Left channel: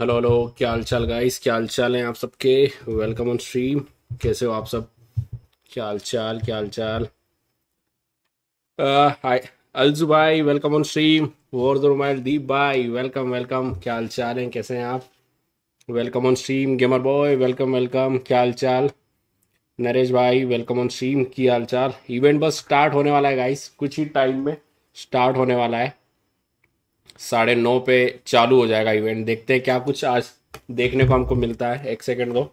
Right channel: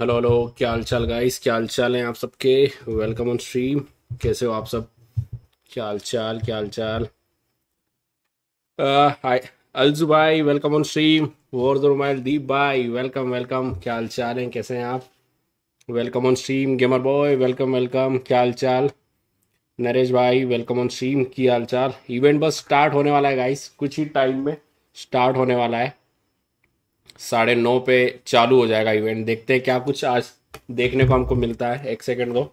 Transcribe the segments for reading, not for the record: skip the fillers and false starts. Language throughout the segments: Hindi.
हेलो हेलो, क्या हाल चाल गाइस? क्या हाल चाल है आप सबके? Welcome on stream. कैसे हो आप सब? क्या हाल चाल, क्या हाल चाल? हाय अलजू भाई, वेलकम ऑन स्ट्रीम। वॉरजोन दीप भाई, वेलकम वेलकम। क्या हाल चाल है? कैसे हैं आप? Welcome on stream. Gamer boy, welcome welcome. क्या हाल चाल? नरेश भाई, वेलकम ऑन स्ट्रीम। क्या हाल चाल? इवेंट बस स्टार्ट होने वाला है गाइस, कुछ ही टाइम में स्टार्ट होने वाला है। 9:30 पे चालू हो जाएगा इवेंट। देखते हैं क्या कुछ आज देखने को हमको मिलता है। एक सेकेंड दो।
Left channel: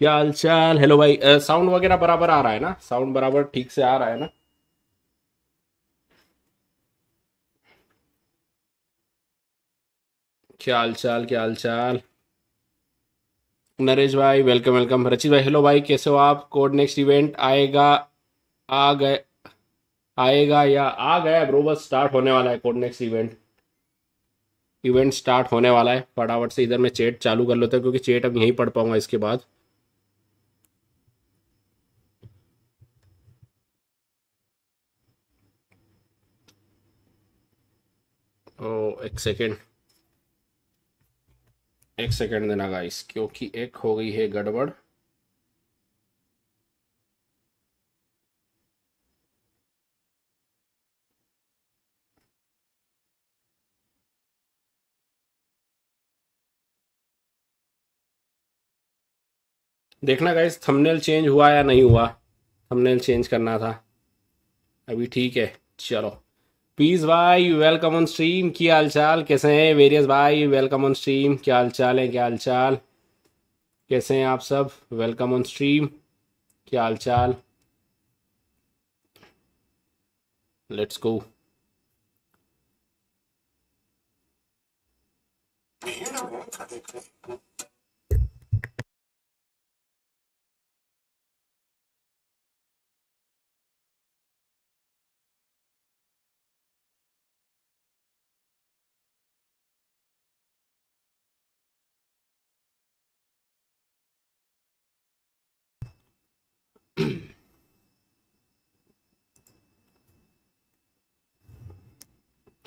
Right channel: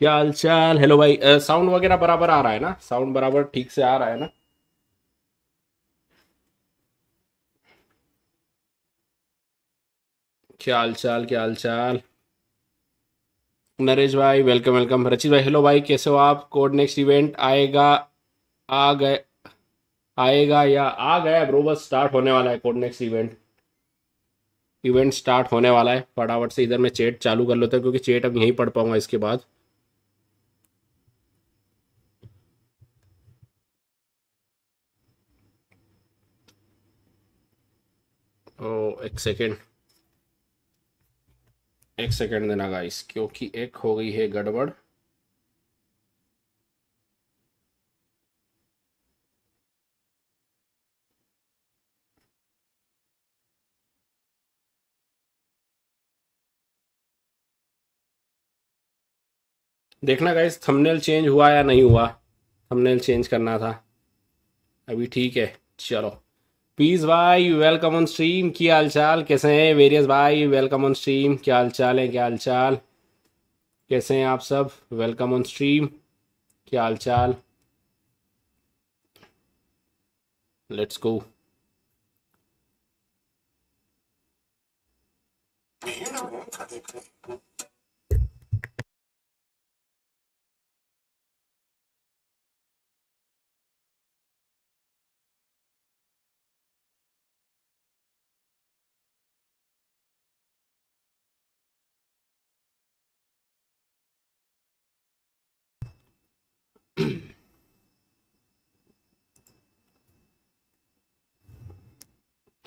क्या हाल चाल? हेलो भाई, साउंड वगैरह बराबर आ रहा है ना? साउंड बराबर ठीक से आ रहा है ना? क्या हाल चाल, क्या हाल चाल? नरेश भाई, वेलकम वेलकम। रचित भाई, हेलो भाई, कैसे हो आप? कोड नेक्स्ट इवेंट आएगा? आ गए? आएगा या आ गया ब्रो? बस स्टार्ट होने वाला है code next event. Event start होने वाला है। फटाफट से इधर मैं चैट चालू कर लेता हूँ, क्योंकि चैट अब यहीं पढ़ पाऊंगा इसके बाद। ओ, एक सेकेंड, एक सेकेंड देना गाइस, क्योंकि एक हो गई है गड़बड़। देखना गाइस, थंबनेल चेंज हुआ या नहीं हुआ। थंबनेल चेंज करना था। अभी ठीक है। चलो। पीस भाई, वेलकम ऑन स्ट्रीम। क्या हाल चाल? कैसे हैं? वेरियस भाई, वेलकम ऑन स्ट्रीम। क्या हाल चाल है? क्या हाल चाल? कैसे हैं आप सब? Welcome on stream. क्या हाल चाल? Let's go.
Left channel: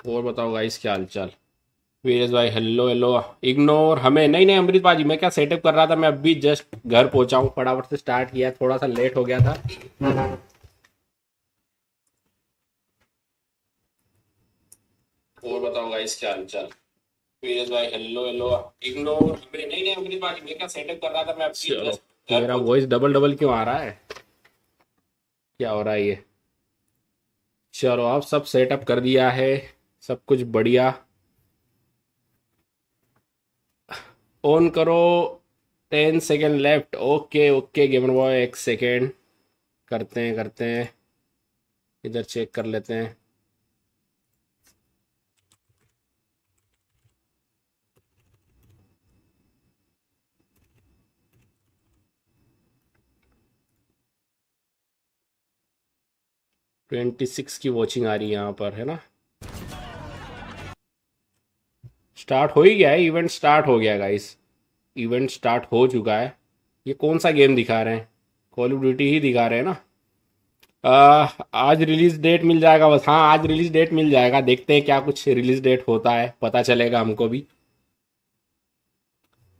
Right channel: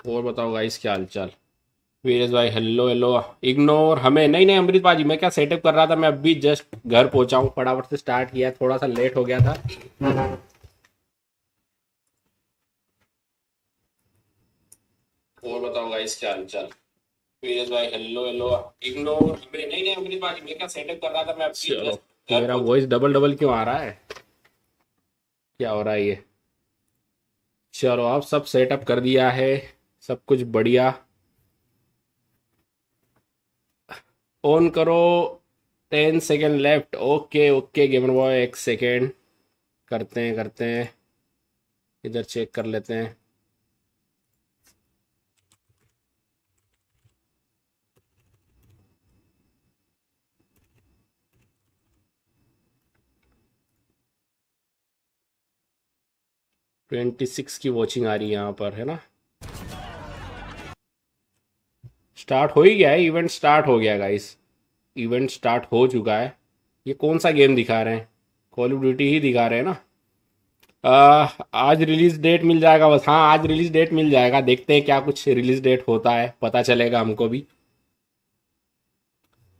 और बताओ गाइस, क्या हाल चाल? वीरेश भाई, हेलो हेलो। इग्नोर हमें नहीं, नहीं अमृत बाजी, मैं क्या सेटअप कर रहा था। मैं अभी जस्ट घर पहुंचा हूँ, फटाफट से स्टार्ट किया, थोड़ा सा लेट हो गया था। और बताओ गाइस, क्या हाल चाल? वीरेश भाई, हेलो हेलो। इग्नोर हमें नहीं, नहीं अमृत बाजी, मैं क्या सेटअप कर रहा था। मैं अभी चलो, जस्ट मेरा वॉइस डबल डबल क्यों आ रहा है? क्या हो रहा है ये? चलो, आप सब सेटअप कर दिया है, सब कुछ बढ़िया। ऑन करो। 10 second left. Okay okay gamer boy, एक सेकेंड। करते हैं करते हैं। इधर चेक कर लेते हैं। 26 की वॉचिंग आ रही है यहाँ पर, है ना? स्टार्ट हो ही गया है, इवेंट स्टार्ट हो गया गाइस। इवेंट स्टार्ट हो चुका है। ये कौन सा गेम दिखा रहे हैं? कॉल ऑफ ड्यूटी ही दिखा रहे हैं ना? आज रिलीज डेट मिल जाएगा बस। हाँ, आज रिलीज डेट मिल जाएगा। देखते हैं क्या कुछ रिलीज डेट होता है, पता चलेगा हमको भी।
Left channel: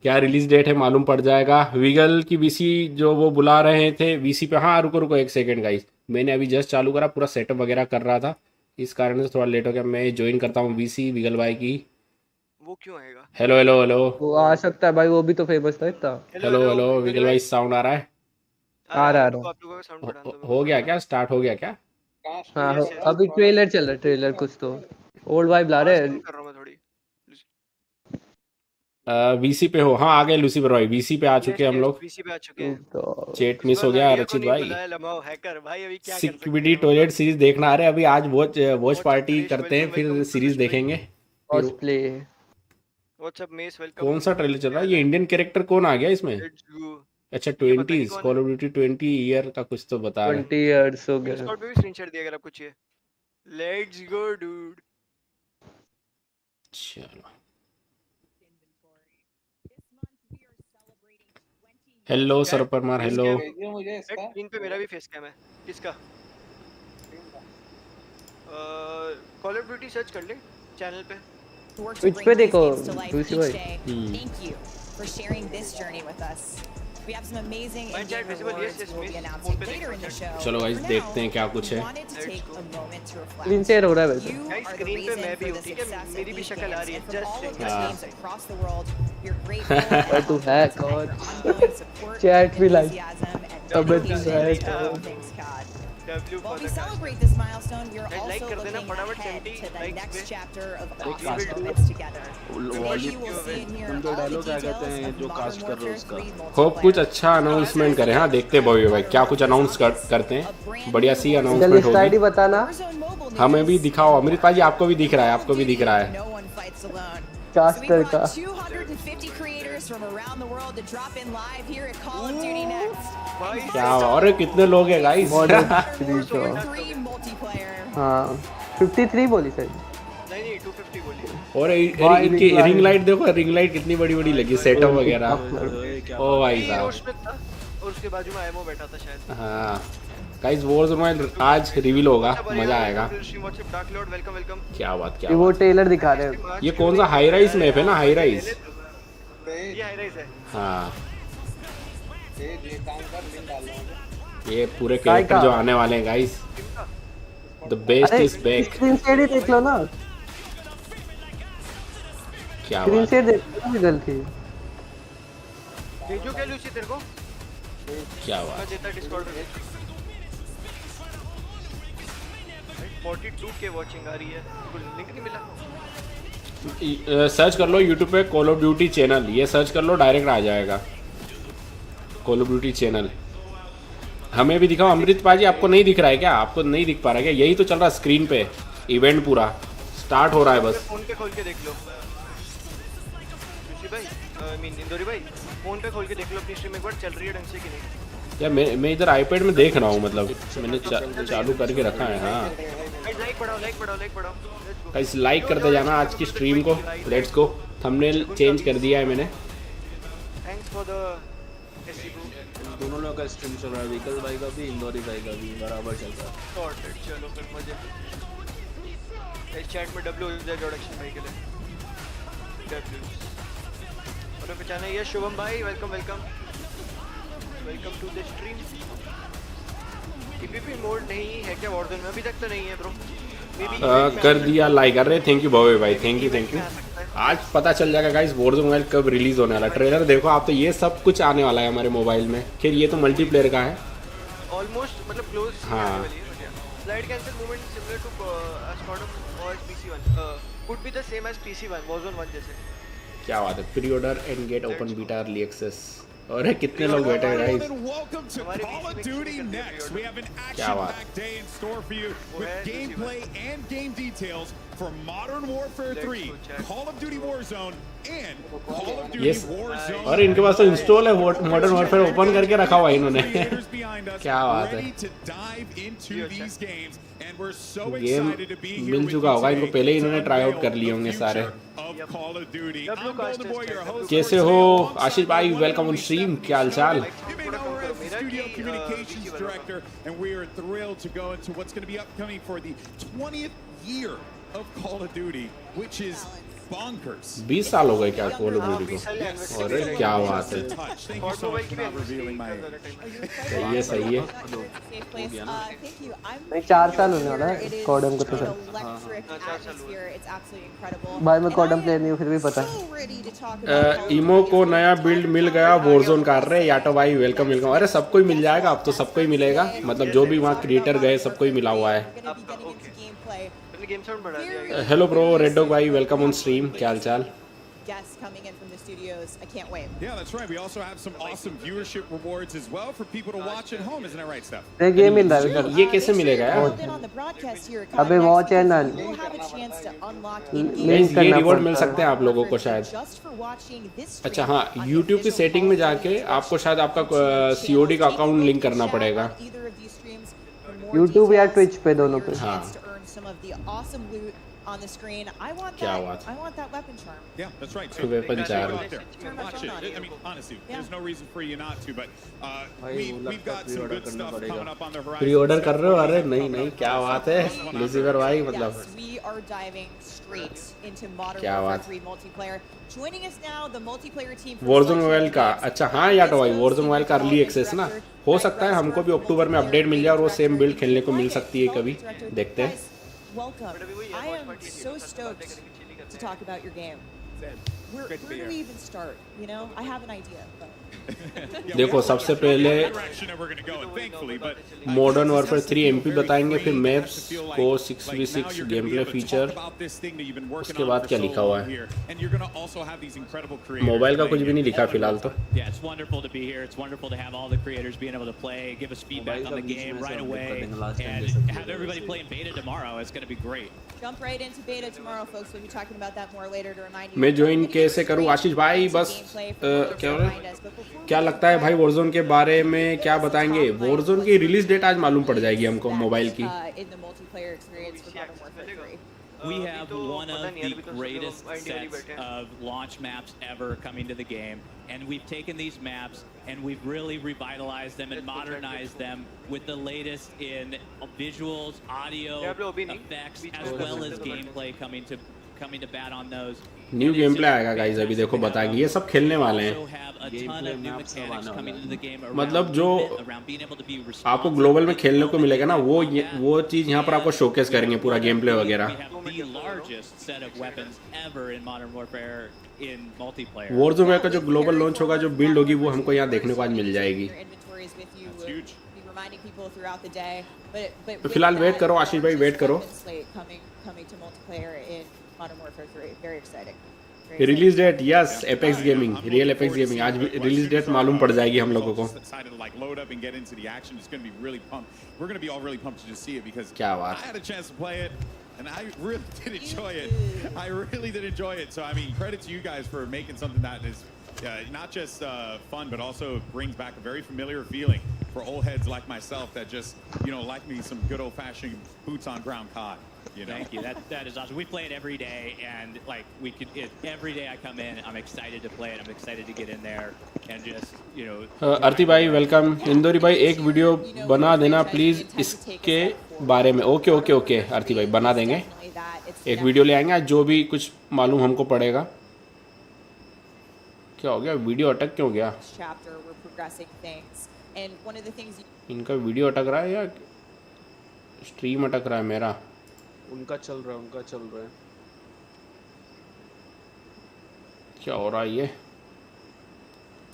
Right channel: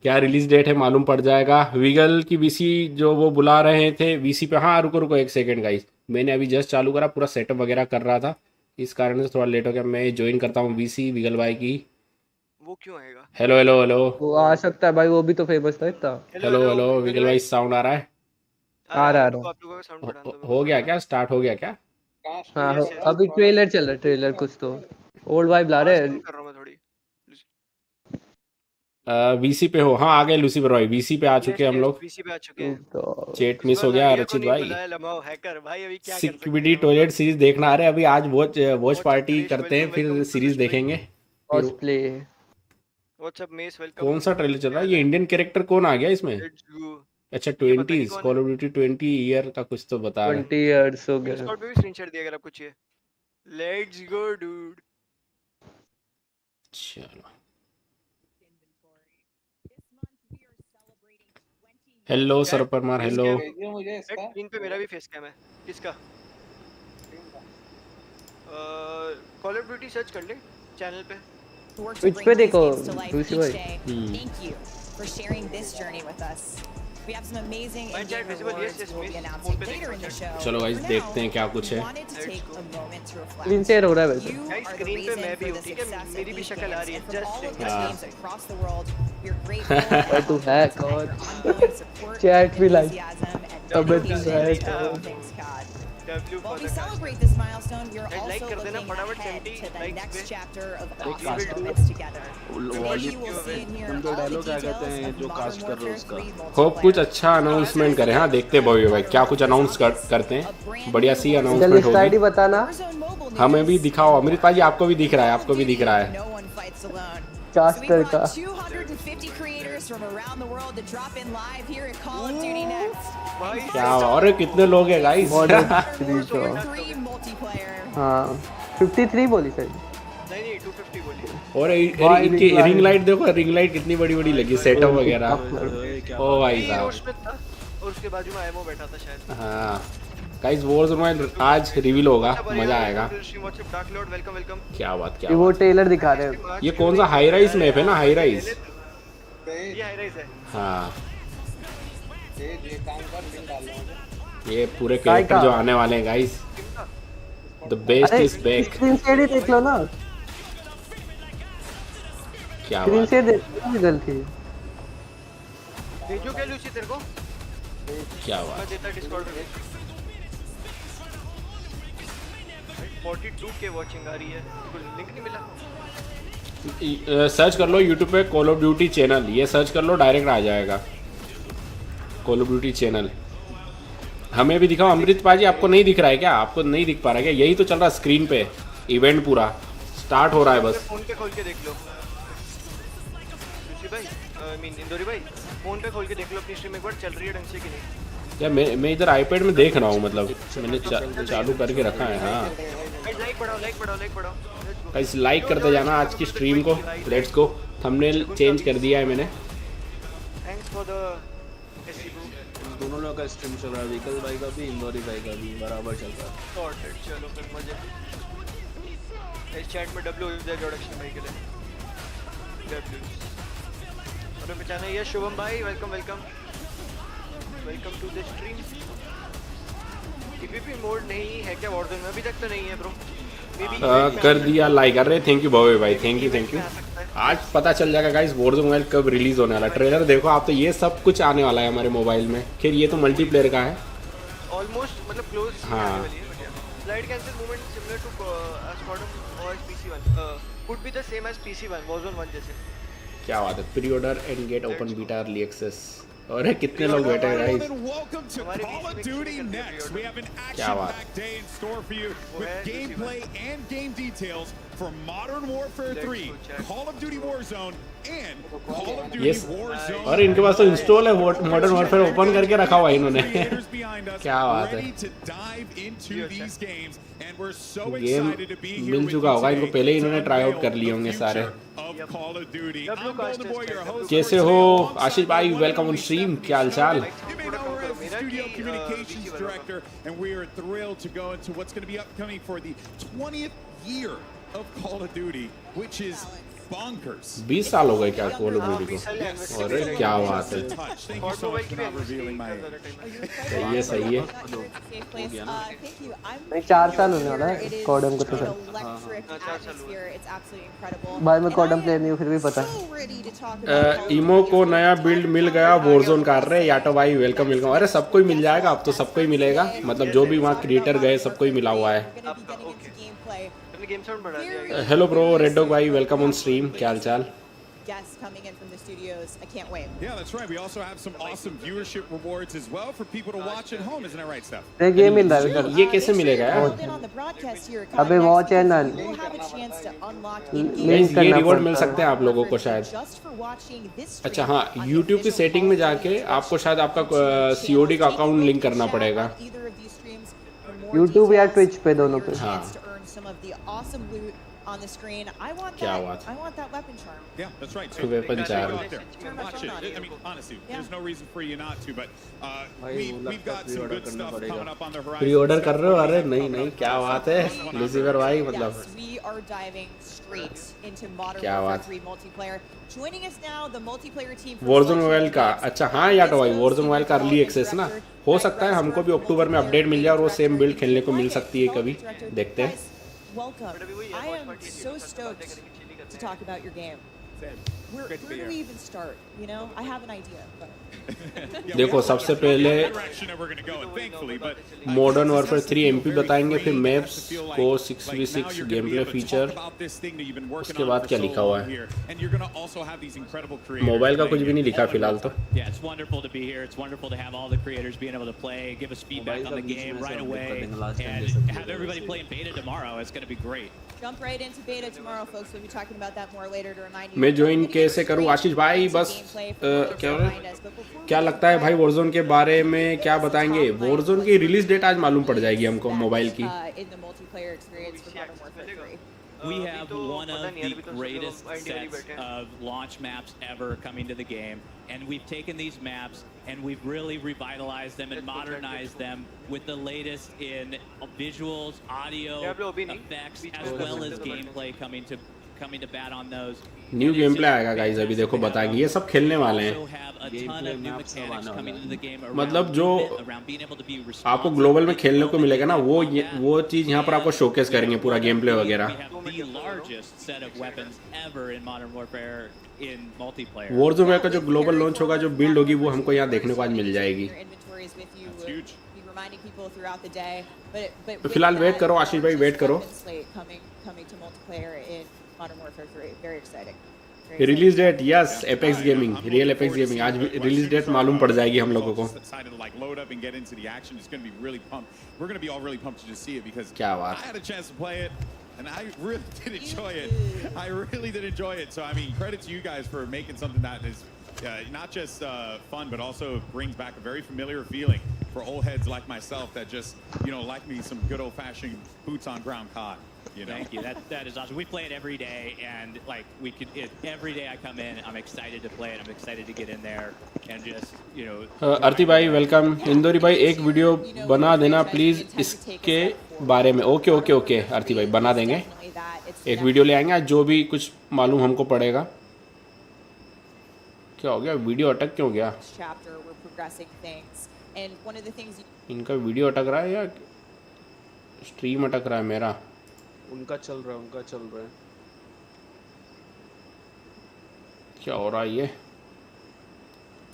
क्या रिलीज डेट है मालूम पड़ जाएगा। विगल की वीसी जो वो बुला रहे थे वीसी पे। हाँ, रुको रुको एक सेकंड गाइस, मैंने अभी जस्ट चालू करा, पूरा सेटअप वगैरह कर रहा था, इस कारण से थोड़ा लेट हो गया। मैं ज्वाइन करता हूँ वीसी विगल भाई की। वो क्यों आएगा? Hello hello hello. वो आ सकता है भाई, वो भी तो फेमस था इतना। हेलो हेलो हेलो हेलो विगल विगल भाई, भाई। साउंड आ रहा है? आ रहा है, आ रुको रहा आप लोगों का साउंड बढ़ाने दो मेरे को हो थोड़ा गया सा। क्या? स्टार्ट हो गया क्या? हाँ यस यस अभी ट्रेलर चल रहा है, ट्रेलर कुछ तो ओल्ड वाइब ला आवाज रहे कम हैं। कर रहा हूँ मैं थोड़ी। वीसी पे हो? हाँ, आ गए लूसीफर भाई, वीसी पे आ चुके यस हैं हम यस लोग। पीसी पे आ चुके हैं। चेट इस मिस बार हो गया नाडिया को रचित नहीं भाई। बुलाया लमाओ हैकर भाई, अभी क्या कर सकते सिक्विडी हैं हम टॉयलेट लोग। सीरीज देखना आ रहे, अभी आज watch watch WhatsApp party Harish, करते हैं, वेलकम फिर वेलकम सीरीज प्रकाश भाई। देखेंगे। फिर कॉस्प्ले। WhatsApp mess, welcome. कौन सा ट्रेलर चल रहा क्या है? हाल ये है? इंडियन कैरेक्टर कौन आ गया इसमें? Let's go. अच्छा, ये पता नहीं 20s कौन है। कॉल ऑफ ड्यूटी 20 ईयर का कुछ तो बता रहे। 20 years हो गए। डिस्कॉर्ड पे भी स्क्रीनशॉट दिया अगर आपको चाहिए। Let's go dude. चलो। Hello sir Parmar, face hello. Cam भेजिए मुझे इसका स्क्रीन पे मेरा भी फेस कैम है। किसका? कॉल ऑफ ड्यूटी सर्च कर ले चैनल पे। work to Twitch bring पे these देखो, games to life Lucy each भाई। day. Thank you for sharing this journey with us. We have some amazing My chat in-game visible, rewards yes, we'll be miss. announcing phone पे later देखो in the chat। show. चलो But guys, for देखते हैं now, क्या कुछ we है। wanted to Let's take go। a moment to reflect. Screen share हो रहा है वैसे। You Guys, are the screen पे reason मैं भी for हूँ, the ठीक है? success of मेरी भी these शक्ल आ games, रही है, and from just all of saying, the हाँ। games across the world, we're grateful and तू है humbled कौन? at your ongoing support, Chat भी like। enthusiasm, and अबे तू dedication है to all कौन? things COD. W While for we the celebrate cast। this milestone, we are Guys, like also कर देना looking फटाफट ahead 70 to the likes next पे। chapter of अरे awesome cast moments together. Today volume you will see and hear तुम जो all the डालो क्या कहते details हैं of जो Modern कास्ट कर रहे हो Warfare उसका 3 होप कुछ multiplayer. अच्छा अनाउंसमेंट करें। हाँ, देखते हैं भाई भाई क्या कुछ अनाउंस करते हैं। बढ़िया सी इधर अनाउंसमेंट लिस्ट आईडी होगी। बताना। Warzone mobile news हमें भी दिखाओ अमृत भाई, आपको भी दिख रहा है, Call of आपको भी दिख Duty, रहा है। no one fights alone. Caster So we का। brought 250 creators from around the world to drop in live here at Call of Duty Next. भाई क्या और कितने लोग हैं guys? Modern Modern Warfare Warfare 3 multiplayer. हाँ 53 बोली सर। नहीं 250 बोलिए। और भाई, इनकी ring light। रिंग लाइट देखो, रिंग लाइट कितनी बड़ी बड़ी लगी, सेटअप वगैरह। ओ भाई ये साहब, रोशमित था और उसके बाजू में आयमो बैठा था शायद। हाँ गाइस, वॉरज़ोन आज रिवील होगा, मजा आएगा। Welcome welcome. क्या बात, ये क्या वो बात। ट्रेलर दिखा रहे हैं। ये कौन सा हाई राइज मैप है ना, हाई राइज। ये हाई राइज है। हाँ, ये काम कर लिंक डाल रहा हूँ ये पूरे कैरेक्टर जो आने वाले हैं गाइस, द बेस्ट अरे इज बैक। स्क्रीन शेयर ही देख लो ना। क्या स्क्रीन बात, शेयर देख लो ना गलती। भेजो क्या लूसी तेरे को? क्या मैं बात। देता डिस्कॉर्ड पे। 42 के वॉचिंग आ रही है, कोई लिंक नहीं मिला। सर्च कर लो यूट्यूब पे कॉल ऑफ ड्यूटी चैनल, ये सर्च कर लो, डायरेक्ट आ जाएगा कॉल ऑफ ड्यूटी चैनल। हमें भी दिखाओ अमृत पाजी, आपको नहीं दिख रहा है क्या? आपको नहीं दिख पा रहा है क्या? यही तो चल रहा है स्क्रीन पे, इवेंट पूरा स्टार्ट हो रहा है बस। फोन पे खोल के देख लो लूसी भाई, आई मीन इंदौरी भाई, फोन पे खोल के देख लो अपनी स्ट्रीम एक बार चल रही है ढंग से कि नहीं। या मैं इधर आईपैड में देख रहा हूँ, मतलब मैंने चालू करके रखा है। हाँ लाइक बढ़ाओ लाइक बढ़ाओ लाइक बढ़ाओ। लेट्स गो गाइस, लाइक करते जाना आज की स्ट्रीम को। Let's go. थंबनेल चेंज कर दिया है मैंने। Thanks for the SC bro. दोनों लोगों का स्ट्रीम चल रहा है, व्हीकल भाई का भी, इंदौरी भाई का भी बराबर चल रहा है। सॉर्टेड, चलो फिर मजे। इस चैट में डब्ल्यू इज इंट्रोडक्शन भाई के लिए डब्ल्यू और पहचाना ये शुभम भाई, welcome welcome welcome to the stream. TPP mode नहीं है क्या वॉरज़ोन में? अभी तक तो नहीं है ब्रो। कर दिया लाइक। अरे थैंक यू भवे भाई, थैंक यू। आज पता चल जाएगा गाइस वॉरज़ोन मोबाइल कब रिलीज होने वाला। ट्रेलर देखो आप तो, ये सब कुछ आने वाला है हमारे मोबाइल में। फिर ये तो मल्टीप्लेयर का है ऑलमोस्ट, मतलब क्लोज हाँ। आने वाली है। बट या slide cancel movement similar to स्क्वाडम और PC1 could be the same as PC1 Warzone 1 जैसे। क्या बात है। Pre order and get open beta early access. और कितने लोग बैठे हैं guys? Welcome to Call of Duty Next. We have an action-packed day in store for you with gameplay and game details for Modern Warfare 3, Call of Duty Warzone, and Call of Duty Yes. Warzone. और इनके पास तो इंस्टॉल है मॉडर्न वॉरफेयर, ओपन करके रखा हुआ है इन्होंने। Creators behind us, क्या बात है। ready to dive into these games, and we're so game excited to be here mill with चुका you होगा इनको, today पहले ही to इन्होंने ट्राई आउट unveil कर लिए the होंगे future सारे। of Call of Duty. W I'm Golden Boy, your host. कैसे for हो today, alongside आशीष भाई? the one and welcome on only stream, Stephanie क्या हाल चाल? Snowden. You may know her as the Studio Communications Director, and we are thrilled to go into what's going to be upcoming for the 20th year of Call of Duty, which is bonkers. 20 साल हो गए क्या कॉल ऑफ ड्यूटी बीस साल को? anniversary अरे भी क्या है। बात है। Touch. Thank you और so मोबाइल much की for भी not revealing my age. सही है, सही है। Safe place. Thank you. I'm नहीं 4 साल होने वाला है It is कॉडम को तो an सर। electric हाँ, 4 साल atmosphere. It's absolutely incredible. भाई मैं And कॉडम I प्लेयर am नहीं हूँ, फिर भी पता है। so ready to talk about Call of इमो Duty को for the नया बिल्ड entire मिल गया time. वॉरज़ोन कर रहे या तो भाई वेलकम वेलकम। अरे सबको ही मिल जाएगा अब तो, सबको ही मिलेगा, मतलब जो भी वहाँ क्रिएटर गए सबको ही मिला हुआ है। We're gonna be getting into gameplay. तुमने गेम साउंड बढ़ा दिया। हेलो ब्रो रेड डॉग भाई, वेलकम ऑन स्ट्रीम, क्या हाल चाल? Guests coming in from the studios. I can't wait. Yeah, that's right. We also have some awesome viewership rewards as well for people to watch at home. Isn't that right, Steph? ये गेम मिल रहा है इधर। ये कैसे मिलेगा यार? अबे वॉच चैनल लिंक ये करना रिवॉर्ड मिल पड़ता सकते है। हैं आप लोगों को शायद। अच्छा हाँ, यूट्यूब की सेटिंग में जाके आपको शायद आपका COD का अकाउंट लिंक करना पड़ेगा। यूट्यूब या ट्विच पे, दोनों पे। हाँ। on the screen. I want क्या that. बात है? I want that weapon charm. Yeah, that's right. So Weapon make sure you charm. go out there. Turn my Watch phone on. it. I mean, honestly, Yeah. there's no reason for you not to. But भाई, वो we've लगता got some pre-order good करना stuff पड़ेगा। coming up on the horizon. Pre-order कर रहे हो? Stuff we अरे have नहीं coming नहीं, up क्या for बात ourselves. है One on लूसीफर भाई, one. मतलब Yes, we are diving straight into Modern क्या Warfare बात। 3 multiplayer. Joining us now, the multiplayer team from Warzone Sledgehammer mobile का, Games. अच्छा हाँ यार तो भाई Disco, Warzone मोबाइल का Senior अर्ली Development एक्सेस ना, Director, हो Greg सकता है हमको भी Reisberg, अक्टूबर में Multiplayer अपडेट मिल जाए और वो Creative सेम बिल्ड Director, खेलने को मिल Wyatt, सकती है कभी, Development Director. देखते हैं। Guys, welcome. But अभी वही है, I watch am party है, so बस बातें stoked करेंगे, चिल्ली करते to हैं। talk about your game. Sam, Where, great to be where do here. we even start? You know, I have an idea, but Yeah, देखो, we have सबसे a पहले direction that we're gonna go in, thankfully, but Modern this Warfare has to 3 feel MP very बताएंगे, फिर free, it has maps, to feel like- core like 6v6 now you're gonna be gameplay able to feature, talk about this thing that you've been working उसके on बाद for क्या so लिखा हुआ long है? here, and you're gonna also have these incredible creators mobile का कुछ playing भी नहीं it लिखा all in फिलहाल real तो। time. Yeah, it's wonderful to be here. It's wonderful to have all the creators being able to play, give us feedback Mobile on the का बीच game में से right update away, कर देंगे last time and जैसा किया have था everybody वैसे। play in beta tomorrow. It's going to be great. jump right into beta tomorrow, folks. We'll be talking about that more later. To remind you, मैं we're join gonna get कैसे करूँ? straight आशीष भाई, into बस, gameplay for those क्या who है? behind us. But before we क्या do लगता है भाई that, Warzone के बारे में क्या बताएंगे? top line, Warzone what's की the रिलीज डेट आज मालूम पड़ जाएगी beliefs हमको that, मोबाइल की। in the multiplayer experience for Modern Warfare 3. We अभी have तो one पता of नहीं यार, the अभी तो सब लोग greatest IND वाली sets बैठे हैं। of launch maps ever coming to the game, and we've taken these maps and we've really revitalized them and Let's go check, modernized let's go. them with the latest in visuals, audio, Yeah, bro, अभी नहीं। effects, बीच as में well कर as सकते हैं। gameplay coming to bat on those. New And it's game just play आएगा गाइस, अभी fantastic देखो to have बताएंगे, them. ये सब खेलने We वाले हैं। also have a ton Gameplay of new maps सब mechanics आने coming वाला into the game मतलब around जो movement, around being able to be responsive आपको ग्लोबल में in खेलने को moment मिलेगा ना, in वो combat. वो चीज यहाँ पर आपको And शोकेस we करेंगे have पूरा one of game play the- वगैरह। We have the largest set of weapons ever in Modern Warfare in multiplayer. Warzone Yeah, का जो with ग्लोबल carry लॉन्च होगा, जो forward बिल्ड होगी, Modern वो Warfare हमको 2 यहाँ देखने को आज members, मिल you'll be जाएगी। taking your inventories with you. That's huge. Be reminding people throughout the day. But तो with फिलहाल वेट that, करो आशीष भाई, वेट gorgeous करो। weapon slate coming to multiplayer in Modern Warfare 3. Very exciting. Very exciting. Release date yes, Yeah. Apex I'm gaming, looking real forward Apex to gaming, seeing आज what- as release soon date as our, मालूम पड़ जाएगी हम gamers लोगों all को। decided to like load up and get into the action. It's going to be really pumped. We're going to be all really pumped to just see it because क्या I बात। had a chance to play it and I really did enjoy You it. did. I really did enjoy it. So I mean, credit to you guys for making something that is not just fun, but also brings back a very familiar feeling for old heads like myself that just like me some good old-fashioned boots on ground COD. Thank you. That is awesome. We play it every day, and like every day I come in, I'm excited to play it. I'm excited to get in there and just आरती भाई वेलकम। इंदौरी भाई एक वीडियो बना देना प्लीज इसके बारे में। ओके ओके ओके आरती भाई बना देंगे, एक वीडियो ले आएंगे आज, जो भी कुछ मालूम हमको पड़ेगा। क्या हो गया, वीडियो अटक क्यों गया? Chapter, we're progressing things. And one of the things इनका वीडियो अटक रहा है या स्ट्रीम अटक रहा है मेरा? उनका चल रहा है। क्या हो रहा है ये?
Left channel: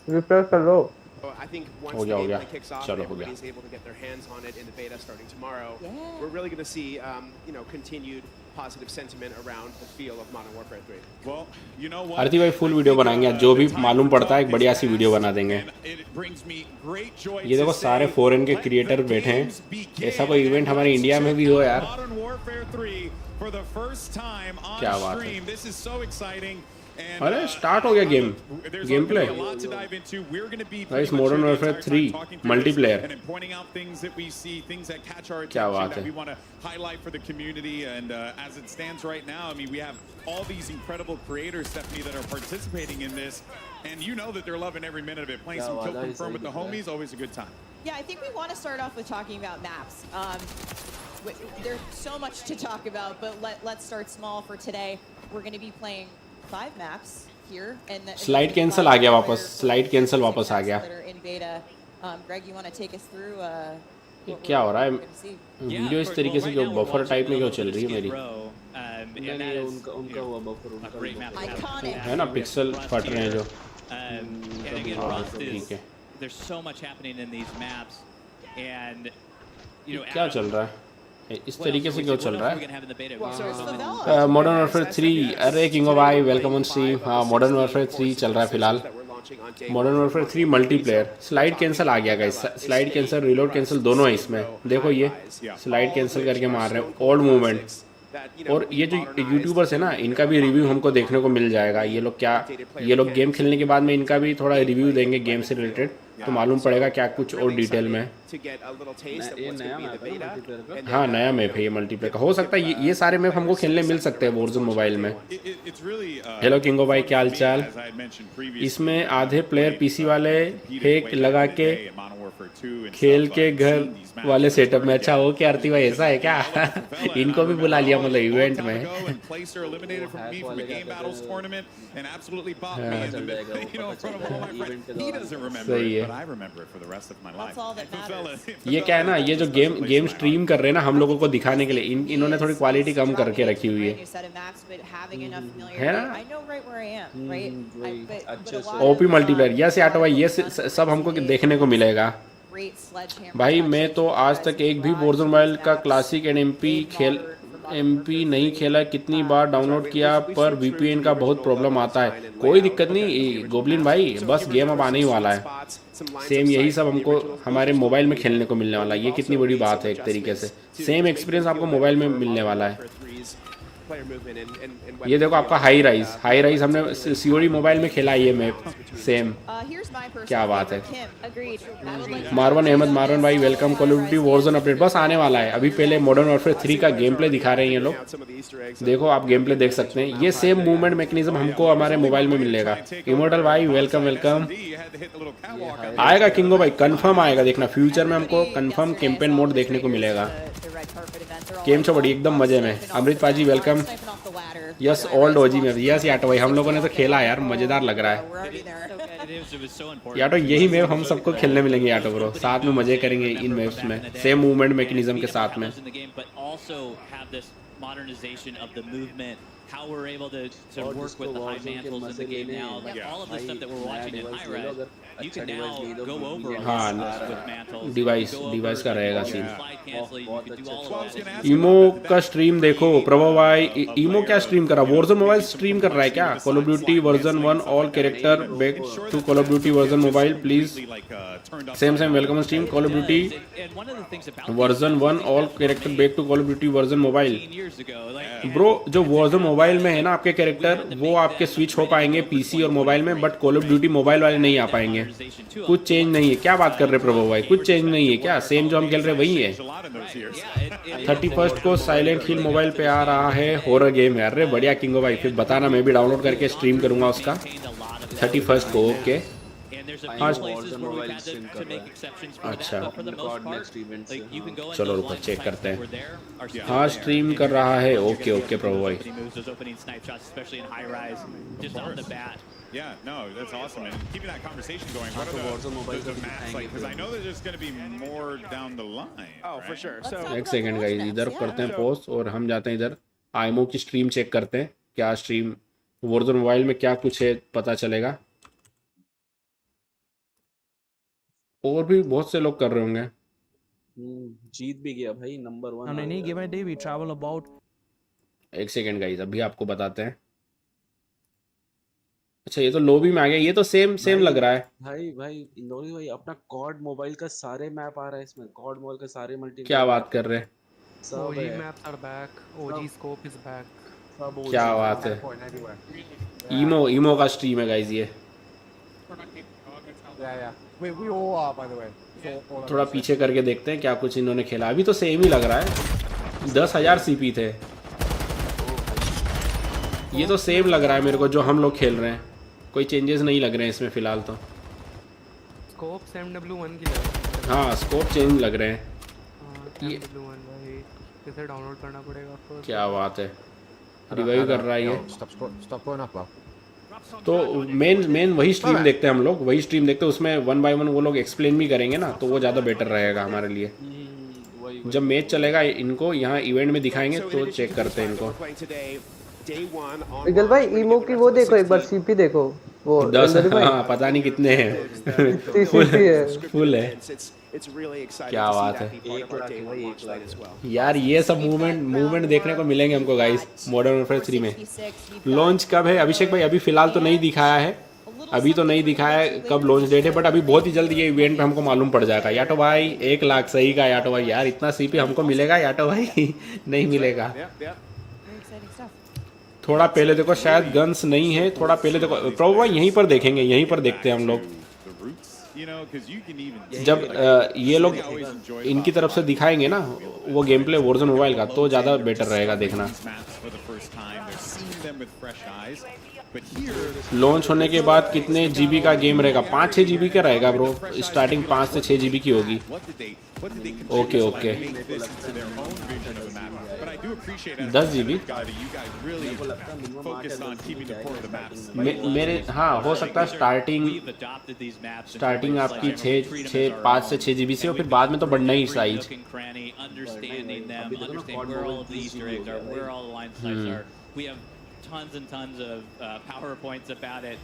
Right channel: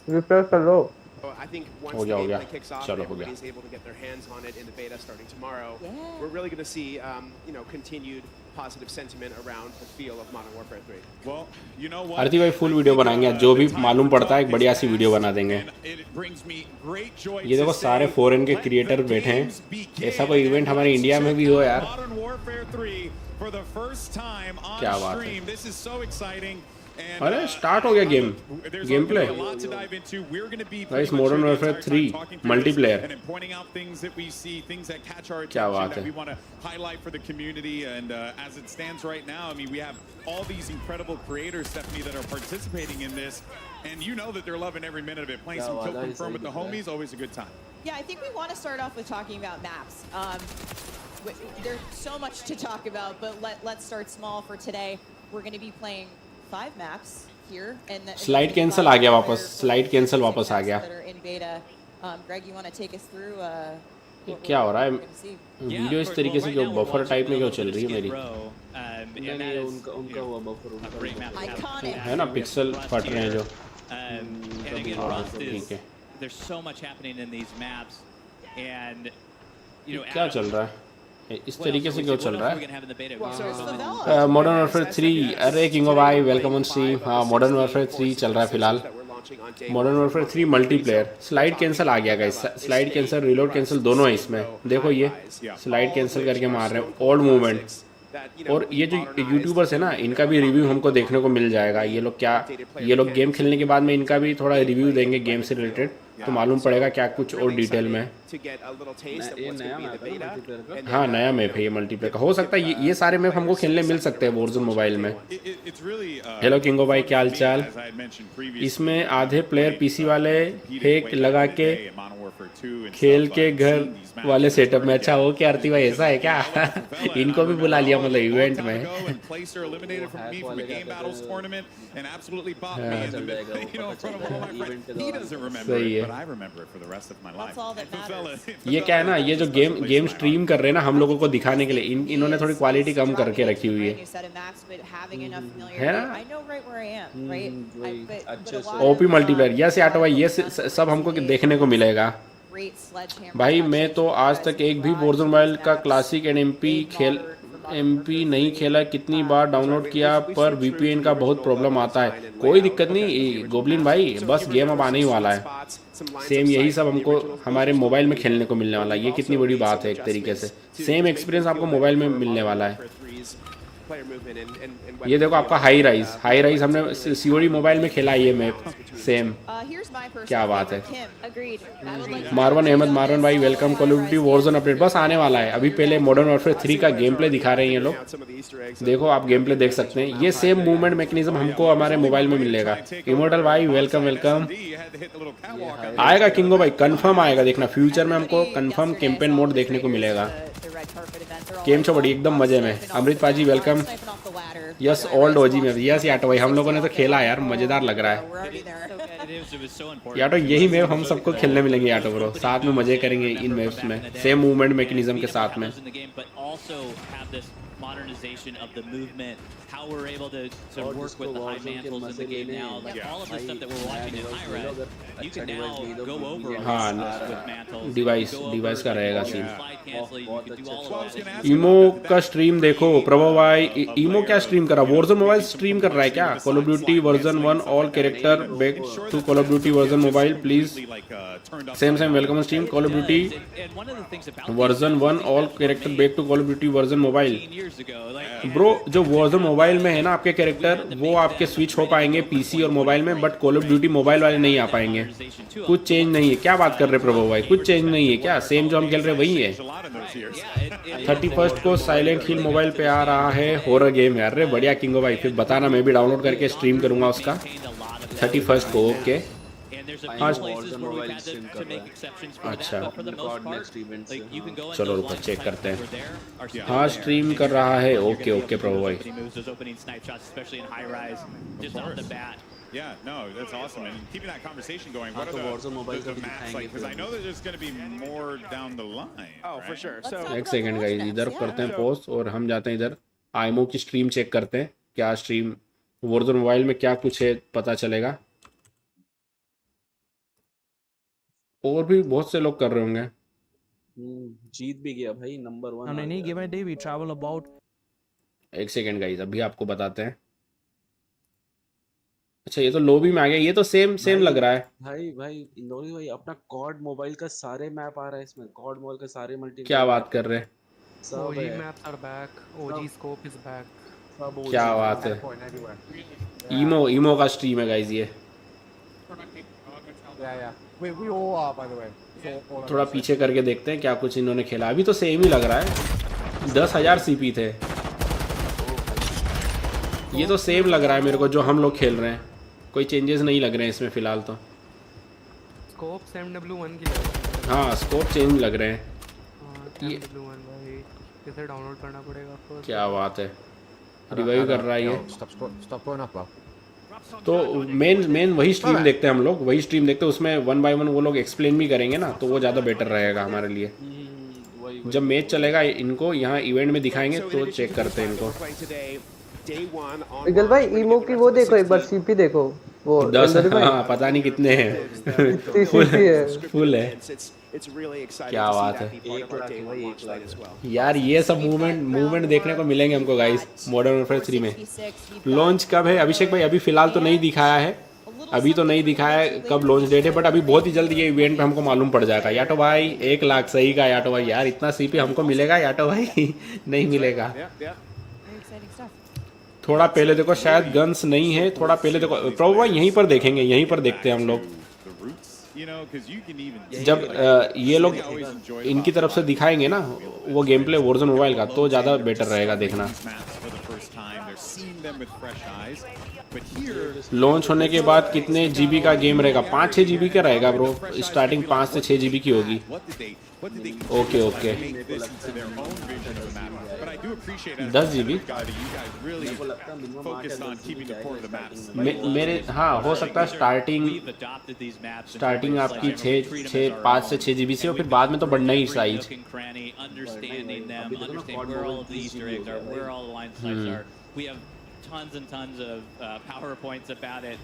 रिफ्रेश कर लो। I think once हो the गया, हो गया। gameplay kicks off चलो, and हो गया। everybody's able to get their hands on it in the beta starting tomorrow, Yeah. we're really going to see, continued positive sentiment around the feel of Modern Warfare 3. Well, you know what? आरती भाई फुल वीडियो बनाएंगे आज, जो भी मालूम पड़ता है एक बढ़िया सी वीडियो बना देंगे। ये देखो सारे फॉरेन के क्रिएटर बैठे हैं, ऐसा कोई इवेंट हमारे इंडिया में भी हो यार। क्या बात है। अरे स्टार्ट हो गया game play. Guys modern Warfare 3 multiplayer, क्या बात है। we want to highlight for the community, and as it stands right now, I mean, we have all these incredible creators, Stephanie, that are participating in this, and you know that they're loving every minute of it. Playing some kill confirm with the homies, always a good time. Yeah, I think we want to start off with talking about maps. There's so much to talk about, but let's start small for today. We're going to be playing 5 maps here, and slide cancel आ गया वापस, स्लाइड कैंसिल वापस आ गया। Greg, you want to take us through क्या हो रहा है? Yeah, वीडियो of इस course. तरीके Well, से right जो now we're buffer watching type में a जो little चल bit of रही है Skid मेरी, Row, and that नहीं is, उनका हुआ buffer a great map to have. Iconic. है ना, पिक्सल फट रहे हैं जो। And again, Rust ठीक is, है। there's so much happening in these maps, and क्या चल रहा है इस तरीके से, जो चल रहा है? Favela. मॉडर्न वॉरफेयर 3, अरे किंग ऑफ भाई वेलकम ऑन स्ट्रीम। हाँ मॉडर्न वॉरफेयर 3 चल रहा है फिलहाल। Modern Warfare 3 multiplayer, slide cancel आ गया guys, slide cancel reload cancel दोनों है इसमें। देखो ये स्लाइड कैंसिल करके मार रहे हैं, ओल्ड मूवमेंट। और ये जो यूट्यूबर्स है ना, इनका भी रिव्यू हमको देखने को मिल जाएगा। ये लोग गेम खेलने के बाद में इनका भी थोड़ा रिव्यू देंगे गेम से रिलेटेड। तो मालूम पड़ेगा क्या कुछ और डिटेल में। to get a little taste of ये what's नया going to be the map है beta. मल्टीप्लेयर का। And हाँ then, नया मैप है ये मल्टीप्लेयर का। हो सकता है ये सारे मैप हमको खेलने मिल सकते हैं वॉरज़ोन मोबाइल में। It's really हेलो किंगो भाई क्या हाल चाल। as I had mentioned previously, इसमें having आधे प्लेयर played, पीसी वाले competed फेक way लगा back in the के day in Modern Warfare 2 and खेल stuff, के I'd घर seen these maps वाले where it's सेटअप hard में। to अच्छा get. हो क्या आरती भाई Because ऐसा है I क्या? look at the fella and I इनको भी बुला remember, लिया oh, मतलब a long इवेंट time में। ago and Placer eliminated from me from a game battles tournament and absolutely popped me in the you know, in front of all my friends. He doesn't remember सही it, है। but I remember it for the rest of my life. That's all that The fella- matters. the ये क्या है fella ना, ये holds जो a special place game in my stream heart. कर रहे हैं ना हम I लोगों think को the दिखाने के लिए, biggest thing for इन्होंने me थोड़ी is क्वालिटी कम dropping करके into रखी a हुई brand है। new set of maps, but having enough है familiarity. ना? I know right where I am, right? वही But अच्छे a से। lot OP of, multiplayer yes a lot auto of भाई, what ये we've done over सब हमको recent days देखने को with these मिलेगा। great sledgehammer भाई मैं touches तो you आज guys तक have एक भी brought Warzone to mobile these का maps क्लासिक एमपी made खेल modern for Modern MP Warfare नहीं 3. खेला। कितनी बार डाउनलोड We've किया पर stayed true to VPN the का बहुत original प्रॉब्लम level आता है। design and कोई layout दिक्कत of the नहीं original गोबलिन maps. भाई, So if बस you गेम अब remember आने some ही वाला sweet है। spots, some lines same of यही sight सब from the हमको originals, those हमारे are still मोबाइल gonna में be खेलने there. को मिलने But वाला है। we've ये कितनी also बड़ी made बात some है एक तरीके से। adjustments to same make experience them feel आपको better मोबाइल में for मिलने Modern वाला है। Warfare 3's player movement and ये weapon देखो आपका feel. High And, rise, we high like rise to हमने really सीओडी have मोबाइल में the खेला है ये balance map between the same. two. Here's my personal क्या बात favorite, है। Kim. Agreed. I would like to Marwan comment Ahmed on Marwan this. भाई welcome. Call of Duty Warzone update बस आने वाला है। अभी पहले मॉडर्न वॉरफेयर 3 का गेम प्ले दिखा रहे हैं ये लोग। देखो आप गेम प्ले देख सकते हैं। ये सेम मूवमेंट मैकेनिज्म हमको हमारे मोबाइल में मिलेगा। इमोर्टल भाई वेलकम वेलकम। आएगा किंगो भाई, कंफर्म आएगा, देखना फ्यूचर में हमको कंफर्म कैंपेन मोड देखने को मिलेगा। गेम से बड़ी एकदम मजे में। अमृत पाजी वेलकम। यस ओल्ड ओजी में यस याटो भाई, हम लोगों ने तो खेला यार, मजेदार लग रहा है याटो। यही मैप हम सबको खेलने मिलेंगे याटो ब्रो, साथ में मजे करेंगे इन मैप्स में सेम मूवमेंट मैकेनिज्म के साथ में। modernization of the movement, how we're able to work with the high mantles in the game now, like all of the stuff that we're watching in high res, you can now go over a lot with mantles. Device का रहेगा scene. Slide cancel, you can do all of that. ईमो का स्ट्रीम देखो प्रभा भाई। ईमो क्या स्ट्रीम कर रहा है? वॉरज़ोन मोबाइल स्ट्रीम कर रहा है क्या? Call of Duty version 1 all character back to Call of Duty version mobile please. Same welcome stream Call of Duty version 1 all character back to Call of Duty version mobile. Bro जो वॉरज़ोन मोबाइल में है ना आपके कैरेक्टर, वो आपके स्विच हो पाएंगे पीसी और मोबाइल में, but call of duty mobile वाले नहीं आ पाएंगे। कुछ चेंज नहीं है। क्या बात कर रहे प्रभु भाई? कुछ चेंज नहीं है क्या? सेम जो हम खेल रहे वही है। 31 को साइलेंट हिल मोबाइल पे आ रहा है, हॉरर गेम है। अरे बढ़िया किंगो भाई, फिर बताना, मैं भी डाउनलोड करके स्ट्रीम करूंगा उसका 31 को। ओके चलो रुको चेक करते हैं। हाँ स्ट्रीम कर रहा है। ओके ओके प्रभु भाई। Yeah, no, that's awesome. And keeping that conversation going, what are the maps like? Because I know that there's going to be more down the line. Oh, for sure. So एक सेकंड गाइस, इधर करते हैं पोस्ट और हम जाते हैं इधर आईमो की स्ट्रीम चेक करते हैं। क्या स्ट्रीम वॉरज़ोन मोबाइल में क्या कुछ है पता चलेगा। और भी बहुत से लोग कर रहे होंगे। जीत भी गया भाई, number 1 On any given day we travel about। एक सेकंड गाइस, अभी आपको बताते हैं। अच्छा ये तो लॉबी में आ गया। ये तो सेम लग रहा है भाई इंदौरी भाई, अपना कॉड मोबाइल का सारे मैप आ रहा है इसमें। कॉड मोबाइल का सारे मल्टी। क्या बात कर रहे हैं? OG maps are back, OG scope is back। क्या बात है? ईमो का स्ट्रीम है गाइस ये। थोड़ा पीछे करके देखते हैं क्या कुछ इन्होंने खेला। अभी तो सेम ही लग रहा है। 10,000 सीपी थे। ये तो सेम लग रहा है मेरे को जो हम लोग खेल रहे हैं। कोई चेंजेस नहीं लग रहे हैं इसमें फिलहाल तो। स्कोप MW1 की लग रही है। हाँ स्कोप चेंज लग रहे हैं। MW1 भाई इसे डाउनलोड करना पड़ेगा आपको। क्या बात है, रिवाइव कर रहा है ये। तो मेन वही स्ट्रीम देखते हैं हम लोग, वही स्ट्रीम देखते हैं। उसमें 1 बाय 1 वो लोग एक्सप्लेन भी करेंगे ना, तो वो ज़्यादा बेटर रहेगा हमारे लिए। जब मैच चलेगा इनको यहाँ इवेंट में दिखाएंगे तो चेक करते हैं इनको। विगल भाई ईमो की वो देखो एक बार, सीपी देखो वो 10। हाँ पता नहीं कितने हैं। फुल है। क्या बात है यार। ये सब मूवमेंट देखने को मिलेंगे हमको गाइस मॉडर्न वॉरफेयर 3 में। लॉन्च कब है अभिषेक भाई? अभी फिलहाल तो नहीं दिखाया है, अभी तो नहीं दिखाया है कब लॉन्च डेट है, बट अभी बहुत ही जल्दी ये इवेंट हमको मालूम पड़ जाएगा। याटो भाई 1 लाख सही का याटो भाई। यार इतना सीपी हमको मिलेगा याटो भाई? नहीं मिलेगा। थोड़ा पहले देखो, शायद गन्स नहीं है। थोड़ा पहले देखो प्रभु भाई, यहीं पर देखेंगे, यहीं पर देखते हैं हम लोग। जब ये लोग इनकी तरफ से दिखाएंगे ना वो गेम प्ले Warzone मोबाइल का, तो ज़्यादा बेटर रहेगा देखना। लॉन्च होने के बाद कितने जीबी का गेम रहेगा? 5-6 जीबी का रहेगा ब्रो, स्टार्टिंग 5 से 6 जीबी की होगी। ओके ओके, 10 जीबी मेरे, हाँ हो सकता है स्टार्टिंग आपकी 5 से 6 जीबी से हो, फिर बाद में तो बढ़ना ही size. Tons and tons of PowerPoints about it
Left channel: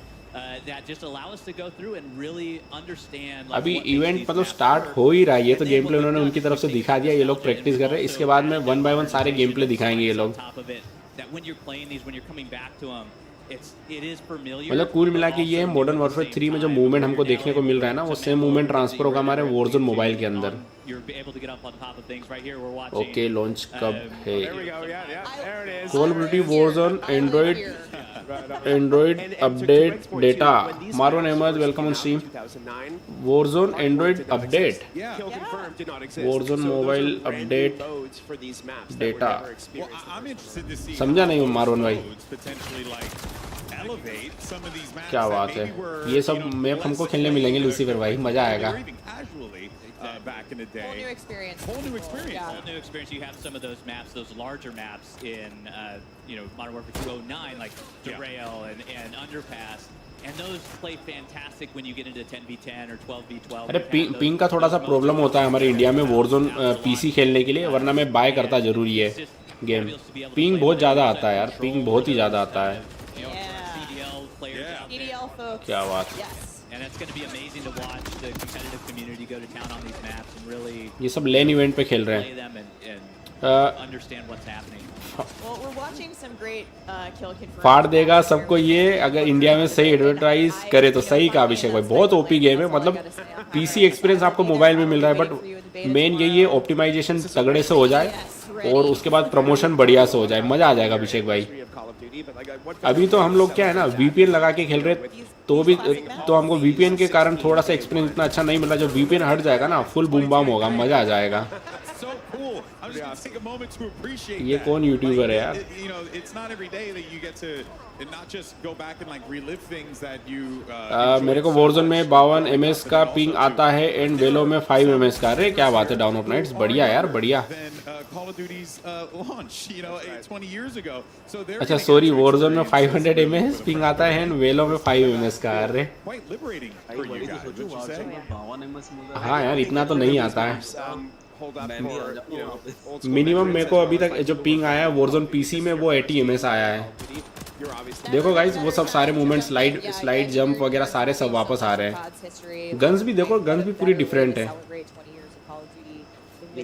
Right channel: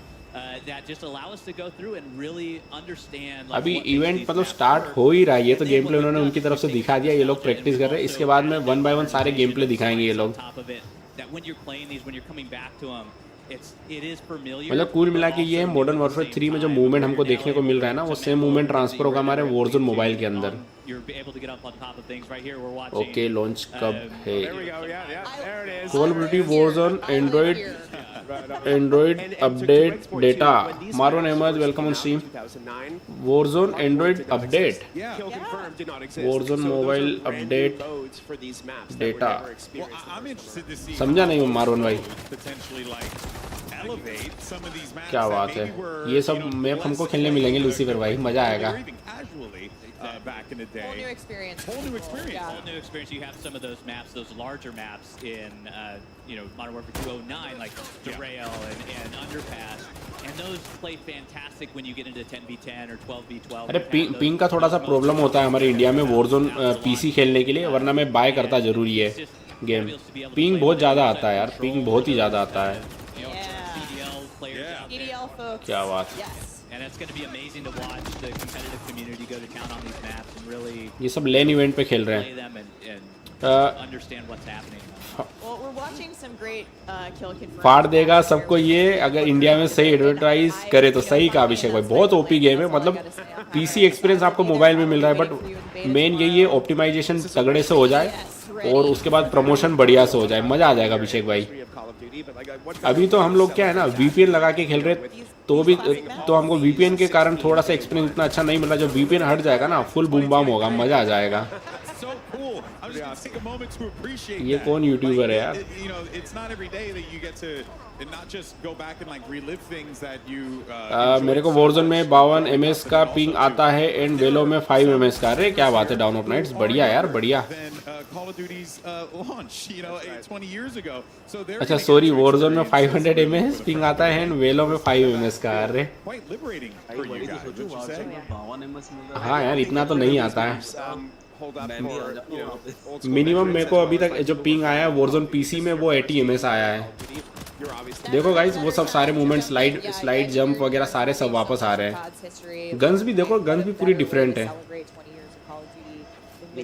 that just allow us to go through and really understand. Like, अभी इवेंट मतलब स्टार्ट हो ही रहा है, ये तो गेम प्ले उन्होंने उनकी तरफ से दिखा दिया, ये लोग प्रैक्टिस कर रहे हैं। इसके बाद में 1 by 1 सारे गेम प्ले दिखाएंगे ये लोग। मतलब कुल मिला के ये मॉडर्न वॉरफेयर 3 में जो मूवमेंट हमको देखने को मिल रहा है ना, वो सेम मूवमेंट ट्रांसफर होगा हमारे Warzone मोबाइल के अंदर। ओके, लॉन्च कब है? Call of Duty Warzone Android update data. मारून Ahmed welcome on stream. Warzone Android update, Warzone mobile update data, समझा नहीं मारून भाई, क्या बात है। ये सब मैप हमको खेलने मिलेंगे लूसीफर भाई, मजा आएगा। Back in the day. Whole new experience. Whole new experience. You have some of those maps, those larger maps in, Modern Warfare 209, like Derail and Underpass, and those play fantastic when you get into 10v10 or 12v12. अरे पिंग का थोड़ा सा प्रॉब्लम होता है हमारे इंडिया में Warzone पीसी खेलने के लिए, वरना मैं बाय करता जरूरी है गेम। पिंग बहुत ज़्यादा आता है यार, पिंग बहुत ही ज़्यादा आता है। क्या बात है। And it's going to be amazing to watch the competitive community go to town on these maps and really ये सब लेन इवेंट पे खेल रहे play them and understand what's happening. Well, we're watching some great kill confirmed. फाड़ देगा सबको ये, अगर इंडिया में सही एडवर्टाइज करे तो सही का अभिषेक भाई। बहुत ओपी गेम है, मतलब पीसी एक्सपीरियंस आपको मोबाइल में मिल रहा है, बट मेन यही है ऑप्टिमाइजेशन तगड़े से हो जाए और उसके बाद प्रमोशन बढ़िया से हो जाए, मजा आ जाएगा अभिषेक भाई। अभी तो हम लोग क्या है ना VPN लगा के खेल रहे, तो हमको VPN के कारण थोड़ा सा एक्सपीरियंस इतना अच्छा नहीं मिला। जब VPN हट जाएगा ना, फुल बूम बाम होगा, मजा आ जाएगा। ये कौन यूट्यूबर है यार? मेरे को Warzone में 52 ms का पिंग आता है एंड वेलो में 5 ms का। अरे क्या बात है, डाउन ऑफ नाइट्स, बढ़िया यार, बढ़िया। अच्छा सॉरी, Warzone में 500 ms पिंग आता है एंड वेलो में 5 ms का। अरे हाँ यार, इतना तो नहीं आता है। मिनिमम मेरे को अभी तक जो पिंग आया है Warzone पीसी में वो 80 ms आया है। देखो गाइस, वो सब सारे मूवमेंट, स्लाइड जंप वगैरह सारे सब वापस आ रहे हैं। गन्स भी देखो, गन्स भी पूरी डिफरेंट है।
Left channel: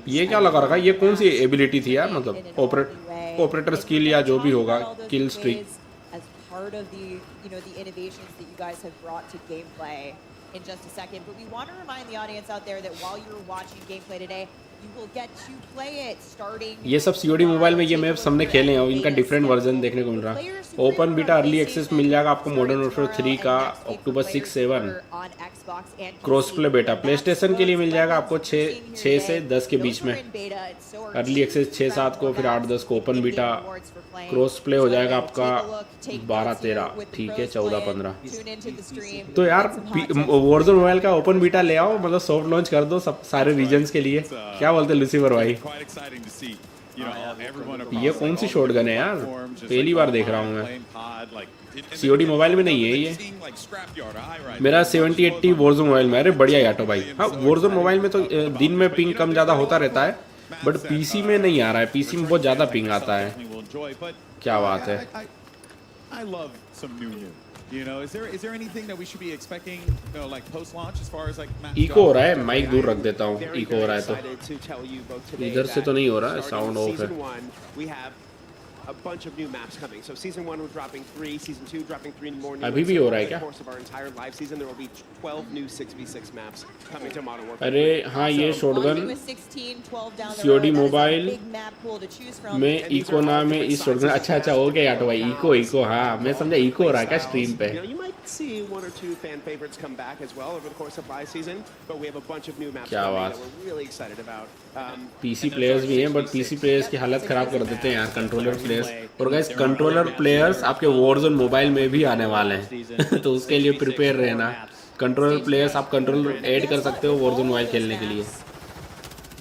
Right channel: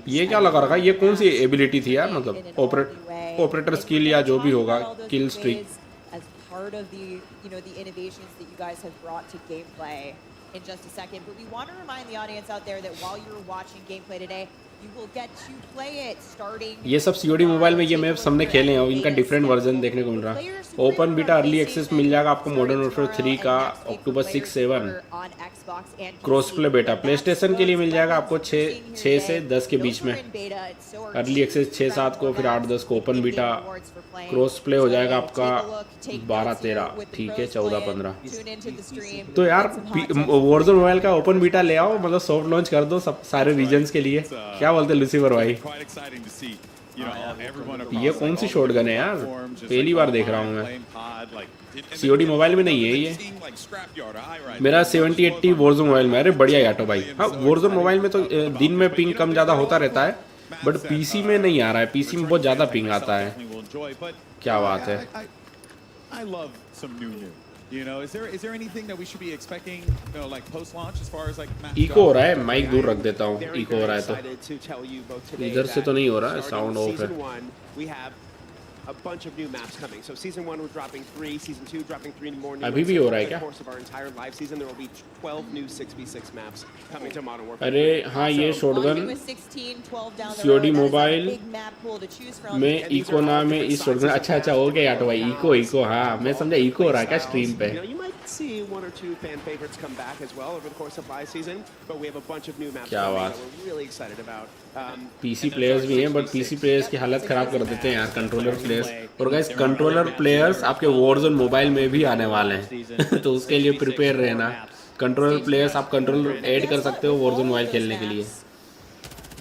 ये क्या लगा रखा है? ये कौन सी एबिलिटी थी यार? मतलब ऑपरेटर स्किल या जो भी होगा, किल streak. In just a second, but we want to remind the audience out there that while you're watching gameplay today, you will get to play it starting. ये सब COD मोबाइल में ये मैप्स हमने खेले हैं, इनका डिफरेंट वर्जन देखने को मिल रहा है। ओपन बीटा अर्ली एक्सेस मिल जाएगा आपको मॉडर्न वॉरफेयर 3 का October 6-7। क्रॉस प्ले बेटा प्ले स्टेशन के लिए मिल जाएगा आपको 6 से 10 के बीच में अर्ली एक्सेस, 6-7 को, फिर 8-10 को ओपन बीटा। क्रॉस प्ले हो जाएगा आपका 12-13, ठीक है, 14-15। तो यार Warzone मोबाइल का ओपन बीटा ले आओ, मतलब सॉफ्ट लॉन्च कर दो सब सारे रीजन्स के लिए। क्या बोलते लूसीफर भाई? ये कौन सी शॉटगन है यार? पहली बार देख रहा हूँ मैं। COD मोबाइल में नहीं है ये, मेरा 70-80 Warzone मोबाइल में। अरे बढ़िया याटो भाई। हाँ, Warzone मोबाइल में तो दिन में पिंग कम ज़्यादा होता रहता है, बट पीसी में नहीं आ रहा है। पीसी में बहुत ज़्यादा पिंग आता है। क्या बात है। is there anything that we should be expecting, like post-launch as far as like match? Echo हो रहा है, माइक दूर रख देता हूँ। इको हो रहा है तो इधर से तो नहीं हो रहा है, साउंड ऑफ है। a bunch of new maps coming. So season 1 we're dropping 3, season 2 dropping 3 more new अभी ones. भी So हो रहा है over the क्या? course of our entire live season there will be 12 new 6v6 maps coming to Modern Warfare अरे 3. हाँ ये Launching shotgun with 16, 12 down the COD road. That is a mobile big map pool to choose from. में And these echo are all नाम है different इस शॉटगन sizes of अच्छा maps, हो गया तो different भाई locales, इको हाँ मैं समझा different इको हो रहा है क्या play स्ट्रीम styles. पे You know, you might see 1 or 2 fan favorites come back as well over the course of live season, but we have a bunch of new maps क्या coming बात। that we're really excited about. PC players भी हैं बट पीसी प्लेयर्स की हालत खराब कर देते हैं यार कंट्रोलर प्लेयर्स और गाइस कंट्रोलर प्लेयर्स आपके वॉरजोन मोबाइल में भी आने वाले हैं तो उसके लिए प्रिपेयर रहना कंट्रोलर प्लेयर्स आप कंट्रोलर ऐड कर सकते हो वॉरजोन मोबाइल खेलने के लिए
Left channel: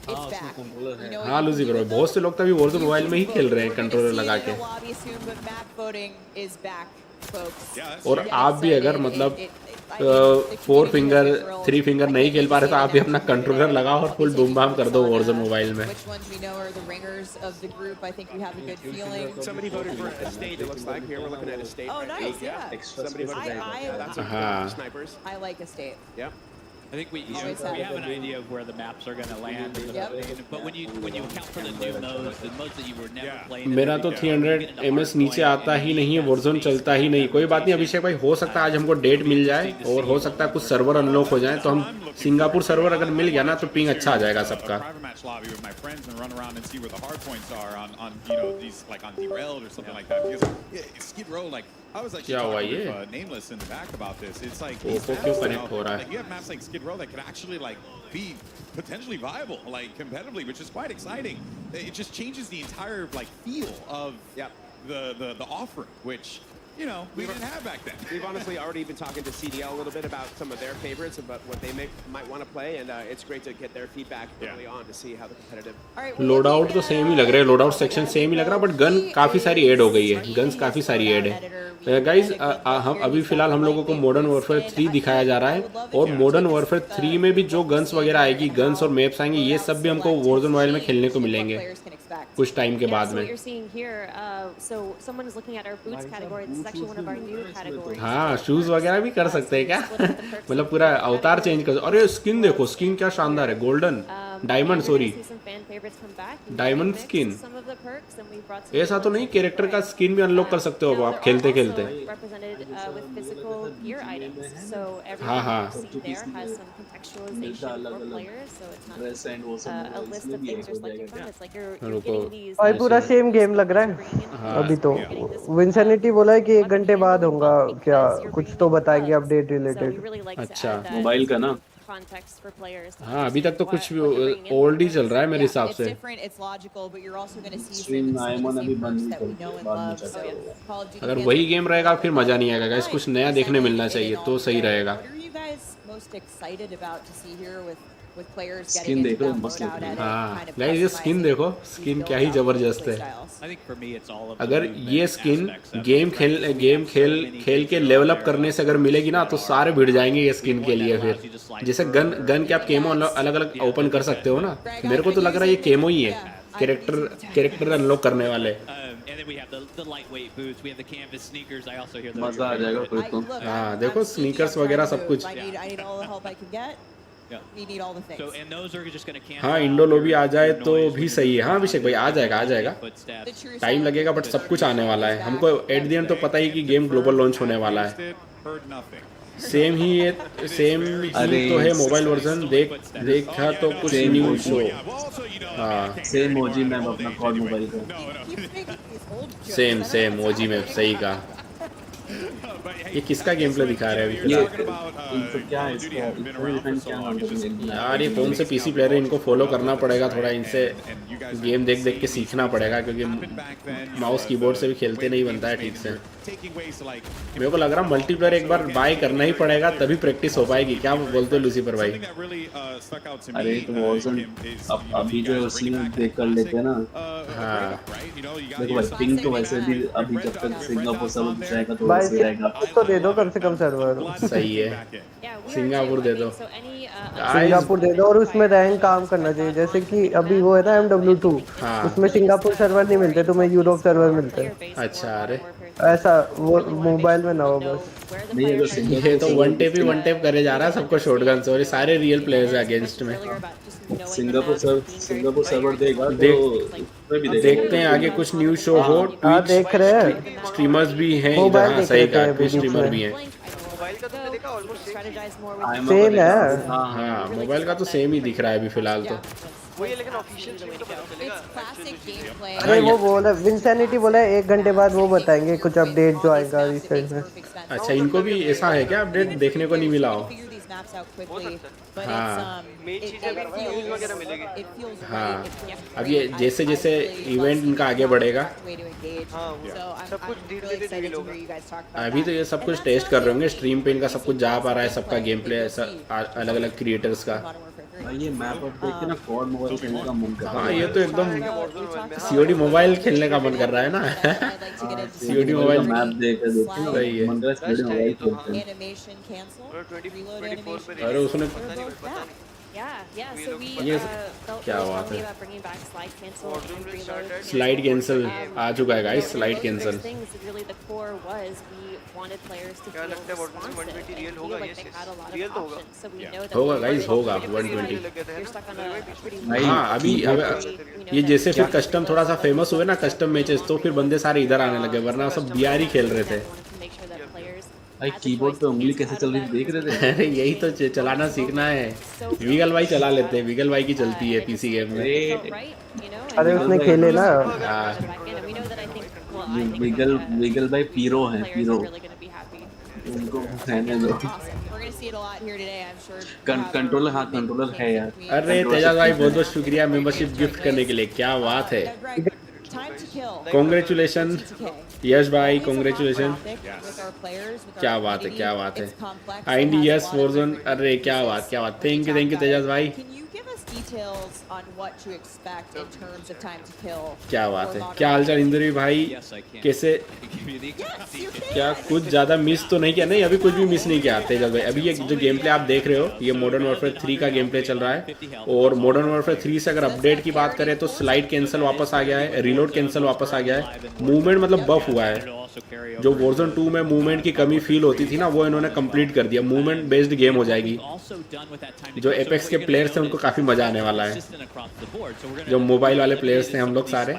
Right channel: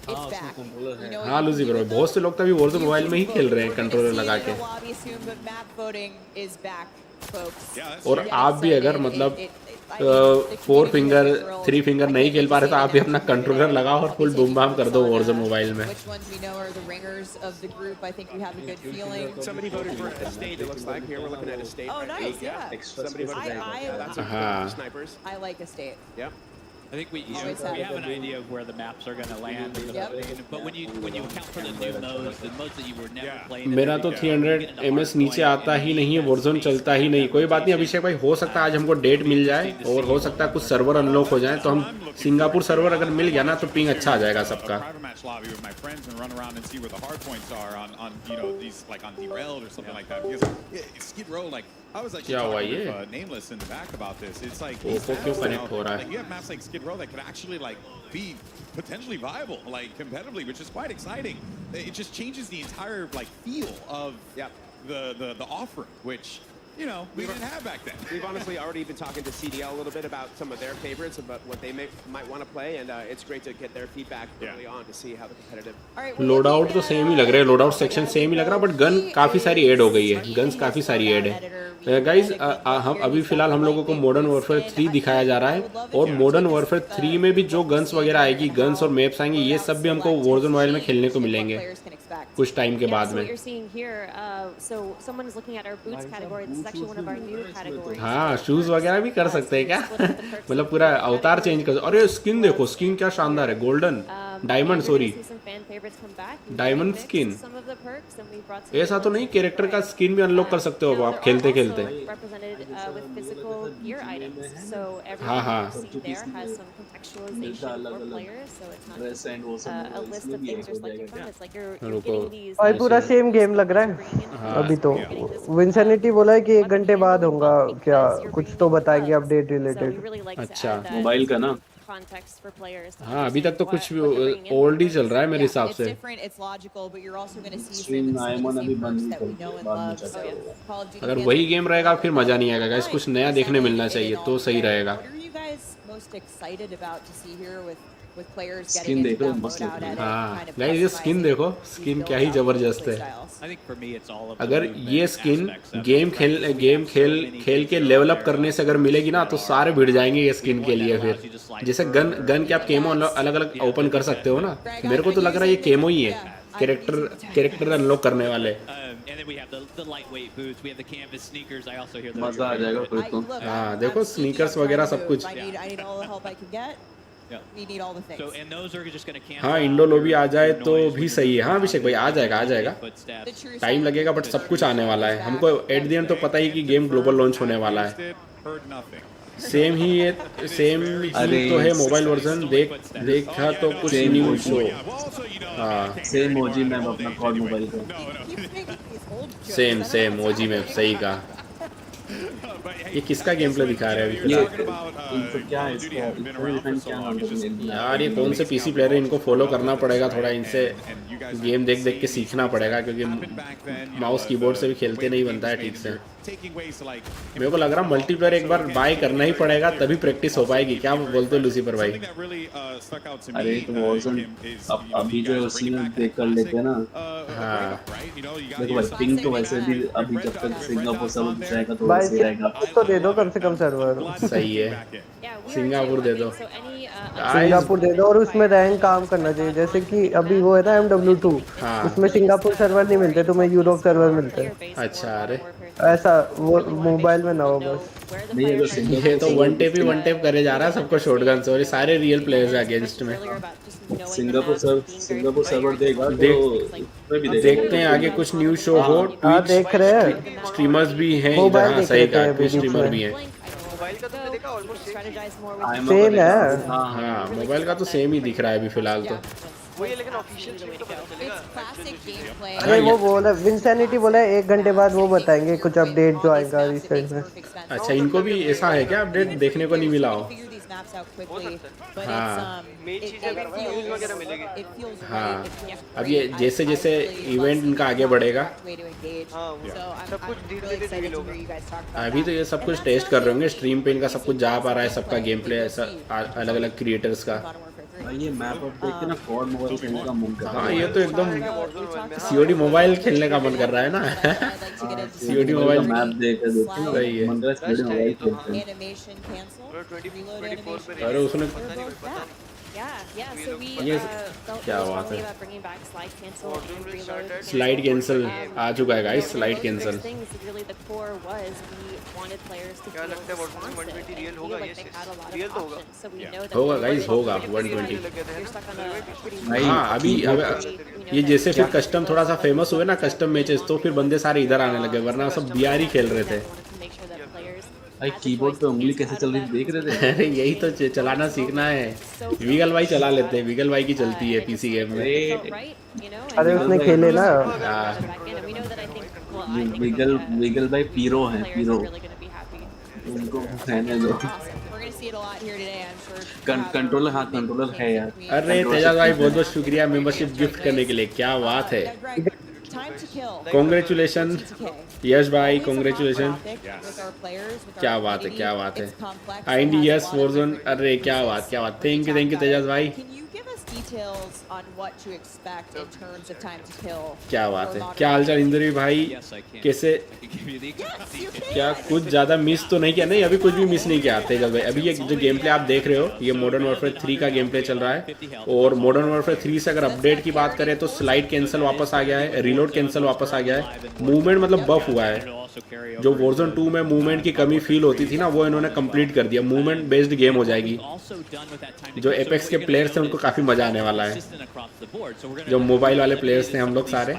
It's back. You know what हाँ you लूजी can do bro with बहुत them? से लोग तो अभी वॉरजोन You मोबाइल can में ही vote. खेल रहे हैं We're gonna controller see it लगा in a के lobby soon, but map voting is back, folks. Yeah, that's और true. आप भी अगर मतलब I mean, the four community has finger been thrilled. Three finger I नहीं can't खेल wait पा to रहे तो see it आप in भी अपना action here कंट्रोलर today. लगाओ और I'll be full taking boom bam कर notes दो on, वॉरजोन मोबाइल में which ones we know are the ringers of the group. I think we have a good feeling. Somebody voted for a state, it looks like. Here we're looking at a state. Oh, right nice, now. yeah. Somebody voted for I- yeah, that's a Uh-huh. for snipers. I like a state. Yep. I think we Always we have. have an idea of where the maps are going to land in the Yep. voting, but when you account for the new modes, the modes that you were never Yeah. playing. in मेरा there तो before, when you get 300 into ms नीचे hardpoint आता and ही you नहीं need है that वॉरजोन space चलता to ही have नहीं that कोई बात नहीं rotation. अभिषेक भाई हो सकता है आज हमको डेट मिल जाए और हो सकता है कुछ सर्वर अनलॉक हो जाए तो हम सिंगापुर सर्वर अगर मिल गया ना तो पिंग अच्छा आ जाएगा सबका Private match lobby with my friends and run around and see where the hard points are on you know these like on derailed or something like that because yeah, Skid Row like I was actually क्या हुआ talking ये? with Nameless in the back about this. It's like वो these तो क्यों maps now, connect हो रहा है? like you have maps like Skid Row that could actually like be potentially viable like competitively, which is quite exciting. It just changes the entire like feel of the offering, which you know we didn't have back then. We've honestly already been talking to CDL a little bit about some of their favorites, about what they might want to play, and it's great to get their feedback early on to see how the competitive. All right, we're load looking out तो at, सेम ही लग रहा है load out oh my section God, same ही लग रहा है बट गन he काफी सारी is ऐड हो गई है in गन्स his काफी सारी loadout ऐड है editor. We guys had a good look हम here. अभी He's फिलहाल got हम लोगों को lightweight modern boots, warfare and 3 I दिखाया जा रहा would है love if और you modern take us, warfare 3 में भी जो गन्स वगैरह आएगी गन्स और मैप्स आएंगी ये सब भी हमको वॉरजोन मोबाइल में खेलने को मिलेंगे कुछ टाइम के बाद So what में you're seeing here, so someone is looking at our boots category. This is actually one of our new categories. हाँ शूज वगैरह भी कर सकते हैं क्या मतलब पूरा अवतार चेंज कर अरे स्किन देखो स्किन क्या शानदार है golden diamond sorry diamond skin ऐसा तो नहीं कैरेक्टर का स्किन भी अनलॉक कर सकते हो आप खेलते खेलते हाँ हाँ भाई पूरा सेम गेम लग रहा है अभी तो विंसेनिटी बोला है कि 1 घंटे बाद होगा क्या कुछ तो बताएंगे अपडेट रिलेटेड अच्छा मोबाइल का ना हाँ अभी तक तो कुछ ओल्ड ही चल रहा है मेरे हिसाब से स्ट्रीम आयमन अभी बंद नहीं कर बाद में चलेगा अगर वही गेम रहेगा फिर मजा नहीं आएगा गाइस कुछ नया देखने मिलना चाहिए तो सही रहेगा स्किन देख रहे हो मस्त लग रही है हाँ गाइस ये स्किन देखो स्किन क्या ही जबरदस्त है I think for me it's all of the अगर movement ये skin aspects of it, game right? खेल So we have so many खेल के things level out up there, करने से अगर also मिलेगी ना that तो are सारे भिड़ around. जाएंगे ये We स्किन have के one लिए that allows you to फिर slide जैसे further, गन के आप केमो अलग अलग ओपन कर सकते हो ना मेरे को तो लग रहा है ये केमो ही है कैरेक्टर अनलॉक करने वाले And then we have the lightweight boots. We have the canvas sneakers. I also hear those. मजा आ जाएगा फिर तो हाँ देखो स्नीकर्स वगैरह सब कुछ I need all the help I can get. We need all the things. So and those are just going to cancel. हाँ out इंडो your- लोबी आ जाए your तो noise भी when you're सही है moving हाँ around. अभिषेक भाई आ जाएगा आ जाएगा Footsteps. टाइम लगेगा बट सब कुछ आने वाला है हमको एट द एंड तो पता ही कि गेम ग्लोबल लॉन्च होने वाला है Heard nothing. सेम ही तो है मोबाइल वर्जन देखा तो कुछ Same new OG. Show Yeah, well, also, you know, I mean, I can't same get OG around ma'am the अपना old call age mobile anyway. का No, Keep making these old jokes. Same OG में सही कहा But hey, ये किसका I guess game play when, दिखा you रहे know, हो you're ये talking about, इनको क्या Call है of Duty इसका having been around for so क्या long, नाम it's just यार ये कौन से पीसी प्लेयर है इनको फॉलो करना पड़ेगा थोड़ा इनसे गेम देख देख के सीखना पड़ेगा क्योंकि माउस कीबोर्ड से भी खेलते नहीं बनता है ठीक से मेरे को लग रहा है मल्टीप्लेयर एक बार बाय करना ही पड़ेगा तभी प्रैक्टिस हो पाएगी क्या बोलते हो लूसीफर भाई अरे तो वॉर्जन अभी जो है उसी में देख कर लेते हैं ना देखो भाई पिंग तो वैसे भी अभी जब तक सिंगापुर सब जाएगा तो भाई भी रहेगा। सिंगापुर तो दे दो कम से कम सर्वर। सही है, Yeah, we are Singapore too. They I दो mean, so any सिंगापुर दे दो और उसमें रैंक काम करना चाहिए, जैसे कि अभी वो है ना MW2, हाँ उसमें सिंगापुर सर्वर नहीं मिलते तुम्हें, यूरोप सर्वर मिलते हैं। अच्छा, अरे ऐसा वो मोबाइल में ना हो बस। नहीं अगर ये तो वन टेप ही वन टेप करे जा रहा है सबको शॉटगन से, और ये सारे रियल प्लेयर्स है अगेंस्ट में। सिंगापुर सर्वर देगा तो उसमें भी अब देगा। देखते हैं आगे कुछ न्यूज शो हो। हाँ देख रहे हैं, स्ट्रीमर्स भी हैं इधर, मोबाइल हाँ देख सही रहे थे कहा, अभी कुछ बीच स्ट्रीमर में। भी हैं। मोबाइल का तुमने देखा ऑलमोस्ट सेम है। हाँ मोबाइल का तो सेम ही दिख रहा है अभी फिलहाल तो। वही है, लेकिन ऑफिशियल स्ट्रीम तो पता चलेगा। It's classic gameplay. अरे वो बोला विंसेनिटी बोला है 1 घंटे बाद वो बताएंगे कुछ अपडेट जो आएगा It रिसेंट makes में। perfect sense. अच्छा इनको भी ऐसा है क्या, अपडेट देखने को नहीं मिला हो? Figure these maps out quickly, हो सकता but हाँ। it's मेन चीज़ है कि views वगैरह मिलेगी। it feels हाँ। right. It feels अब ये great. जैसे I जैसे really इवेंट love इनका seeing आगे how बढ़ेगा, correct way to engage. हाँ, So सब कुछ I'm धीरे really धीरे excited reveal to होगा। hear you guys talk about अभी तो ये that. सब And कुछ that's टेस्ट not कर the रहे होंगे, only स्ट्रीम पे इनका सब कुछ जा पा रहा है, सबका gameplay game play that you'll see अलग अलग क्रिएटर्स का। in Modern Warfare 3. भाई ये मैप अब देख के ना COD मोबाइल खेलने का मन कर रहा हाँ है। ये तो एकदम We talked about COD mobile खेलने का मन कर रहा है ना। I'd like to get into COD some mobile का मैप देख के सही है। मन कर रहा है COD मोबाइल खेलते हैं। animation cancel, और 20 reload 24 पे animation. अरे उसने पता नहीं भाई, पता नहीं। Yeah, yeah. We So look- we Yes. felt क्या really बात strongly है। about bringing back slide cancel Warzone and will reload. start at slide cancel Yeah. आ चुका है You know, guys, and slide both of those cancel. things, really the core was we wanted players to क्या feel लगता है Warzone में responsive 120 and real feel होगा? like Yes, they yes. had a lot Real of तो होगा। options. So we Yeah. know that होगा we गाइस, were- होगा कितने real 120। लग गए थे, है you're ना? stuck on a pretty भाई, हाँ अभी we अगर know ये that जैसे फिर we कस्टम थोड़ा सा फेमस हुए ना, कस्टम मैचेस, तो फिर बंदे सारे इधर आने लगे, वरना सब BR ही खेल रहे थे। wanted to make sure that players भाई had the कीबोर्ड choice पे to उंगली cancel कैसे out चल of रही that थी देख because रहे we थे? know यही तो it's चलाना सीखना है। so विगल भाई चला लेते हैं, battle. विगल भाई की चलती है And it PC just- game में। it felt right, you know, and अरे we उसने felt खेले ना। like we got it back in, and we know that I think, well, I think, विगल भाई पीरो हैं, players Piro. are really going to be happy. उनको रहने दो। Awesome. We're gonna see it a lot here today, I'm sure. Controller, हाँ कंट्रोलर है यार। अरे तेजा भाई बहुत बहुत शुक्रिया मेंबरशिप गिफ्ट करने के लिए, क्या बात है। Now, Greg, time to kill. Congratulation TTK. यश भाई, Always a hot congratulation. topic with our players, with our क्या बात है, community. क्या बात है। It's complex. ID It has a yes lot of version, different अरे क्या pieces. बात, क्या बात। We're gonna thank you talk about तेजाज it. भाई, Can you give us details on what to expect in terms of time to kill? क्या बात for है। Modern क्या हाल चाल Warfare? इंद्री भाई, Yes, I can. कैसे, I can give you the exact Yes, you details. क्या can. कुछ ज्यादा मिस तो नहीं किया? नहीं अभी कुछ भी मिस नहीं किया तेजा भाई। अभी ये जो गेम प्ले आप देख रहे हो, ये मॉडर्न वॉरफेयर 3 का गेम प्ले चल रहा है, और मॉडर्न वॉरफेयर 3 से अगर अपडेट की बात करें तो स्लाइड कैंसिल वापस आ गया है, रिलोड कैंसिल वापस आ गया है, मूवमेंट मतलब बफ हुआ है। जो वॉरजोन 2 में मूवमेंट की कमी फील होती थी ना, वो इन्होंने कंप्लीट कर दिया, मूवमेंट बेस्ड गेम हो जाएगी। जो एपेक्स के प्लेयर्स थे उनको काफी मजा आने वाला है, जो मोबाइल वाले प्लेयर्स थे हम लोग सारे।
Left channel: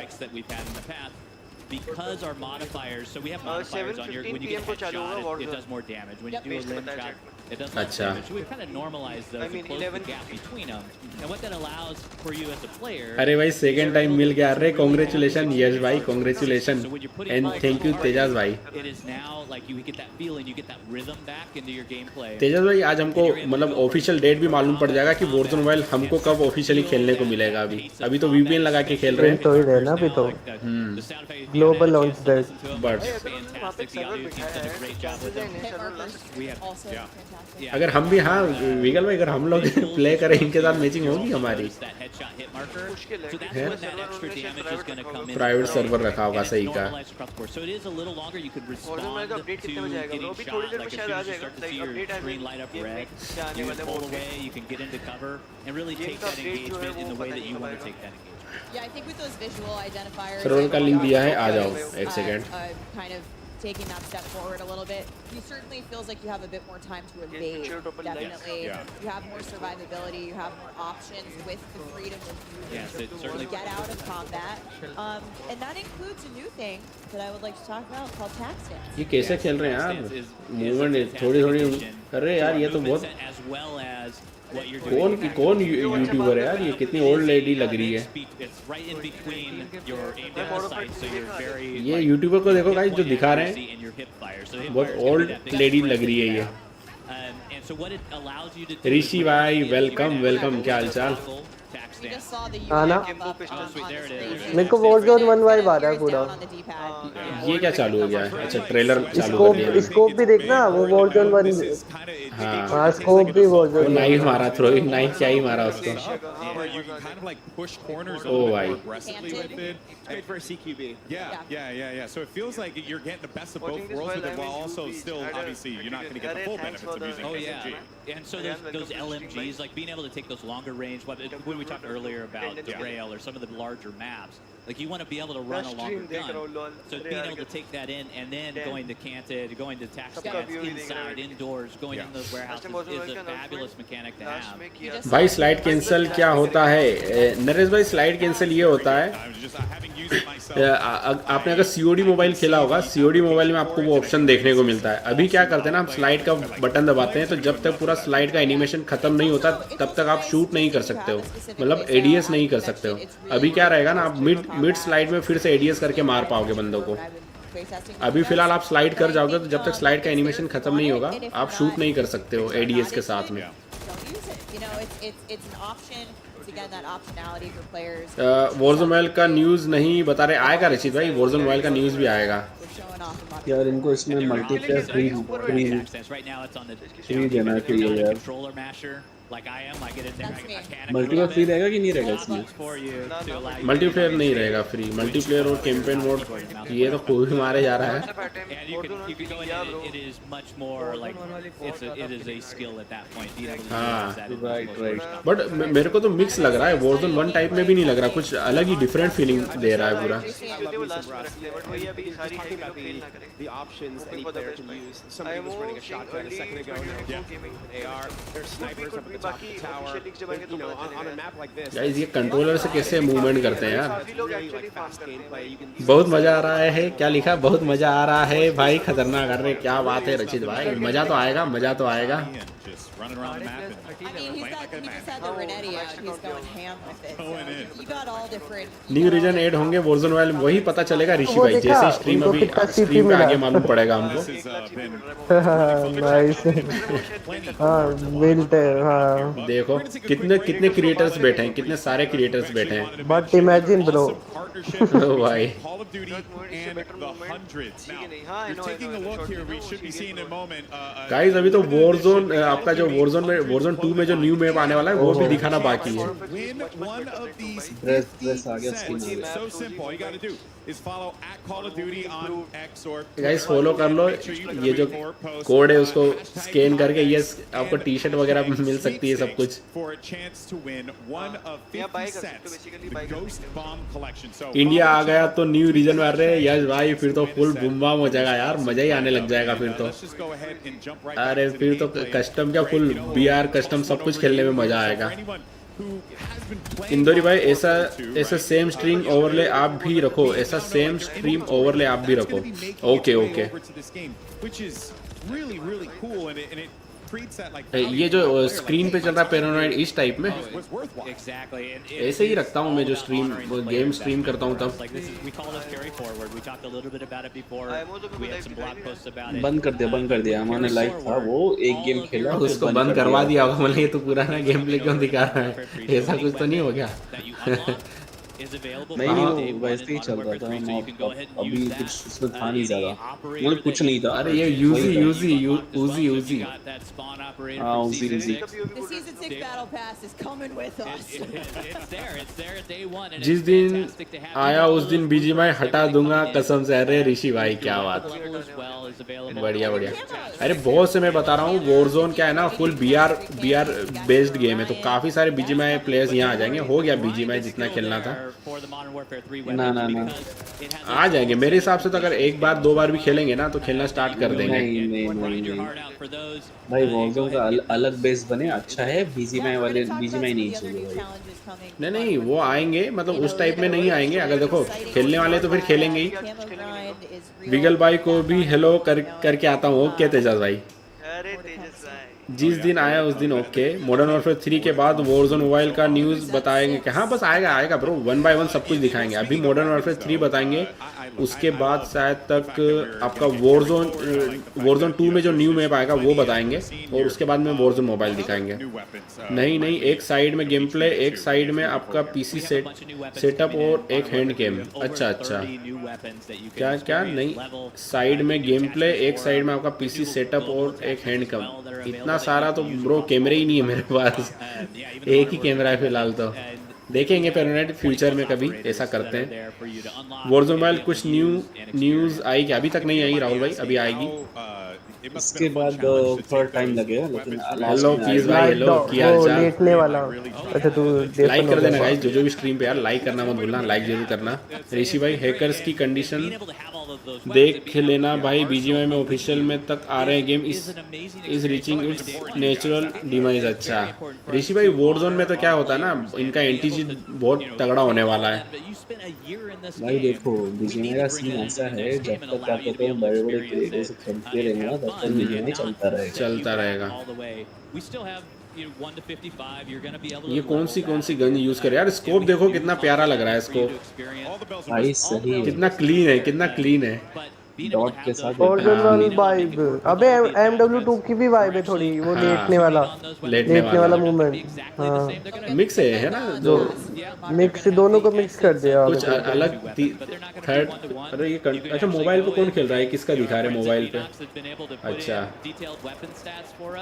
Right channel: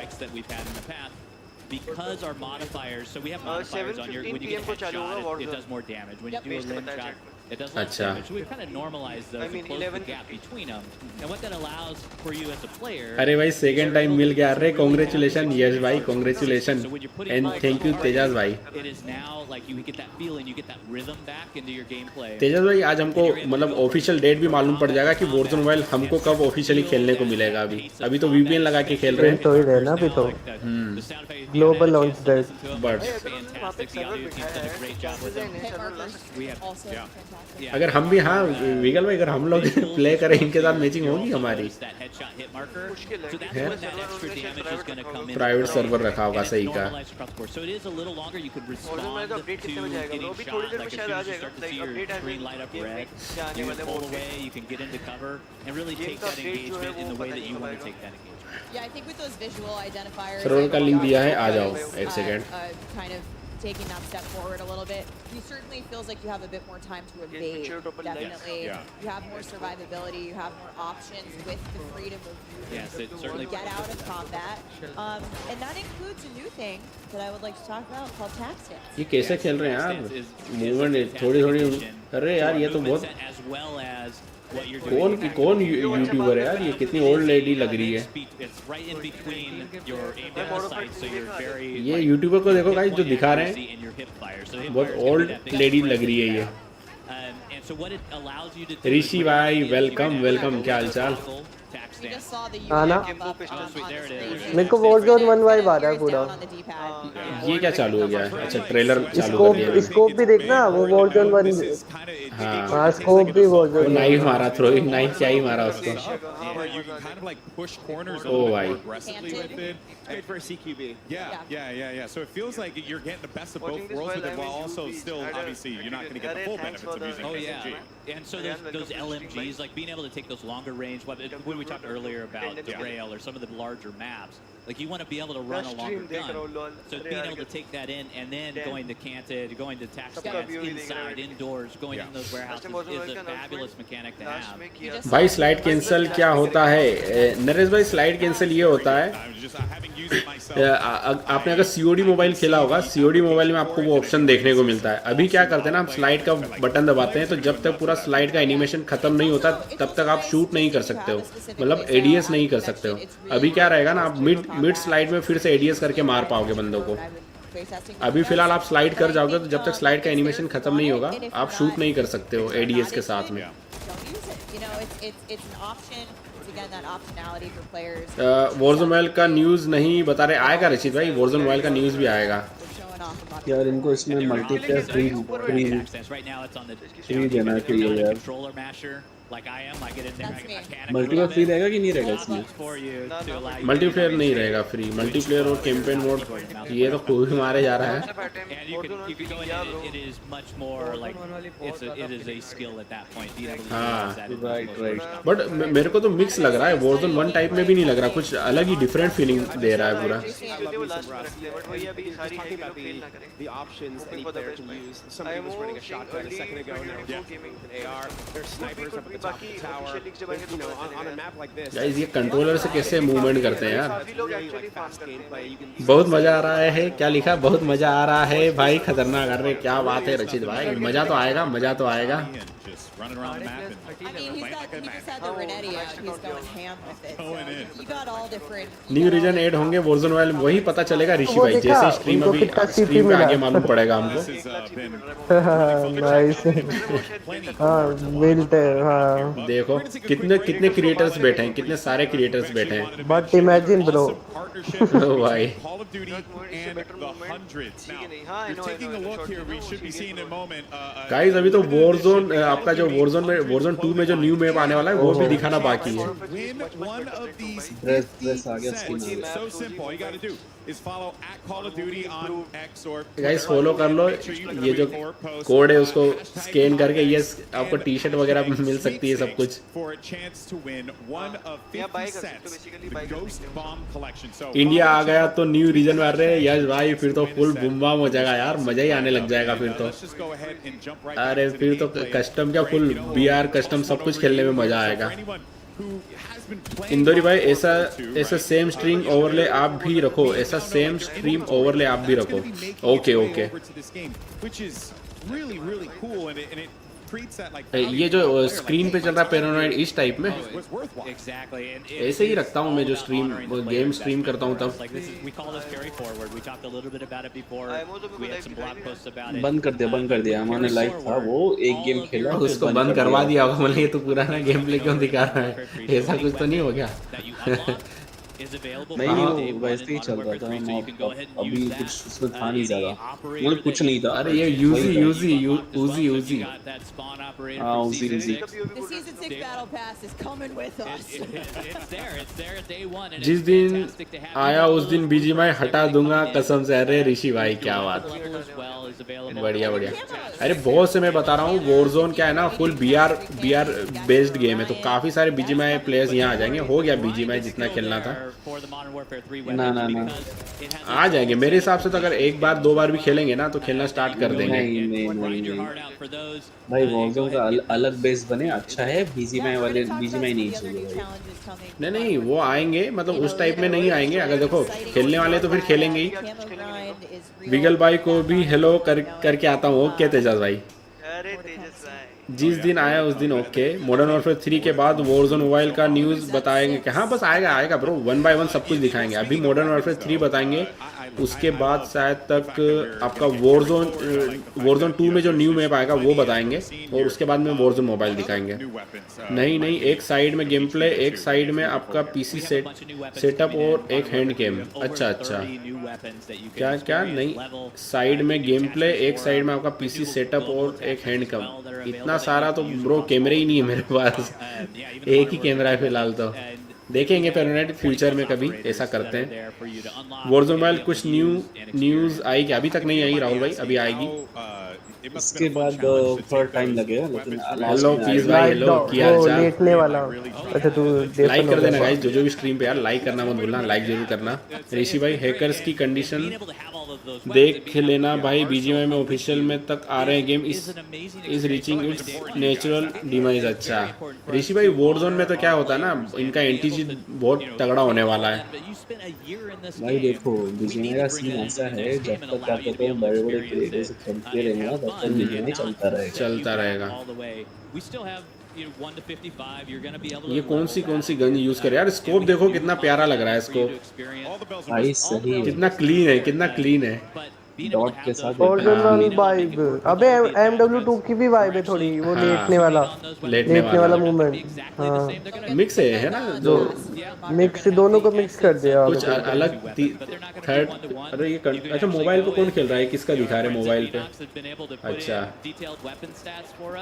Because our modifiers, so we have modifiers on your, when you 7:15 get a को चालू होगा headshot, it Warzone। does more damage. When you Yep. do a Based limb बताया shot, chat में। it does less अच्छा। damage. So we've kind of normalized those I mean, and closed the 11:15 gap between them. And what that allows for you as a player. अरे भाई सेकंड टाइम मिल गया, अरे कॉन्ग्रेचुलेशन यश भाई, congratulation So when you're putting and multiple thank you तेजाज targets, भाई। it is now like you get that feeling, you get that rhythm back into your gameplay. तेजस भाई आज हमको मतलब ऑफिशियल डेट भी मालूम पड़ जाएगा कि वॉरजोन मोबाइल हमको कब ऑफिशियली खेलने को मिलेगा। अभी तो VPN लगा के खेल रहे हैं। तो ही रहना अभी तो ग्लोबल लॉन्च डेट। बट वहाँ पे सर्वर बिठाया है, chances है नए सर्वर ला सकते We have Also fantastic. अगर हम भी, हाँ विगल भाई, अगर हम लोग प्ले करें इनके साथ मैचिंग होगी हमारी। that headshot hit marker. मुश्किल है, So that's क्योंकि when that सर्वर extra उन्होंने damage is private going to रखा come होगा। in. प्राइवेट सर्वर रखा होगा, And it's सही कहा। normalized across the board. So it is a little longer. You could Warzone respond में तो to अपडेट कितने बजे आएगा? getting अभी थोड़ी shot. देर में Like as शायद soon आ as you जाएगा। start to Like see your update screen light up game में red, क्या आने you वाले can pull मोड में। away, you can get into cover, and really Game take का that update जो है engagement in वो the way पता that नहीं you कब want to आएगा। take that engagement. Yeah, I think with those visual identifiers, role का लिंक दिया है, आ Yeah, जाओ yeah, एक second. kind of taking that step forward a little bit, you certainly feels like you have a bit more time to evade. picture to open lights. Definitely, Yeah. you have more survivability, you have more options with the freedom of movement Yes, it to certainly get out of combat. And that includes a new thing that I would like to talk about called tax stance. ये कैसे खेल रहे हैं Stance यार, is a मूवमेंट fantastic थोड़ी थोड़ी। addition अरे to यार our ये तो movement बहुत, set as well as what you're doing. कौन यूट्यूबर है यार, ये कितनी ओल्ड लेडी लग रही है। It's right in between your aim down sight, so you're very. ये यूट्यूबर को देखो गाइस जो दिखा रहे accuracy हैं, in your hip fire. So the hip बहुत fire is gonna be that old big lady spread लग रही that है you ये। have. And so what it allows you to do. ऋषि भाई वेलकम वेलकम, क्या हाल चाल। We just saw the हाँ ना? UI pop up on sweet, there it the is. screen. मेरे को Warzone 1 वाइब आ रहा है Gears पूरा। down on the D-pad. ये क्या चालू हो गया है? अच्छा ट्रेलर चालू कर स्कोप दिया है। स्कोप भी देखना, वो Warzone 1 This is kind of हाँ स्कोप भी वो जो नाइफ मारा, थ्रोइंग नाइफ क्या ही मारा उसको। Where you can kind of like push corners a Oh, little bit more भाई। aggressively with it. It's great for a CQB. Yeah. So it feels like you're getting the best of both worlds with it, while also still obviously you're not going to get the full benefits of using Oh SMG. yeah, and so those LMGs, like being able to take those longer range. When we talked earlier about Derail or some of the larger maps, like you want to be able to run a longer gun. So being able to take that in and then going to canted, going to tax stands, inside, indoors, going in those warehouses is a fabulous mechanic to have. भाई स्लाइड कैंसिल क्या होता है नरेश भाई? स्लाइड कैंसिल ये होता है, आपने अगर सीओडी मोबाइल खेला होगा, सीओडी मोबाइल में आपको वो ऑप्शन देखने को मिलता है। अभी क्या करते हैं ना, हम स्लाइड का बटन दबाते हैं तो जब तक पूरा स्लाइड का एनिमेशन खत्म नहीं होता तब तक आप शूट नहीं कर सकते हो, मतलब एडीएस नहीं कर सकते हो। अभी क्या रहेगा ना, आप मिड स्लाइड में फिर से एडीएस करके मार पाओगे बंदों को। अभी फिलहाल आप स्लाइड कर जाओगे तो जब तक स्लाइड का एनिमेशन खत्म नहीं होगा आप शूट नहीं कर सकते हो एडीएस के साथ में। वॉरज़ोन मोबाइल का न्यूज़ नहीं बता रहे, आएगा रशीद भाई, वॉरज़ोन मोबाइल का न्यूज़ भी आएगा यार। इनको इसमें मल्टीप्लेयर फ्री देना चाहिए यार। मल्टीप्लेयर फ्री रहेगा कि नहीं रहेगा इसमें? मल्टीप्लेयर नहीं रहेगा फ्री, मल्टीप्लेयर और कैंपेन मोड ये तो कोई भी मारे जा रहा है। बट मेरे को तो मिक्स लग रहा है, वॉरज़ोन 1 टाइप में भी नहीं लग रहा, कुछ अलग ही डिफरेंट फीलिंग दे रहा है पूरा। The options any player can use. Somebody was running a shotgun a second ago. Now AR. There's snipers up at the top of the tower. But, you know, on a map like this. Guys ये कंट्रोलर से कैसे मूवमेंट करते हैं यार? Like fast gameplay. You can बहुत मजा आ रहा है, क्या लिखा? बहुत मजा आ रहा है भाई, खतरनाक कर रहे, क्या बात है रशीद भाई, मजा तो आएगा, मजा तो आएगा। न्यू रीजन ऐड होंगे वॉरज़ोन मोबाइल में, वही पता चलेगा ऋषि भाई, जैसे स्ट्रीम अभी स्ट्रीम पे आगे मालूम पड़ेगा हमको। नाइस। हाँ बिल्ट है, हाँ देखो कितने कितने क्रिएटर्स बैठे हैं, कितने सारे क्रिएटर्स बैठे हैं। बट इमेजिन ब्रो भाई गाइस अभी तो वॉरज़ोन आपका जो वॉरज़ोन 2 में जो न्यू मैप आने वाला है वो भी दिखाना बाकी है। ड्रेस आ गया स्किन। गाइस फॉलो कर लो, ये जो कोड है उसको स्कैन करके ये आपको टी शर्ट वगैरह मिल सकती है, सब कुछ। इंडिया आ गया तो न्यू रीजन मार रहे हैं यस भाई, फिर तो फुल बूम बाम हो जाएगा यार, मजा ही आने लग जाएगा फिर तो। अरे फिर तो कस्टम क्या, फुल बीआर कस्टम सब कुछ खेलने में मजा आएगा। इंदौरी भाई ऐसा सेम स्ट्रीम ओवरले आप भी रखो, ऐसा सेम स्ट्रीम ओवरले आप भी रखो। ओके ये जो स्क्रीन पे चल रहा है पैरानॉइड इस टाइप में ऐसे ही रखता हूँ मैं, जो गेम स्ट्रीम करता हूँ तब। बंद कर दिया हमारे लाइव था वो, एक गेम खेला उसको बंद करवा दिया, बोले ये तो पुराना गेम प्ले क्यों दिखा रहा है, ऐसा कुछ तो नहीं हो गया? नहीं वो वैसे ही चल रहा था, अभी कुछ उसमें था नहीं ज्यादा, मतलब कुछ नहीं था। अरे ये यूजी हाँ उजी जिस दिन आया उस दिन बीजीएमआई हटा दूंगा कसम से। अरे ऋषि भाई क्या बात, बढ़िया। अरे बहुत से मैं बता रहा हूँ, वॉरज़ोन क्या है ना फुल बीआर बेस्ड गेम है, तो काफी सारे बीजीएमआई प्लेयर्स यहाँ आ जाएंगे। हो गया बीजीएमआई जितना खेलना था ना आ जाएंगे मेरे हिसाब से। तो अगर एक बार दो बार भी खेलेंगे ना तो खेलना स्टार्ट कर देंगे। नहीं भाई वॉरज़ोन का अलग बेस बने, अच्छा है। बीजीएमआई नहीं चाहिए। नहीं वो आएंगे, मतलब उस टाइप में नहीं आएंगे। अगर देखो खेलने वाले तो फिर खेलेंगे ही। विगल भाई को भी हेलो करके आता हूँ। ओके तेजस भाई, जिस दिन आया उस दिन ओके। मॉडर्न वॉरफेयर 3 के बाद वॉरज़ोन मोबाइल का न्यूज़ बताएंगे कि हाँ बस आएगा ब्रो, 1 बाय 1 सब कुछ दिखाएंगे। अभी मॉडर्न वॉरफेयर 3 बताएंगे, उसके बाद शायद तक आपका वॉरज़ोन 2 में जो न्यू मैप आएगा वो बताएंगे, और उसके बाद में वॉरज़ोन मोबाइल दिखाएंगे। नहीं एक साइड में गेम प्ले, एक साइड में आपका पीसी सेटअप और एक हैंड गेम। अच्छा क्या नहीं, साइड में गेम प्ले, एक साइड में आपका पीसी सेटअप और एक हैंड गेम। इतना इतना सारा तो ब्रो कैमरे ही नहीं है मेरे पास, एक ही कैमरा है फिलहाल तो। देखेंगे तो फ्यूचर में कभी ऐसा करते हैं। वॉरज़ोन मोबाइल कुछ न्यूज़ आई क्या? अभी तक नहीं आई राहुल भाई, अभी आएगी। इसके बाद थोड़ा टाइम लगेगा, लेकिन लास्ट में प्लीज आएगा। भाई हेलो, क्या हाल वो चाल? लेटने वाला। अच्छा तू लाइक डेफन हो कर देना गया। गाइस, जो भी स्ट्रीम पे यार लाइक करना मत भूलना, लाइक जरूर करना। ऋषि भाई हैकर्स की कंडीशन देख लेना भाई, बीजीएमआई में ऑफिशियल में तक आ रहे हैं game, is reaching it's natural demise. अच्छा ऋषि भाई, वॉरज़ोन में तो क्या होता है ना, इनका एंटीजी बहुत तगड़ा होने वाला है भाई देखो बीजीएमआई का सीन ऐसा है, जब तक क्या कहते हैं बड़े बड़े क्रिएटर से खेलते रहेंगे ना, तब तक बीजीएमआई चलता रहेगा। ये कौन सी गन यूज करे यार? स्कोप देखो कितना प्यारा लग रहा है स्कोप भाई सही है, कितना क्लीन है डॉट के साथ ओरिजिनल वाइब। अबे MW2 की भी वाइब है थोड़ी, वो लेटने वाला मूवमेंट। हाँ मिक्स है ना, दो मिक्स, दोनों को मिक्स कर दिया। कुछ अलग थर्ड। अरे ये अच्छा मोबाइल पे कौन खेल रहा है, किसका दिखा रहे मोबाइल पे? अच्छा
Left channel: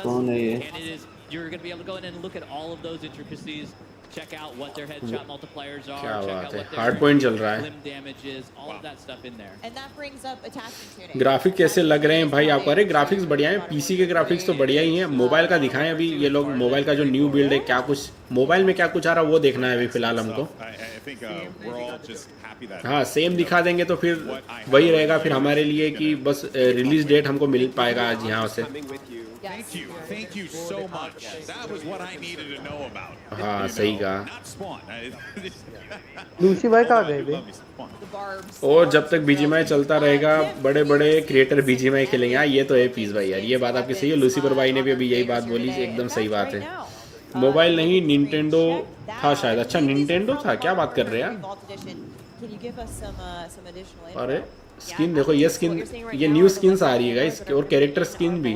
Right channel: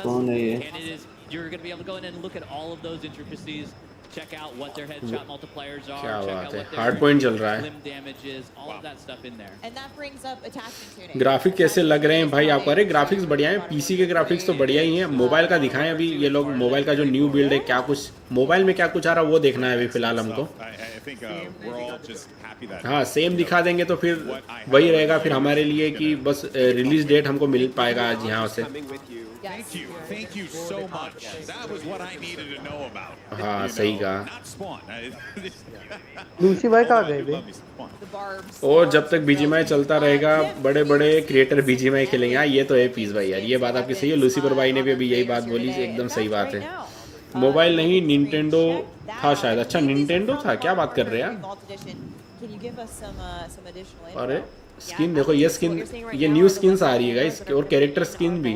कौन है ये? You're going to be able to go in and look at all of those intricacies, check out what their headshot multipliers are, check out what their hard point चल रहा है। limb damage is, all of that stuff in there. And that brings up attachment tuning. Graphic कैसे लग रहे हैं भाई आपको? अरे ग्राफिक्स बढ़िया है, पीसी के ग्राफिक्स तो बढ़िया ही है। मोबाइल का दिखाएं अभी ये लोग, मोबाइल का जो न्यू बिल्ड है, क्या कुछ मोबाइल में क्या कुछ आ रहा है वो देखना है अभी फिलहाल हमको। हाँ सेम दिखा देंगे तो फिर वही रहेगा फिर हमारे लिए कि बस रिलीज डेट हमको मिल पाएगा आज यहाँ से। Thank you so much. That was what I needed to know about. हाँ सही कहा। Not Spawn. लूसी भाई कहाँ गए थे? और जब तक बीजीएमआई चलता रहेगा, बड़े बड़े क्रिएटर बीजीएमआई खेलेंगे। हाँ ये तो है पीस भाई यार, ये बात आपकी सही है। लूसीफर भाई ने भी अभी यही बात बोली, एकदम सही बात है। मोबाइल नहीं निंटेंडो था शायद। अच्छा निंटेंडो था, क्या बात कर रहे हैं यार? अरे स्किन देखो, ये स्किन, ये न्यू स्किन्स आ रही है गाइस, और कैरेक्टर स्किन भी।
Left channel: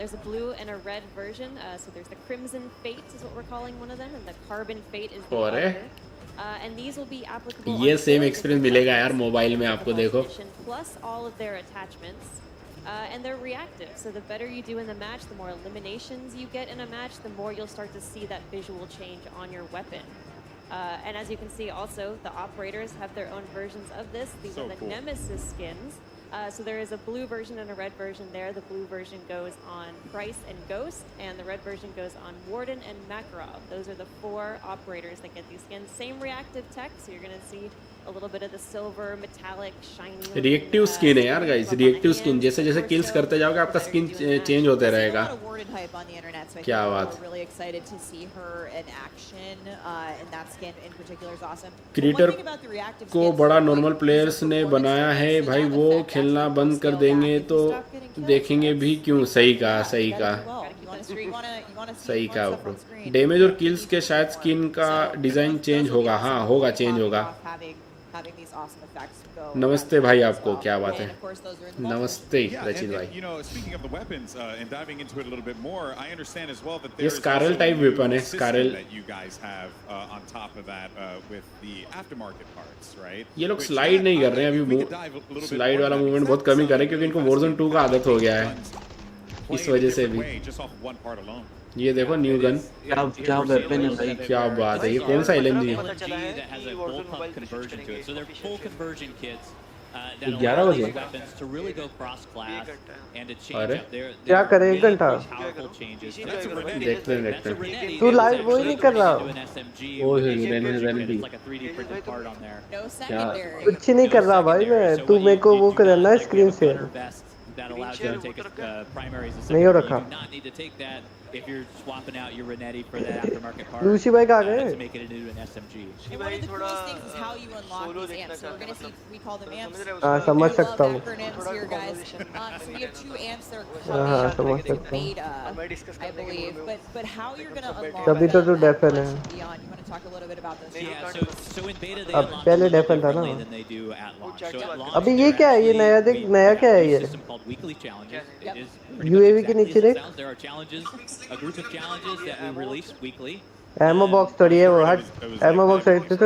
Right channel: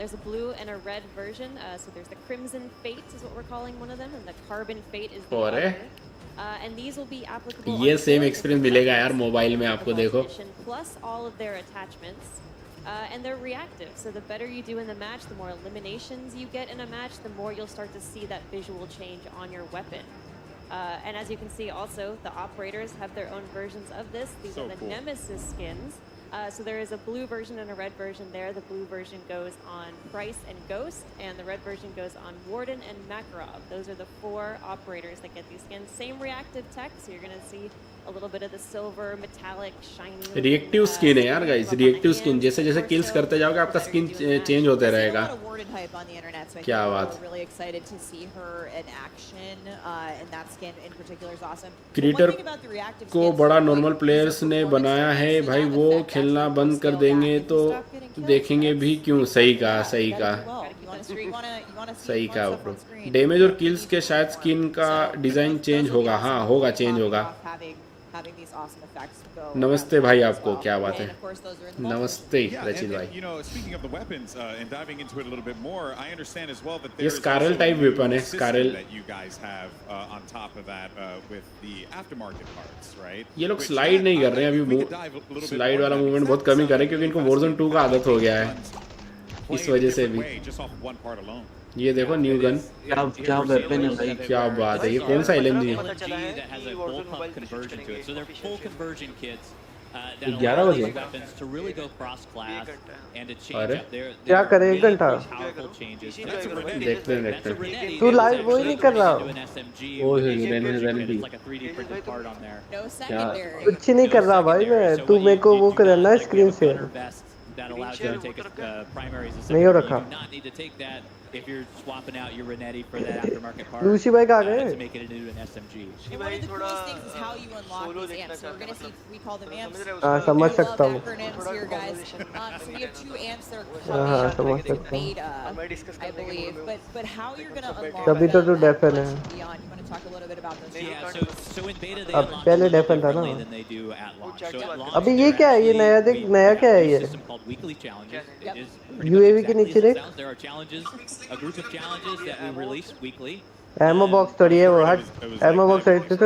There's a blue and a red version. So there's the Crimson Fate is what we're calling one of them, and the Carbon Fate is the other. And these will be applicable. ये सेम एक्सपीरियंस मिलेगा यार मोबाइल में आपको, देखो। Plus all of their attachments. And they're reactive, so the better you do in the match, the more eliminations you get in a match, the more you'll start to see that visual change on your weapon. And as you can see also, the operators have their own versions of this. These are the Nemesis skins. So there is a blue version and a red version there. The blue version goes on Price and Ghost, and the red version goes on Warden and Makarov. Those are the 4 operators that get these skins. Same reactive tech, so you're going to see a little bit of the silver, metallic, shiny. Reactive skin है यार गाइस, रिएक्टिव स्किन। जैसे जैसे किल्स करते जाओगे आपका स्किन चेंज होता रहेगा। क्या बात। क्रिएटर को बड़ा नॉर्मल प्लेयर्स ने बनाया है भाई, वो खेलना बंद कर देंगे तो देखेंगे भी क्यों। सही कहा सही कहा। डैमेज और किल्स के शायद स्किन का डिजाइन चेंज होगा। हाँ होगा, चेंज होगा। नमस्ते भाई आपको, क्या बात है? नमस्ते रचित भाई। Speaking of the weapons and diving into it a little bit more, I understand as well that ये there is Scarel also type a new weapon है, system Scarel that you guys have on top of that with the aftermarket parts, right? ये लोग स्लाइड नहीं कर रहे हैं अभी, स्लाइड वाला मूवमेंट बहुत कम ही कर रहे हैं क्योंकि इनको Warzone 2 का आदत हो गया है, इस वजह से भी। ये देखो न्यू गन, क्या वेपन है भाई, क्या बात है। ये कौन सा एलएमजी है? 11 बजे। अरे क्या करें, 1 घंटा देखते हैं। तू लाइव वो ही नहीं कर रहा? कुछ नहीं कर रहा भाई मैं, तू मेरे को वो करना स्क्रीन से नहीं हो रखा। if you're swapping out your Renetti for that aftermarket part. Lucy भाई कहाँ गए? To make it into an SMG. And one of the coolest things is how you unlock these amps. So we're going to see, we call them amps. समझ सकता हूँ। Acronyms here, guys. So we have 2 amps that are coming in beta, I believe. But how you're going to unlock तभी तो तू डेफन है। You want to talk a little bit about those? Yeah, so in beta they अब unlock पहले डेफन था ना। than they do at launch. So at launch अभी ये क्या है? ये नया देख, नया क्या है ये? system called weekly challenges. It is UAV के नीचे देख। There are challenges, a group of challenges that we release weekly. एमो बॉक्स थोड़ी है वो, हट एमो बॉक्स है तो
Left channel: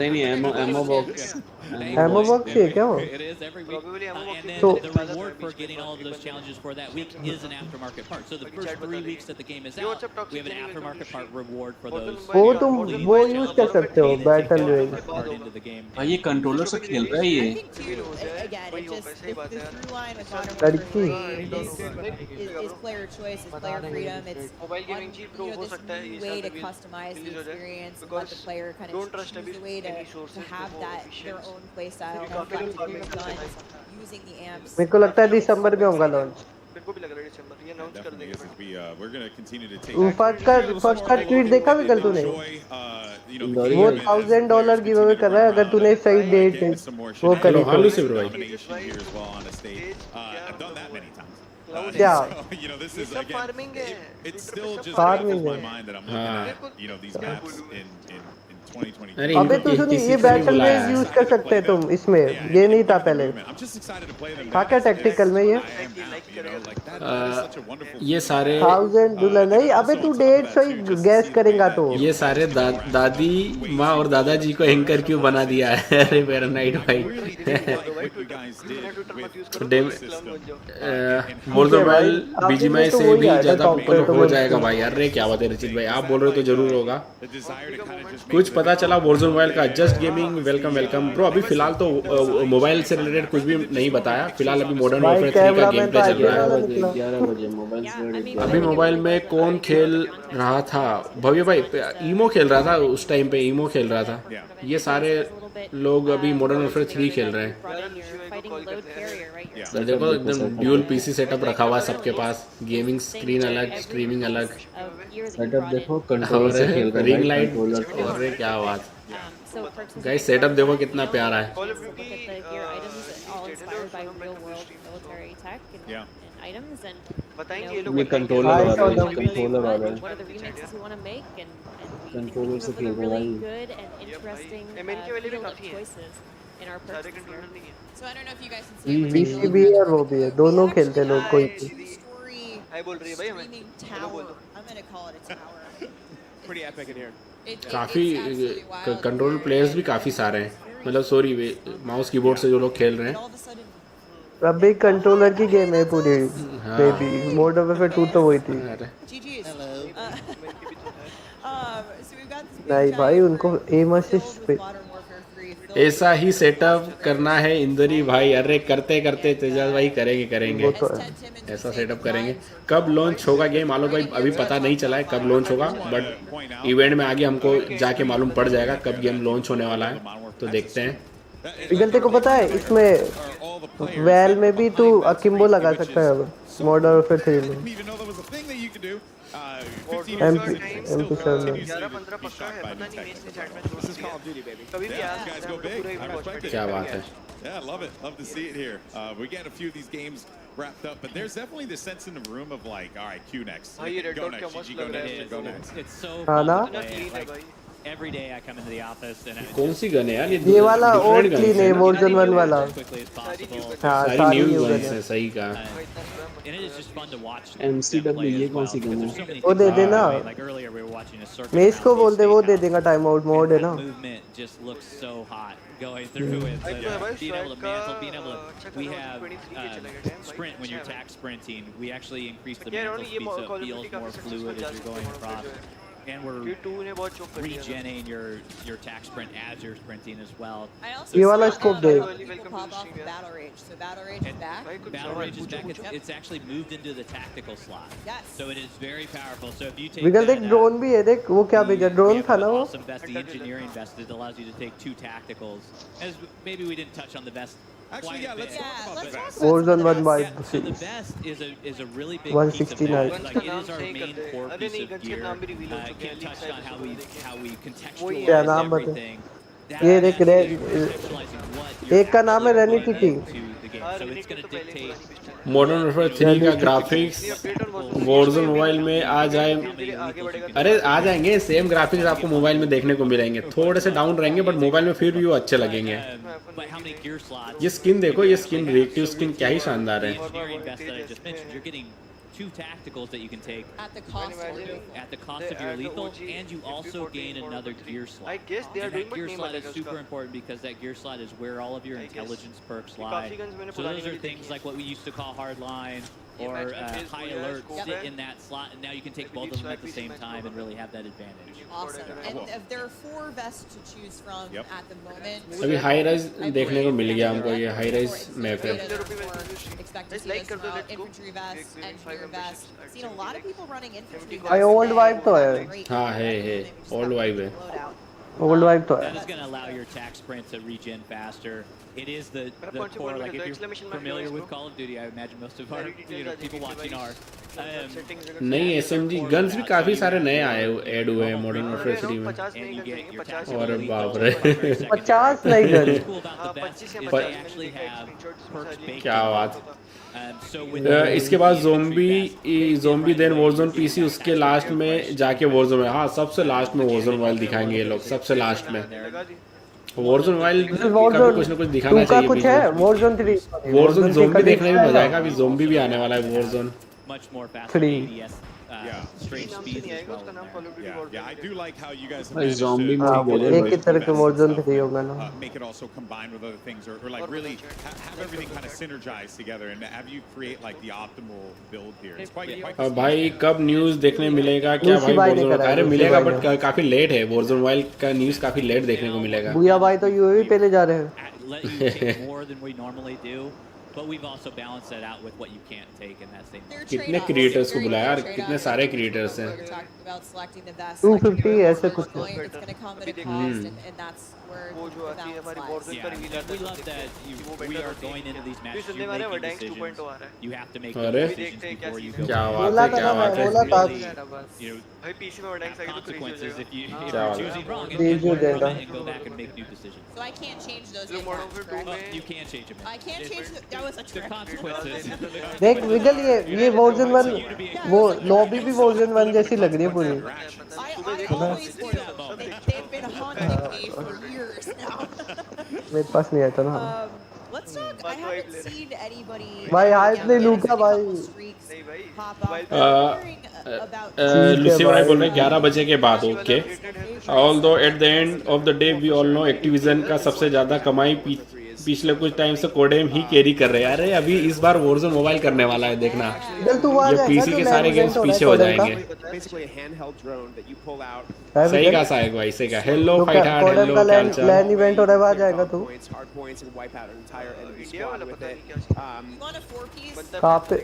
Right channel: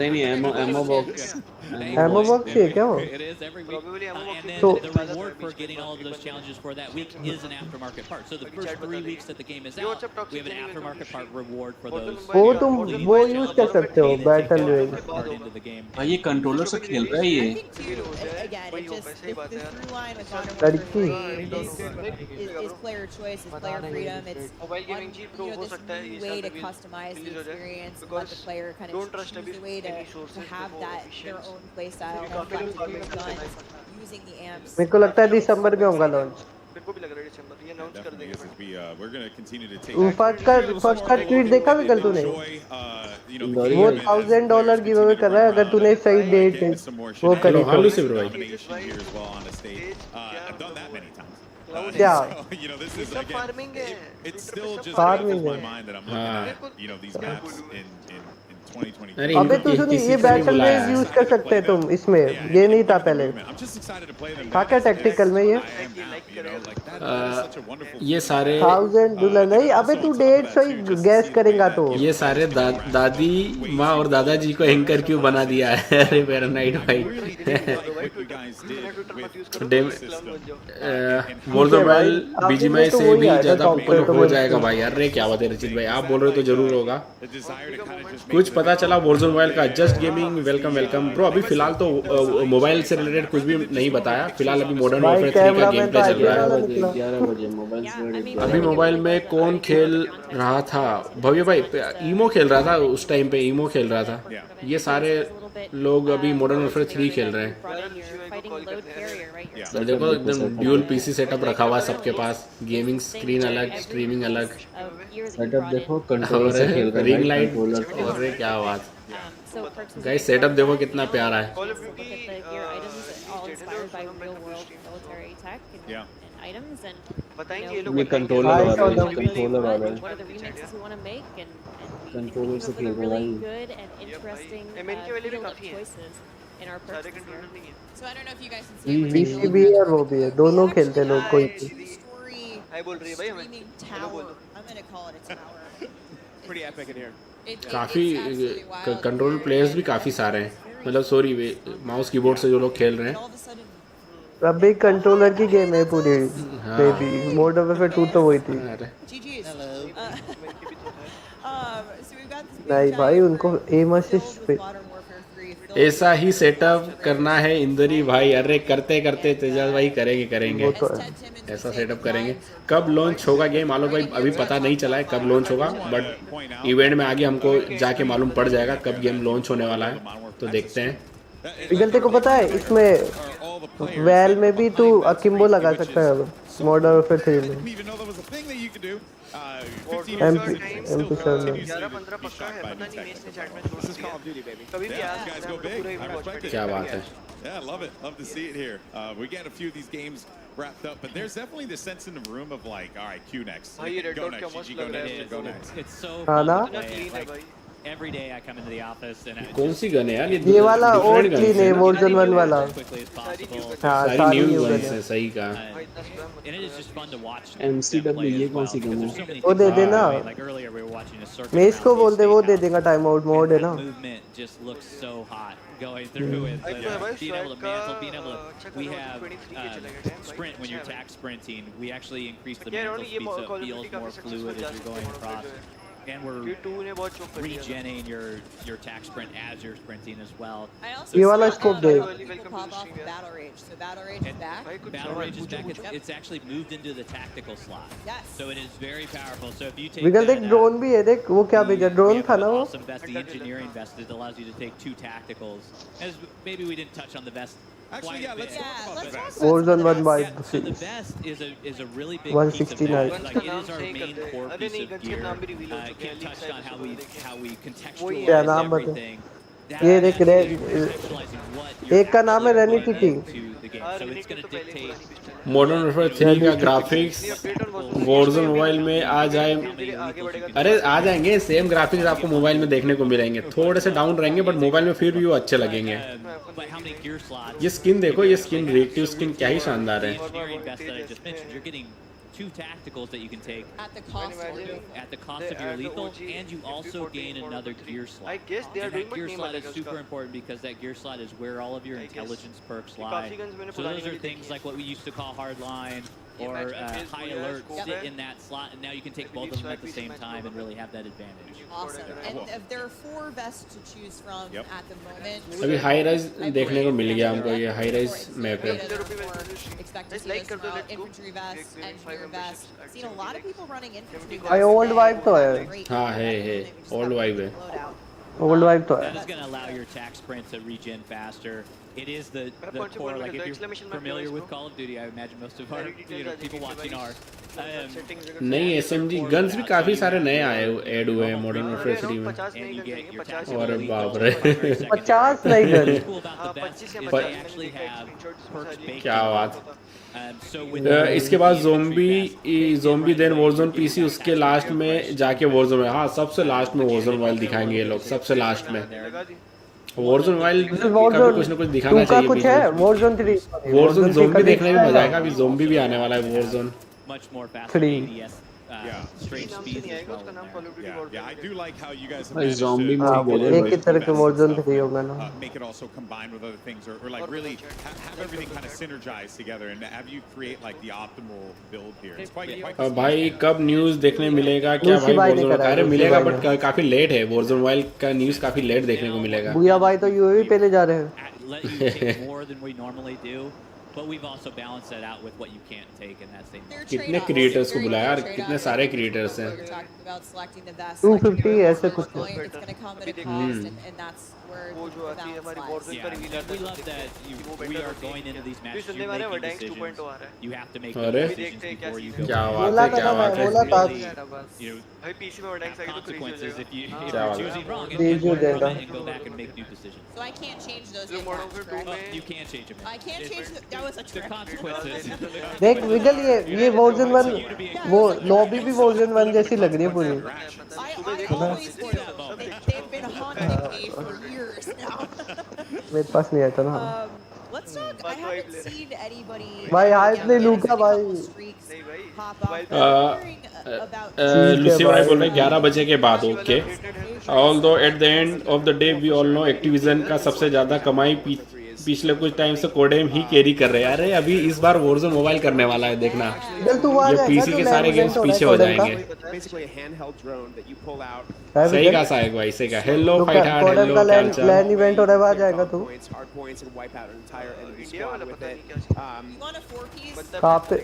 नहीं एमो बॉक्स एमो बॉक्स है क्या वो? It is every week. Probably ammo box And then So- the reward for getting all of those challenges for that week is an aftermarket part. So the first 3 weeks that the game is out, we have an aftermarket part reward for those. वो तुम वो यूज कर सकते हो battle rage. Part into the game. भाई ये कंट्रोलर से खेल रहा है I ये। think too, again, it just the through line with Modern लड़की। Warfare 3 is player choice, is player freedom. It's Mobile gaming ji pro हो this सकता है new ये way साल to में customize the release हो जाए experience and let because the player kind don't of trust choose अभी a way any to sources have before that their officials. own play style, क्योंकि have काफी fun लोग to do काफी guns, using the amps. मेरे को लगता है दिसंबर में होगा लॉन्च। मेरे को भी लग रहा है दिसंबर ये अनाउंस कर Definitely देंगे is. We're going to continue to take first का ट्वीट देखा विकल तूने? वो $1000 गिव अवे कर रहा है अगर तूने सही डेट वो करी तो। domination here as well on a stage. I've done that many times. Yeah. So, you know, this is सब again. farming है It's still just Farming boggles my है। mind that I'm looking at, you know, these maps in 2022. अरे अबे तू सुनी ये बैटल रेज यूज कर सकते हैं तुम इसमें, ये नहीं था पहले। I'm just excited to play them. था क्या टैक्टिकल में ये? I am out, you know, like that is such a wonderful. ये सारे 1000 नहीं, अबे तू डेट सही गैस करेगा तो। ये सारे दादी माँ और दादाजी को एंकर क्यों बना दिया है? अरे मेरा नाइट भाई What you guys did BGMI से भी ज्यादा हो जाएगा भाई। अरे क्या बात है रचित भाई, आप बोल रहे हो तो जरूर होगा। कुछ पता चला Warzone मोबाइल का? Just gaming welcome welcome bro. अभी फिलहाल तो मोबाइल से रिलेटेड कुछ भी नहीं बताया फिलहाल। अभी मॉडर्न वॉरफेयर 3 का गेम प्ले चल रहा है। 11 बजे मोबाइल से अभी मोबाइल में कौन खेल रहा था? भव्य भाई ईमो खेल रहा था उस टाइम पे, ईमो खेल रहा था। ये सारे लोग अभी मॉडर्न वॉरफेयर 3 खेल रहे हैं। और देखो एकदम ड्यूल पीसी सेटअप रखा हुआ सबके पास, गेमिंग स्क्रीन अलग, स्ट्रीमिंग अलग। सेटअप देखो कंट्रोलर से खेल रहा है रिंग भाई, लाइट, कंट्रोलर से। अरे क्या बात। गाइस सेटअप देखो कितना प्यारा है। Look at the gear items, all inspired by real-world military tech and items, and बताएंगे ये you know, लोग ये कंट्रोलर I वाला saw है, them. कंट्रोलर वाला है। what are the remixes we want to make, and we think Controller we से came up with a खेल रहा really है। good and interesting MN के वाले भी field of काफी हैं। choices in our सारे purchases here. कंट्रोलर नहीं है So I don't know if you guys can see it. but PC भी है और वो भी है, दोनों खेलते हैं लोग कोई भी। Story हाय बोल रही है भाई हमें streaming हेलो बोल tower. दो I'm gonna call it a tower. Pretty epic in here. काफी It's absolutely wild. Control players भी काफी सारे हैं, मतलब सॉरी माउस कीबोर्ड से जो लोग खेल रहे And हैं। all of a sudden, अभी कंट्रोलर की गेम है पूरी बेबी। मॉडर्न वॉरफेयर 2 तो वही थी। अरे GG's. So we've got this big नहीं भाई giant उनको group एम filled असिस्ट with पे Modern Warfare 3, filled ऐसा ही सेटअप करना है इंदरी भाई। अरे करते करते तेजाब भाई करेंगे वो तो as है। Ted Timmons would ऐसा say, सेटअप the करेंगे। vibes are कब good. लॉन्च होगा गेम आलो भाई अभी पता नहीं चला है कब लॉन्च होगा, बट इवेंट में आगे हमको जाके मालूम पड़ जाएगा कब गेम लॉन्च होने वाला है, तो देखते हैं। पिघलते को पता है इसमें वैल में भी तू अकिम्बो लगा सकता है अब मॉडर्न वॉरफेयर 3 में। MP7 11-15 पक्का है, पता नहीं मेस ने चैट में छोड़ दिया। कभी भी आ सकता है, पूरा इवेंट वॉच कर क्या बात है। Yeah, love it. Love to see it here. We get a few of these games wrapped up, but there's definitely this sense in the room of like, all right, Q next. भाई ये रेड Go डॉट क्या next, मस्त GG, go लग रहा next, है। go next. It's so हाँ fun ना? to play. क्लीन है Like, भाई। every day I come into the office and I कौन सी गन है यार ये वाला और different क्लीन है gun Warzone 1 वाला। as quickly as possible. हाँ सारी सारी न्यू न्यू गन गन है, है। सही कहा। भाई इतना spam And it is just fun to watch. MCW them play ये as कौन well, सी because गन there's so है? many वो things दे that देना। happen. Like earlier we were watching a circuit mess को around बोल दे, वो दे State देगा टाइम आउट मोड है and ना। that movement just looks so hot going through it. भाई तो है भाई Being able to स्ट्राइक का mantle, being able अच्छा to, we करो have 23 के चला गया टाइम भाई। sprint when you're अच्छा है tack sprinting. We actually increase the भाई। mantle ये speed so Call it of Duty feels more काफी fluid सक्सेसफुल जा as you're सकते going हैं across. जो है। And we're ये 2 ने बहुत चोक कर दिया। regenerating your tack sprint as you're sprinting as well. I also ये saw वाला a scope lot they. of people pop off of Battle Rage. So Battle Rage is back. भाई कुछ Battle सवाल Rage is पूछो back. पूछो। It's actually moved into the tactical slot. Yes. So it is very powerful. So if you take विकल देख that, ड्रोन भी है, देख वो क्या भेजा, we ड्रोन have था an ना वो। awesome vest, the engineering vest that allows you to take 2 tacticals. As maybe we didn't touch on the vest. Actually, yeah, let's Yeah, talk about let's that. talk about Warzone some of 1 the by Yeah, so the vest is a really big 169. piece of guns like का it नाम is our सही main करते हैं। core अरे piece नहीं of गन्स के gear. नाम भी रिवील हो चुके हैं Kim leak touched side on पे how सब we देखें। how we क्या contextualize नाम बता? everything. ये That देख is रे contextualizing what you're एक का नाम है actually रेनिटी putting T. into the game. हाँ, So Renegade it's going तो to पहले dictate पुरानी पिस्टल है। मॉडर्न वॉरफेयर 3 का ग्राफिक्स ये update on Warzone Warzone mobile में आ जाए। धीरे-धीरे आगे बढ़ेगा। अरे आ जाएंगे, सेम ग्राफिक्स आपको मोबाइल में देखने को मिलेंगे, थोड़े से डाउन रहेंगे बट मोबाइल में फिर भी वो अच्छे लगेंगे। but how many gear slots? ये स्किन देखो, ये स्किन रिएक्टिव स्किन क्या ही शानदार है। The engineering vest that I just mentioned, you're getting two tacticals that you can take At the cost of lethal. at the cost of your lethal, and you also gain another gear slot. I guess they are And doing, that but gear name slot अलग is है super उसका. important because that gear slot is where all of your I guess. intelligence perks ये lie. काफी guns मैंने So पुरानी those are वाली things देखी like what we used to call hardline ये or match में phase high पूरा alert scope sit है. in that slot, and now you can take Like both of them at the PC same match time को and really have that advantage. Awesome. And Cool. if there are 4 vests to choose from Yep. at the moment. अभी हाई राइज I देखने को believe मिल गया that हमको, ये for high rise it's map है. beta, therefore, expect to see Like this कर दो, throughout. let's go. Infantry vests, Gaming engineer 5 vests. memberships, Seen a lot of people running infantry vests. भाई old today. vibe तो है. Great. हाँ है old vibe है. ओल्ड वाइब तो That है. is going to allow your attack sprint to regen faster. It is the punch core. ball Like में if exclamation you're mark familiar device, with bro. Call of Duty, I imagine most of our Very detailed people watching are. नहीं SMG गन्स भी काफी सारे नए आए ऐड हुए हैं मॉडर्न वॉरफेयर 3 में. 50 नहीं And you गन get जाएंगे your 50 tactical अरे lethal, बाप रे. primary, secondary. 50 नहीं gun. What's cool about the best 25 is या they 50 actually have perks baked क्या in. बात. So with इसके बाद ज़ोंबी देन वॉरज़ोन पीसी, उसके लास्ट में जाके वॉरज़ोन में, हाँ सबसे लास्ट में वॉरज़ोन वाइल्ड दिखाएंगे ये लोग, सबसे लास्ट में वॉरज़ोन वाइल्ड वॉरज़ोन कुछ ना कुछ 2 दिखाना का चाहिए. कुछ है. वॉरज़ोन 3 वॉरज़ोन ज़ोंबी का देखने में मजा आएगा. है. अभी ज़ोंबी भी आने वाला है Warzone. much more faster 3. ADS straight नाम से speeds नहीं as आएगा well उसका in नाम there. Call of Duty Yeah, Warzone I है. do like how you guys have भाई managed to zombie हाँ, में बोले एक ही तरह के वॉरज़ोन 3 होगा ना. make it also combined with other things, or like really have everything kind of synergized together and have you create like the optimal build here. It's quite भाई कब न्यूज़ देखने मिलेगा क्या लूसी भाई ने भाई? करा है, अरे लूसी मिलेगा भाई बट काफी लेट है. वॉरज़ोन वाइल्ड का न्यूज़ काफी लेट देखने को मिलेगा. भूया भाई तो यूएवी पे ले जा रहे हैं. Let you take more than we normally do, but we've also balanced that out with what you can't take in that same. कितने क्रिएटर्स को बुलाया यार, कितने सारे क्रिएटर्स हैं. 250 ऐसे कुछ है. It's going to come at a cost, and that's where वो जो the आती है balance हमारी lies. Warzone का reveal आता We है, love that we are going into these matches. सुनने You're वाले making Verdansk decisions. 2.0 आ रहा है. You have to make अरे. those वो भी decisions देखते हैं क्या before you सीन go. क्या है. बात बोला है, था क्या ना मैं, बात है. बोला था. You know, भाई पीसी में Verdansk have आएगा तो crazy हो consequences जाएगा. if you क्या if you're बात choosing wrong and Danger you learn from देगा. it and go back and make new decisions. So I can't change those जो in Modern match, Warfare 2 correct? में You can't change them. I can't change that was a The trick. consequences. देख विगल ये वॉरज़ोन 1 वो लॉबी भी वॉरज़ोन 1 जैसी लग रही है पूरी. I always do. They've been haunting me for years now. मेरे पास नहीं आता ना. Let's talk. I haven't seen anybody. भाई हाइप नहीं लूका भाई. नहीं भाई Pop up. But I'm wondering about. Lucy भाई बोल रहे 11 बजे के बाद. Okay. Although at the end of the day we all know Activision का सबसे ज्यादा कमाई पिछले कुछ टाइम से कोडेम ही कैरी कर रहे हैं. अरे अभी इस बार वॉरज़ोन मोबाइल करने वाला है, देखना. चल तू आ ये जाएगा पीसी तो के लैब सारे गेम्स इवेंट हो रहा है पीछे हो कोडम का. जाएंगे. Basically a handheld drone that you pull out. सही कहा साहेब भाई, सही कहा. हेलो तो फाइटर, कोडम का लैंड इवेंट हो रहा है, वहाँ जाएगा तू. Hard points and wipe out an entire enemy India वाला squad with पता नहीं it. क्या scene. You want a 4-piece? कहाँ पे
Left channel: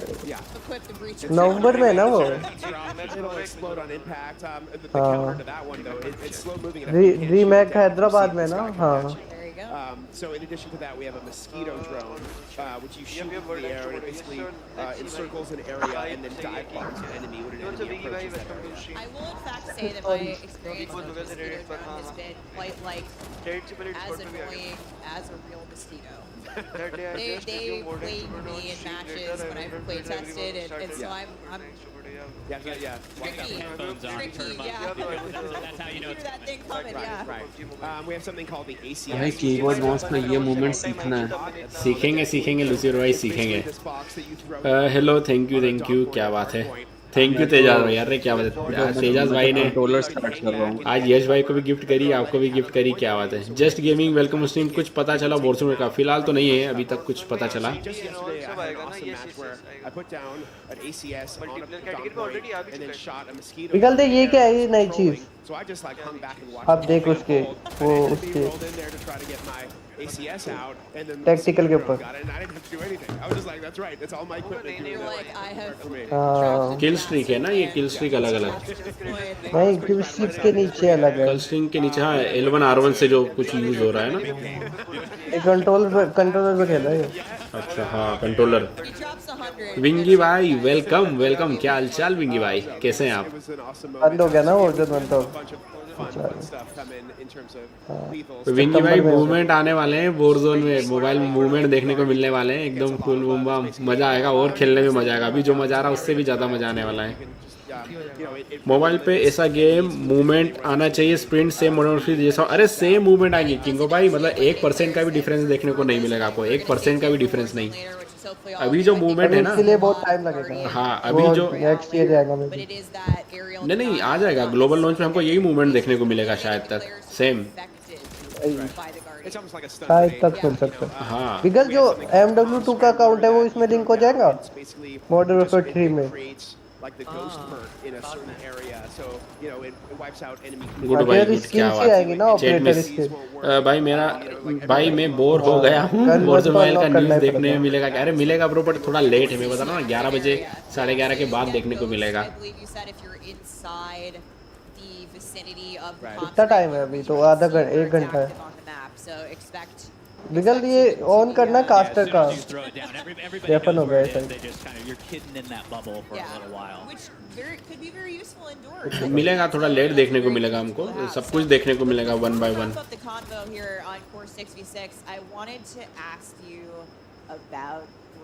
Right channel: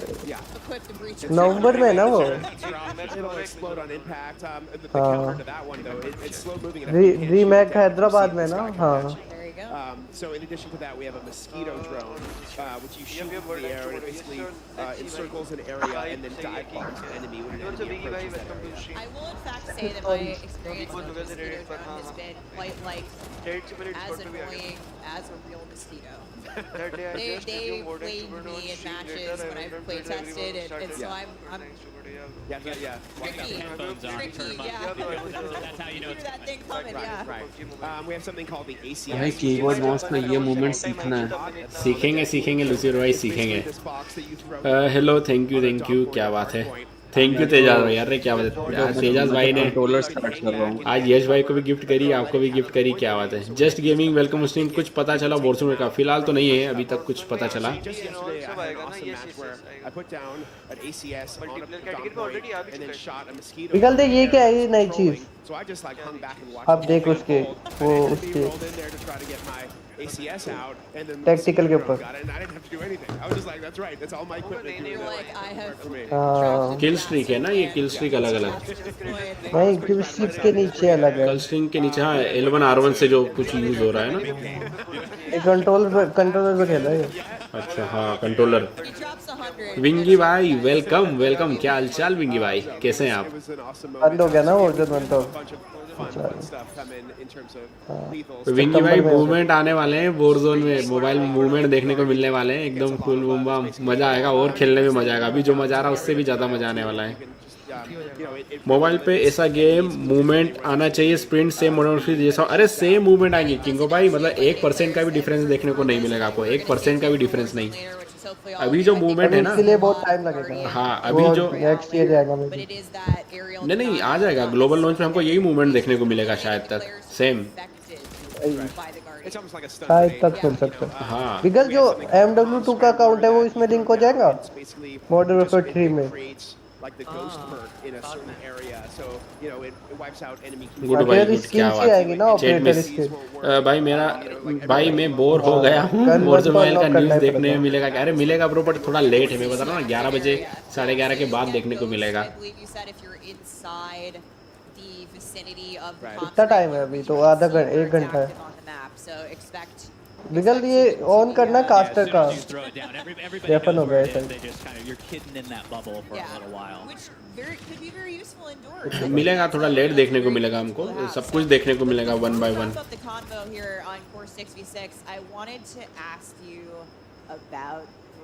Equipped to breach. नवंबर में है ना वो. It'll explode on impact. The हाँ. counter to that one though, it's slow moving. and you can't रीमैक shoot it. Hyderabad You में see ना. the sky हाँ. coming at you. There you go. So in addition to that, we have a mosquito drone, which you shoot in the air and it basically encircles an area and then dive bombs an enemy when an What's up, enemy Biggie bhai? approaches that Welcome area. to stream. I will in fact say that my experience with the mosquito drone has been quite like Dead से पहले as Discord पे भी आ गया. annoying as a real mosquito. That day I They just they resumed Warden played Super me on in stream matches later. when I I've went play to everyone tested, and started so laughing. I'm Thanks, Super, yeah, bro. Yeah. tricky. Headphones on, Tricky, turn them up. yeah. That's how you know Hear it's that coming. thing coming, yeah. Right. We have something called the ACS. भाई कीबोर्ड माउस का ये मूवमेंट सीखना है. सीखेंगे लूसी भाई, सीखेंगे. This box that you throw. Hello, thank you, क्या बात है. थैंक यू तेजाज भाई. अरे क्या बात है, तेजाज भाई ने कंट्रोलर स्टार्ट कर रहा हूँ. आज यश भाई को भी गिफ्ट करी, आपको भी गिफ्ट करी. क्या बात है. Just gaming welcome stream. कुछ पता चला वॉरज़ोन का? फिलहाल तो नहीं है अभी तक कुछ पता चला. Just yesterday, I had an awesome match where I put down an ACS on a Multiplayer down category में point already आ भी and then चुका है. shot a mosquito. निकल दे, ये क्या है, ये नई चीज. So I just like hung back and watched. अब देख उसके वो उसके rolled in there to try to get my ACS out, and then Tactical के ऊपर. got it, and I didn't have to do anything. I was just like, that's right, that's all my equipment. नहीं, doing नहीं, that. Like I have For me. हाँ. किल स्ट्रीक है ना ये, किल स्ट्रीक अलग अलग. नहीं किल स्ट्रीक के नीचे अलग है. किल स्ट्रीक के नीचे हाँ L1 R1 से जो कुछ यूज हो रहा है ना. ये कंट्रोलर पे खेला है. अच्छा हाँ, कंट्रोलर. He drops 100. विंगी भाई वेलकम. क्या हालचाल विंगी भाई, कैसे हैं It आप? was an awesome बंद हो moment. गया ना वॉरज़ोन 1 तो. A bunch of fun stuff come in terms of lethals. विंगी भाई मूवमेंट आने वाले वाले हैं वॉरज़ोन में, मोबाइल मूवमेंट देखने को मिलने वाले हैं, एकदम फुल बूम, मजा आएगा और खेलने में मजा आएगा। अभी जो मजा आ रहा है उससे भी ज्यादा मजा आने वाला है। मोबाइल पे ऐसा गेम मूवमेंट आना चाहिए, स्प्रिंट सेम मोडोफी जैसा। अरे सेम मूवमेंट आएगी किंगो भाई, मतलब 1% का भी डिफरेंस देखने को नहीं मिलेगा आपको, 1% का भी डिफरेंस नहीं। अभी जो मूवमेंट है ना, इसके लिए बहुत टाइम लगेगा। हाँ अभी जो नेक्स्ट ईयर जाएगा नहीं आ जाएगा ग्लोबल लॉन्च में, हमको यही मूवमेंट देखने को मिलेगा शायद तक सेम। शायद तक मिल सकता है। हाँ बिगल जो MW2 का अकाउंट है वो इसमें लिंक हो जाएगा मॉडर्न वॉरफेयर 3 में। like the ghost perk in a certain area, so it wipes out enemy अगर स्किल्स ही आएगी ना ऑपरेटर स्किल। भाई मेरा भाई मैं बोर हो गया हूँ, वॉरज़ोन मोबाइल का न्यूज़ देखने में मिलेगा क्या? अरे मिलेगा ब्रो, बट थोड़ा लेट है, मैं बता रहा हूँ 11 बजे 11:30 के बाद देखने को मिलेगा। कितना टाइम है अभी? तो आधा घंटा 1 घंटा है। बिगल ये ऑन करना कास्टर का वेपन हो गया है। मिलेगा थोड़ा लेट देखने को मिलेगा हमको, सब कुछ देखने को मिलेगा 1 by 1।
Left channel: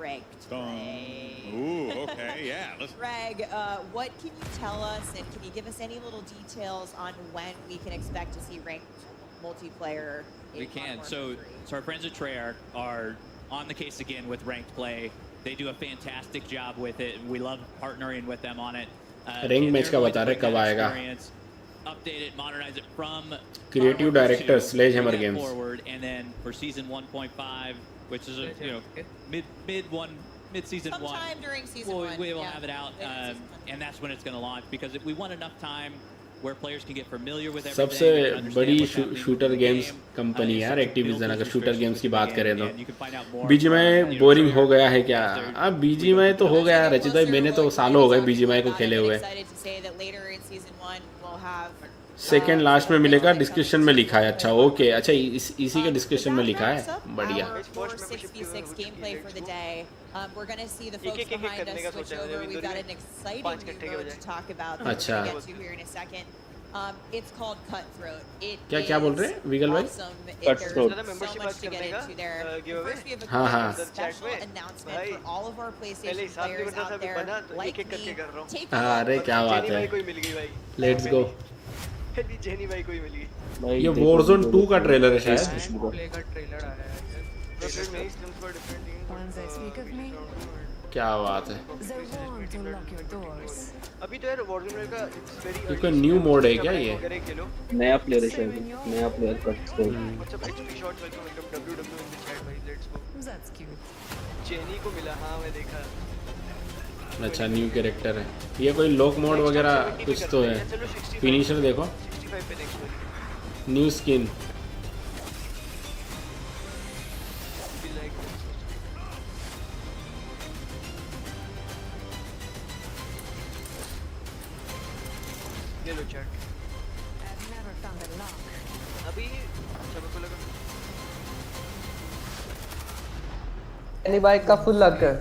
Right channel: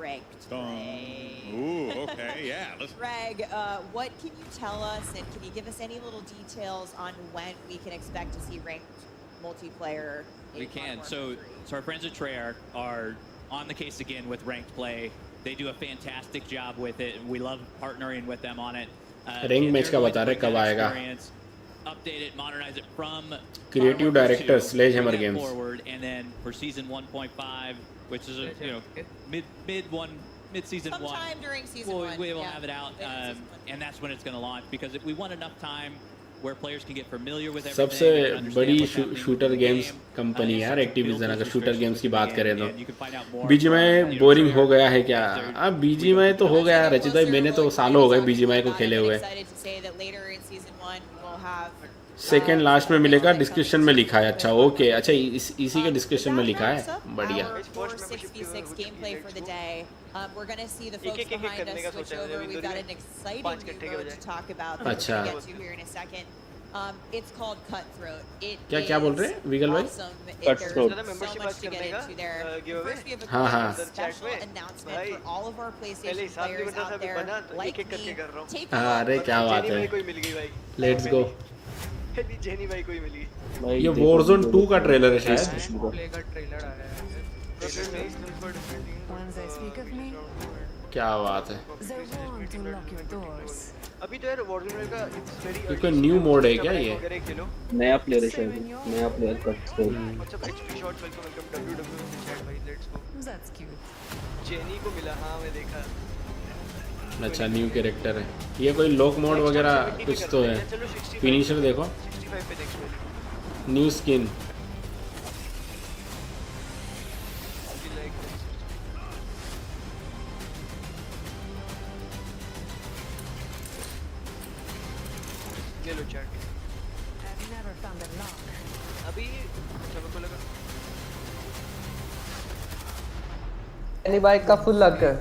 Ranked play. Ooh, okay, yeah. Greg, what can you tell us, and can you give us any little details on when we can expect to see ranked multiplayer? We can. So our friends at Treyarch are on the case again with ranked play. They do a fantastic job with it, and we love partnering with them on it. Rank match का बता रहे कब आएगा? Update it, modernize it from Creative Director Sledgehammer Games forward, and then for season 1.5, which is a mid-season sometime during season one. We will have it out, and that's when it's going to launch, because we want enough time where players can get familiar with everything. सबसे बड़ी शूटर गेम्स कंपनी है यार एक्टिविजन, अगर शूटर गेम्स की बात करें तो। बीजीएमआई बोरिंग हो गया है क्या? अब बीजीएमआई तो हो गया रचित भाई, मैंने तो सालों हो गए बीजीएमआई को खेले हुए। सेकेंड लास्ट में मिलेगा, डिस्क्रिप्शन में लिखा है। अच्छा ओके, अच्छा इसी के डिस्क्रिप्शन में लिखा है, बढ़िया। अच्छा It's called Cutthroat. क्या बोल रहे हैं विगल भाई? Cutthroat. So much to get into there. First, we have a special announcement for all of our PlayStation players out there, like me. Take a अरे look. क्या बात है, लेट्स गो। जेनी भाई कोई मिल गई। ये Warzone 2 का ट्रेलर है शायद। प्ले का ट्रेलर आया है। क्या बात है। अभी तो यार Warzone का इट्स वेरी इसका न्यू मोड है क्या ये? नया प्लेयर है शायद, नया प्लेयर का। WhatsApp HP shots welcome WW in the chat भाई, let's go. That's cute. Jenny को मिला, हाँ मैं देखा। अच्छा न्यू कैरेक्टर है ये, कोई लॉक मोड वगैरह कुछ तो है। फिनिशर देखो, 65 पे नेक्स्ट वाली न्यू स्किन। ले लो चैट। अभी अच्छा मेरे को लगा एनी बाइक का फुल लक है।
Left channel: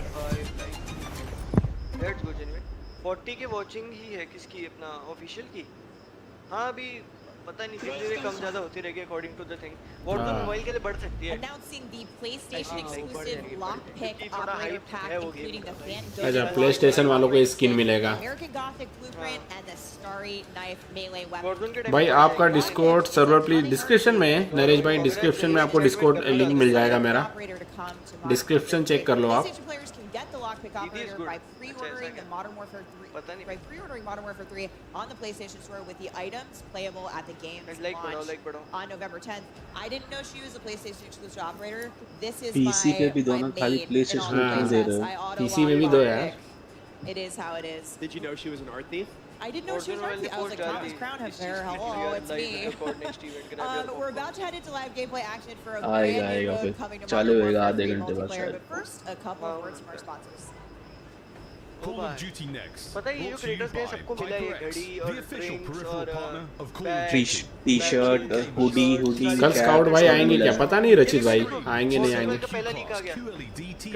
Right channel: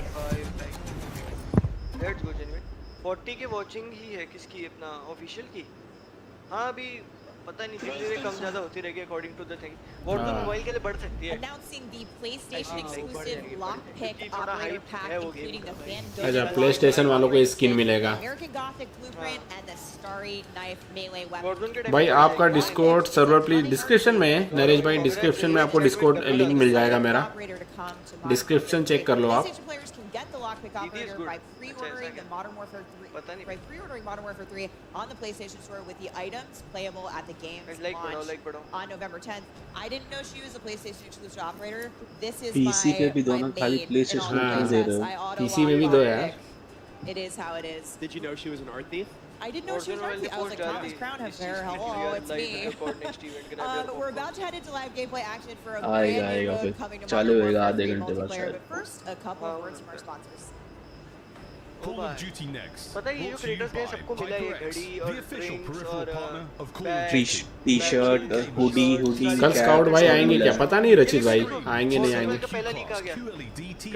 Let's go genuine. 40 के वाचिंग ही है किसकी, अपना ऑफिशियल की। हाँ अभी पता नहीं, धीरे-धीरे कम ज्यादा होती रहेगी according to the thing. Warzone mobile के लिए बढ़ सकती है। Announcing the PlayStation exclusive lockpick operator pack, including the Van अच्छा PlayStation वालों को स्किन मिलेगा। American Gothic blueprint and the Starry Knife melee weapon. भाई आपका डिस्कॉर्ड सर्वर प्लीज डिस्क्रिप्शन में है नरेश भाई, डिस्क्रिप्शन में आपको डिस्कॉर्ड लिंक मिल जाएगा मेरा, डिस्क्रिप्शन चेक कर लो आप। PlayStation players can get the lockpick operator by pre-ordering the Modern Warfare 3 on the PlayStation Store with the items playable at the game's launch on November 10th. I didn't know she was a PlayStation exclusive operator. This is PC पे भी दो ना, खाली maid in all PlayStation the पे दे playsets. रहे हो। I auto PC में भी दो है। It is how it is. Did you know she was an art thief? I didn't know she was Artsy. I was like, Thomas Crown has hair. Hello, it's me. We're about to head into live gameplay action for a brand new mode coming to चालू Modern होएगा Warfare आधे 3 घंटे बाद multiplayer. शायद। But first, a couple of words from our sponsors. Call of Duty Next. पता है ये जो क्रिएटर्स गए सबको मिला है घड़ी और ड्रिंक्स और टी-शर्ट, हुडी कल स्काउट भाई आएंगे क्या पता नहीं रचित भाई आएंगे नहीं आएंगे का पहला लीक आ गया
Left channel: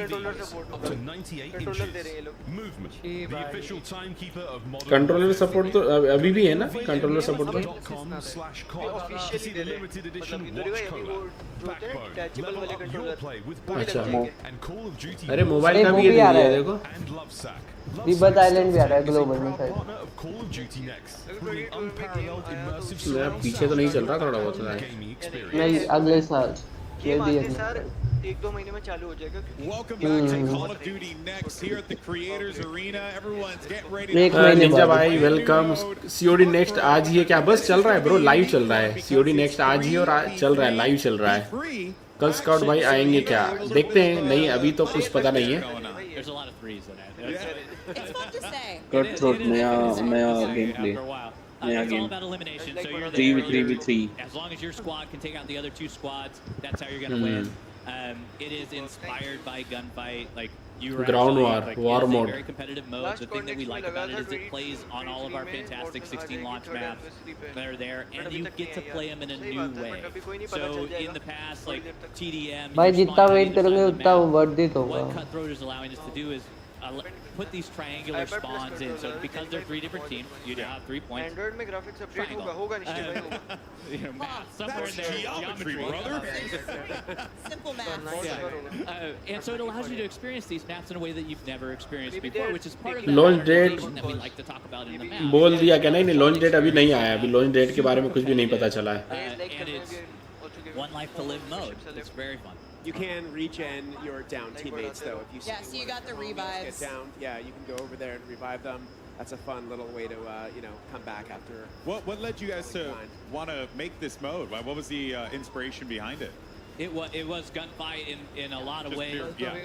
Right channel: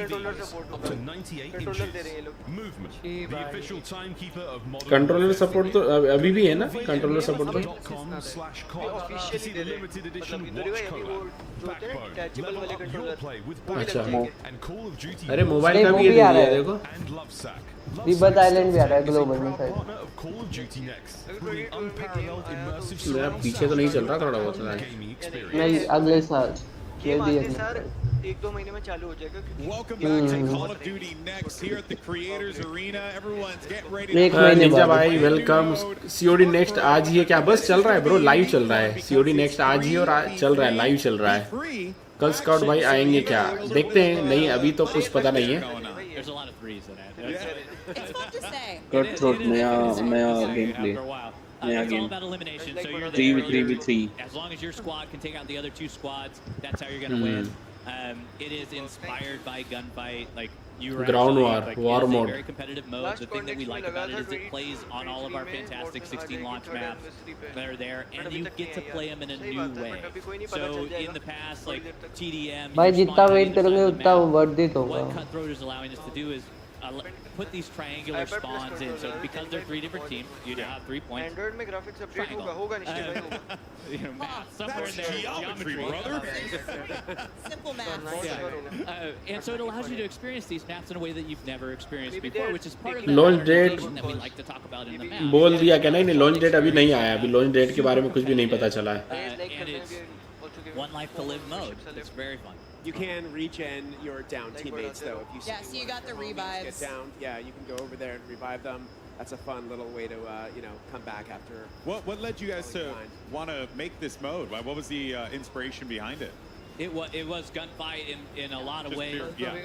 controller support up to 98 controller दे रहे हैं ये लोग movement. The official timekeeper of modern controller support तो अभी भी है ना कंट्रोलर सपोर्ट तो .com/COD. ऑफिशियली दे रहे हैं limited edition मतलब इंदौरी भाई अभी वो watch जो होते हैं backbone. टचेबल Level वाले up your controller play with वो भी लग अच्छा। जाएंगे and Call of Duty अरे मोबाइल अरे का वो भी भी आ रहा है है। देखो and Lovesack. रिबर्थ आइलैंड भी आ रहा है is a ग्लोबल में proud शायद। partner of Call of Duty Next, bringing में unparalleled गेम आया तो immersive उसमें surround पीछे तो नहीं चल रहा थोड़ा sound बहुत है gaming नहीं experience. अगले साल ये गेम भी आते है। सर 1-2 महीने में चालू हो जाएगा क्योंकि Welcome back to Call of Duty Next here at the Creators Arena. Everyone's getting ready एक to महीने निंजा बाद। भाई वेलकम सीओडी नेक्स्ट आज ही है क्या बस चल रहा है ब्रो लाइव चल रहा है सीओडी नेक्स्ट आज ही और चल रहा है लाइव चल रहा है free. कल स्काउट भाई आएंगे क्या देखते हैं नहीं अभी तो कुछ पता नहीं है There's a lot of threes in it. It's fun to say. Cut throat नया game play After a while. नया It's all game about elimination. So you're 3v3v3 as long as your squad can take out the other two squads, that's how you're going to win. It is inspired by gunfight. Like you were Ground actually, war, like, war it is a mode. very competitive mode. The thing that we like about it is it plays on all of our fantastic 16 launch maps that are there, and you get to play them in a new way. So in the past, like TDM, भाई you're जितना spawning वेट on either करोगे side of the उतना map. वर्धित होगा। What Cutthroat is allowing us to do is put these triangular spawns in. So because they're 3 different teams, you now have 3 points. Android में ग्राफिक्स अपडेट होगा निश्चय भाई होगा You know, math somewhere in That's there. geometry, brother. Simple math. And so it allows you to experience these maps in a way that you've never experienced before, which is part of that Launch date modernization that we like to talk about in the map. बोल दिया क्या नहीं लॉन्च डेट अभी नहीं आया अभी लॉन्च डेट के बारे में कुछ भी नहीं पता चला है And it's one life to live mode. It's very fun. You can regen your down teammates though. If you Yeah, so you got the revives. get down, yeah, you can go over there and revive them. That's a fun little way to come back after. What led you guys to want to make this mode? What was the inspiration behind it? It was gunfight in a lot of ways. Yeah.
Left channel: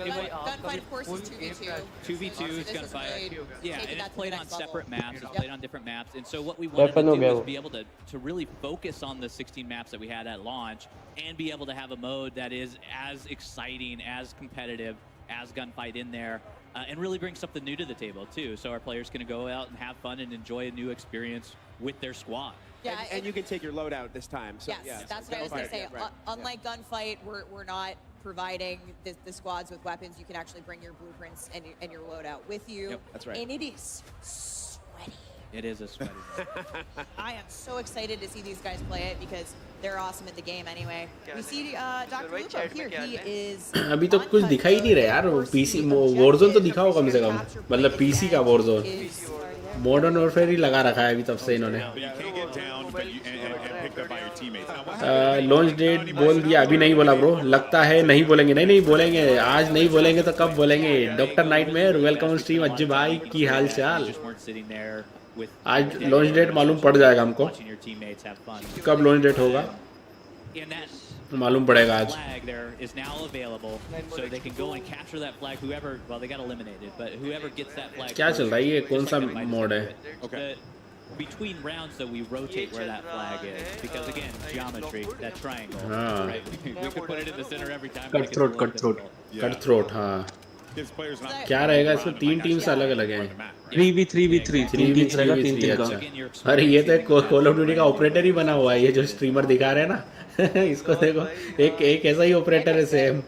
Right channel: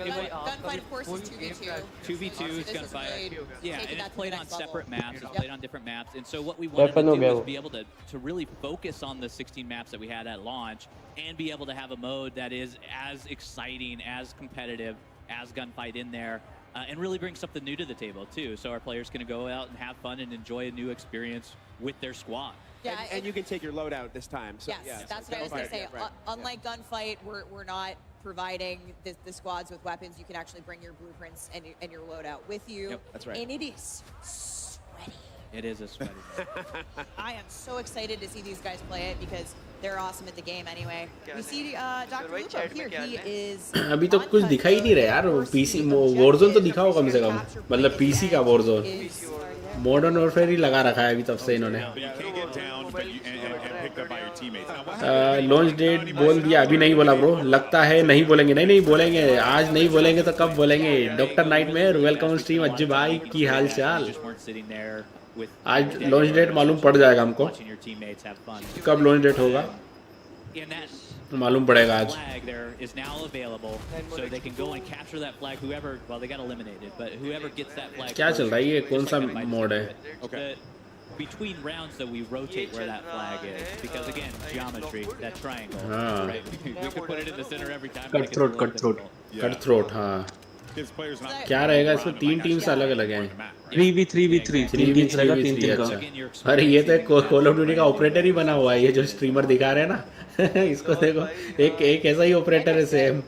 Gunfight, of course, is 2v2. 2v2 is gunfight. Yeah, and it's played on separate maps. It's played on different maps. And so what we wanted Weapon to हो do गया is वो। be able to really focus on the 16 maps that we had at launch and be able to have a mode that is as exciting, as competitive, as gunfight in there. And really bring something new to the table too. So our players can go out and have fun and enjoy a new experience with their squad. Yeah, And you can take your loadout this time. So, yes, yeah, that's what I was going to say. Gunfight, yeah, right. Unlike gunfight, we're not providing the squads with weapons. You can actually bring your blueprints and your loadout with you. Yep, that's right. And it is sweaty. It is a sweaty. I am so excited to see these guys play it because they're awesome at the game anyway. We see Dr. Lupo here. He is अभी तो कुछ दिखाई ही नहीं रहा यार वो पीसी वॉरजोन तो दिखाओ कम से कम मतलब पीसी का वॉरजोन मॉडर्न वॉरफेयर ही लगा रखा है अभी तब से इन्होंने But you can't get down but and picked up by your teammates. Now, what happened? Launch date बोल दिया अभी नहीं बोला ब्रो लगता है नहीं बोलेंगे नहीं बोलेंगे आज नहीं बोलेंगे तो कब बोलेंगे doctor nightmare welcome stream Ajju भाई की हाल चाल Just weren't sitting there with आज लॉन्च डेट मालूम पड़ जाएगा हमको watching your teammates have fun. कब लॉन्च डेट होगा And that मालूम पड़ेगा आज flag there is now available, so they can go and capture that flag. Whoever, well, they got eliminated, but whoever gets that flag. क्या चल रहा है ये first, कौन just सा like Gunfight is mode gonna है do it. Between rounds, though, we rotate where that flag is because again, geometry, that triangle, right? We could put it in the center every time. but it gets a little Cutthroat. difficult. Cut throat हाँ Gives players an क्या रहेगा इसमें तीन टीम्स अलग अलग हैं 3v3v3 तीन टीम्स रहेगा तीन तीन का Again, you're अरे ये तो experiencing कॉल ऑफ ड्यूटी का ऑपरेटर ही बना हुआ है ये जो स्ट्रीमर दिखा रहे हैं ना इसको देखो एक ऐसा ही ऑपरेटर है सेम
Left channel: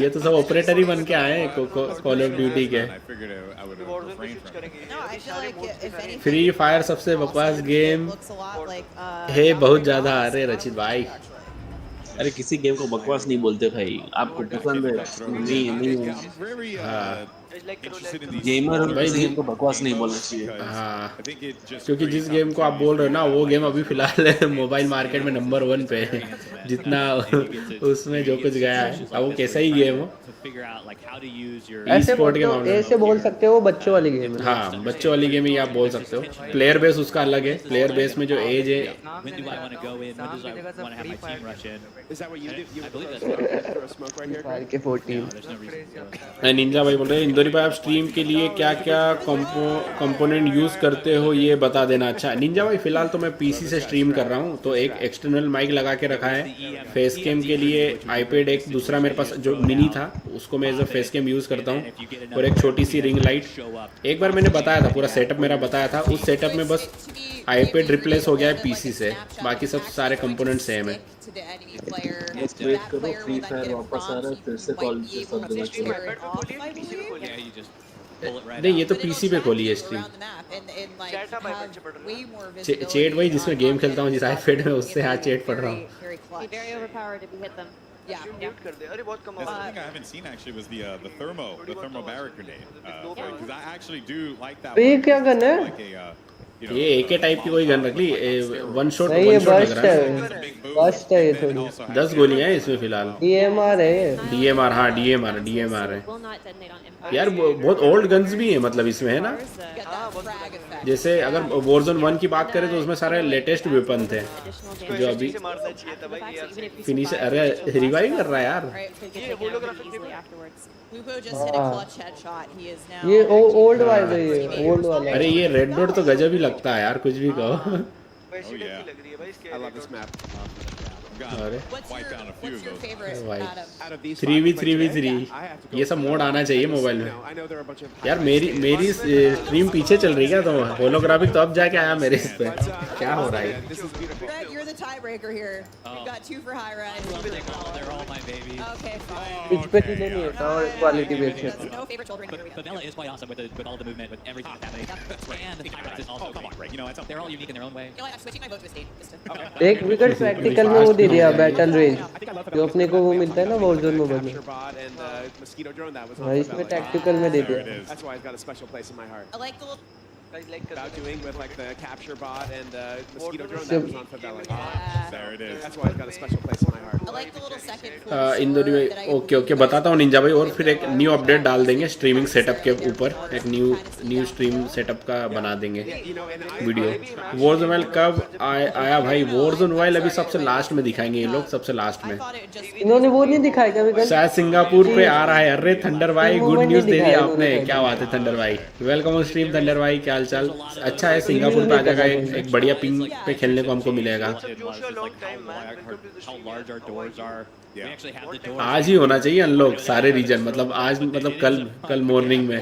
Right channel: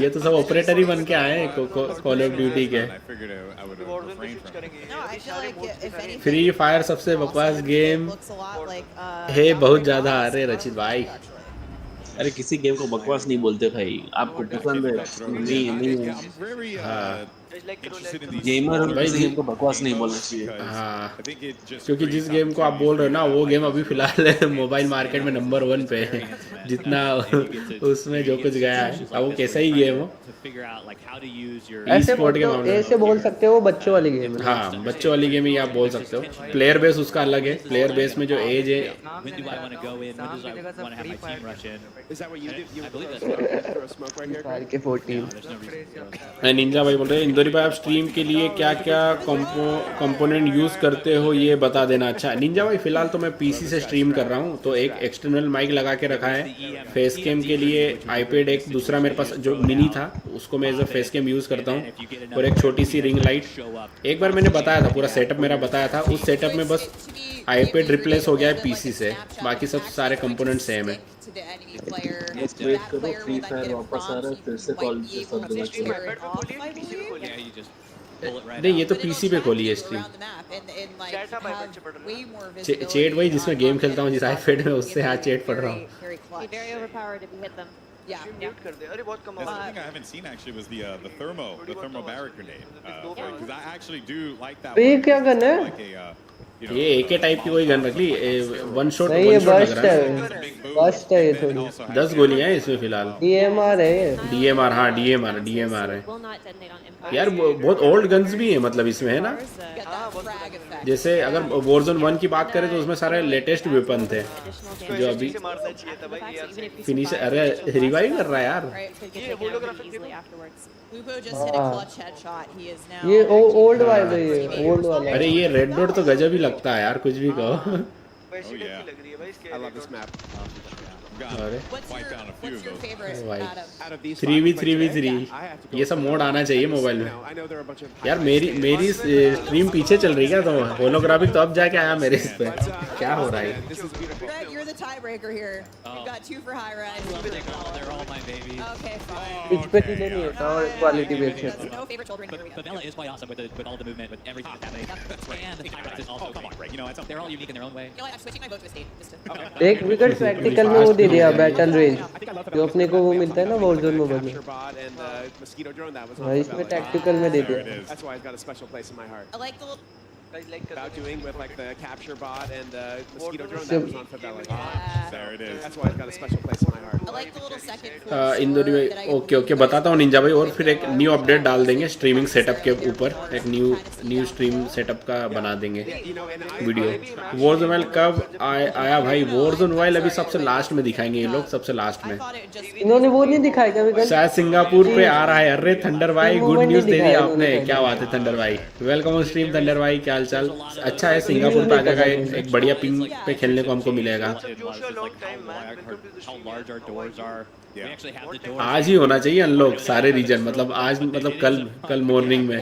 ये तो सब ऑपरेटर ही बन के आए हैं कॉल ऑफ ड्यूटी के I figured I would refrain from it. No, I feel like if anything, free fire सबसे बकवास game looks a lot like है बहुत ज्यादा आ रहे रचित भाई अरे किसी गेम को बकवास नहीं बोलते भाई आपको पसंद है नहीं Yeah, I'm very interested in these. Gamer और किसी गेम को बकवास नहीं बोलना चाहिए हाँ I think it just क्योंकि जिस गेम को आप बोल रहे हो ना वो गेम अभी फिलहाल मोबाइल मार्केट में नंबर 1 पे है जितना उसमें जो कुछ गया है अब वो कैसा ही गेम हो to figure out like how to use your ऐसे बोल सकते हो वो बच्चों वाली गेम है हाँ बच्चों वाली गेम ही आप बोल सकते हो प्लेयर बेस उसका अलग है प्लेयर बेस में जो एज है when do I want to go in, when do I want to have my team rush in. Is that what you do? You I believe throw that's throw a smoke right here? साल के 14 no, there's no reason to throw. Ninja भाई बोल रहे हैं इंदौरी भाई आप स्ट्रीम के लिए क्या क्या कंपोनेंट यूज करते हो ये बता देना अच्छा निंजा भाई फिलहाल तो मैं पीसी से स्ट्रीम कर रहा हूँ तो एक एक्सटर्नल माइक लगा के रखा है फेस कैम के लिए आईपैड एक दूसरा मेरे पास जो मिनी था उसको मैं as a face cam use करता हूँ, और एक छोटी सी रिंग लाइट। एक बार मैंने बताया था, पूरा सेटअप मेरा बताया था, उस सेटअप में बस आईपैड रिप्लेस हो गया है पीसी से, बाकी सब सारे कंपोनेंट सेम है। बस वेट करो, फ्री फायर वापस आ रहा है, फिर से कॉल से सब जगह चलेगा। नहीं, ये तो पीसी पे खोली है स्ट्रीम। चैट वही जिसमें गेम खेलता हूँ, जिस आईपैड में, उससे हाँ चैट पढ़ रहा हूँ। म्यूट कर दे। अरे बहुत कम That's the thing I haven't seen actually was the thermo barrack grenade. Because I actually do like that. ये क्या गन है? Like a ये एके टाइप की कोई गन रख ली, वन शॉट। नहीं, ये बस्ट है ये थोड़ी। 10 गोलियां हैं इसमें फिलहाल। DMR है ये। DMR, हाँ DMR है यार। बहुत ओल्ड गन्स भी है मतलब इसमें, है ना। जैसे अगर Warzone 1 की बात करें तो उसमें सारे लेटेस्ट वेपन थे जो अभी फिनिश। अरे रिवाइव कर रहा है यार। ये ओल्ड वाला है, ये ओल्ड वाला। अरे ये रेड डॉट तो गजब ही लगता है यार, कुछ भी कहो। वैसी लग रही है भाई इसके। I love this map. Wipe down a few of those. Out of these 3v3v3 ये सब मोड आना चाहिए मोबाइल में यार। मेरी स्ट्रीम पीछे चल रही है क्या? तो होलोग्राफिक तो अब जाके आया मेरे इस पे, क्या हो रहा है? Greg, you're the tiebreaker here. You've got 2 for high rise. They're all my babies. Okay, fine. Pitch पे डिले नहीं होता और क्वालिटी भी अच्छी है। No favorite children here. Favela is quite awesome with all the movement, with everything that's happening. And High-Rise is also great. You know, they're all unique in their own way. You know what? I'm switching my vote to a state. Just to... एक विकेट प्रैक्टिकल में वो दे दिया, बैटल रेंज जो अपने को वो मिलता है ना Warzone में बने। इसमें टैक्टिकल में दे दिया। That's why it's got a special place in my heart. I like the little... About doing with like the capture bot and the mosquito drone that was on Favela. There it is. That's why it's got a special place in my heart. I like the little second floor Indori store that I में। ओके बताता हूँ निंजा भाई, और फिर एक न्यू अपडेट डाल देंगे स्ट्रीमिंग सेटअप के ऊपर, एक न्यू स्ट्रीम सेटअप का बना देंगे वीडियो। Warzone मोबाइल कब आया भाई? Warzone मोबाइल अभी सबसे लास्ट में दिखाएंगे ये लोग, सबसे लास्ट में। इन्होंने वो नहीं दिखाया क्या विकेट? शायद सिंगापुर पे आ रहा है। अरे थंडर भाई गुड न्यूज दे दी आपने, क्या बात है थंडर भाई। वेलकम ऑन स्ट्रीम थंडर भाई, क्या हालचाल? अच्छा है, सिंगापुर पे आ जाएगा, एक बढ़िया पिंग पे खेलने को हमको मिलेगा। आज ही होना चाहिए अनलॉक सारे रीजन, मतलब आज, मतलब कल मॉर्निंग में।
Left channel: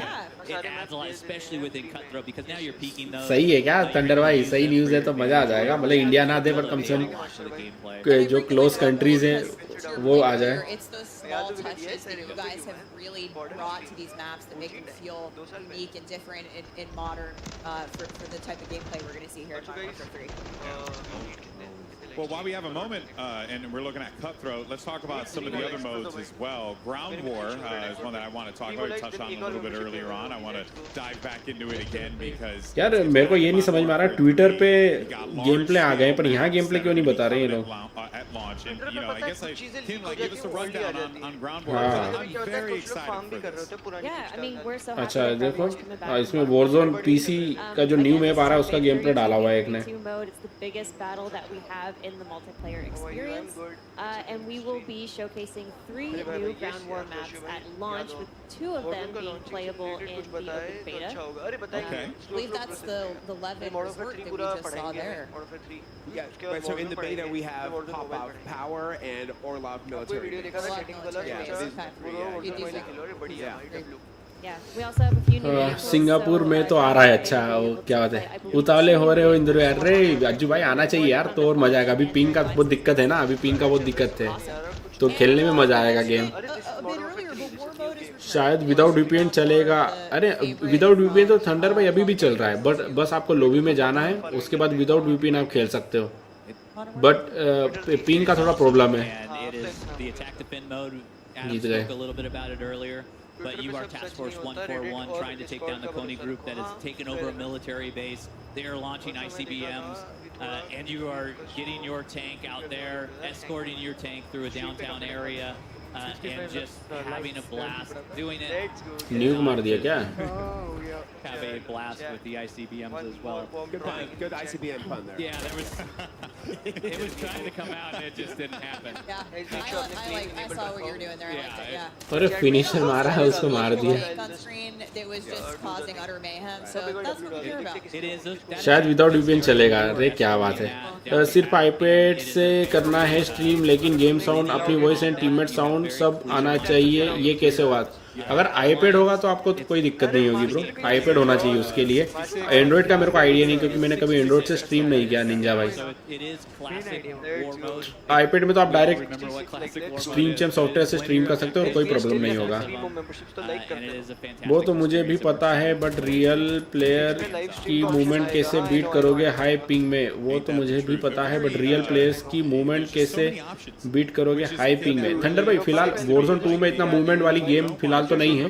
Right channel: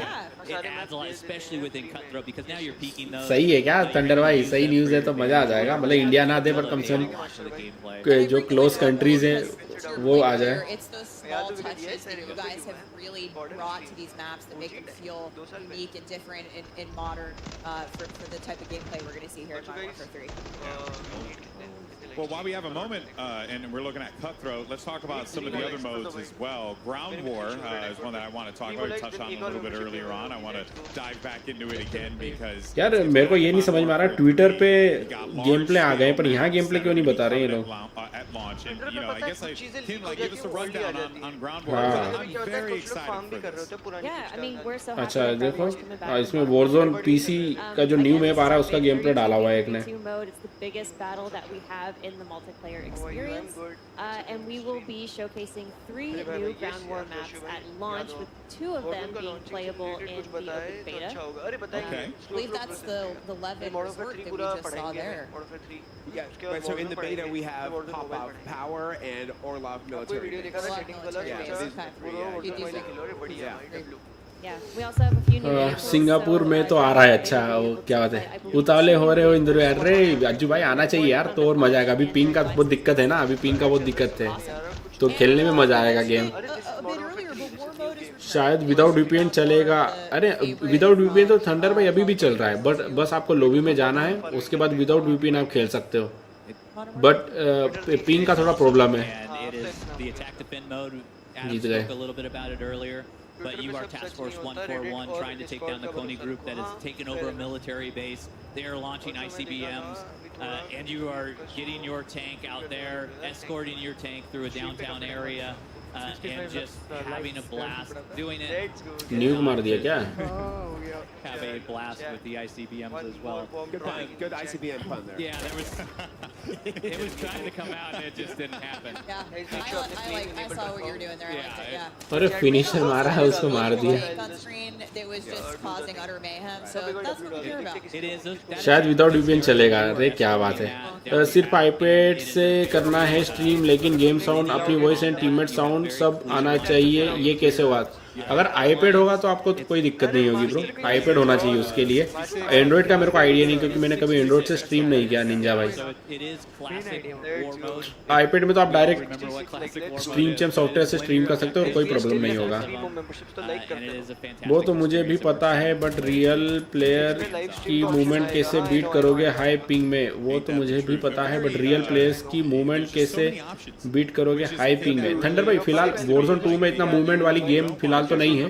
सही है क्या थंडर भाई? सही न्यूज है तो मजा आ जाएगा। मतलब इंडिया ना दे पर कम से कम जो क्लोज कंट्रीज हैं वो आ जाए। It's those small touches that you guys have really brought to these maps that make them feel unique and different in modern for the type of gameplay we're going to see here in Modern Warfare 3. Well, while we have a moment and we're looking at Cutthroat, let's talk about some of the other modes as well. Ground War is one that I want to talk about. We touched on it a little bit earlier on. I want to dive back into it again because यार मेरे को ये नहीं समझ में आ रहा, ट्विटर पे गेम प्ले आ गए पर यहाँ गेम प्ले क्यों नहीं बता रहे ये लोग? At launch, and you know, I guess Kim, like, give us a rundown on Ground War. I'm very excited for this. Yeah, I mean, we're so happy अच्छा that Ground देखो, War's coming back. इसमें Warzone PC का जो न्यू मैप आ रहा है उसका गेम प्ले डाला हुआ है एक ने। mode, it's the biggest battle that we have in the multiplayer experience, and we will be showcasing 3 new Ground War maps at launch, with 2 of them being playable in the open beta. Okay. I believe that's the Levin resort that we just saw there. Yeah, right, so in the beta we have Pop-Out Power and Orlov Military Base. Yeah, we also have a few new vehicles. Singapore में तो आ रहा है। अच्छा वो क्या बात है, उतावले हो रहे हो इंदौर? अरे अज्जू भाई आना चाहिए यार, तो और मजा आएगा। अभी पिंग का बहुत दिक्कत है ना, अभी पिंग का बहुत दिक्कत है, तो खेलने में मजा आएगा गेम। शायद विदाउट VPN चलेगा। अरे विदाउट VPN तो थंडर भाई अभी भी चल रहा है, बट बस आपको लॉबी में जाना है, उसके बाद विदाउट VPN आप खेल सकते हो, बट पिंग का थोड़ा प्रॉब्लम है। जीत गए। But you are Task Force 141 trying to take down the Kony group that has taken over a military base. They are launching ICBMs, and you are getting your tank out there, escorting your tank through a downtown area, and just having a blast, doing it. Nuke मार दिया क्या? Have a blast with the ICBMs as well. Good ICBM fun there. Yeah, there was. It was trying to come out, and it just didn't happen. Yeah, I saw what you were doing there. I liked it. Yeah. अरे फिनिशर मारा है, उसको मार दिया। On screen that was just causing utter mayhem. So that's what we care about. It is. शायद विदाउट VPN चलेगा। अरे क्या बात है, सिर्फ आईपैड से करना है स्ट्रीम, लेकिन गेम साउंड, अपनी वॉइस एंड टीममेट साउंड सब आना चाहिए, ये कैसे होगा? अगर आईपैड होगा तो आपको तो कोई दिक्कत नहीं होगी ब्रो, आईपैड होना चाहिए उसके लिए। एंड्रॉइड का मेरे को आइडिया नहीं, क्योंकि मैंने कभी एंड्रॉइड से स्ट्रीम नहीं किया निंजा भाई। आईपैड में तो आप डायरेक्ट स्ट्रीम चैम सॉफ्टवेयर से स्ट्रीम कर सकते हो, कोई प्रॉब्लम नहीं होगा। वो तो मुझे भी पता है, बट रियल प्लेयर की मूवमेंट कैसे बीट करोगे हाई पिंग में? वो तो मुझे भी पता है, बट रियल प्लेयर्स की मूवमेंट कैसे बीट करोगे हाई पिंग में? थंडर भाई फिलहाल वॉरज़ोन 2 में इतना मूवमेंट वाली गेम फिलहाल तो नहीं है,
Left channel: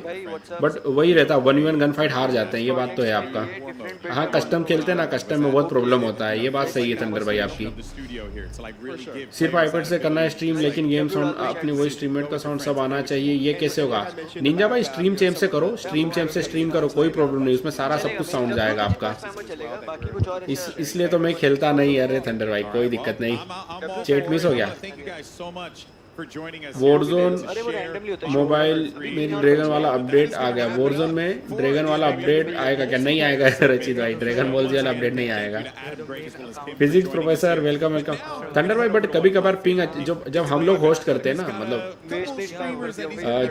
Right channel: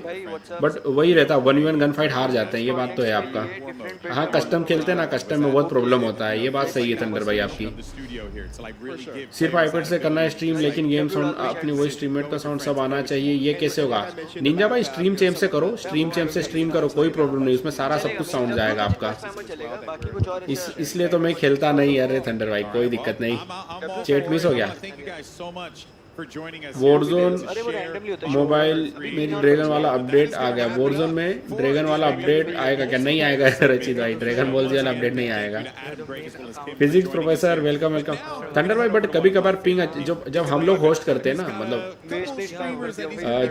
बट वही रहता है 1v1 गन फाइट हार जाते हैं, ये बात तो है आपका। हाँ कस्टम खेलते हैं ना, कस्टम में बहुत प्रॉब्लम होता है, ये बात सही है थंडर भाई आपकी। सिर्फ आईपैड से करना है स्ट्रीम, लेकिन गेम साउंड अपनी वही स्ट्रीममेट का साउंड सब आना चाहिए, ये कैसे होगा? निंजा भाई स्ट्रीम चैम से करो, स्ट्रीम चैम से स्ट्रीम करो, कोई प्रॉब्लम नहीं, उसमें सारा सब कुछ साउंड जाएगा आपका। इसलिए तो मैं खेलता नहीं। अरे थंडर भाई कोई दिक्कत नहीं, चैट मिस हो गया। वॉरज़ोन मोबाइल में ड्रैगन वाला अपडेट आ गया। वॉरज़ोन में ड्रैगन वाला अपडेट आएगा क्या? नहीं आएगा रचित भाई, ड्रैगन बॉल वाला अपडेट नहीं आएगा। Physics professor welcome welcome thunder भाई। बट कभी कभार पिंग जब हम लोग होस्ट करते हैं ना, मतलब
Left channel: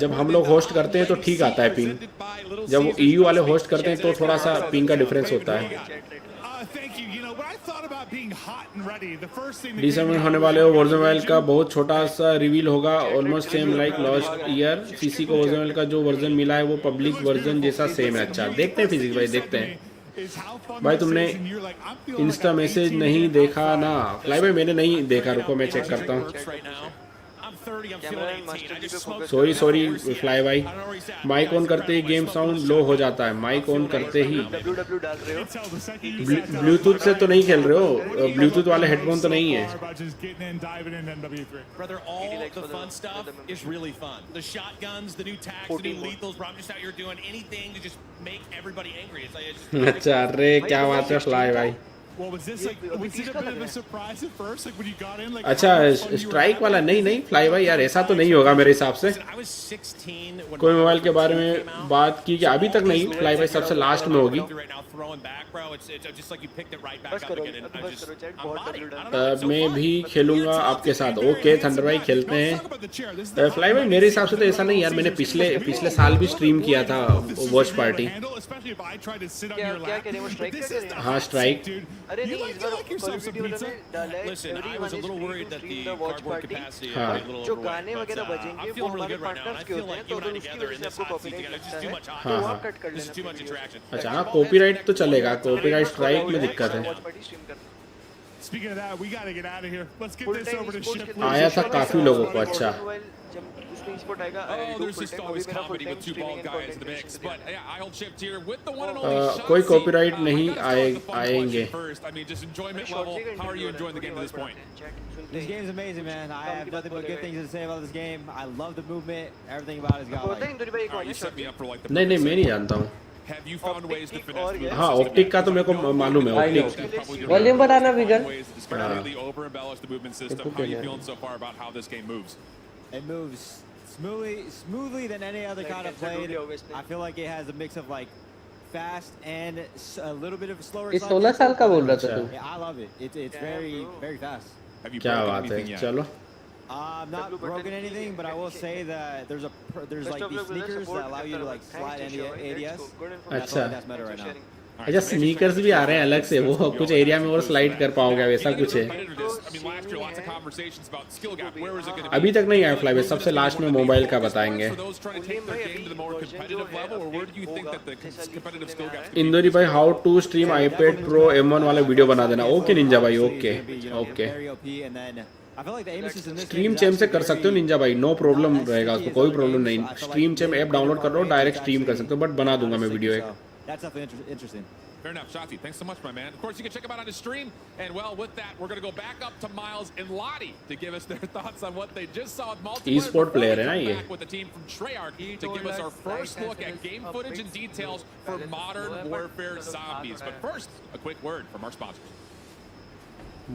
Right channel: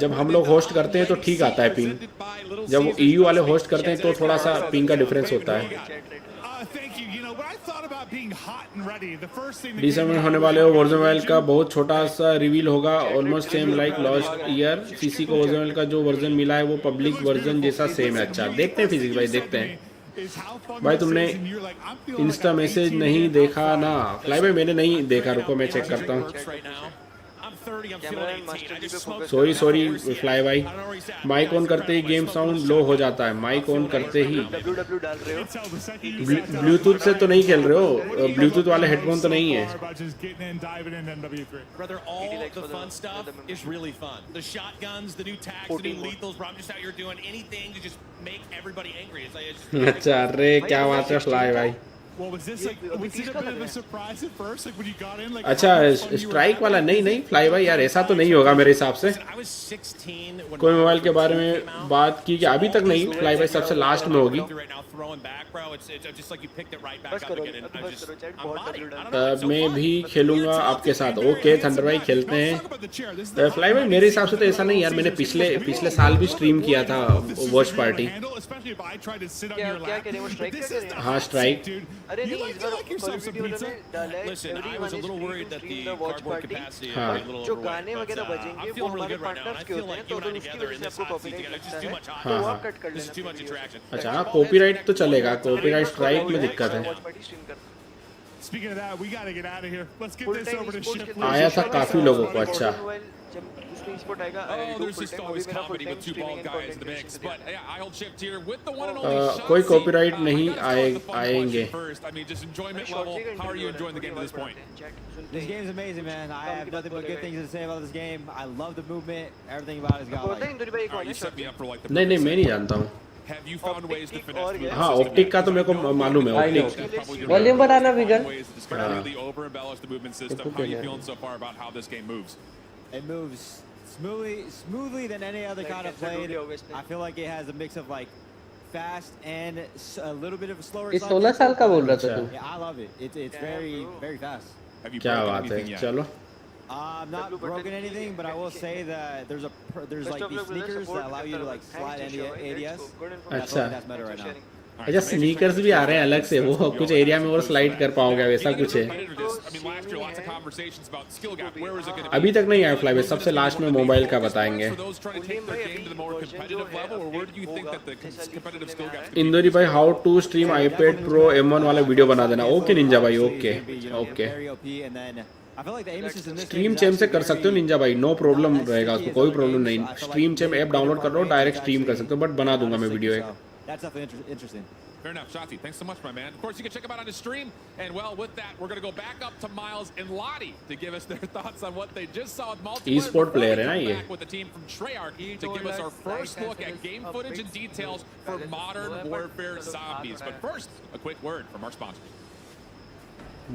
जब हम लोग होस्ट करते हैं तो ठीक आता है पिंग, जब EU वाले होस्ट करते हैं तो थोड़ा सा पिंग का डिफरेंस होता है। दिसंबर में होने वाले वॉरज़ोन मोबाइल का बहुत छोटा सा रिवील होगा, almost same like last year. CC को वॉरज़ोन का जो वर्जन मिला है वो पब्लिक वर्जन जैसा सेम है। अच्छा देखते हैं फिजिक्स भाई, देखते हैं। भाई तुमने इंस्टा मैसेज नहीं देखा ना? फ्लाई भाई मैंने नहीं देखा, रुको मैं चेक करता हूँ। सॉरी फ्लाई भाई, माइक ऑन करते ही गेम साउंड लो हो जाता है, माइक ऑन करते ही। ब्लूटूथ से तो नहीं खेल रहे हो? ब्लूटूथ वाले हेडफोन तो नहीं है? अच्छा अरे क्या बात है फ्लाई भाई। अच्छा स्ट्राइक वाला नहीं फ्लाई भाई यार, ऐसा तो नहीं होगा मेरे हिसाब से। कोई मोबाइल के बारे में बात की कि अभी तक नहीं, फ्लाई भाई सबसे लास्ट में होगी। मैं भी खेलूंगा आपके साथ। ओके थंडर भाई खेलते हैं। फ्लाई भाई मेरे हिसाब से तो ऐसा नहीं यार, मैंने पिछले साल भी स्ट्रीम किया था वॉच पार्टी। हाँ स्ट्राइक। अरे नहीं इस बार क्वालिटी वालों ने डाला है। Listen, I was a little worried that the cardboard capacity would be a little जो overwhelming, गाने वगैरह but बजेंगे I'm वो feeling really हमारे good right now, and partners I के feel होते हैं, like तो you and I अगर उसकी together वजह in से this आपको hot seat copyright together, it's लगता just too है much hot. तो वो आप कट कर This is लेना too much वीडियो से। attraction. अच्छा हाँ कॉपीराइट तो चलेगा, कॉपीराइट स्ट्राइक में दिक्कत है। वॉच पार्टी स्ट्रीम करना। Speaking of that, we got to get out of here. Let's get full this time over to sports Shift. के आया था काफी लोगों को। अच्छा जब उसमें स्पोर्ट आएगा Oh, there's just always comedy with two bald guys in the mix. But yeah, I hold Shift here with the one and only Shotzi. कोई copyright नहीं I gotta start with the fun आएंगे। question first. I mean, just enjoyment level. How are you enjoying the game to this point? This game's amazing, man. I have nothing but good things to say about this game. I love the movement. Everything about it's got like. All right, you set me up for like the नहीं perfect मैं नहीं segue. जानता हूँ। Have you found ways to finesse through the हाँ system ऑप्टिक yet? का तो मेरे को मालूम है। I know. Probably वॉल्यूम बढ़ाना vegan. ways to just completely over embellish the movement system. How are you feeling so far about how this game moves? It moves smoothly than any other kind I've played. I feel like it has a mix of like fast and a little bit of a slower. ये 16 साल का बोल रहा था तू? Yeah, I love it. It's very fast. Have you क्या broken बात anything है, yet? चलो। I'm not broken anything, but I will say that there's like these sneakers that allow you to like slide any ADS. And I feel like that's better right now. अच्छा स्नीकर्स भी आ रहे हैं अलग से, वो कुछ एरिया में और स्लाइड कर पाओगे वैसा कुछ है। अभी तक नहीं आया फ्लाई, सबसे लास्ट में मोबाइल का बताएंगे। इंदौरी भाई how to stream iPad Pro M1 वाला वीडियो बना देना। ओके निंजा भाई ओके ओके। स्ट्रीम चैम से कर सकते हो निंजा भाई, नो प्रॉब्लम रहेगा उसको, कोई प्रॉब्लम नहीं। स्ट्रीम चैम ऐप डाउनलोड कर लो, डायरेक्ट स्ट्रीम कर सकते हो, बट बना दूंगा मैं वीडियो एक। That's definitely interesting. Fair enough, Shotzi. Thanks so much, my man. Of course, you can check him out on his stream. And well, with that, we're going to go back up to Miles and Lottie to give us their thoughts on what they just saw with multiplayer. E-sport before player we come है back with the team from Treyarch to give us our first look at game footage and details for Modern Warfare Zombies. But first, a quick word from our sponsors.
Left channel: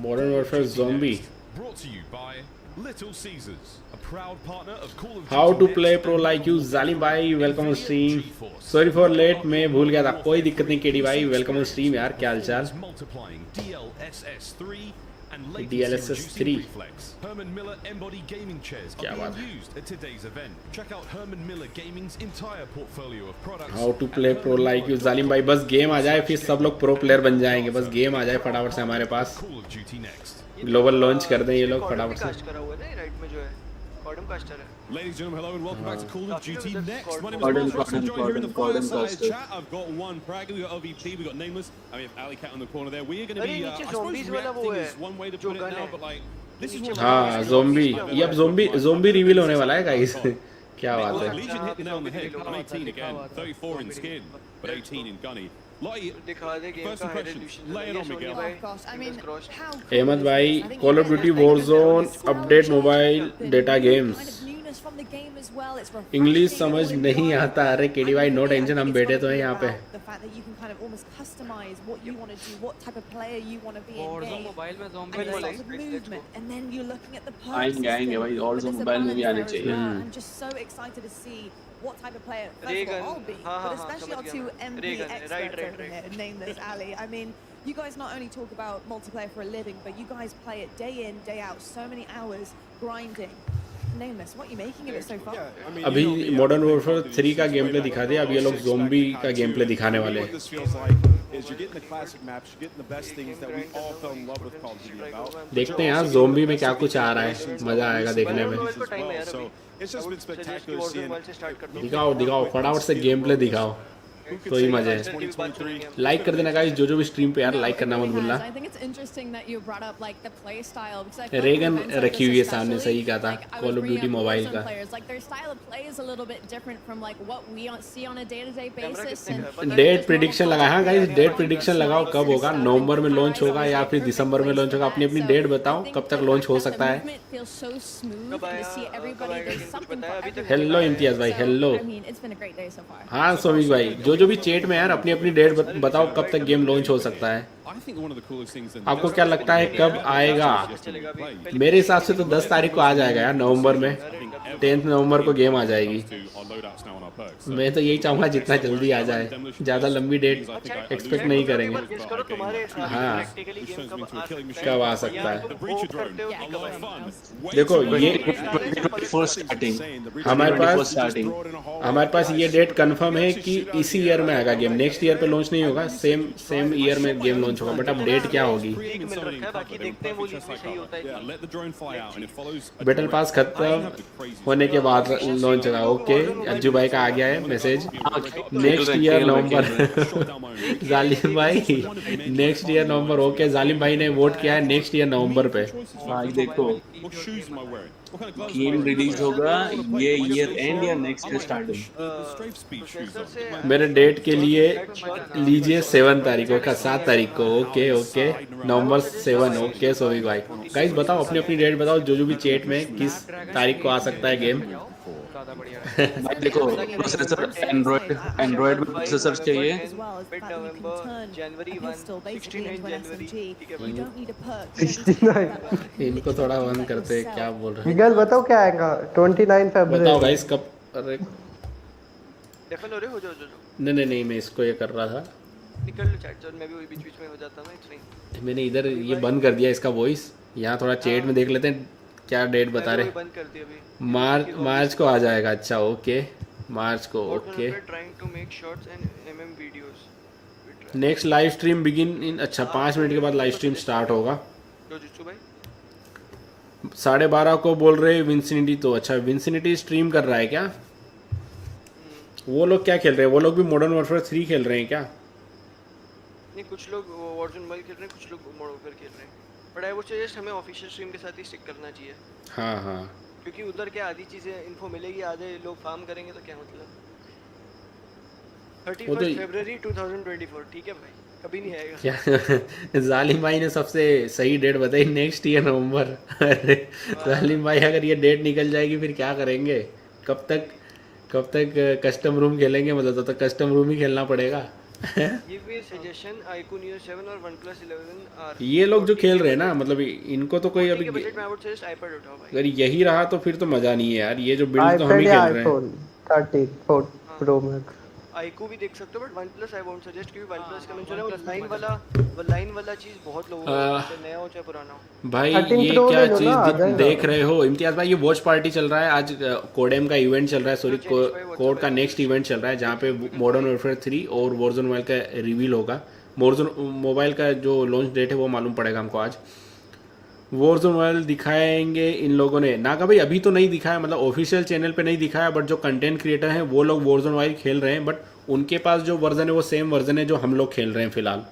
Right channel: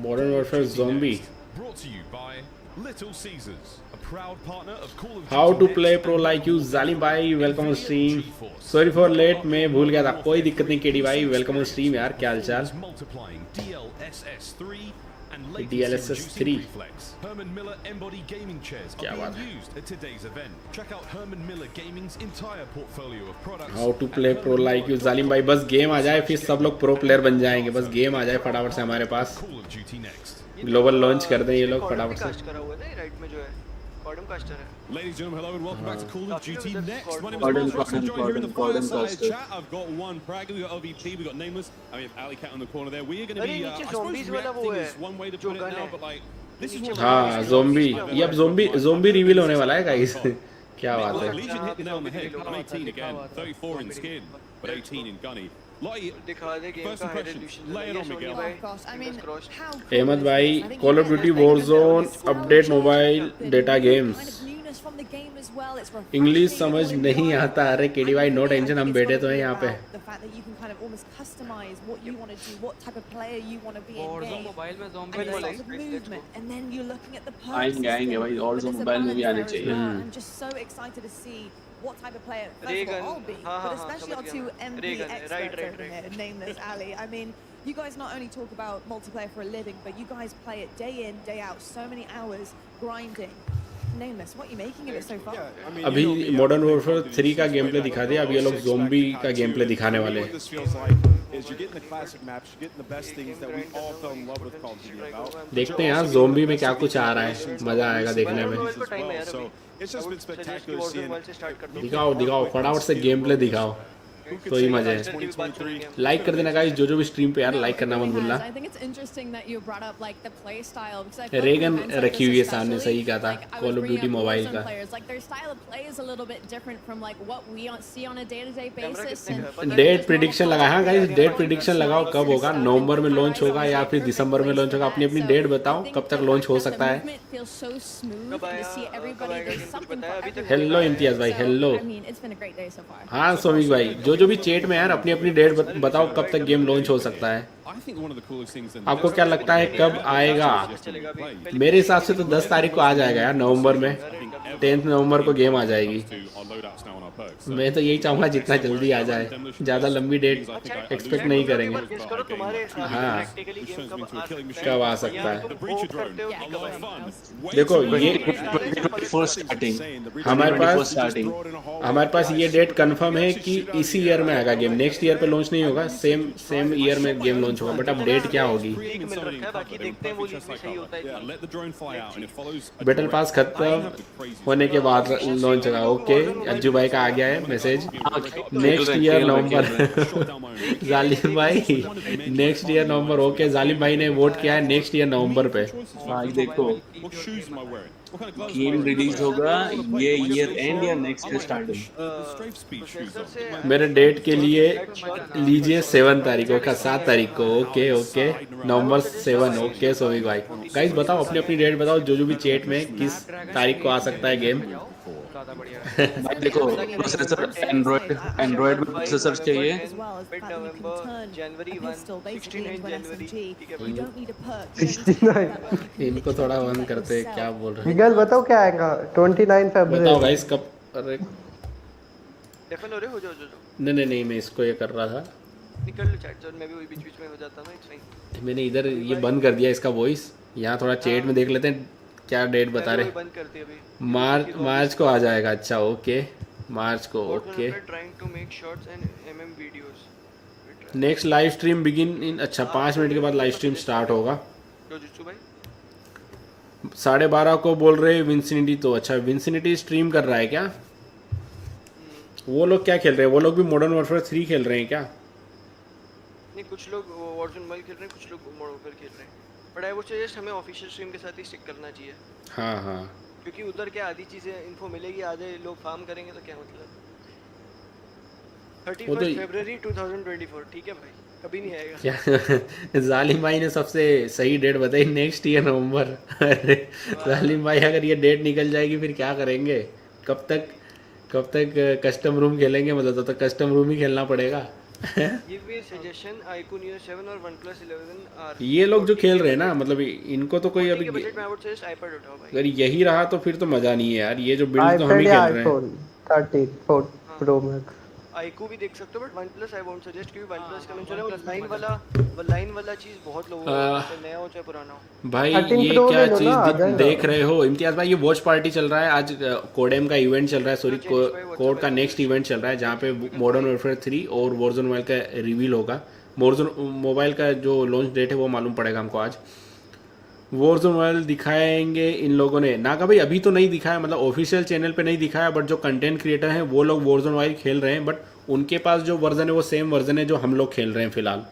Modern Warfare Zombie. Brought to you by Little Caesars, a proud partner of Call of Duty. How to play pro like you, Zalim भाई welcome stream. Sorry for late, मैं भूल गया था, कोई दिक्कत नहीं। केडी भाई वेलकम स्ट्रीम यार, क्या हाल चाल? Multiplying DLSS3 and latency DLSS reducing 3. reflex. Herman Miller Embody gaming chairs are being used at today's event. Check out Herman Miller Gaming's entire portfolio of products. How to play pro like you जालिम भाई, बस गेम आ जाए फिर सब लोग प्रो प्लेयर बन जाएंगे, बस गेम आ जाए फटाफट से हमारे पास, ग्लोबल लॉन्च कर दें ये लोग फटाफट से। करा हुआ है ना राइट में जो है कॉडम कास्टर है। Ladies and gentlemen, hello and welcome back to Call of Duty Next. My name is Mark Ross. I'm joined here in the fireside chat. I've got one Prague, we got LVP, we got Nameless, and we have Alley Cat on the corner there. We are going to be, I suppose reacting is one way to put it now, but like, this is what हाँ zombie, ये अब zombie reveal होने वाला है guys। क्या बात है। Legion hit the nail on the head. I'm 18 again, 34 in skin, but 18 in gunny. Lottie, first impressions, lay it on Miguel. Oh gosh, I mean, how cool Ahmed is भाई, this? I think Call you of get Duty that bit of Warzone nostalgia, update mobile the data new games। kind of newness from the game as well. It's refreshing, English समझ all in नहीं one. आता, अरे केडी भाई नो टेंशन, हम बैठे तो हैं यहाँ पे। The fact that you can kind of almost customize what you want to do, what type of player you want to be in Warzone game. Mobile में And it starts with movement, and then you're looking at the perk आएंगे भाई, Warzone मोबाइल में भी आने चाहिए। I'm just so excited to see what type of player first of all I'll be, but especially our two MP experts over here, Nameless, Ali. I mean, you guys not only talk about multiplayer for a living, but you guys play it day in, day out, so many hours grinding. Nameless, what are you making of it so far? अभी मॉडर्न वॉरफेयर 3 का गेम प्ले दिखा दिया, अब ये लोग ज़ोंबी का गेम प्ले दिखाने वाले हैं। What this feels like is you're getting the classic maps, you're getting the best things that we all fell in love with Call of Duty about. देखते हैं यार ज़ोंबी में क्या कुछ आ रहा है, मजा आएगा देखने में। So it's just been spectacular seeing. दिखाओ फटाफट से गेम प्ले दिखाओ, तो ही मजा है। लाइक कर देना गाइस, जो भी स्ट्रीम पे यार लाइक करना मत भूलना। I think it's interesting that you brought up like the play style because I feel Reagan like events like रखी हुई है this सामने, सही especially, कहा था, like I was call of bringing duty up mobile Warzone का। players, like their style of play is a little bit different from like what we see on a day-to-day basis. And date prediction लगा है गाइस, डेट प्रिडिक्शन लगाओ कब होगा, नवंबर में लॉन्च होगा या फिर दिसंबर में लॉन्च होगा, अपनी अपनी डेट बताओ कब तक लॉन्च हो सकता है। feels so smooth and to see everybody, there's something for everyone. Hello Imtiaz भाई, hello. I mean, it's been a great day so far. हाँ सोवी भाई, जो भी चैट में यार अपनी अपनी डेट बताओ कब तक गेम लॉन्च हो सकता है। आपको क्या लगता है कब आएगा? मेरे हिसाब से तो 10 तारीख को आ जाएगा यार, नवंबर में 10 नवंबर को गेम आ जाएगी। मैं तो यही चाहूंगा जितना जल्दी आ जाए, ज्यादा लंबी डेट एक्सपेक्ट नहीं करेंगे। हाँ कब आ सकता है देखो, हमारे पास ये डेट कंफर्म है कि इसी ईयर में आएगा गेम, नेक्स्ट ईयर पे लॉन्च नहीं होगा, सेम ईयर में गेम लॉन्च होगा, बट अब डेट क्या होगी? बैटल पास खत्म होने के बाद लॉन्च होगा। ओके अज्जू भाई का आ गया है मैसेज, नेक्स्ट ईयर नवंबर। जालिम भाई नेक्स्ट ईयर नवंबर, ओके जालिम भाई ने वोट किया है नेक्स्ट ईयर नवंबर पे। देखो गेम रिलीज होगा ये ईयर एंड या नेक्स्ट ईयर स्टार्टिंग। मेरे डेट के लिए लीजिए 7 तारीख का, 7 तारीख को। ओके ओके नवंबर 7। ओके सॉरी भाई, गाइस बताओ अपनी अपनी डेट बताओ, जो भी चैट में किस तारीख को आ सकता है गेम। भाई देखो प्रोसेसर एंड्रॉइड में प्रोसेसर चाहिए। इनको थोड़ा ऑन करते हैं, क्या बोल रहे हैं? निगल बताओ क्या आएगा 29 फरवरी। बताओ गाइस कब? अरे डेफन हो रहे हो, जो नहीं मैं इसको ये कर रहा था, निकल लो चैट जोन में भी, बीच बीच में हो जाता है, इट्स फाइन। मैंने इधर ये बंद कर दिया इसका वॉइस, यहाँ थोड़ा चैट में देख लेते हैं क्या डेट बता रहे। बंद कर दिया अभी, मार्च को आ जाएगा। अच्छा ओके मार्च को। Okay trying to make shorts and MM videos. Next live stream begin in, अच्छा 5 मिनट के बाद लाइव स्ट्रीम स्टार्ट होगा। जोजुत्सु भाई 12:30 को बोल रहे हैं विंसिनिटी, तो अच्छा विंसिनिटी स्ट्रीम कर रहा है क्या? वो लोग क्या खेल रहे हैं? वो लोग भी मॉडर्न वॉरफेयर 3 खेल रहे हैं क्या? नहीं कुछ लोग वॉरज़ोन मोबाइल खेल रहे हैं, कुछ लोग मॉडर्न वॉरफेयर खेल रहे हैं, बट आई वुड सजेस्ट हमें ऑफिशियल स्ट्रीम के साथ ही स्टिक करना चाहिए। हाँ क्योंकि उधर क्या आधी चीजें इन्फो मिलेगी, आधे लोग फार्म करेंगे, तो क्या मतलब। 31 फरवरी 2024 ठीक है भाई, कभी नहीं आएगा। जालिम भाई ने सबसे सही डेट बताई, नेक्स्ट ईयर नवंबर। जालिम भाई अगर ये डेट निकल जाएगी फिर क्या करेंगे? कब तक कस्टम रूम खेलेंगे? मतलब तो कस्टम रूम ही खेलना पड़ेगा। Give me a suggestion, iQOO Neo 7 और OnePlus 11 R। ये लोग जो खेल रहे हैं ना, मतलब इनको तो कोई अभी बजट में आई वुड सजेस्ट iPad उठाओ भाई। अगर यही रहा तो फिर तो मजा नहीं है यार, ये जो बिल्ड तो हम ही खेल रहे हैं। iPad या iPhone 13 Pro Max। आईक्यू भी देख सकते हो, but OnePlus I won't suggest, क्योंकि OnePlus का मैंने वो लाइन वाला चीज बहुत लोगों को चाहे नया हो चाहे पुराना हो। भाई 13 ये Pro क्या ले लो ना, आ चीज जाएगा। देख रहे हो इम्तियाज भाई? ये वॉच पार्टी चल रहा है आज, कोडेम का इवेंट चल रहा है, सॉरी कोड का नेक्स्ट इवेंट चल रहा है जहाँ पे मॉडर्न वॉरफेयर 3 और वॉरजोन मोबाइल का रिवील होगा। वॉरजोन मोबाइल का जो लॉन्च डेट है वो मालूम पड़ेगा हमको आज। वॉरजोन मोबाइल दिखाएंगे इन लोगों ने ना, का भाई अभी तो नहीं दिखाया, मतलब ऑफिशियल चैनल पे नहीं दिखाया, बट जो कंटेंट क्रिएटर हैं वो लोग वॉरजोन मोबाइल खेल रहे हैं, बट उनके पास जो वर्जन है वो सेम वर्जन है जो हम लोग खेल रहे हैं फिलहाल।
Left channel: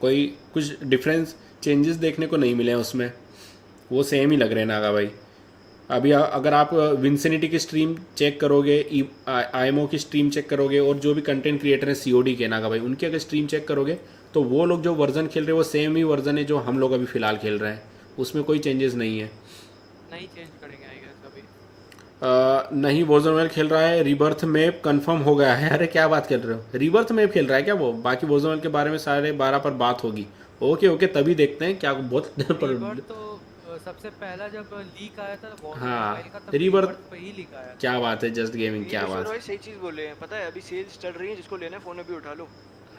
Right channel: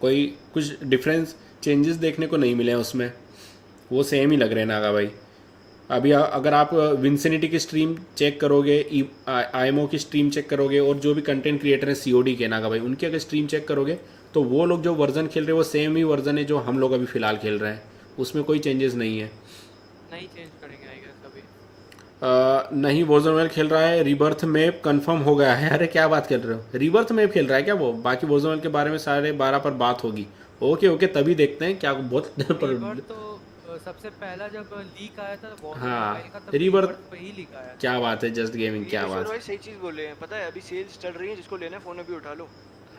कोई कुछ डिफरेंस चेंजेस देखने को नहीं मिले हैं उसमें, वो सेम ही लग रहे हैं नागा भाई। अभी अगर आप विंसिनिटी की स्ट्रीम चेक करोगे, IMO की स्ट्रीम चेक करोगे, और जो भी कंटेंट क्रिएटर हैं COD के नागा भाई, उनकी अगर स्ट्रीम चेक करोगे तो वो लोग जो वर्जन खेल रहे हैं वो सेम ही वर्जन है जो हम लोग अभी फिलहाल खेल रहे हैं, उसमें कोई चेंजेस नहीं है। नहीं चेंज करेंगे आई गेस अभी। नहीं, वॉरजोन मोबाइल खेल रहा है, रिबर्थ मैप कंफर्म हो गया है। अरे क्या बात कर रहे हो, रिबर्थ मैप खेल रहा है क्या वो? बाकी वॉरजोन मोबाइल के बारे में 12:30 पर बात होगी। ओके तभी देखते हैं क्या बहुत रिबर्थ तो सबसे पहला जब लीक आया था वॉरजोन मोबाइल का, तब रिबर्थ पे ही लीक आया था। क्या बात है, जस्ट गेमिंग क्या बात है। सही चीज बोले हैं, पता है अभी सेल्स चल रही है, जिसको लेना है फोन अभी उठा लो।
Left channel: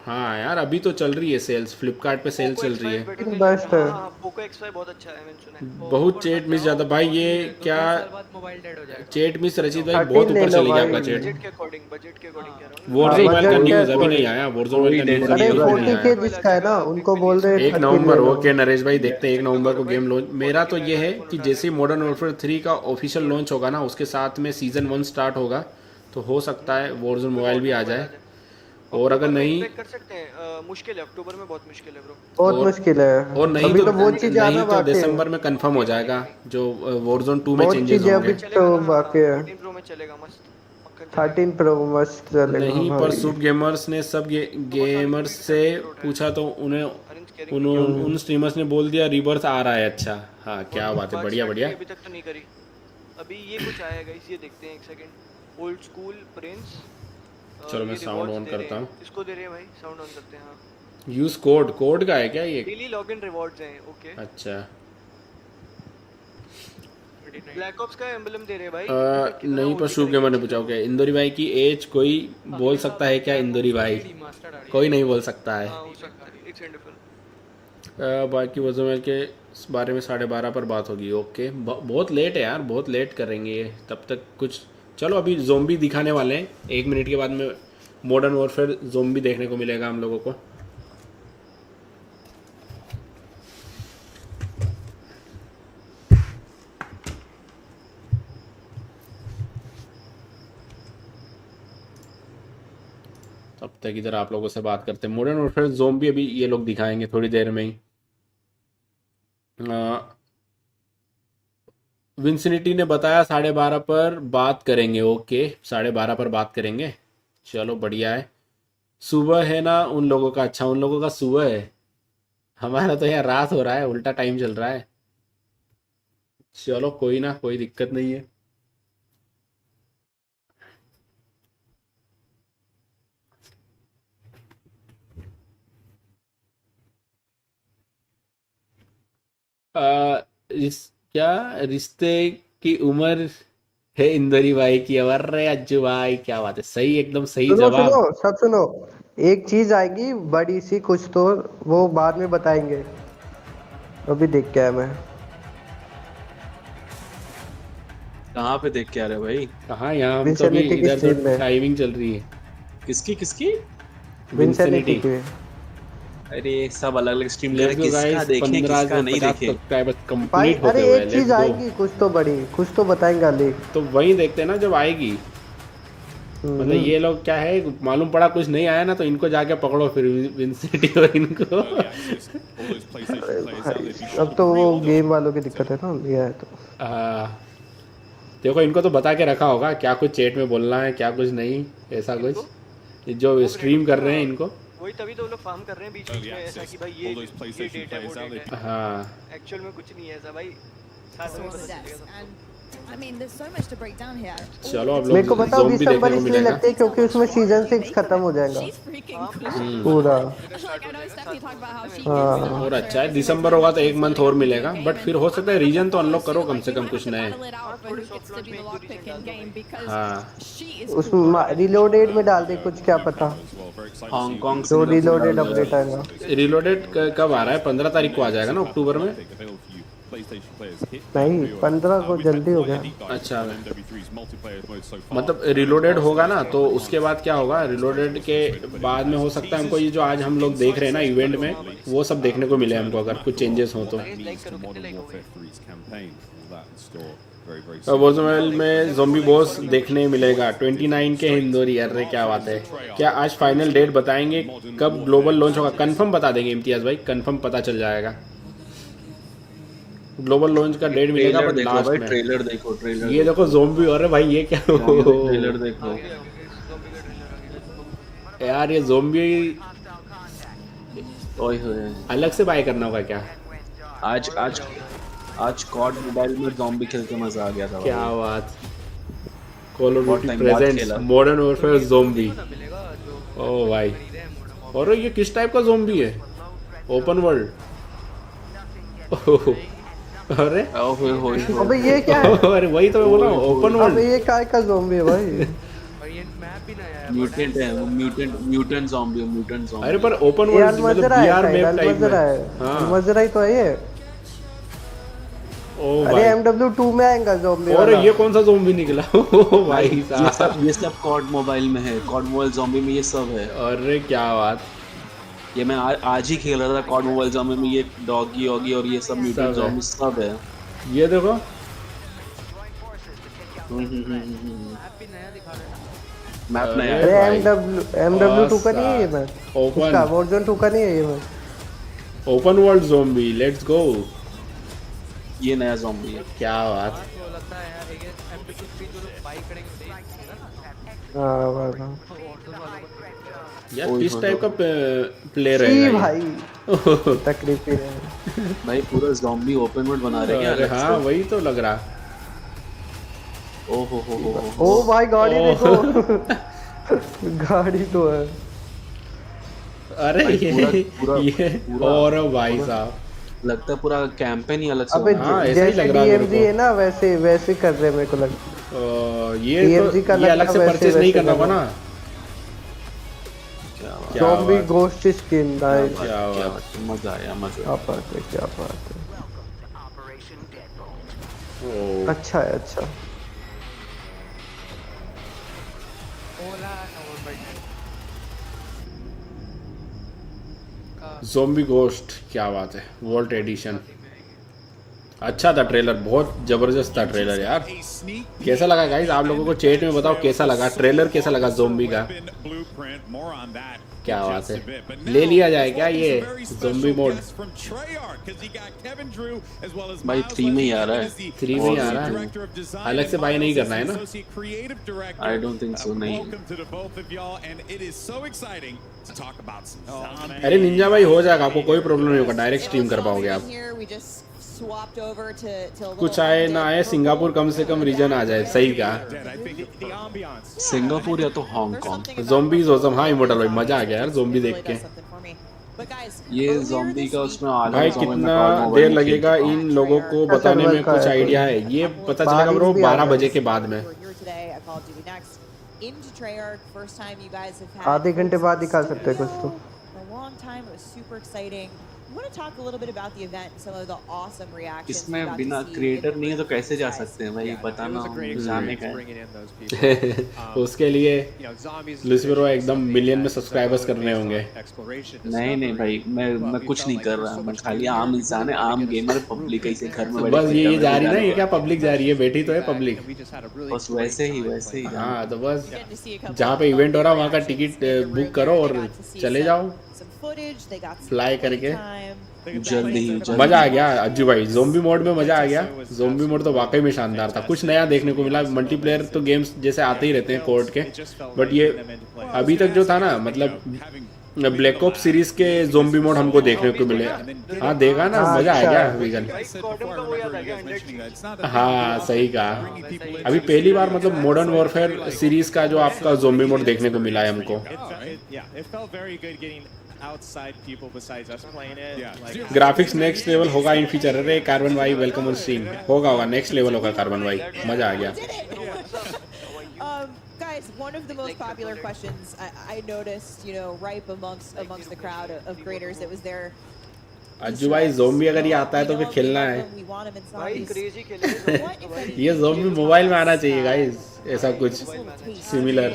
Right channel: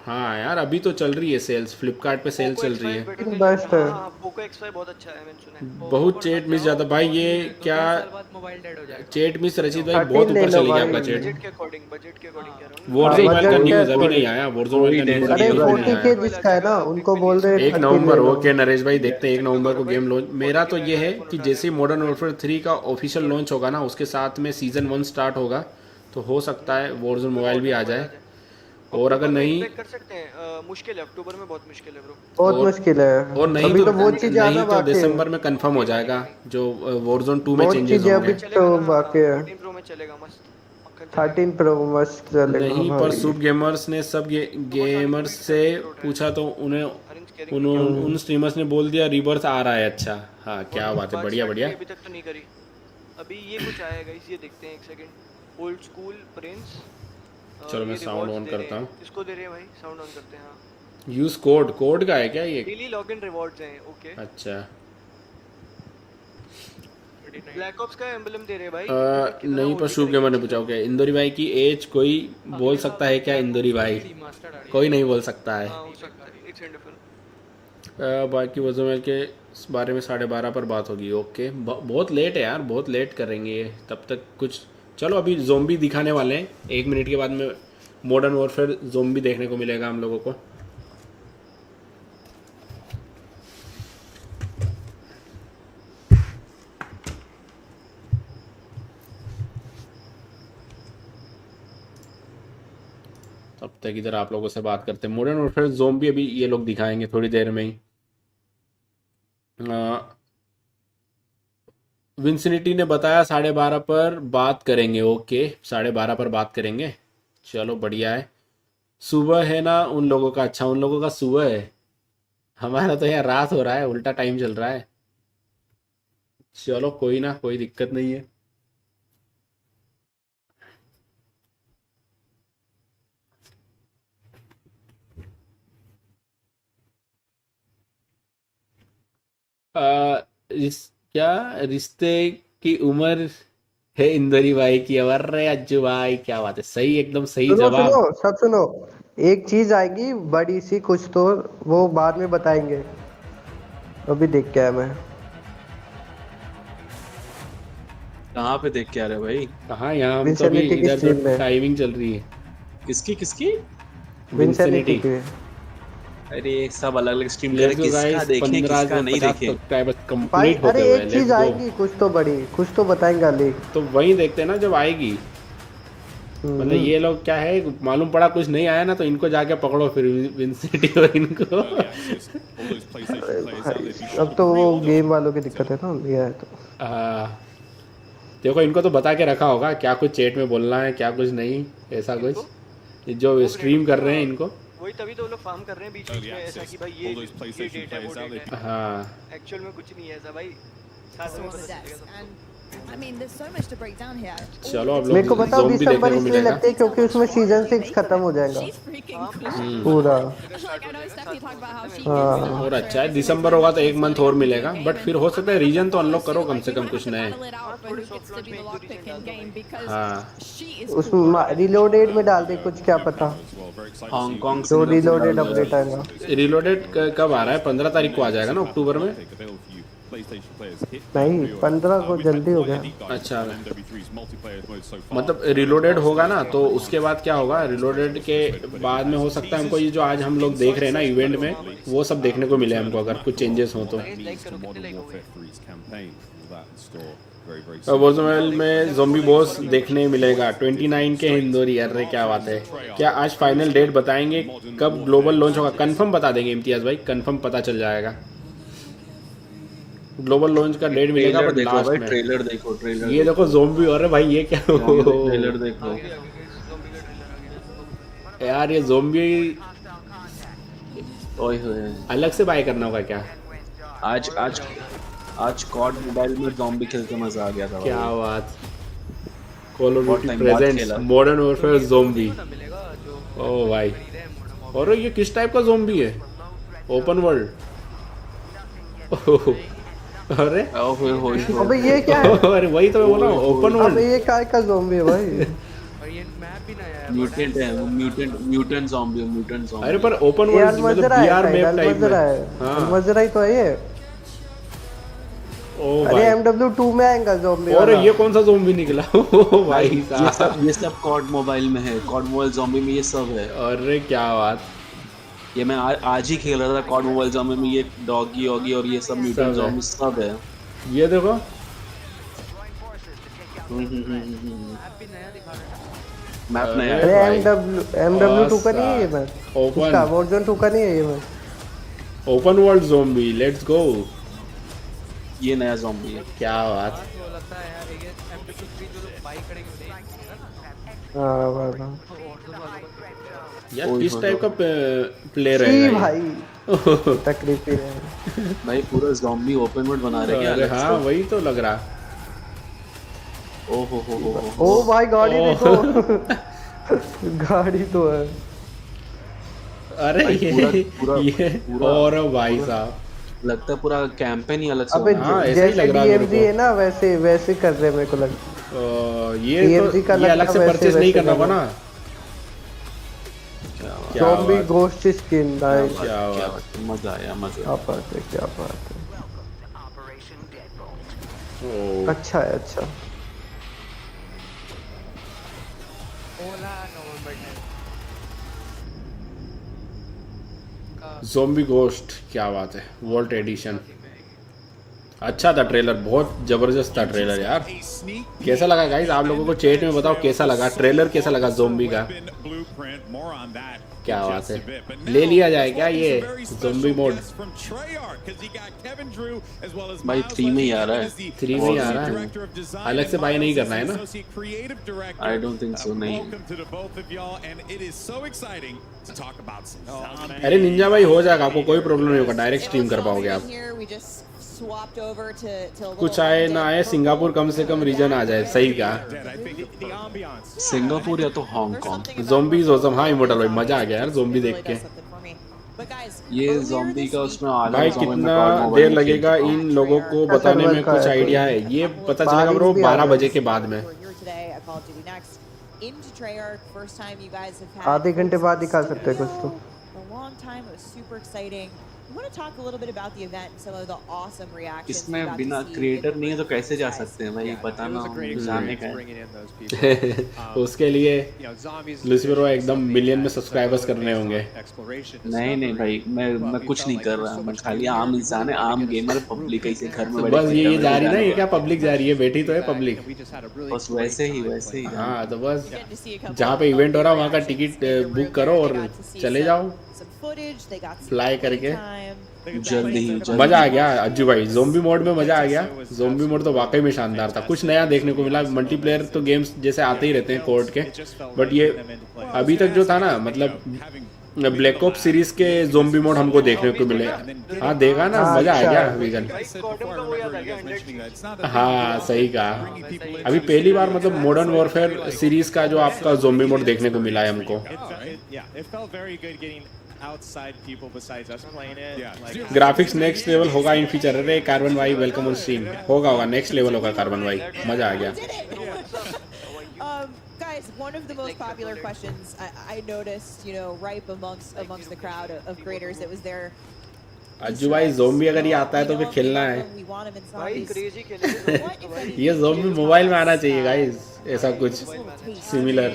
हाँ यार अभी तो चल रही है सेल्स, फ्लिपकार्ट पे सेल चल रही है। बेस्ट है। पोको X5 बहुत अच्छा है, मैंने सुना है। बहुत चेट मिस जाता भाई, ये क्या साल बाद मोबाइल डेड हो जाएगा। चेट मिस रचित भाई 13 बहुत ले ऊपर लो चली भाई। जाएगा चेट। बजट के अकॉर्डिंग कह रहा हूँ। वॉरजोन बजट मोबाइल के अभी नहीं आया, वॉरजोन मोबाइल डेड अरे नहीं है। 40K जिसका है ना उनको बोल रहे 1 13 नवंबर ले लो। ओके नरेश भाई, देखते हैं 1 नवंबर को गेम लॉन्च। मेरा तो ये है कि जैसे मॉडर्न वॉरफेयर 3 का ऑफिशियल लॉन्च होगा ना, उसके साथ में सीजन 1 स्टार्ट होगा, तो हो सकता है वॉरजोन मोबाइल भी आ जाए। और अगर नहीं कर सकते हैं, मुश्किल है, अक्टूबर में बहुत मुश्किल है ब्रो, बहुत मुश्किल है। और नहीं अभी तो वो चीज आना नहीं तो बाकी है, दिसंबर में कंफर्म हो जाएगा जो वॉरजोन 2 में बहुत चेंजेस चीजें होंगे। अभी तो बाकी है। 13 प्रो में चलेगा मस्त, 13 Pro मस्त चलेगा नहीं पर भाई। सूप गेमर्स ने सब गेमर्स से पूछा तो उन स्ट्रीमर्स ने बोल दिया रिबर्थ आ रहा है। अच्छा हाँ क्या बात है, बढ़िया बढ़िया। अभी तक तो नहीं करी, अभी ये कुछ आएगा, इसे देखते हैं एक सेकंड। ओल्ड स्कूल प्रिंस, चलो मैं साउंड ऑन करता हूँ। इसको दे रहे हैं भाई, साउंड ऑन करते हैं। हाँ यूज कोड का है क्या ये? डेली लॉगिन रिवॉर्ड्स हैं। ओके अच्छा ब्लैक ऑप्स का एम्बलम दे रहे हैं भाई। नहीं पर सूप गेमर ने पूछा क्या इंदौरी भाई की एज कोई बोल सकता है क्या? इंदौरी भाई कोई नहीं बोल सकता है। बाकी वॉरजोन के बारे में 12:30 पर बात होगी। ओके बहुत लेट है यार, बहुत लेट करेंगे ये, तब तक कुछ। चलो अभी ज़ोंबी दिखाने वाले हैं, 1 मिनट के बाद में मॉडर्न वॉरफेयर ज़ोंबी देखने को मिलेगा हम लोगों को। तब तक इधर आप लोगों से बात करते हैं। मॉडर्न वॉरफेयर ज़ोंबी अभी ये लोग दिखाएंगे थोड़ी देर में ही। विंसिनिटी ने बताया 12:30 पर बात करेंगे। ओके 12:30 पर बात करेंगे, चलो बढ़िया है। सुबह है ना उन लोगों का? अच्छा उन लोगों का सुबह है, हमारा तो यहाँ रात हो रहा है, उल्टा टाइम चल रहा है। चलो कोई ना, कोई दिक्कत नहीं है। क्या रिश्ते की उम्र है इंदौरी भाई की? अरे अज्जू भाई क्या बात है, सही एकदम सही सुनो जवाब। सुनो सब सुनो, एक चीज आएगी बड़ी सी कुछ, तो वो बाद में बताएंगे, अभी देख के आया मैं। कहाँ पे देख के आ रहे हो भाई? कहाँ? यहाँ विंसेनिटी की स्ट्रीम में टाइमिंग चल रही है। किसकी? विंसेनिटी की। अरे सब अलग अलग स्ट्रीम कर रहे, किसका देखें किसका नहीं देखें भाई। अरे एक चीज आएगी कुछ तो बड़ी, कुछ तो बताएंगे अली, तो वही देखते हैं ना जब आएगी। मतलब ये लोग क्या है, मालूम पड़ा कुछ नहीं आया ना तो इनको जाके पकड़ो फिर विंसिनिटी और इनको। अब तो वो गेम वालों की दिक्कत है ना, ये है तो। देखो इनको तो बता के रखा होगा क्या कुछ चैट में बोलना है, क्या कुछ नहीं, ऐसा कुछ जो स्ट्रीम कर रहे हैं इनको। वही तभी तो वो लोग फार्म कर रहे हैं बीच में ऐसा कि भाई ये डेट है वो डेट है। हाँ एक्चुअल में कुछ नहीं है ऐसा भाई, साथ में पता चलेगा सबको। I mean, there's so much to break down here. चलो अब मेरे को बताओ दिसंबर इसलिए लगते है क्योंकि उसमें सीजन 6 खत्म हो जाएगा She's freaking cool. पूरा। Like, I know Stephanie talked about how she हाँ। uses और अच्छा है दिसंबर होगा तो एक मंथ और मिलेगा, बट फिर हो सकता है रीजन तो अनलॉक करो कम से कम कुछ नए। उसमें रिलोडेड में डाल दे कुछ, क्या पता हांगकांग तो रिलोडेड अपडेट आएगा। रिलोडेड कब आ रहा है? 15 तारीख को आ जाएगा ना अक्टूबर में? नहीं 15 को जल्दी हो गया। अच्छा मतलब रिलोडेड होगा ना तो उसके बाद क्या होगा? रिलोडेड के बाद में हो सकता है हमको ये जो आज हम लोग देख रहे हैं ना इवेंट में, वो सब देखने को मिले हमको अगर कुछ चेंजेस हो तो। वॉरज़ोन में ज़ॉम्बी बॉस देखने मिलेगा 29 के हिंदोरी। अरे क्या बात है। क्या आज फाइनल डेट बताएंगे कब ग्लोबल लॉन्च होगा? कंफर्म बता देंगे इम्तियाज भाई, कंफर्म पता चल जाएगा। ग्लोबल लॉन्च का डेट मिलेगा। ट्रेलर देखो भाई, ट्रेलर देखो, ट्रेलर ये देखो ज़ॉम्बी हो रहे भाई, ये क्या ट्रेलर देखो यार, ये ज़ॉम्बी ओए होए अलग से बाय करना होगा क्या? आज आज आज कॉड मोबाइल में ज़ॉम्बी खेल के मजा आ गया था भाई। क्या बात। कॉल ऑफ बहुत टाइम बाद खेला। Duty Modern Warfare zombie. ओ भाई, और ये किस टाइप का ज़ॉम्बी है? Open world? अरे अबे ये क्या है? अरे वही तो मैं बोला, ओपन वर्ल्ड। अबे ये काय का ज़ॉम्बी है भाई? और ये मैप भी नया है। म्यूटेंट है वो, म्यूटेंट ज़ॉम्बी, म्यूटेंट ज़ॉम्बी। अरे पर ओपन ये वर्ल्ड अलमजरा है शायद, अलमजरा है, अलमजरा ही तो है ये। अरे MW2 में आएगा ज़ॉम्बी वाला। ये कौन सा ज़ॉम्बी निकला? भाई ये सब कॉड मोबाइल में है, कॉड मोबाइल ज़ॉम्बी में ये सब है। अरे क्या बात। ये मैं आज ही खेल रहा था कॉड मोबाइल ज़ॉम्बी में, ये डॉगी ऑगी और ये सब म्यूटेंट ज़ॉम्बी सब है। ये देखो मैप नया है। अरे MW2 का नहीं है ये मैप, उसका वॉरज़ोन 2 का नहीं है ये map. Open world zombie, let's go. ये नया ज़ॉम्बी है। क्या बात। वो लगता है यार, ये MW3 जो लोग बाई करेंगे हां वाह यार, किस टाइप का प्लेयर है जी भाई? तकलीफ है भाई, पूरा ज़ॉम्बी ओपन वर्ल्ड बना रहे हैं अलग से। हां वही तो लग रहा। ओ हो ओ भाई गाड़ी देखो। गाड़ी तो है। अरे भाई पूरा और भाई साहब लगता है पूरा कैंपेन ही अलग से। अबे जैसे DMG है ना वैसे कर रहे मेरे को लगता है। ये DMG का लगता वैसे कर रहा ना। Zombie ghost skin nice. क्या बात, मजा आया, मजा। क्या बात है, क्या बात है। अच्छा है, अच्छा। ज़ॉम्बी घोस्ट, क्या बात है। वॉल्ट एडिशन अच्छा था। ट्रेलर बहुत जबरदस्त था ट्रेलर यार। कैसा लगा गाइस? आप लोगों को चैट में बताओ कैसा लगा ट्रेलर, कैसा लगा ज़ॉम्बी का? क्या बात है, ले लिया जाए क्या ये ज़ॉम्बी मोड? भाई 3 में ही आ रहा है। 3 में आ रहा है, अलग से बाय नहीं करना है ना? I don't think so. नहीं अरे निंजा भाई हो जाएगा, आपको कोई प्रॉब्लम नहीं होगा, डायरेक्ट स्ट्रीम कर पाओगे आप। कुछ आए ना आए, सिंगापुर कम से कम रीजन आ जाए। सही कहा, सिंगापुर या तो हांगकांग। Zombies awesome. हाँ इमोर्टल भाई, मजा आ गया यार ज़ॉम्बी देख के। ये ज़ॉम्बी का उसमें आधा भाई ज़ॉम्बी में कितना कॉड देर मोबाइल में लगेगा इन लोगों को बताने में? कुछ आइडिया है? ये पता चला करो 12 बजे के बाद में। आधे घंटे बाद दिखा सकते हैं कुछ तो। इसमें बिना क्रिएटर नहीं है तो कैसे जा सकते हैं भाई? बताना, जाने का है। उसके लिए लुसिफर एकदम मिलियन में सब्सक्राइबर्स करने होंगे। नहीं भाई, मैं कुछ नहीं कर रहा। मैं खाली आम इंसान है, आम गेमर, पब्लिक ऐसे घर में बैठे। बस ये जा रही है क्या? पब्लिक जा रही है, बैठी तो है पब्लिक। बस वैसे ही हाँ तो बस जहाँ पे इवेंट हो रहा है वहाँ का टिकट बुक करो और चले जाओ फ्लाई करके। जल्दी मजा आ गया अज्जू भाई, ज़ॉम्बी मोड में मजा आ गया। ज़ॉम्बी मोड तो वाकई में शानदार था, कुछ नया देखने को मिला। मल्टीप्लेयर तो गेम्स जैसे आते ही रहते हैं कोड के, बट ये अभी तक जो था ना, मतलब ब्लैक ऑप्स सीरीज के ज़ोंबी मोड हमको देखने को मिले। हाँ देखा ना, मजा आएगा वेगन। हाँ सही कहा, अभी पहली बार मतलब मॉडर्न वॉरफेयर सीरीज का जो आपका ज़ोंबी मोड देखने को मिला है हमको। ग्राफिक्स नेक्स्ट लेवल होगा इन फ्यूचर। अरे कार्बन भाई वेलकम ऑन स्ट्रीम। होगा नेक्स्ट लेवल होगा कार्बन भाई, मजा आ गया। Guys, one of the most popular questions I noticed, ripe amongst the crowd of creators, it was their Ajju भाई ज़ोंबी अगर ये आता है तो फिर खेलना है भाई, क्रेजी खेलेंगे। ये ज़ोंबी मोबाइल में आना चाहिए गाइस, ऐसा कुछ similar.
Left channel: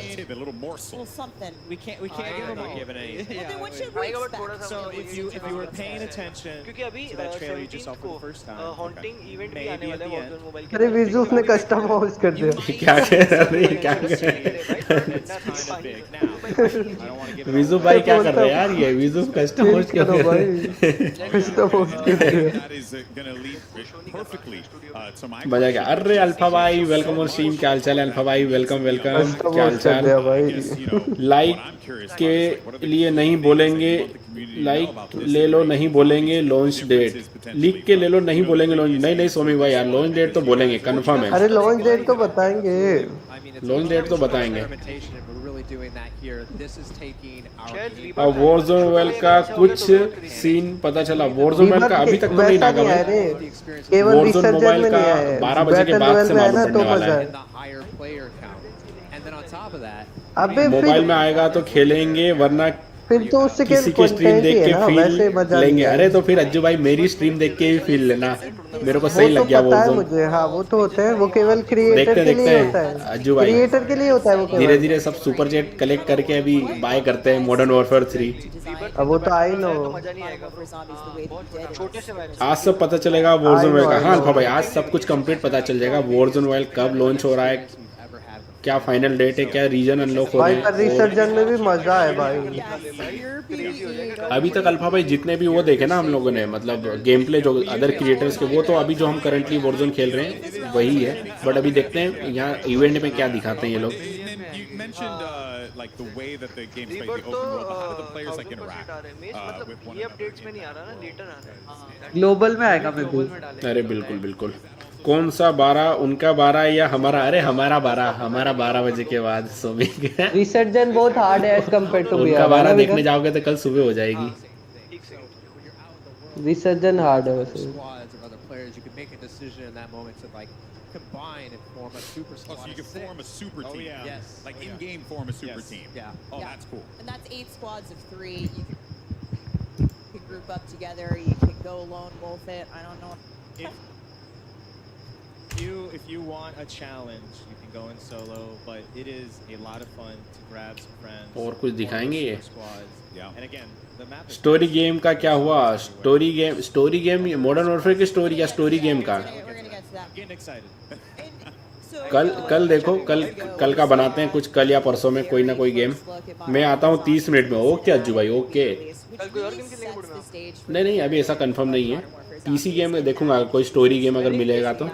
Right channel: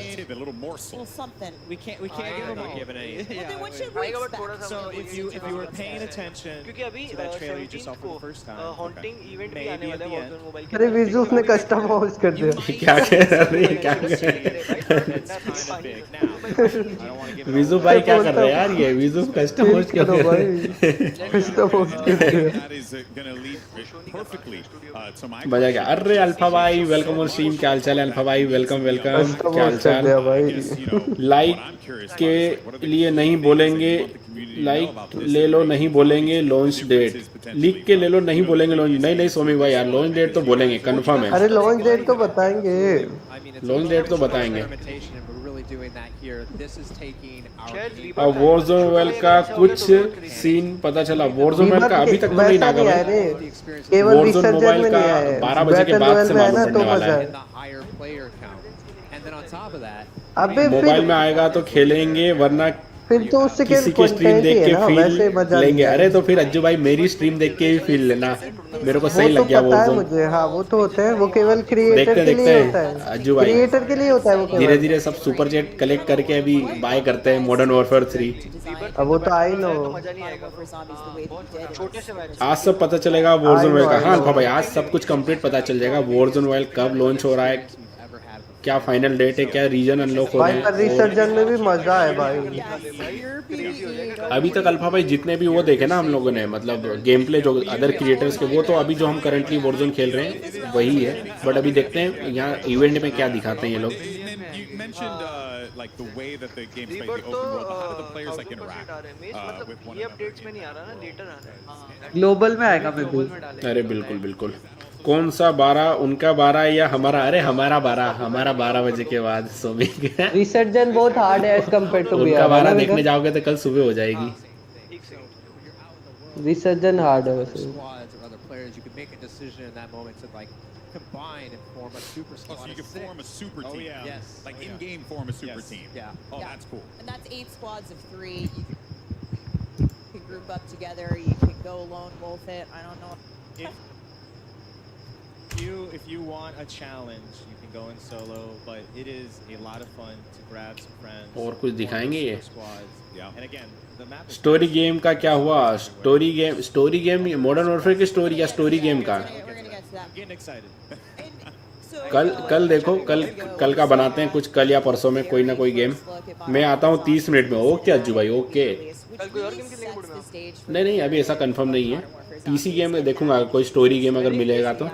We can't give it any. So if you were paying attention क्योंकि अभी to that trailer you just saw for the first time, haunting event भी आने वाला है Warzone मोबाइल के। अरे विजूफ ने कस्टम हाउस कर दिया। क्या विजू भाई क्या कर रहे हैं यार, ये विजू कस्टम हाउस कर दो भाई, कस्टम हाउस कर दिया। मजा गया। अरे अल्फा भाई वेलकम ऑन स्ट्रीम, क्या हाल चाल है अल्फा भाई, वेलकम वेलकम। कस्टम हाउस कर दिया भाई। लाइक के लिए नहीं बोलेंगे, लाइक ले लो नहीं बोलेंगे लॉन्च डेट, लीक के ले लो नहीं बोलेंगे लॉन्च। नहीं सोमी भाई यार, लॉन्च डेट तो बोलेंगे कंफर्म है। अरे लॉन्च डेट तो बताएंगे, लॉन्च डेट तो बताएंगे। और वॉरज़ोन मोबाइल का कुछ सीन पता चला? वॉरज़ोन मोबाइल का अभी तक वैसा नहीं आया रे, केवल रिसर्जन में नहीं आया, बैटल रॉयल में है ना तो मजा है। अबे फिर में आएगा तो खेलेंगे, वरना फिर तो उससे क्या कंटेंट ही है ना, वैसे मजा नहीं है। अरे तो फिर अज्जू भाई मेरी स्ट्रीम देख के ही फील लेना, मेरे को वो सही तो लग गया पता है मुझे। हाँ वो तो होता है, वो केवल क्रिएटर के लिए होता है, क्रिएटर के लिए होता है वो केवल। धीरे धीरे सब सुपर जेट कलेक्ट करके अभी बाय करते हैं मॉडर्न वॉरफेयर 3। अब वो तो आई नो, आज सब पता चलेगा वॉरज़ोन मोबाइल का। हाँ भाई आज सब कुछ कंप्लीट पता चल जाएगा। वॉरज़ोन मोबाइल कब लॉन्च हो रहा है, क्या फाइनल डेट है, क्या रीजन अनलॉक हो रहा भाई है। पर रिसर्जन में भी मजा है भाई। अभी तक अल्फा भाई जितने भी वो देखे ना हम लोगों ने, मतलब गेम प्ले जो अदर क्रिएटर्स के, वो तो अभी जो हम करंटली वॉरज़ोन खेल रहे हैं वही है। बट अभी देखते हैं यहाँ इवेंट में क्या दिखाते हैं ये लोग। ग्लोबल में आएगा मैं भी। अरे बिल्कुल बिल्कुल। कौन सा 12, उनका 12 या हमारा? अरे हमारा 12 बजे के बाद सुबह। रिसर्जन बहुत हार्ड है एज कंपेयर टू बीआर है ना, देखने जाओगे तो कल सुबह हो जाएगी। रिसर्जन हार्ड है वैसे। combine and form a super squad. Oh, so you can form a super team. Yes. Like in-game form a super team. Yeah. Oh, that's cool. And that's 8 squads of 3. You can group up together. You can go lone wolf it. I don't know. If you want a challenge, you can go in solo, but it is a lot of fun to grab some friends. और कुछ दिखाएंगे ये? Yeah. And again, the map is story game का क्या हुआ? स्टोरी गेम मॉडर्न वॉरफेयर की स्टोरी या स्टोरी गेम का? getting excited. कल देखो, कल का बनाते हैं कुछ, कल या परसों में कोई ना कोई गेम। मैं आता हूँ 30 मिनट में। ओके अज्जू भाई ओके। नहीं अभी ऐसा कंफर्म नहीं है। पीसी गेम में देखूंगा, कोई स्टोरी गेम अगर मिलेगा तो।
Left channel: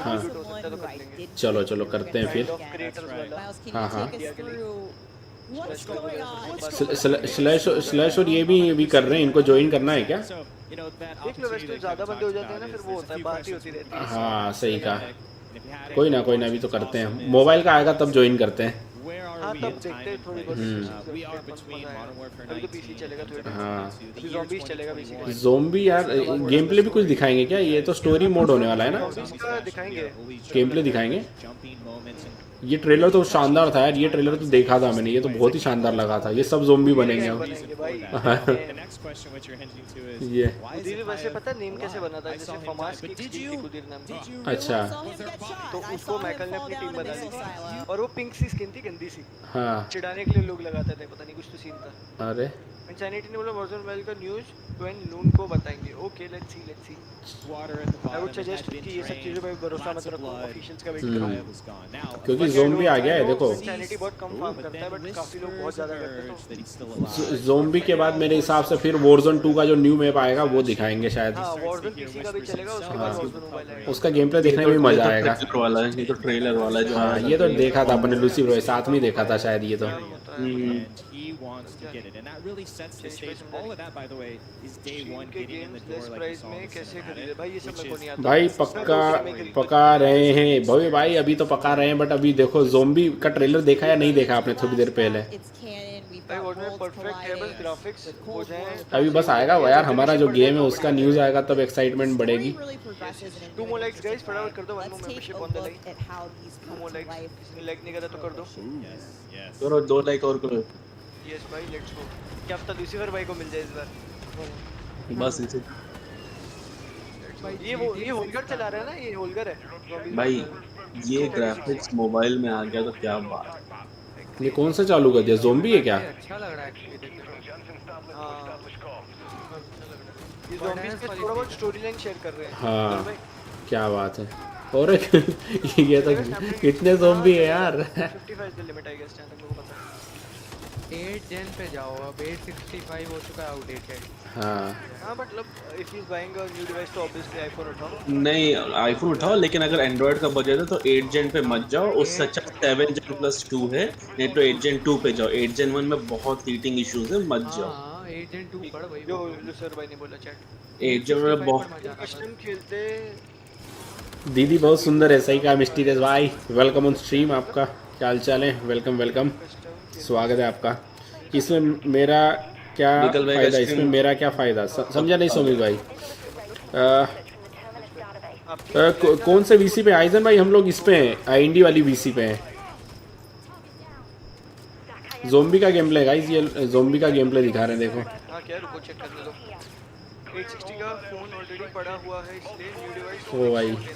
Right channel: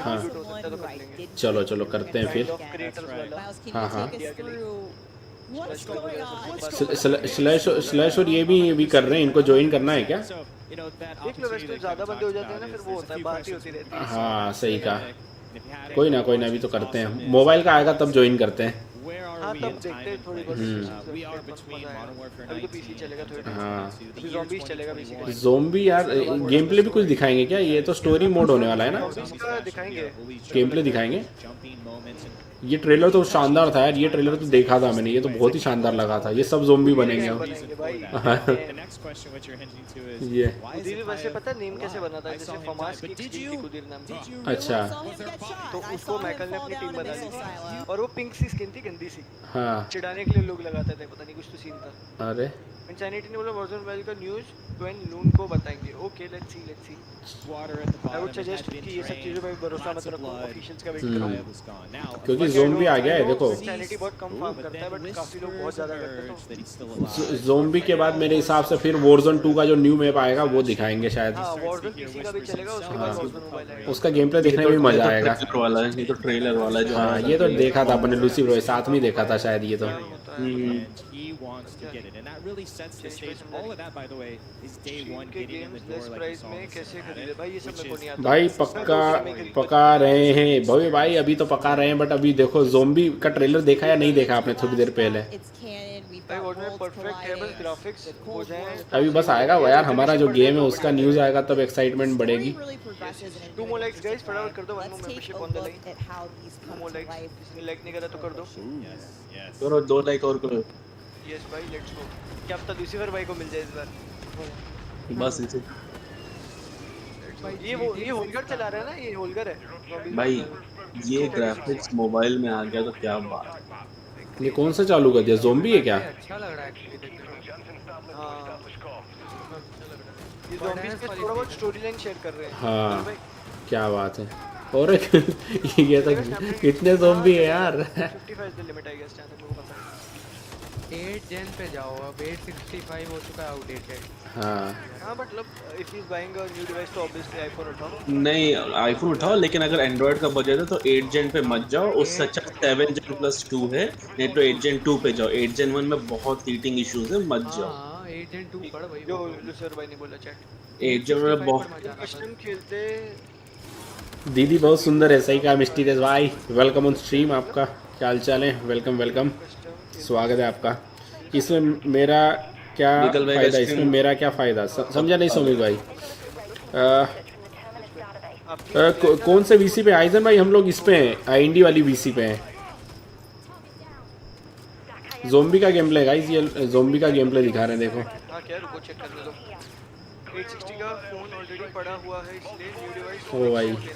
हाँ चलो करते हैं फिर। हाँ स्लैश और ये भी कर रहे हैं, इनको ज्वाइन करना है क्या? देख लो वैसे तो ज्यादा बंदे हो जाते हैं ना, फिर वो होता है, बात ही होती रहती है। हाँ सही कहा। कोई ना अभी तो करते हैं। मोबाइल का आएगा तब ज्वाइन करते हैं। हाँ तब देखते हैं थोड़ी बहुत अभी तो पीसी चलेगा थोड़ी देर। अभी ज़ॉम्बीज चलेगा पीसी का। ज़ॉम्बी यार गेम प्ले भी कुछ दिखाएंगे क्या? ये तो स्टोरी मोड होने वाला है ना। ज़ॉम्बीज का दिखाएंगे, गेम प्ले दिखाएंगे। ये ट्रेलर तो शानदार था यार, ये ट्रेलर तो देखा था मैंने, ये तो बहुत ही शानदार लगा था। ये सब ज़ॉम्बी बनेंगे। ये कुदीर वैसे पता है नेम कैसे बना था? जैसे फमास की थी कुदीर नाम था। अच्छा तो उसको मैकल ने अपनी टीम बना दी थी और वो पिंक सी स्किन थी, गंदी सी। हाँ चिढ़ाने के लिए लोग लगाते थे, पता नहीं कुछ तो सीन था। अरे इंसैनिटी ने बोला Warzone मोबाइल का न्यूज़ ट्वेन लून को बताएंगे। Okay let's see. I would suggest कि ये सब चीज़ों पे भरोसा मत रखो, ऑफिशियल्स का वेट करो। क्योंकि ज़ोंबी आ गया है देखो। इंसैनिटी बहुत कम फार्म करता है बट काफी लोग बहुत ज़्यादा करते हैं तो ज़ोंबी के बाद मेरे हिसाब से फिर Warzone 2 का जो न्यू मैप आएगा वो दिखाएंगे शायद। हाँ Warzone PC का भी चलेगा, उसके बाद Warzone मोबाइल आएगा। उसका गेम प्ले देखने में मजा आएगा। ट्रेलर वाला है, ये तो ट्रेलर वाला है जो आ रहा था। ये तो देखा था अपने लूसी ब्रो साथ में देखा था शायद ये तो। भाई पका रहे हैं भाई अभी तो पका रहे हैं बट अभी देखो ज़ोंबी का ट्रेलर देखा या नहीं देखा आपने थोड़ी देर पहले? अभी बस आएगा वो यार, हमारा जो गेम है उसका न्यूज़ आएगा तब एक्साइटमेंट बढ़ेगी। 2 more likes guys, फटाफट कर दो, 1 more membership on the line। 2 more likes, किसी ने लाइक नहीं करा तो कर दो। करो 2 लाइक और करो। यस भाई लेट्स गो। क्या पता लूसीफर भाई को मिल जाए इस बार। बस इसे ये होलगर चला रहा है ना, ये होलगर है भाई। ये ग्राफिक्स मोबाइल में आ गया तो क्या बात। ये कौन सा चालू कर दिया? ज़ोंबी है क्या? अच्छा लग रहा है एक्चुअली देखने में। हाँ ये ज़ॉम्बीज़ के थोड़ा बहुत स्टोरी लाइन शेयर कर रहे हैं। हाँ क्या बात है। और ये तो कितने ज़ोंबी है यार। 55 द लिमिट आई गेस, जहां तक मेरे को पता है। 8 जेन पे जाओ, अब 865 हो चुका है आउटडेटेड। हाँ मतलब if he is buying a new device तो ऑब्वियसली आईफोन उठाओ। नहीं आईफोन उठाओ, लेकिन अगर एंड्रॉइड का बजट है तो 8 जेन पे मत जाओ, उससे अच्छा 7 जेन प्लस 2 है, नहीं तो 8 जेन 2 पे जाओ। 8 जेन 1 में बहुत हीटिंग इश्यूज है, मत जाओ। हां 8 जेन 2 पड़ भाई जो लूसर भाई ने बोला चैट 8 जेन में बहुत कस्टम खेलते। दीदी बहुत सुंदर है, सही कहा मिस्टीरियस भाई। वेलकम ऑन स्ट्रीम, आपका क्या हाल चाल है? वेलकम स्वागत है आपका। इसमें मेरा क्या फायदा, इसमें मेरा क्या फ़ायदा समझा नहीं सुनी भाई। कौन से वीसी पे आइजन भाई? हम लोग इस पे हैं, इंडी वाली वीसी पे हैं। ज़ोंबी का गेम प्ले गाइस, ये ज़ोंबी का गेम प्ले दिखा रहे हैं देखो। हाँ क्या रुको चेक करने दो। 860 का फोन ऑलरेडी पड़ा हुआ है, इसलिए न्यू डिवाइस वो भाई लेना है।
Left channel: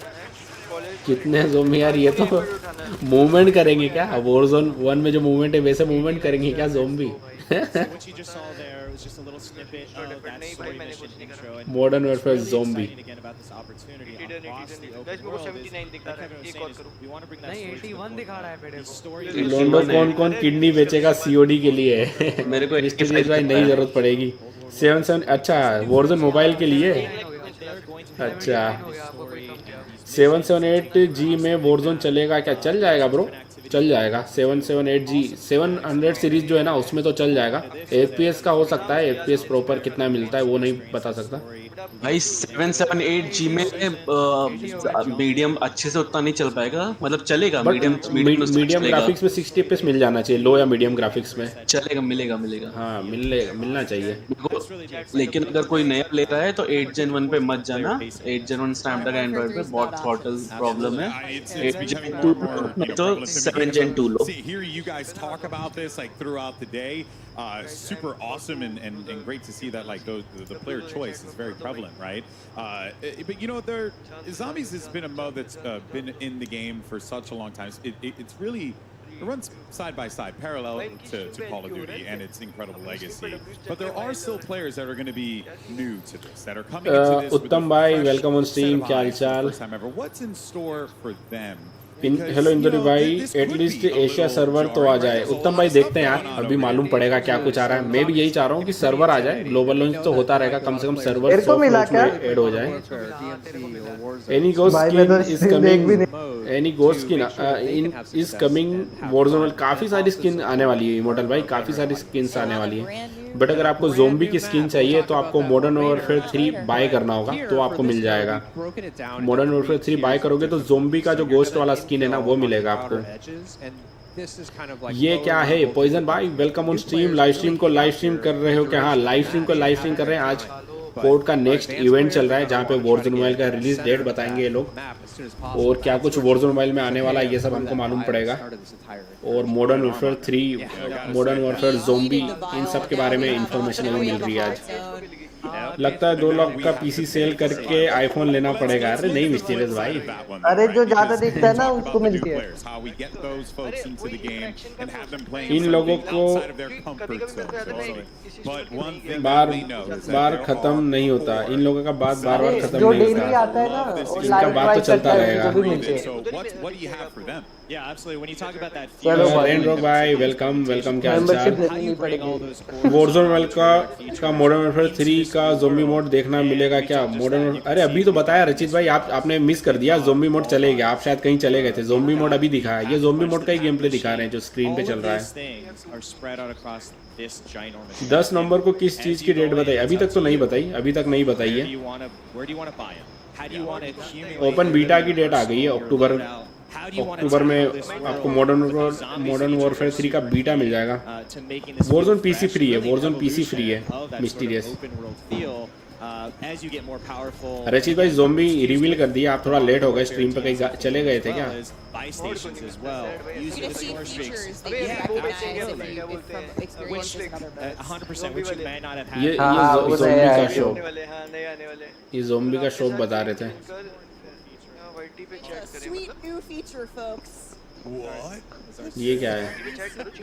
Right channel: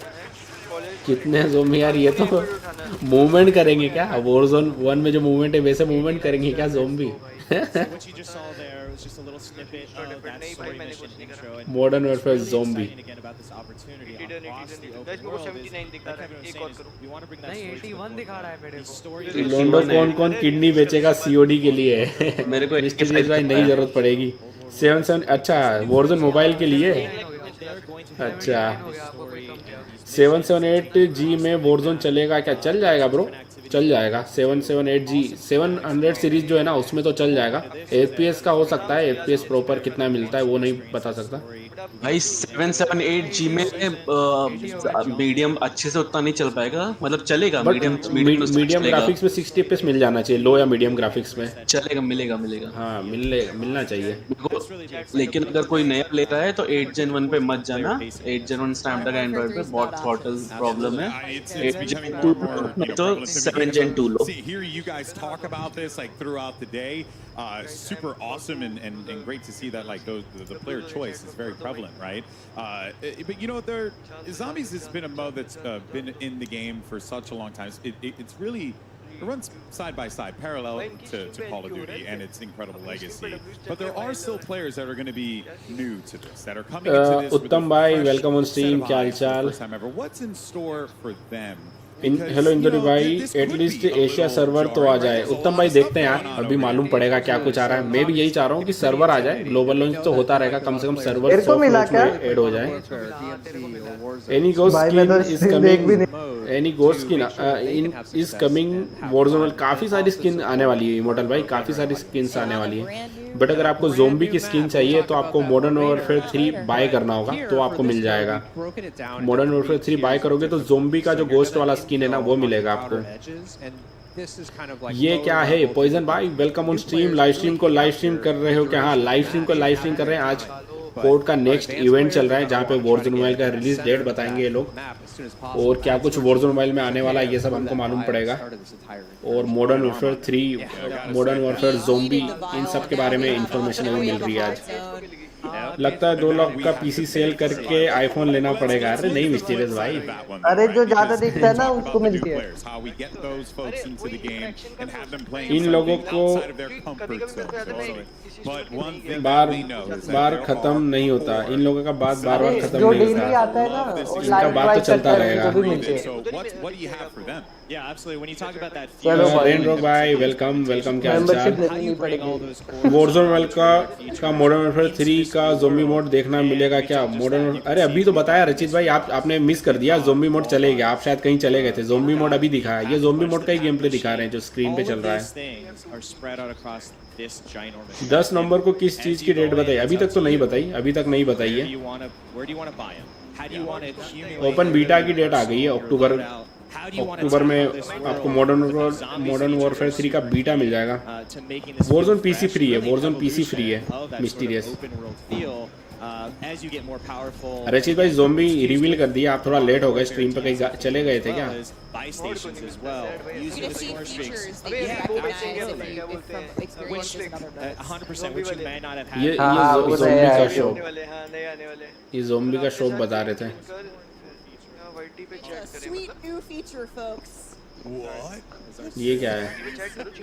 कॉलेज कितने ज़ोंबी यार, ये तो मूवमेंट करेंगे क्या? Warzone 1 में जो मूवमेंट है वैसे मूवमेंट करेंगे क्या zombie? Modern Warfare zombie. Guys मेरे को 79 दिखा रहा है, एक और करो। नहीं 81 दिखा रहा है मेरे को। 81 कौन किडनी बेचेगा सीओडी के लिए? मेरे को 85 नहीं जरूरत पड़ेगी। 7 अच्छा Warzone मोबाइल के लिए। अच्छा 778G में Warzone चलेगा क्या? चल जाएगा ब्रो, चल जाएगा। 778G 700 सीरीज जो है ना उसमें तो चल जाएगा। FPS का हो सकता है, FPS प्रॉपर कितना मिलता है वो नहीं बता सकता भाई। 778G में मीडियम अच्छे से उतना नहीं चल पाएगा, मतलब चलेगा मीडियम ग्राफिक्स में 60 FPS मिल जाना चाहिए, लो या मीडियम ग्राफिक्स में चलेगा, मिलेगा। हाँ मिलना चाहिए। लेकिन अगर कोई नया ले रहा है तो 8 Gen 1 पे मत जाना। 8 Gen 1 स्नैपड्रैगन एंड्रॉइड पे बहुत थ्रॉटल प्रॉब्लम है। 8 Gen 2 तो 7 Gen 2 low. See, hearing you guys talk about this like throughout the day, super awesome and great to see that like the player choice is very prevalent, right? But you know, zombies has been a mode that's been in the game for such a long time. It's really it runs side by side, parallel to Call of Duty and its incredible legacy. But there are still players that are going to be new to this, that are coming into this with a fresh set of eyes for the first time ever. What's in store for them? Hello Indori भाई, एटलीस्ट एशिया सर्वर तो आ जाए। उत्तम भाई देखते हैं यार, अभी मालूम पड़ेगा क्या कुछ आ रहा है। मैं भी यही चाह रहा हूँ कि सर्वर आ जाए, ग्लोबल लॉन्च तो होता रहेगा, कम से कम सर्वर मेरे को मिला क्या? एनी गोस्ट भाई मैं तो स्ट्रीम देख भी नहीं। एनी गोस्ट की इज कमिंग Warzone, काफी सारी स्किन आने वाली है इमॉर्टल भाई, काफी सारी स्किन्स आने वाली है। बट अगर आपको ज़ोंबी की स्किन चाहिए तो आपको मॉडर्न वॉरफेयर 3 बाय करना होगा, तो आपको मिल जाएगा। मॉडर्न वॉरफेयर 3 बाय करोगे तो ज़ोंबी का जो गोस्ट वाला स्किन है ना वो मिलेगा आपको। ये क्या है पॉइजन भाई? Welcome on stream. Live stream को लाइव स्ट्रीम कर रहे हो क्या? हाँ लाइव स्ट्रीम को लाइव स्ट्रीम कर रहे हैं आज। कोड का नेक्स्ट इवेंट चल रहा है जहाँ पे वॉरजोन मोबाइल का रिलीज डेट बताएंगे ये लोग, और क्या कुछ वॉरजोन मोबाइल में आने वाला है ये सब हमको मालूम पड़ेगा। और Modern Warfare 3, Modern Warfare zombie, इन सब के बारे में इंफॉर्मेशन मिल रही है। लगता है 2 लाख का पीसी सेल करके आईफोन लेना पड़ेगा। अरे नहीं मिस्टीरियस भाई, अरे जो ज्यादा दिखता है ना उसको मिलती है। इन लोगों को बार खत्म नहीं होता, इन लोगों का बात बार अरे जो डेली आता है ना और लाइव ट्राई करता है उनको भी मिलते हैं। चलो भाई वेलकम मेंबरशिप लेनी पड़ेगी। वॉरजोन वर्ल्ड का मॉडर्न वॉरफेयर 3 का ज़ोंबी मोड देखना मिलेगा क्या? मॉडर्न, अरे अभी तो बताया रचित भाई, आपने मिस कर दिया। ज़ोंबी मोड चलेगा, आप शायद कहीं चले गए थे। ज़ोंबी मोड अभी दिखाया, ये ज़ोंबी मोड का ही गेम प्ले दिखा रहे हैं जो स्क्रीन पे चल रहा है। 10 नवंबर को किस चीज की डेट बताई? अभी तक तो नहीं बताई, अभी तक नहीं बताई है। ओपन बीटा की डेट आ गई है अक्टूबर में आपको मॉडर्न वॉरफेयर 3 का बीटा मिल जाएगा। वॉरजोन पीसी फ्री है, वॉरजोन पीसी फ्री है। मिस्टीरियस रचित भाई ज़ोंबी रिवील कर दिया, आप थोड़ा लेट हो गए, स्ट्रीम पे कहीं चले गए थे क्या? ये ज़ोंबी का शो बता रहे थे। Sweet new feature, folks. What? ये क्या है?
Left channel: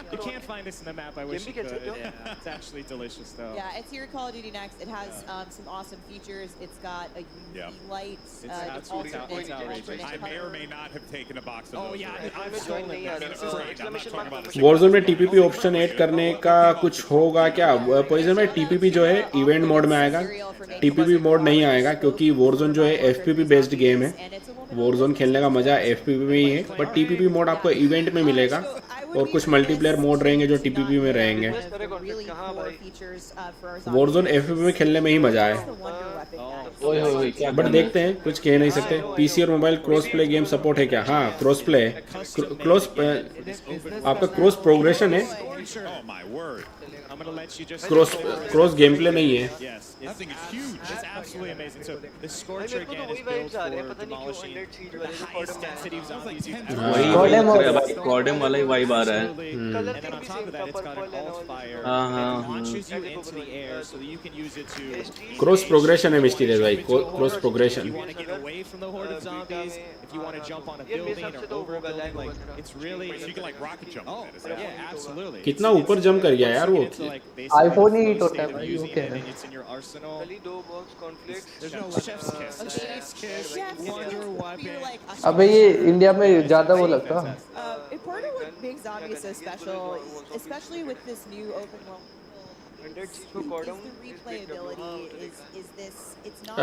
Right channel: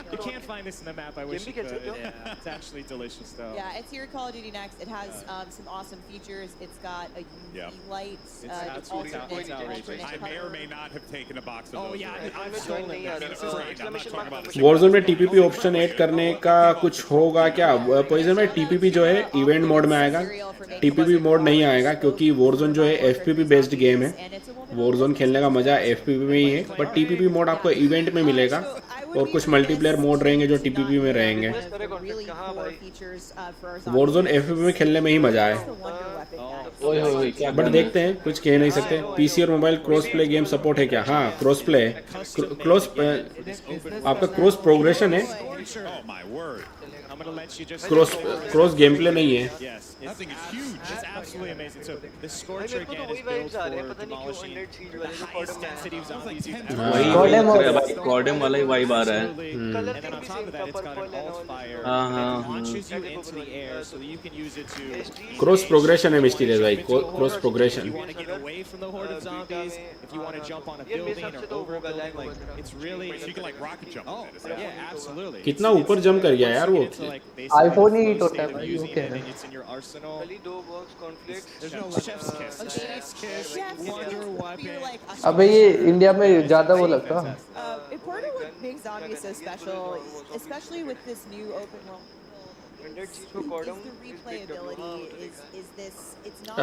You can't find this in the map. I wish you could. Yeah, it's actually delicious though. Yeah, it's here Call of Duty Next. It has some awesome features. It's got a UV light. It's outrageous. I may or may not have taken a box of those. Oh yeah, I've stolen them. I'm not talking about this. Warzone में टीपीपी ऑप्शन ऐड करने का कुछ होगा क्या? पोजीशन में टीपीपी जो है इवेंट मोड में आएगा, टीपीपी मोड नहीं आएगा क्योंकि वॉरजोन जो है एफपीपी बेस्ड गेम है। वॉरजोन खेलने का मजा एफपीपी में ही है, पर टीपीपी मोड आपको इवेंट में मिलेगा और कुछ मल्टीप्लेयर मोड रहेंगे जो टीपीपी में रहेंगे। वॉरजोन एफपीपी में खेलने में ही मजा है। बट देखते हैं, कुछ कह नहीं सकते। पीसी और mobile cross play game support है क्या? हाँ, क्रॉस प्ले है। आपका क्रॉस प्रोग्रेशन है, क्रॉस गेम प्ले नहीं है। वही कॉर्डम वाला ही वाइब आ रहा है। क्रॉस प्रोग्रेशन है मिस्टीरियस भाई, क्रॉस प्रोग्रेशन। कितना ऊपर जंप कर गया यार वो। आईफोन ही हिट होता है भाई, वो क्या है? अबे ये इंडिया में ज्यादा वो लगता है। Part of what makes Zombie so special, especially with this new open world, is the replayability. Is this? It's not.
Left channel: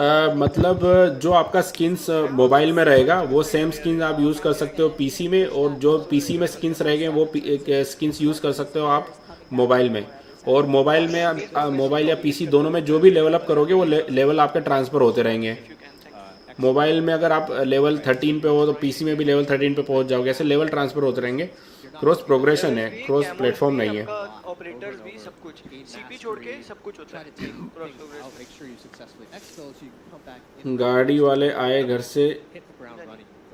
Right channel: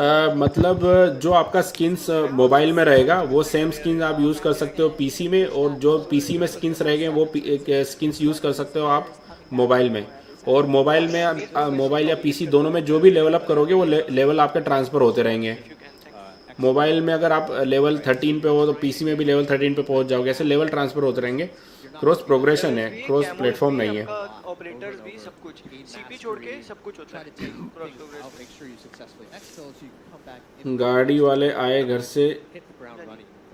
मतलब जो आपका स्किन्स मोबाइल में रहेगा वो सेम स्किन्स आप यूज कर सकते हो पीसी में, और जो पीसी में स्किन्स रहेंगे वो स्किन्स यूज कर सकते हो आप मोबाइल में। और मोबाइल में मोबाइल या पीसी दोनों में जो भी लेवल अप करोगे वो लेवल आपके ट्रांसफर होते रहेंगे। मोबाइल में अगर आप लेवल 13 पे हो तो पीसी में भी लेवल 13 पे पहुंच जाओगे, ऐसे लेवल ट्रांसफर होते रहेंगे। क्रॉस प्रोग्रेशन है, क्रॉस प्लेटफॉर्म नहीं है। ऑपरेटर्स भी सब कुछ सीपी छोड़ के सब कुछ होता है। गाड़ी वाले आए घर से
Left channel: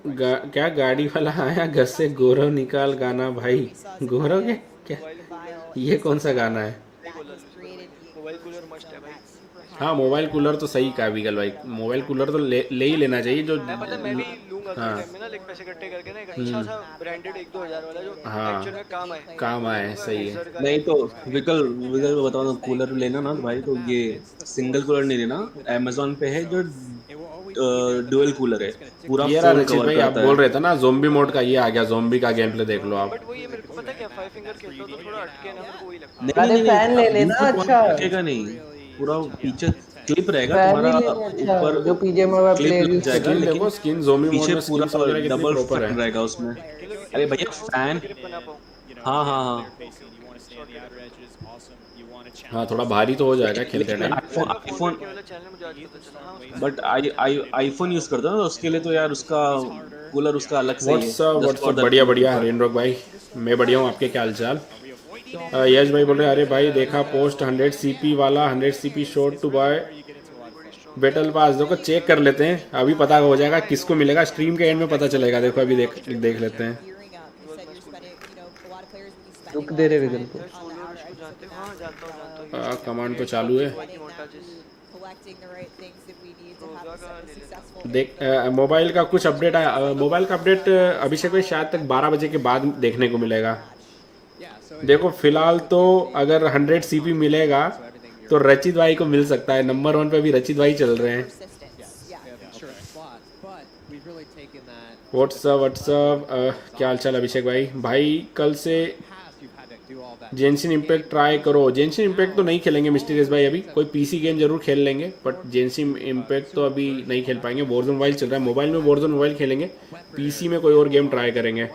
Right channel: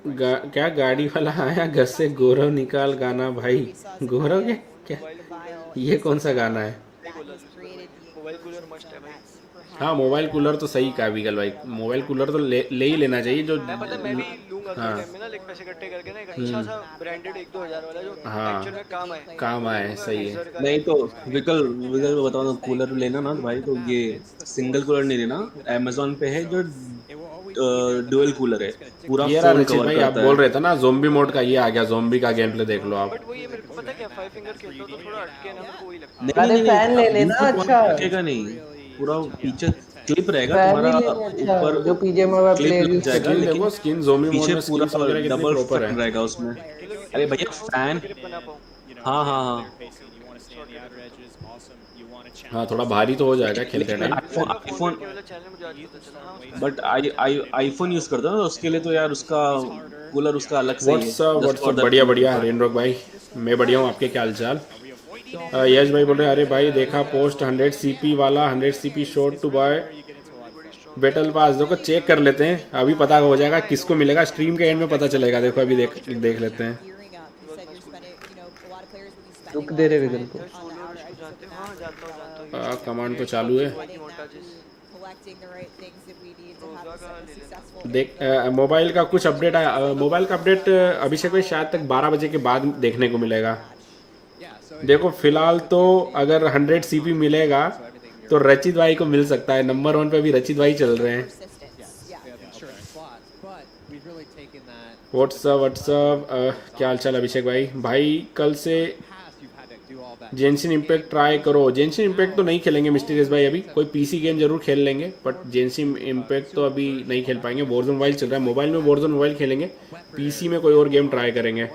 क्या गाड़ी वाला आया घर से गोरो निकाल गाना भाई। गोरो क्या, ये कौन सा गाना है? मोबाइल कूलर मस्ट है भाई। हाँ, मोबाइल कूलर तो सही कहा विगल भाई, मोबाइल कूलर तो ले ही लेना चाहिए। जो मैं भी लूंगा थोड़े टाइम में ना, लाइक पैसे इकट्ठे करके ना, एक अच्छा सा ब्रांडेड 1-2 हज़ार वाला जो एक्चुअल में काम आए। सही है। नहीं तो विकल को बताओ, कूलर लेना ना तो भाई, तो ये सिंगल कूलर नहीं लेना। अमेज़न पे है जो डुअल कूलर है, पूरा फोन कवर करता है। बोल रहे थे ना ज़ोंबी मोड का, ये आ गया। ज़ोंबी का गेम प्ले देख लो आप। बट वो ये मेरे को पता क्या, 5 फिंगर खेलता तो थोड़ा अटके ना, मेरे को वही लगता है। अरे फैन ले लेना। अच्छा नहीं, पूरा पीछे क्लिप रहेगा तुम्हारा ऊपर, जो पीजे में क्लिप लग जाएगा, लेकिन पीछे पूरा डबल फैन रहेगा उसमें। अरे भैया फैन, हाँ हाँ हाँ हाँ, थोड़ा भारी तो हो जाएगा खेलते time. IPhone, but iPhone use करता है ना, उसके लिए तो यार उसका कूलर उसका अलग से ही है। बढ़िया बढ़िया हिंड्रोक भाई, मैं बढ़िया हूँ। आपके क्या हालचाल? यश भाई बोले अरे भाई देखा पोस्ट 100 सीपी वाला, 100 CP shot to buy battle pass देखो चेक कर लेते हैं, अभी पता हो जाएगा किसको मिलेगा, स्ट्रीम के एंड में पता चलेगा। देखो अभी देख लेते हैं। रुक दे रहे विगल को। कमांड तो चालू है। देख मोबाइल का कुछ अपडेट आया, मोबाइल का अपडेट अभिषेक भाई शायद तक 12 बजे के बाद देखने को मिलेगा। देखो फिलहाल तो अगर 100 सीपी मिलेगा तो रचित भाई को मिल सकता है। नंबर 1 पे भी रचित भाई चल रहे हैं। व्हाट्सअप क्या हाल चाल अभिषेक भाई? भाई कल से जेंशिन इम्पैक्ट ट्राई करो। जेंशिन इम्पैक्ट तो नहीं खेलेंगे मिस्टीरियस भाई, अभी कोई पीसी गेम जरूर खेल लेंगे, बट जेंशिन इम्पैक्ट तो अभी नहीं खेल पाएंगे। वॉरज़ोन मोबाइल चल रहा है, मोबाइल में वॉरज़ोन मोबाइल खेलेंगे, पीसी में कोई और गेम ट्राई करेंगे।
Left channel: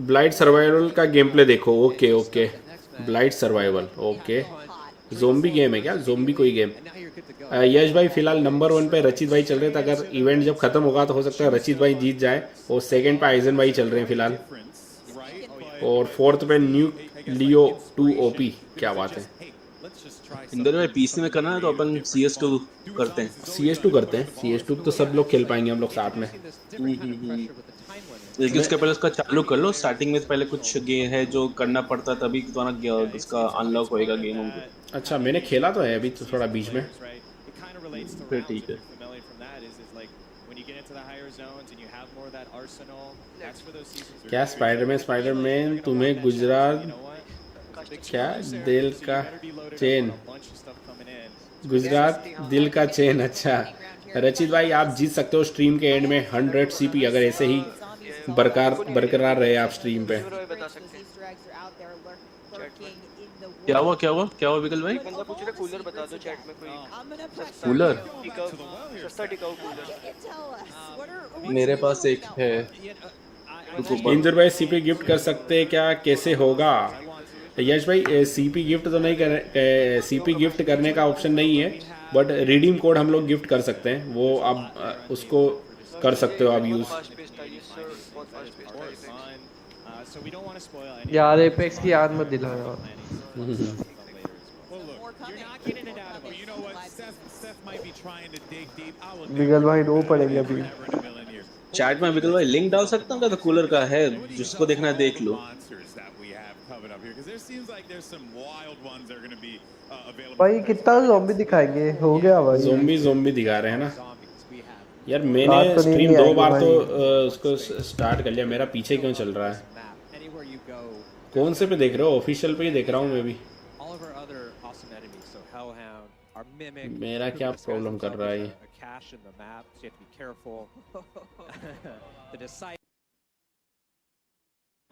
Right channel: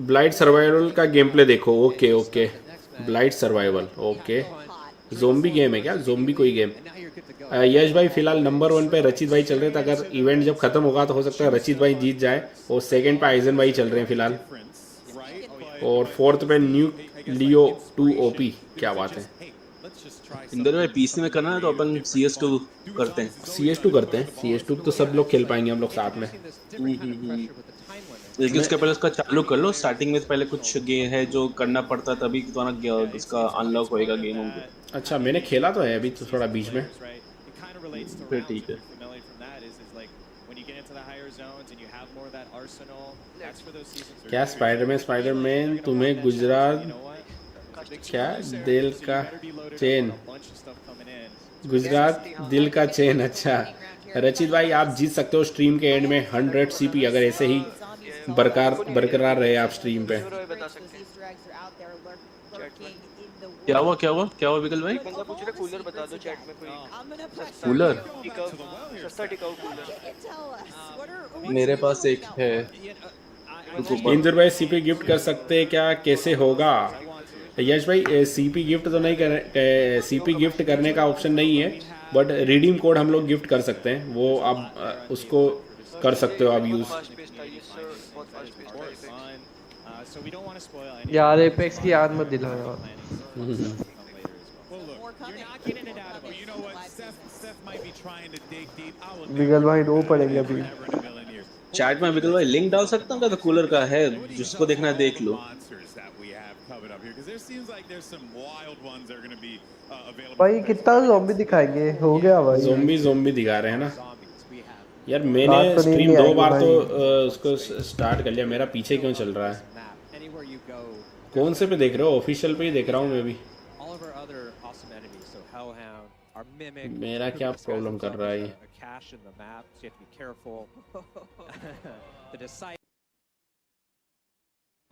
ब्लाइट सर्वाइवल का गेम प्ले देखो। Okay okay, blight survival okay. Zombie game है क्या? ज़ोंबी कोई गेम? यश भाई फिलहाल नंबर 1 पे रचित भाई चल रहे थे। अगर इवेंट जब खत्म होगा तो हो सकता है रचित भाई जीत जाए, और सेकंड पे आइजन भाई चल रहे हैं फिलहाल, और फोर्थ पे न्यू लियो 2 ओपी। क्या बात है। इंदर में पीसी में करना है तो अपन CS2 करते हैं। CS2 करते हैं, CS2 तो सब लोग खेल पाएंगे हम लोग साथ में। लेकिन उसके पहले उसका चालू कर लो। स्टार्टिंग में पहले कुछ गेम है जो करना पड़ता है, तभी तुम्हारा उसका अनलॉक होएगा गेम होंगे। अच्छा मैंने खेला तो है अभी तो थोड़ा बीच में। फिर ठीक है। क्या स्पाइडरमैन तुम्हें गुजरात क्या दिल का चेन, गुजरात दिल का चेन। अच्छा रचित भाई आप जीत सकते हो स्ट्रीम के एंड में 100 सीपी, अगर ऐसे ही बरकरार रहे आप स्ट्रीम पे। क्या हुआ विकल भाई? बंदा पूछ रहा कूलर बता दो चैट में कोई। कूलर सस्ता टिकाऊ कूलर मेरे पास एक है। इंदर भाई सीपी गिफ्ट कर सकते हैं क्या, कैसे होगा? यश भाई सीपी गिफ्ट तो नहीं कर, सीपी गिफ्ट करने का ऑप्शन नहीं है, बट रिडीम कोड हम लोग गिफ्ट कर सकते हैं, वो आप उसको कर सकते हो आप यूज। यार एपेक्स की याद मत दिलाओ। विगल भाई रो पड़ेंगे अभी। चैट में विकल भाई लिंक डाल सकता हूँ क्या? तो कूलर का है, जिसको देखना है देख लो। भाई कितना ज़ॉम्बी दिखाएंगे? हो गया भाई, ज़ॉम्बी दिखा रहे हैं ना यार। मैंने तो स्ट्रीम 2 बार तो उसको स्टार्ट कर लिया, मेरा पीछे क्यों चल रहा है? कौन से पे देख रहे हो? ऑफिशियल पे ही देख रहा हूँ मैं भी। मेरा क्या प्रॉब्लम कर रहा है?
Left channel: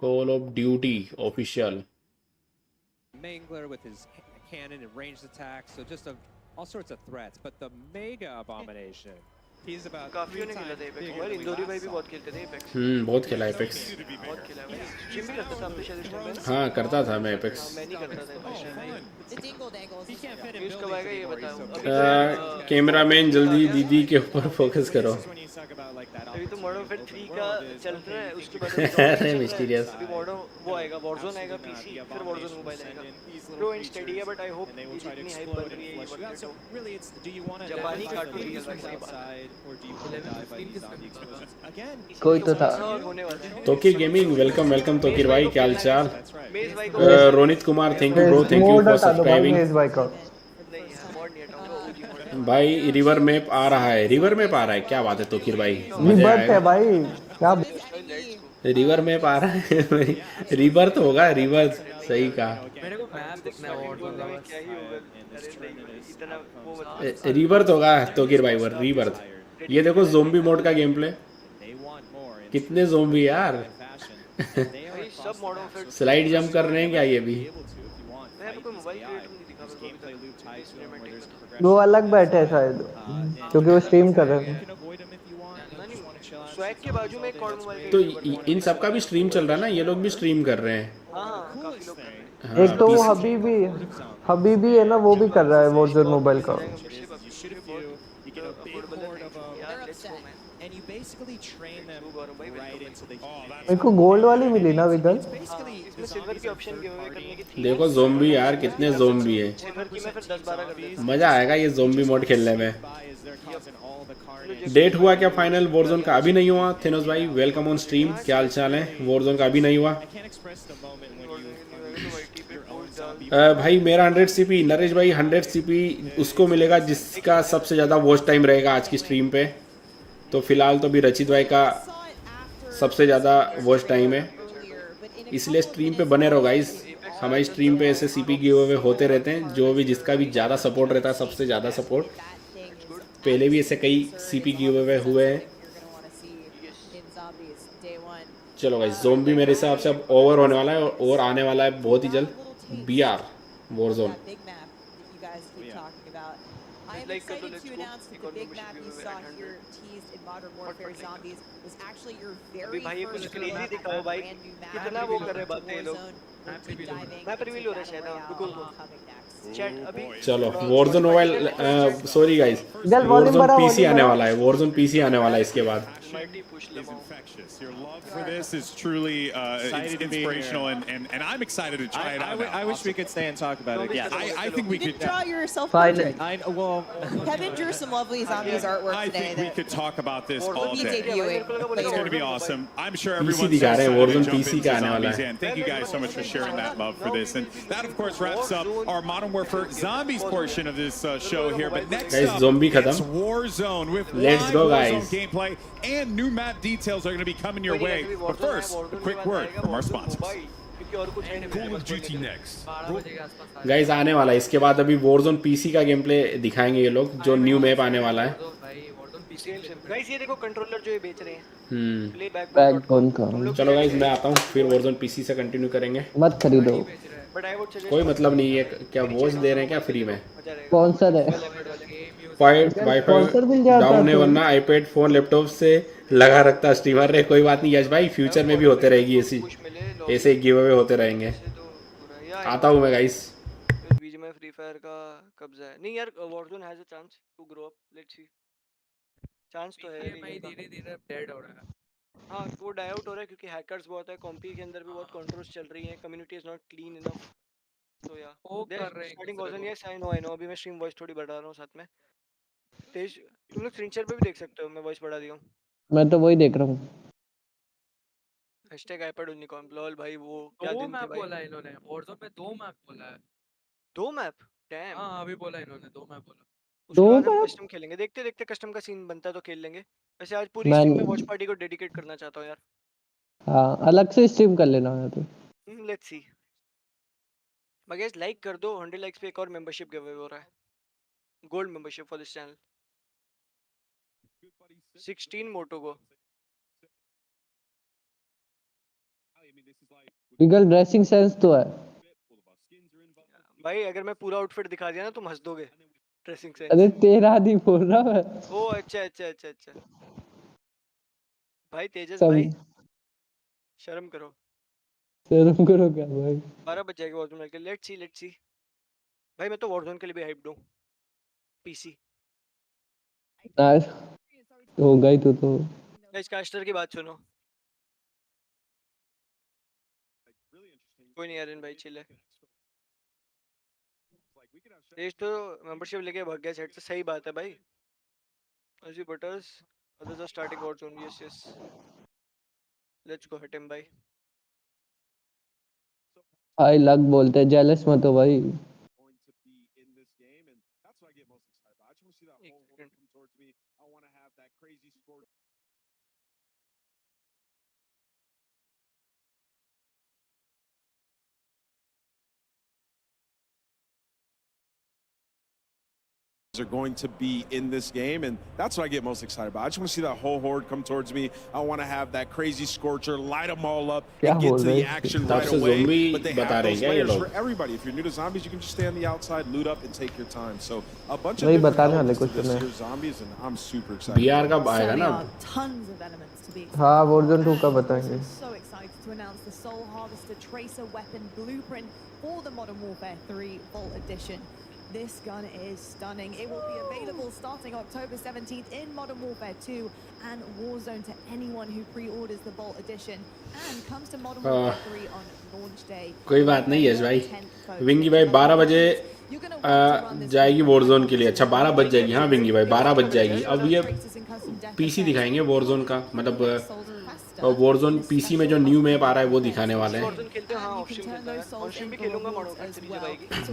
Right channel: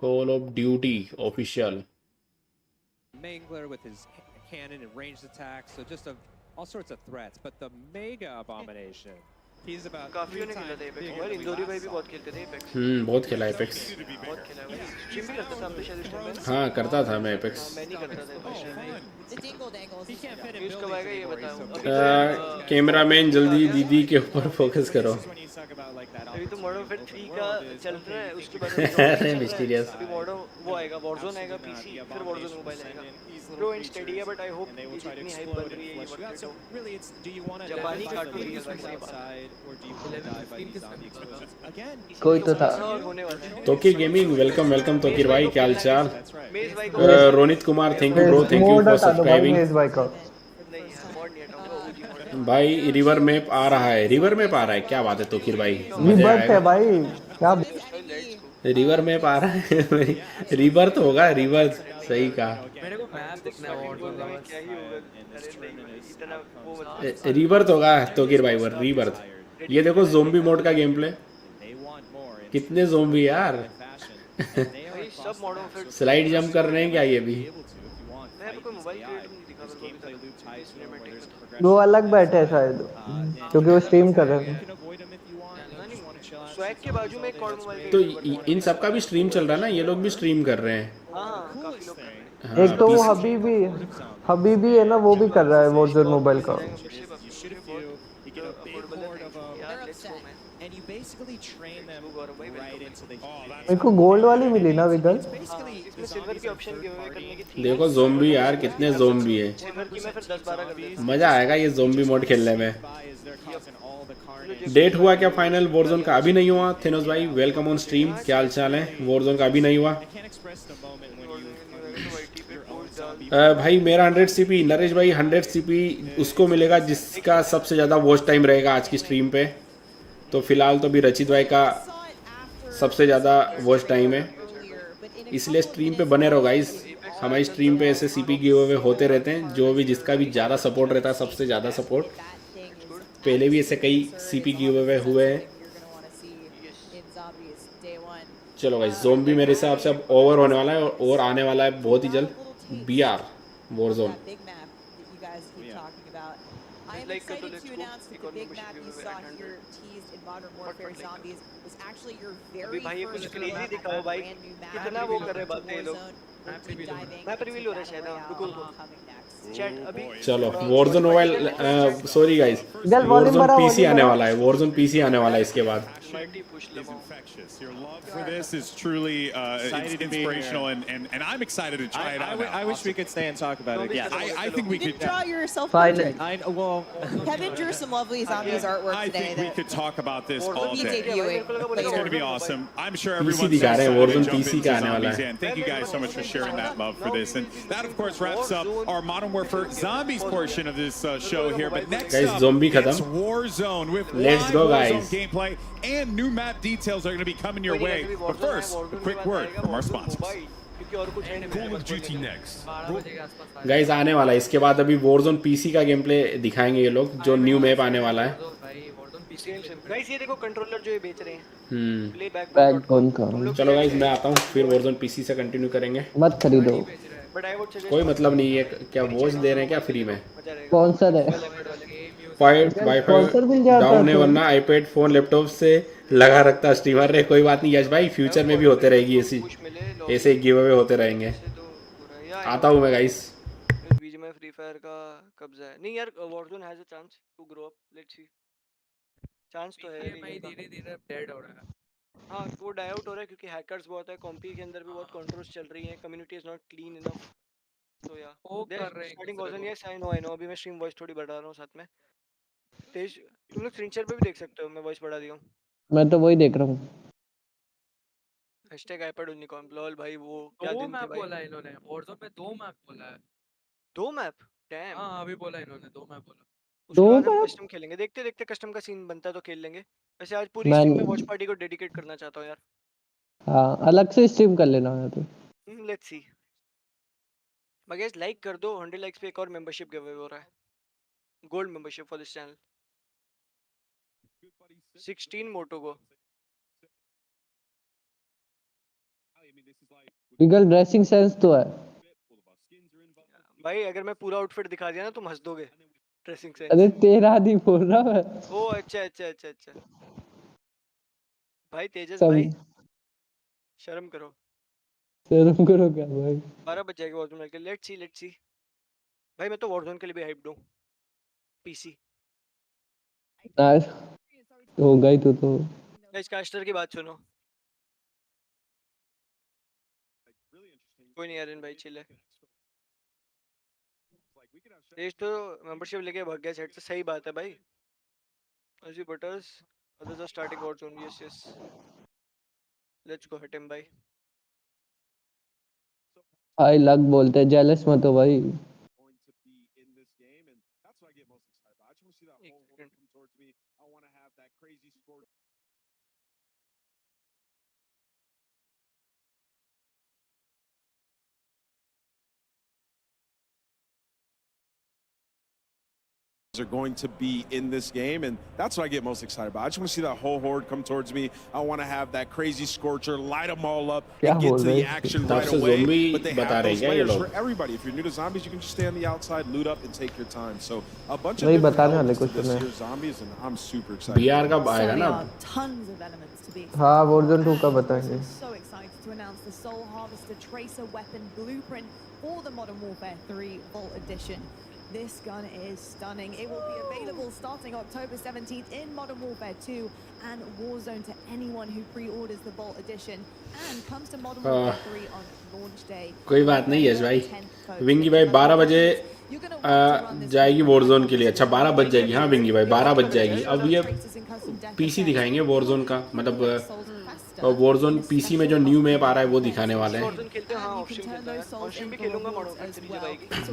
Call of duty official. Mangler with his cannon and ranged attacks, so just all sorts of threats. But the Mega Abomination, he's about काफी ने खेला था एपेक्स। और इंदौरी भाई भी बहुत खेलते थे एपेक्स। बहुत खेला एपेक्स, बहुत खेला है। स्ट्रीम भी करता था आप तो शायद इस टाइम पे। हाँ करता था मैं एपेक्स। मैं नहीं करता था apex. The dingle dangles. Use कब आएगा ये बताओ। अभी तो कैमरामैन जल्दी दीदी के ऊपर फोकस करो। अभी तो मॉडर्न वेयर 3 का चल रहा है, उसके बाद अभी मॉडर्न वो आएगा, वॉरज़ोन आएगा पीसी, फिर वॉरज़ोन मोबाइल आएगा। प्रो एंड स्टेडी है, बट आई होप इतनी हाइप बन रही है ये वर्क तो जापानी कार्टून रियल कोई तो था। Tauqeer gaming welcome welcome Tauqeer भाई, क्या हाल चाल? Ronit Kumar thank you mode हटा दो भाई मेज भाई का। भाई रिवर मैप आ रहा है, रिवर मैप आ रहा है, क्या बात है तोकिर भाई? रिबर्थ है भाई, क्या रिवर मैप आ रहा है? रिवर तो होगा, रिवर सही कहा। मेरे को मैप देखना है और क्या ही होगा। इतना वो रिवर तो होगा तोकिर भाई, रिवर। ये देखो ज़ोंबी मोड का गेम प्ले, कितने ज़ोंबी यार। सब मॉडर्न फिर स्लाइड जंप कर रहे हैं क्या ये भी? कोई मोबाइल क्रिएटर नहीं दिखा मेरे को। वो अलग बैठे हैं शायद, क्योंकि वो स्ट्रीम कर रहे हैं। स्वैग के बाजू में एक कॉर्ड मोबाइल तो इन सब का भी स्ट्रीम चल रहा है ना, ये लोग भी स्ट्रीम कर रहे हैं। हाँ काफी लोग कर रहे हैं। एक तो वो हबीबी है ना, वो भी कर रहा है वॉरज़ोन मोबाइल का। You get a big horde of them, and you basically train them right into the मेरे को गोल्ड वाली मिली ना विगल? इसमें सिल्वर की ऑप्शन गिव अवे करने की थी। देखो ज़ोंबी यार कितने ज़ोंबी है। सिल्वर की मैं फिर 10-12 कर देता। मजा आएगा ये ज़ोंबी मोड खेलने में। डेट हुआ क्या फाइनल वॉरज़ोन का? अभी नहीं हुआ। थिनोस भाई वेलकम ऑन स्ट्रीम, क्या हाल चाल है? वॉरज़ोन का अभी नहीं हुआ। भाई मेरा 100 सीपी, नरेश भाई 100 सीपी उसको मिलेगा जिसका सबसे ज्यादा वॉच टाइम रहेगा आज की स्ट्रीम पे। तो फिलहाल तो भी रचित भाई का सबसे ज्यादा वॉच टाइम है, इसलिए स्ट्रीम पे बने रहो गाइस। हमारी स्ट्रीम पे ऐसे सीपी गिव अवे होते रहते हैं, जो भी जिसका भी ज्यादा सपोर्ट रहता है, सबसे ज्यादा सपोर्ट। पहले भी ऐसे कई सीपी गिव अवे हुए हैं। चलो भाई ज़ोंबी मेरे हिसाब से अब ओवर होने वाला है और आने वाला है बहुत ही जल्द BR Warzone. I am excited to announce that the big map you saw here teased in Modern Warfare Zombies was actually your very first brand new map. कितना वो कर रहे बातें ये लोग। मैं प्रीव्यू हो रहा है शायद। चैट अभी चलो वॉरज़ोन मोबाइल, सॉरी गाइस, गल वॉल्यूम बढ़ा, पीसी आने वाला है, वॉरज़ोन पीसी आने वाला है इसके बाद। Is infectious. Your love for this is truly it's inspirational, and I'm excited to try it out. I wish we could stay and talk about it. Yeah, I think we You could. did draw your self-portrait. well, Kevin drew some lovely zombies artwork I today. think we could talk about this all We'll be day. debuting. It's going to be awesome. I'm sure everyone's so excited to jump into zombies. And thank you guys so much for sharing that love for this. And that, of course, wraps up our Modern Warfare Zombies portion of this show here. But next up, it's Warzone with live Warzone gameplay and new map details are going to be coming your way. But first, a quick word from our sponsors. Call of Duty next. Guys आने वाला है इसके बाद। अभी वॉरज़ोन पीसी का गेम प्ले दिखाएंगे ये लोग, जो न्यू मैप आने वाला है। गाइस ये देखो कंट्रोलर जो ये बेच रहे हैं, प्ले बैक बंद करो। चलो गाइस मैं आता हूँ, फिर वॉरज़ोन पीसी से कंटिन्यू करेंगे। मत खरीदो, बट आई वुड सजेस्ट कोई मतलब नहीं है। क्या वॉच दे रहे हैं क्या फ्री में? स्पॉन्सर है, स्पॉन्सर मिल जाता है तो। वरना आईपैड फोन लैपटॉप से लगा रखता स्ट्रीमर रे। कोई बात नहीं यश भाई, फ्यूचर में भी होते रहेगी ऐसे गिव अवे होते रहेंगे। आता हूँ मैं गाइस। बीच में फ्री फायर का कब्जा है। नहीं यार, Warzone has a chance to grow up, let's see. Chance तो है भाई, धीरे-धीरे डेड हो रहा है। हाँ वो डाई आउट हो रहा है क्योंकि हैकर्स बहुत है, कॉम्पी के अंदर भी बहुत कंट्रोल्स चल रही हैं, community is not clean enough. तो या starting version, yes I know. अभी मैं स्ट्रीम वॉइस थोड़ी बढ़ा रहा हूँ साथ में। तेज तुम लोग स्क्रीन शेयर पे भी देख सकते हो, मैं वॉइस बढ़ा दिया हूँ। मैं तो वही देख रहा हूँ। #iPad यूनिकॉर्न लॉल भाई, वो क्या दिन थे मैप भाई। बोला इन्होंने, वॉरज़ोन में 2 मैप बोला है। 2 मैप? डैम। हाँ अभी बोला इन्होंने 2 मैप बोला। उसके बाद हम कस्टम खेलेंगे, देखते देखते कस्टम का सीन बनता है तो खेल लेंगे। वैसे आज पूरी स्ट्रीम में वॉच पार्टी को डेडिकेट करना चाहता हूँ यार। हाँ अलग से स्ट्रीम कर लेना है तो। Let's see. गाइस लाइक कर दो, 100 लाइक्स पे एक और मेंबरशिप गिव अवे हो रहा है, gold membership for this channel. 16 मोटो को बिगल ड्रेसिंग सेंस तो है भाई। अगर मैं पूरा आउटफिट दिखा दिया ना तुम हंस दोगे। ड्रेसिंग सेंस अरे तेरा नहीं बोल रहा मैं। ओ अच्छा भाई तेजस भाई शर्म करो क्या भाई। 12 बज जाएगा वॉरज़ोन के। लेट्स सी भाई, मैं तो वॉरज़ोन के लिए भी हाइप्ड हूं। पीसी हो गई तो गाइस कास्टर की बात सुनो। कोई नहीं यार भाई, चिल है। तेज तो मेंबरशिप लेके भाग गया सेट से, सही बात है भाई। अजी buttress others are starting Warzone, yes let's go hit him भाई। भाई लग बोलते हैं, जेलस मत हो भाई। Are going to be in this game, and that's what I get most excited about. I just want to see that whole horde come towards me. I want to have that crazy scorcher, light them all up, and get to the action right away. But they have those layers for everybody. If you're new to zombies, you can just stay on the outside, loot up, and take your time. So a bunch of different elements to this year's zombies, and I'm super excited. Certainly are tons of elements to be excited. हाँ Warzone 2 का बताएंगे। So excited to announce the Soul Harvester Tracer Weapon Blueprint for the Modern Warfare 3 Vault Edition. This gun is stunning. It will be available starting October 17th in Modern Warfare 2 and Warzone to anyone who pre-orders the Vault Edition and comes to Modern Warfare 3 on launch day. कोई बात नहीं यश भाई, विंगी भाई 12 बजे जाएगी वॉरजोन के लिए। अच्छा 12 बज जाएगी, हाँ विंगी भाई 12 बज जाएगी। अब ये पीसी दिखाएंगे वॉरजोन का, मतलब वॉरजोन पीसी में जो न्यू मैप आ रहा है वो दिखाने वाले हैं।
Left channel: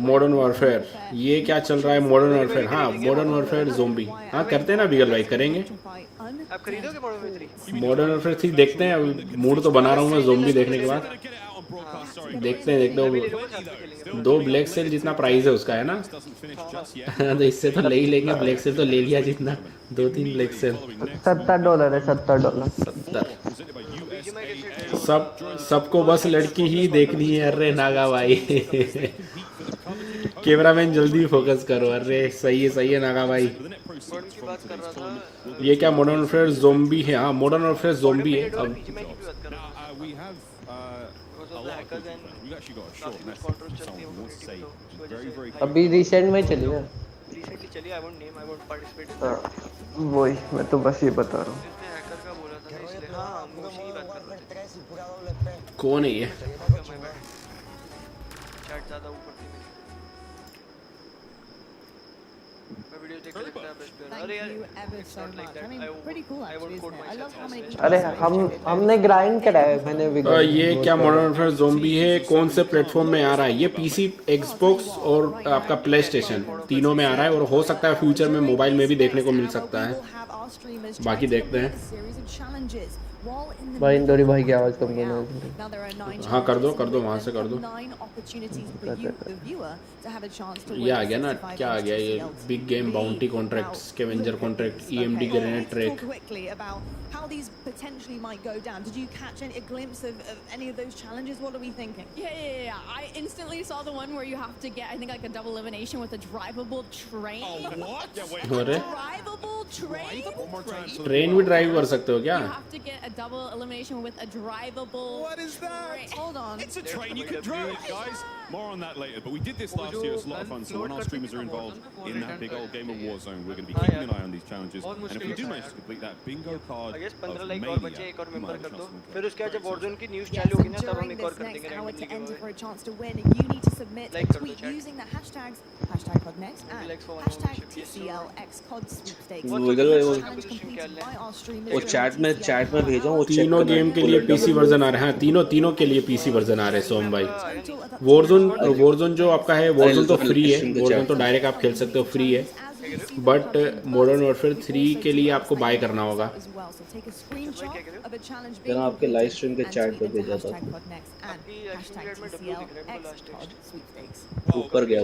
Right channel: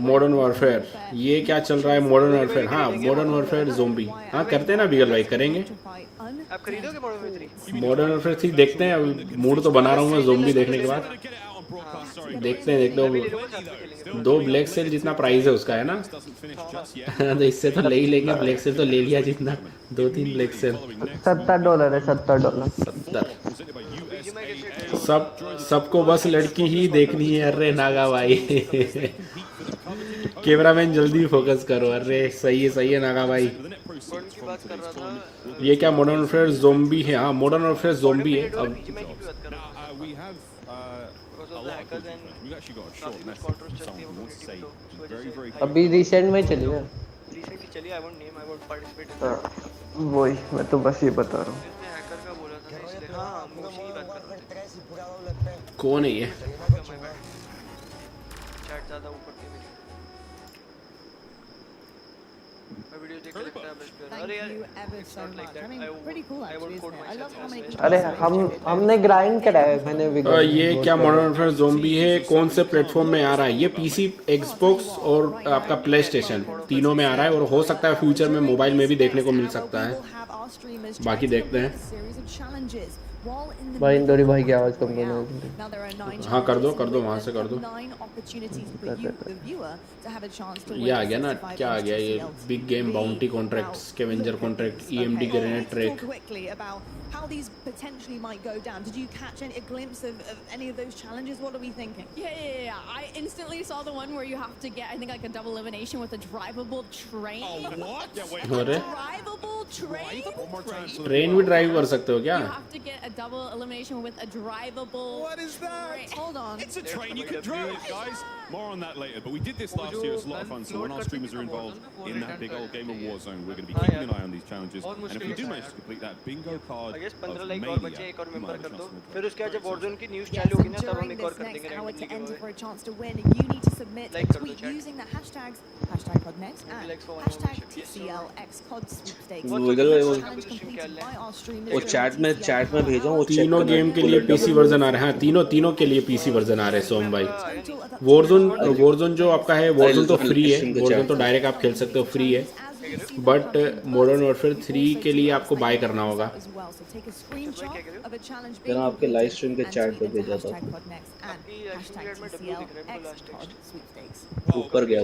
मॉडर्न वॉरफेयर, ये क्या चल रहा है मॉडर्न वॉरफेयर? हाँ मॉडर्न वॉरफेयर ज़ोंबी, हाँ करते हैं ना बिगल भाई, करेंगे। आप खरीदोगे मॉडर्न वॉरफेयर 3 देखते हैं, मूड तो बना रहा हूँ मैं ज़ोंबी देखने के बाद। देखते हैं 2 ब्लैक सेल जितना प्राइस है उसका है ना, तो इससे तो ले ही लेंगे, ब्लैक सेल तो ले लिया जितना, 2-3 ब्लैक सेल। $70 है, $70। सबको बस लड़की ही देखनी है। अरे नागा भाई कैमरामैन जल्दी फोकस करो। अरे सही है नागा भाई। ये क्या मॉडर्न वॉरफेयर ज़ोंबी है? हाँ मॉडर्न वॉरफेयर ज़ोंबी है। अभी रिसेंट में चली है, रिसेंटली चली। I won't name, I won't participate in that. वही मैं तो बस ये बता रहा हूँ। इसने हैकर का बोला था इसलिए। हां मोशी की बात कर रहे थे। कौन है ये? चैट ज्यादा ऊपर थी मेरी, मैं वीडियो देख के लगता है बेस्ट प्लेयर। अरे यार अरे हमने ग्राइंड करा है, मैंने भी। ये क्या मॉडर्न वॉरफेयर ज़ोंबी है? कौन से प्लेटफॉर्म में आ रहा है ये? पीसी, एक्सबॉक्स और आपका प्ले स्टेशन तीनों में आ रहा है, और हो सकता है फ्यूचर में मोबाइल में भी देखने को मिल सकता है। बाकी देखते हैं। भाई इंदौरी भाई की आवाज कम करना। हाँ कर दो वहाँ से कर दो। ये आ गया ना, क्या आ गया ये? Big game bounty contract, scavenger contract, EMD grenade track. How these potentially might go down. Did you catch a glimpse of any of those challenges? What are we thinking? Yeah. I instantly saw the one where you have to get, I think, like a double elimination with a drivable train. Oh, what? Yeah, wait. A drivable train? One more time. Train भी ड्राइव कर सकते हो क्या? You have to get a double elimination with a drivable What is that? Hold on. It's a train you can drive, guys. More on that later. But we did this last year. It's a lot of fun. So when our streamers are involved in that big old game of Warzone, we're going to be keeping an eye on these challenges. And if we do manage to complete that bingo card, 15 like और बचे, एक और मेंबर कर दो। फिर उसके बाद जब वॉरज़ोन की न्यूज़ चालू होगी ना, तब हम एक और कर देंगे रैंडमली गिव अवे। लाइक कर दो chat. using the hashtags #CODNext and #TCLXCOD sweepstakes. वो चैट में भेजा, वो चेक तीनों गेम के लिए पीसी वर्जन आ रहा है। तीनों के लिए पीसी वर्जन आ रहे हैं सोम भाई। वॉरज़ोन जो आपका है वॉरज़ोन तो फ्री है, वॉरज़ोन तो डायरेक्ट आप खेल सकते हो, फ्री है। बट मॉडर्न वॉरफेयर 3 के लिए आपको बाय करना होगा। मैंने आपके लाइव स्ट्रीम के चैट पे भेजा था। ऊपर गया।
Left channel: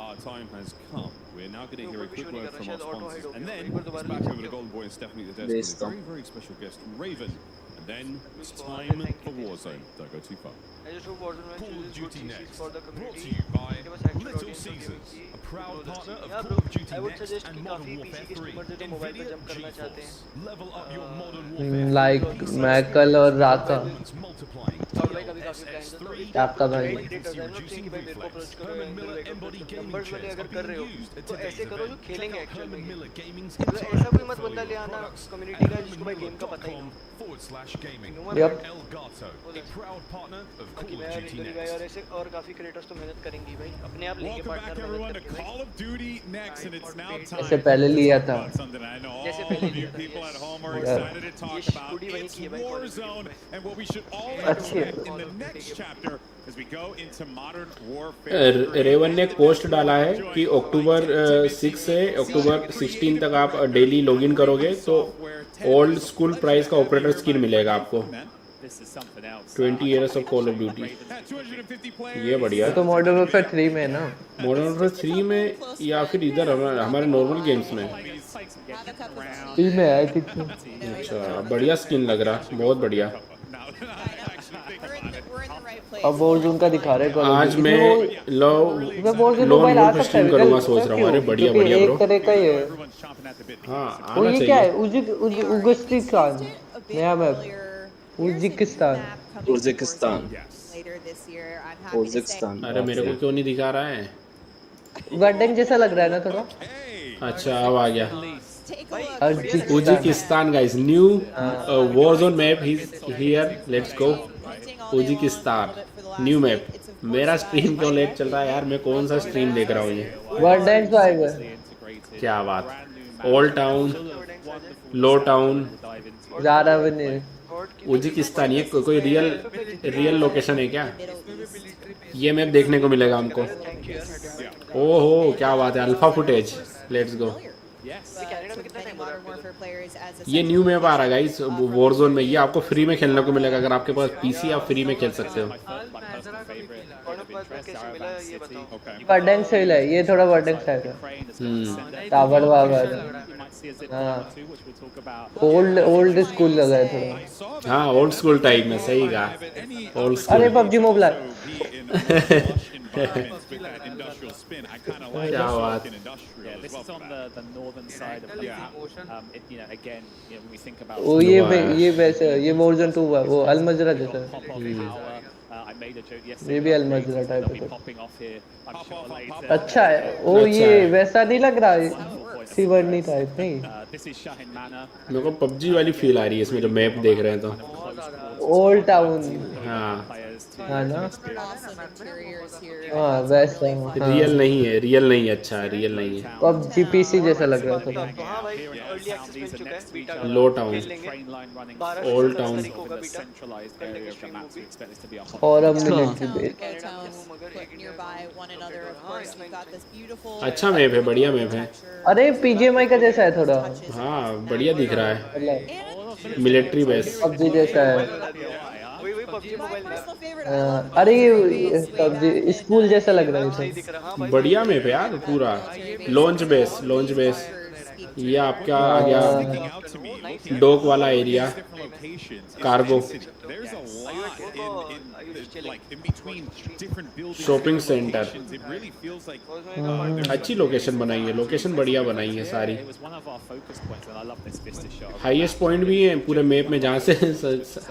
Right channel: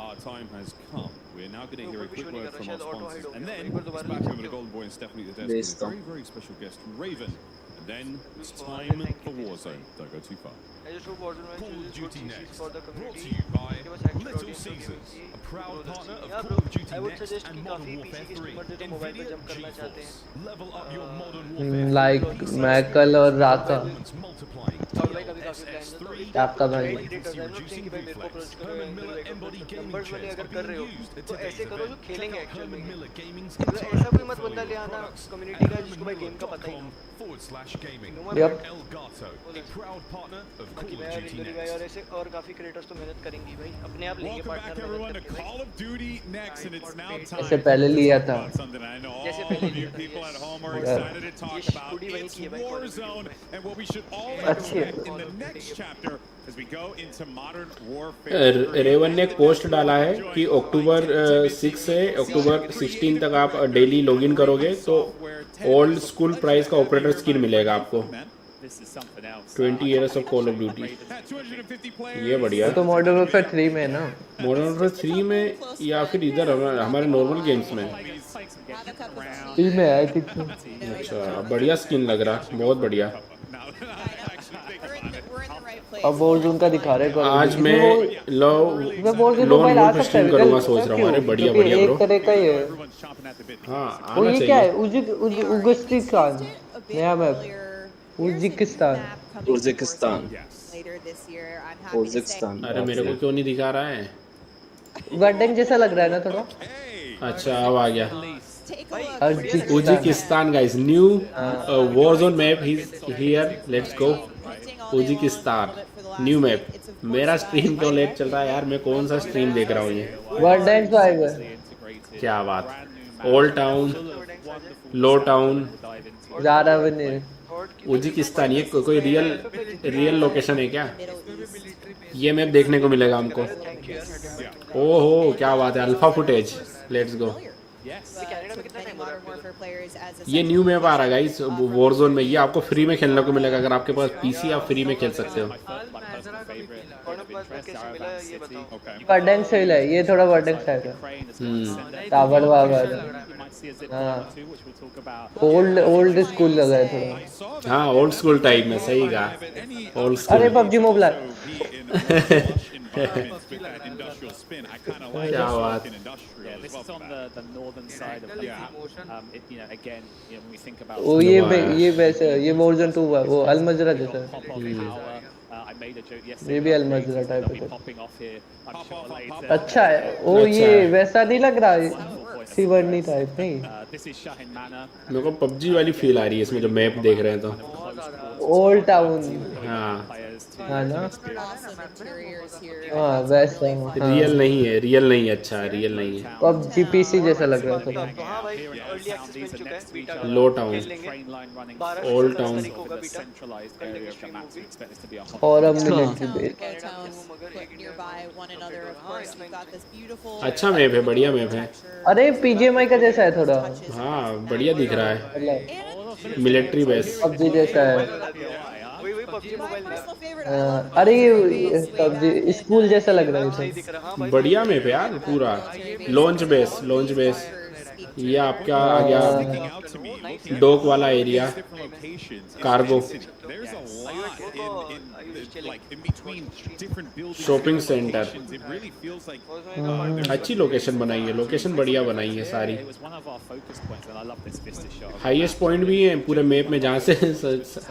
Our time has come. We're now going to hear a quick word from our sponsors, and then it's back over to Golden Boy and Stephanie at the desk with a very, very special guest, Raven. And then it's time for Warzone. Don't go too far. I just hope Warzone Call of chooses good Duty CCs Next, for the brought community. to you by Little Caesars, a proud partner of Call of Duty I would Next suggest and कि Modern काफी Warfare PC के 3. streamers जो मोबाइल पे जंप करना चाहते हैं, Level up your Modern Warfare. Like Maikal और राका। multiplying. और भाई कभी काफी प्लान है तो आपका भाई क्रिएटर्स है ना, थिंक भाई मेरे को अप्रोच करो, नंबर्स वाले अगर कर रहे हो तो ऐसे करो जो खेलेंगे एक्चुअल में। मतलब ऐसा कोई मत बंदा ले आना कम्युनिटी का जिसको भाई गेम का पता ही ना। /gaming. Yep. Elgato, a proud partner of Call बाकी of मैं Duty इंदौरी भाई Next. और ऐसे और काफी क्रिएटर्स तो मेहनत करेंगे भाई, अपने आप लेंगे Welcome back, पार्टनर everyone, मेहनत to करके Call of Duty Next, and it's now time. इससे पहले लिया था। Something I know जैसे all पहले of you लिया था, people yes. at home are Yeah. excited to talk ये about. बूढ़ी वही It's की है भाई Call of Duty Warzone, में। and what we should all अच्छी है। expect in the next chapter as we go into Modern Warfare 3. Raven ने एक पोस्ट डाला है कि अक्टूबर 6 से अक्टूबर 16 तक आप डेली लॉगिन करोगे तो ओल्ड स्कूल प्राइस का ऑपरेटर स्किन मिलेगा आपको। This is something else. 20 years of Call of Duty। At 250 players. ये बढ़िया। वो तो मॉडर्न वॉरफेयर 3 में है ना। मॉडर्न वॉरफेयर 3 में या फिर इधर हमारे नॉर्मल गेम्स में। 3 में आई थिंक। अच्छा बढ़िया स्किन लग रहा है, बहुत बढ़िया। अब वॉरज़ोन का दिखा रहे हैं। आज मैं इसमें वॉरज़ोन मोबाइल आ सकता है विकल, पता क्यों? क्योंकि एक तरह का ही है। वो ये क्या है? उगस्टी खान नया map Uzbekistan Uzbekistan later this year. I'm happy to say. अरे मेरे को क्यों नहीं दिखा रहा है? वर्डन जैसा लग रहा है ना थोड़ा। अच्छा अब आ गया। Take a look. Uzbekistan guys, new Warzone map here, let's go. Uzbekistan new map. मेरा स्ट्रीम तो लेट चल रहा है यार, मैं कौन सा स्ट्रीम देख रहा हूँ? वर्डन स्वाइगर। क्या बात। ओल्ड टाउन, लो टाउन, ज़्यादा भी नहीं। उज्बेकिस्तान, ये कोई रियल लोकेशन है क्या? ये मैप देखने को मिलेगा हमको। ओहो क्या बात है, अल्फा फुटेज, लेट्स गो। ये न्यू मैप आ रहा है गाइस वॉरज़ोन में, ये आपको फ्री में खेलने को मिलेगा। अगर आपके पास पीसी, आप फ्री में खेल सकते हो। वर्डन से है ये, थोड़ा वर्डन स्टाइल है। टावर वावर, ओल्ड स्कूल लगा है थोड़ा। हाँ ओल्ड स्कूल टाइप में, सही कहा। अरे पबजी मोबाइल। वो ये वैसे ये वर्जन 2 है, वो अलमजरा जैसा है। ये भी अलमजरा टाइप है। अच्छा है वो, ये वैसा नहीं लग रहा है, सीवर्नी टाइप नहीं। मेरे को पबजी वाली फील आ रही है इसमें, जो मैप देख रहे हैं तो। ओल्ड टाउन हाँ ना, हाँ वैसा रियल नहीं है, रियल नहीं है। अच्छा रियल नहीं है, पबजी पीसी जैसा लग रहा था। तो हाँ भाई, अर्ली एक्सेस मिल चुका है, बीटा का लो टाउन, खेल लेंगे। 12 से 17 तारीख को होगा बीटा, कर लेंगे स्ट्रीम वो भी। और अब मिलिट्री बेस। अच्छा मैप है, बढ़िया मैप है। अरे पीजीएमआई का जैसा है थोड़ा। हाँ बढ़िया दिख रहा है, मिलिट्री बेस पबजी जैसा है। वही पबजी मोबाइल में। अरे ये पबजी स्कूल जैसा लग रहा है। बढ़िया मैप है यार पूरा। लॉन्च बेस ये आपका आ गया डॉक वाला एरिया, कार्गो, शॉपिंग सेंटर। अच्छी लोकेशन बनाई है, लोकेशन बढ़िया बनाई है सारी। हाईएस्ट पॉइंट भी है पूरे मैप में, जहाँ से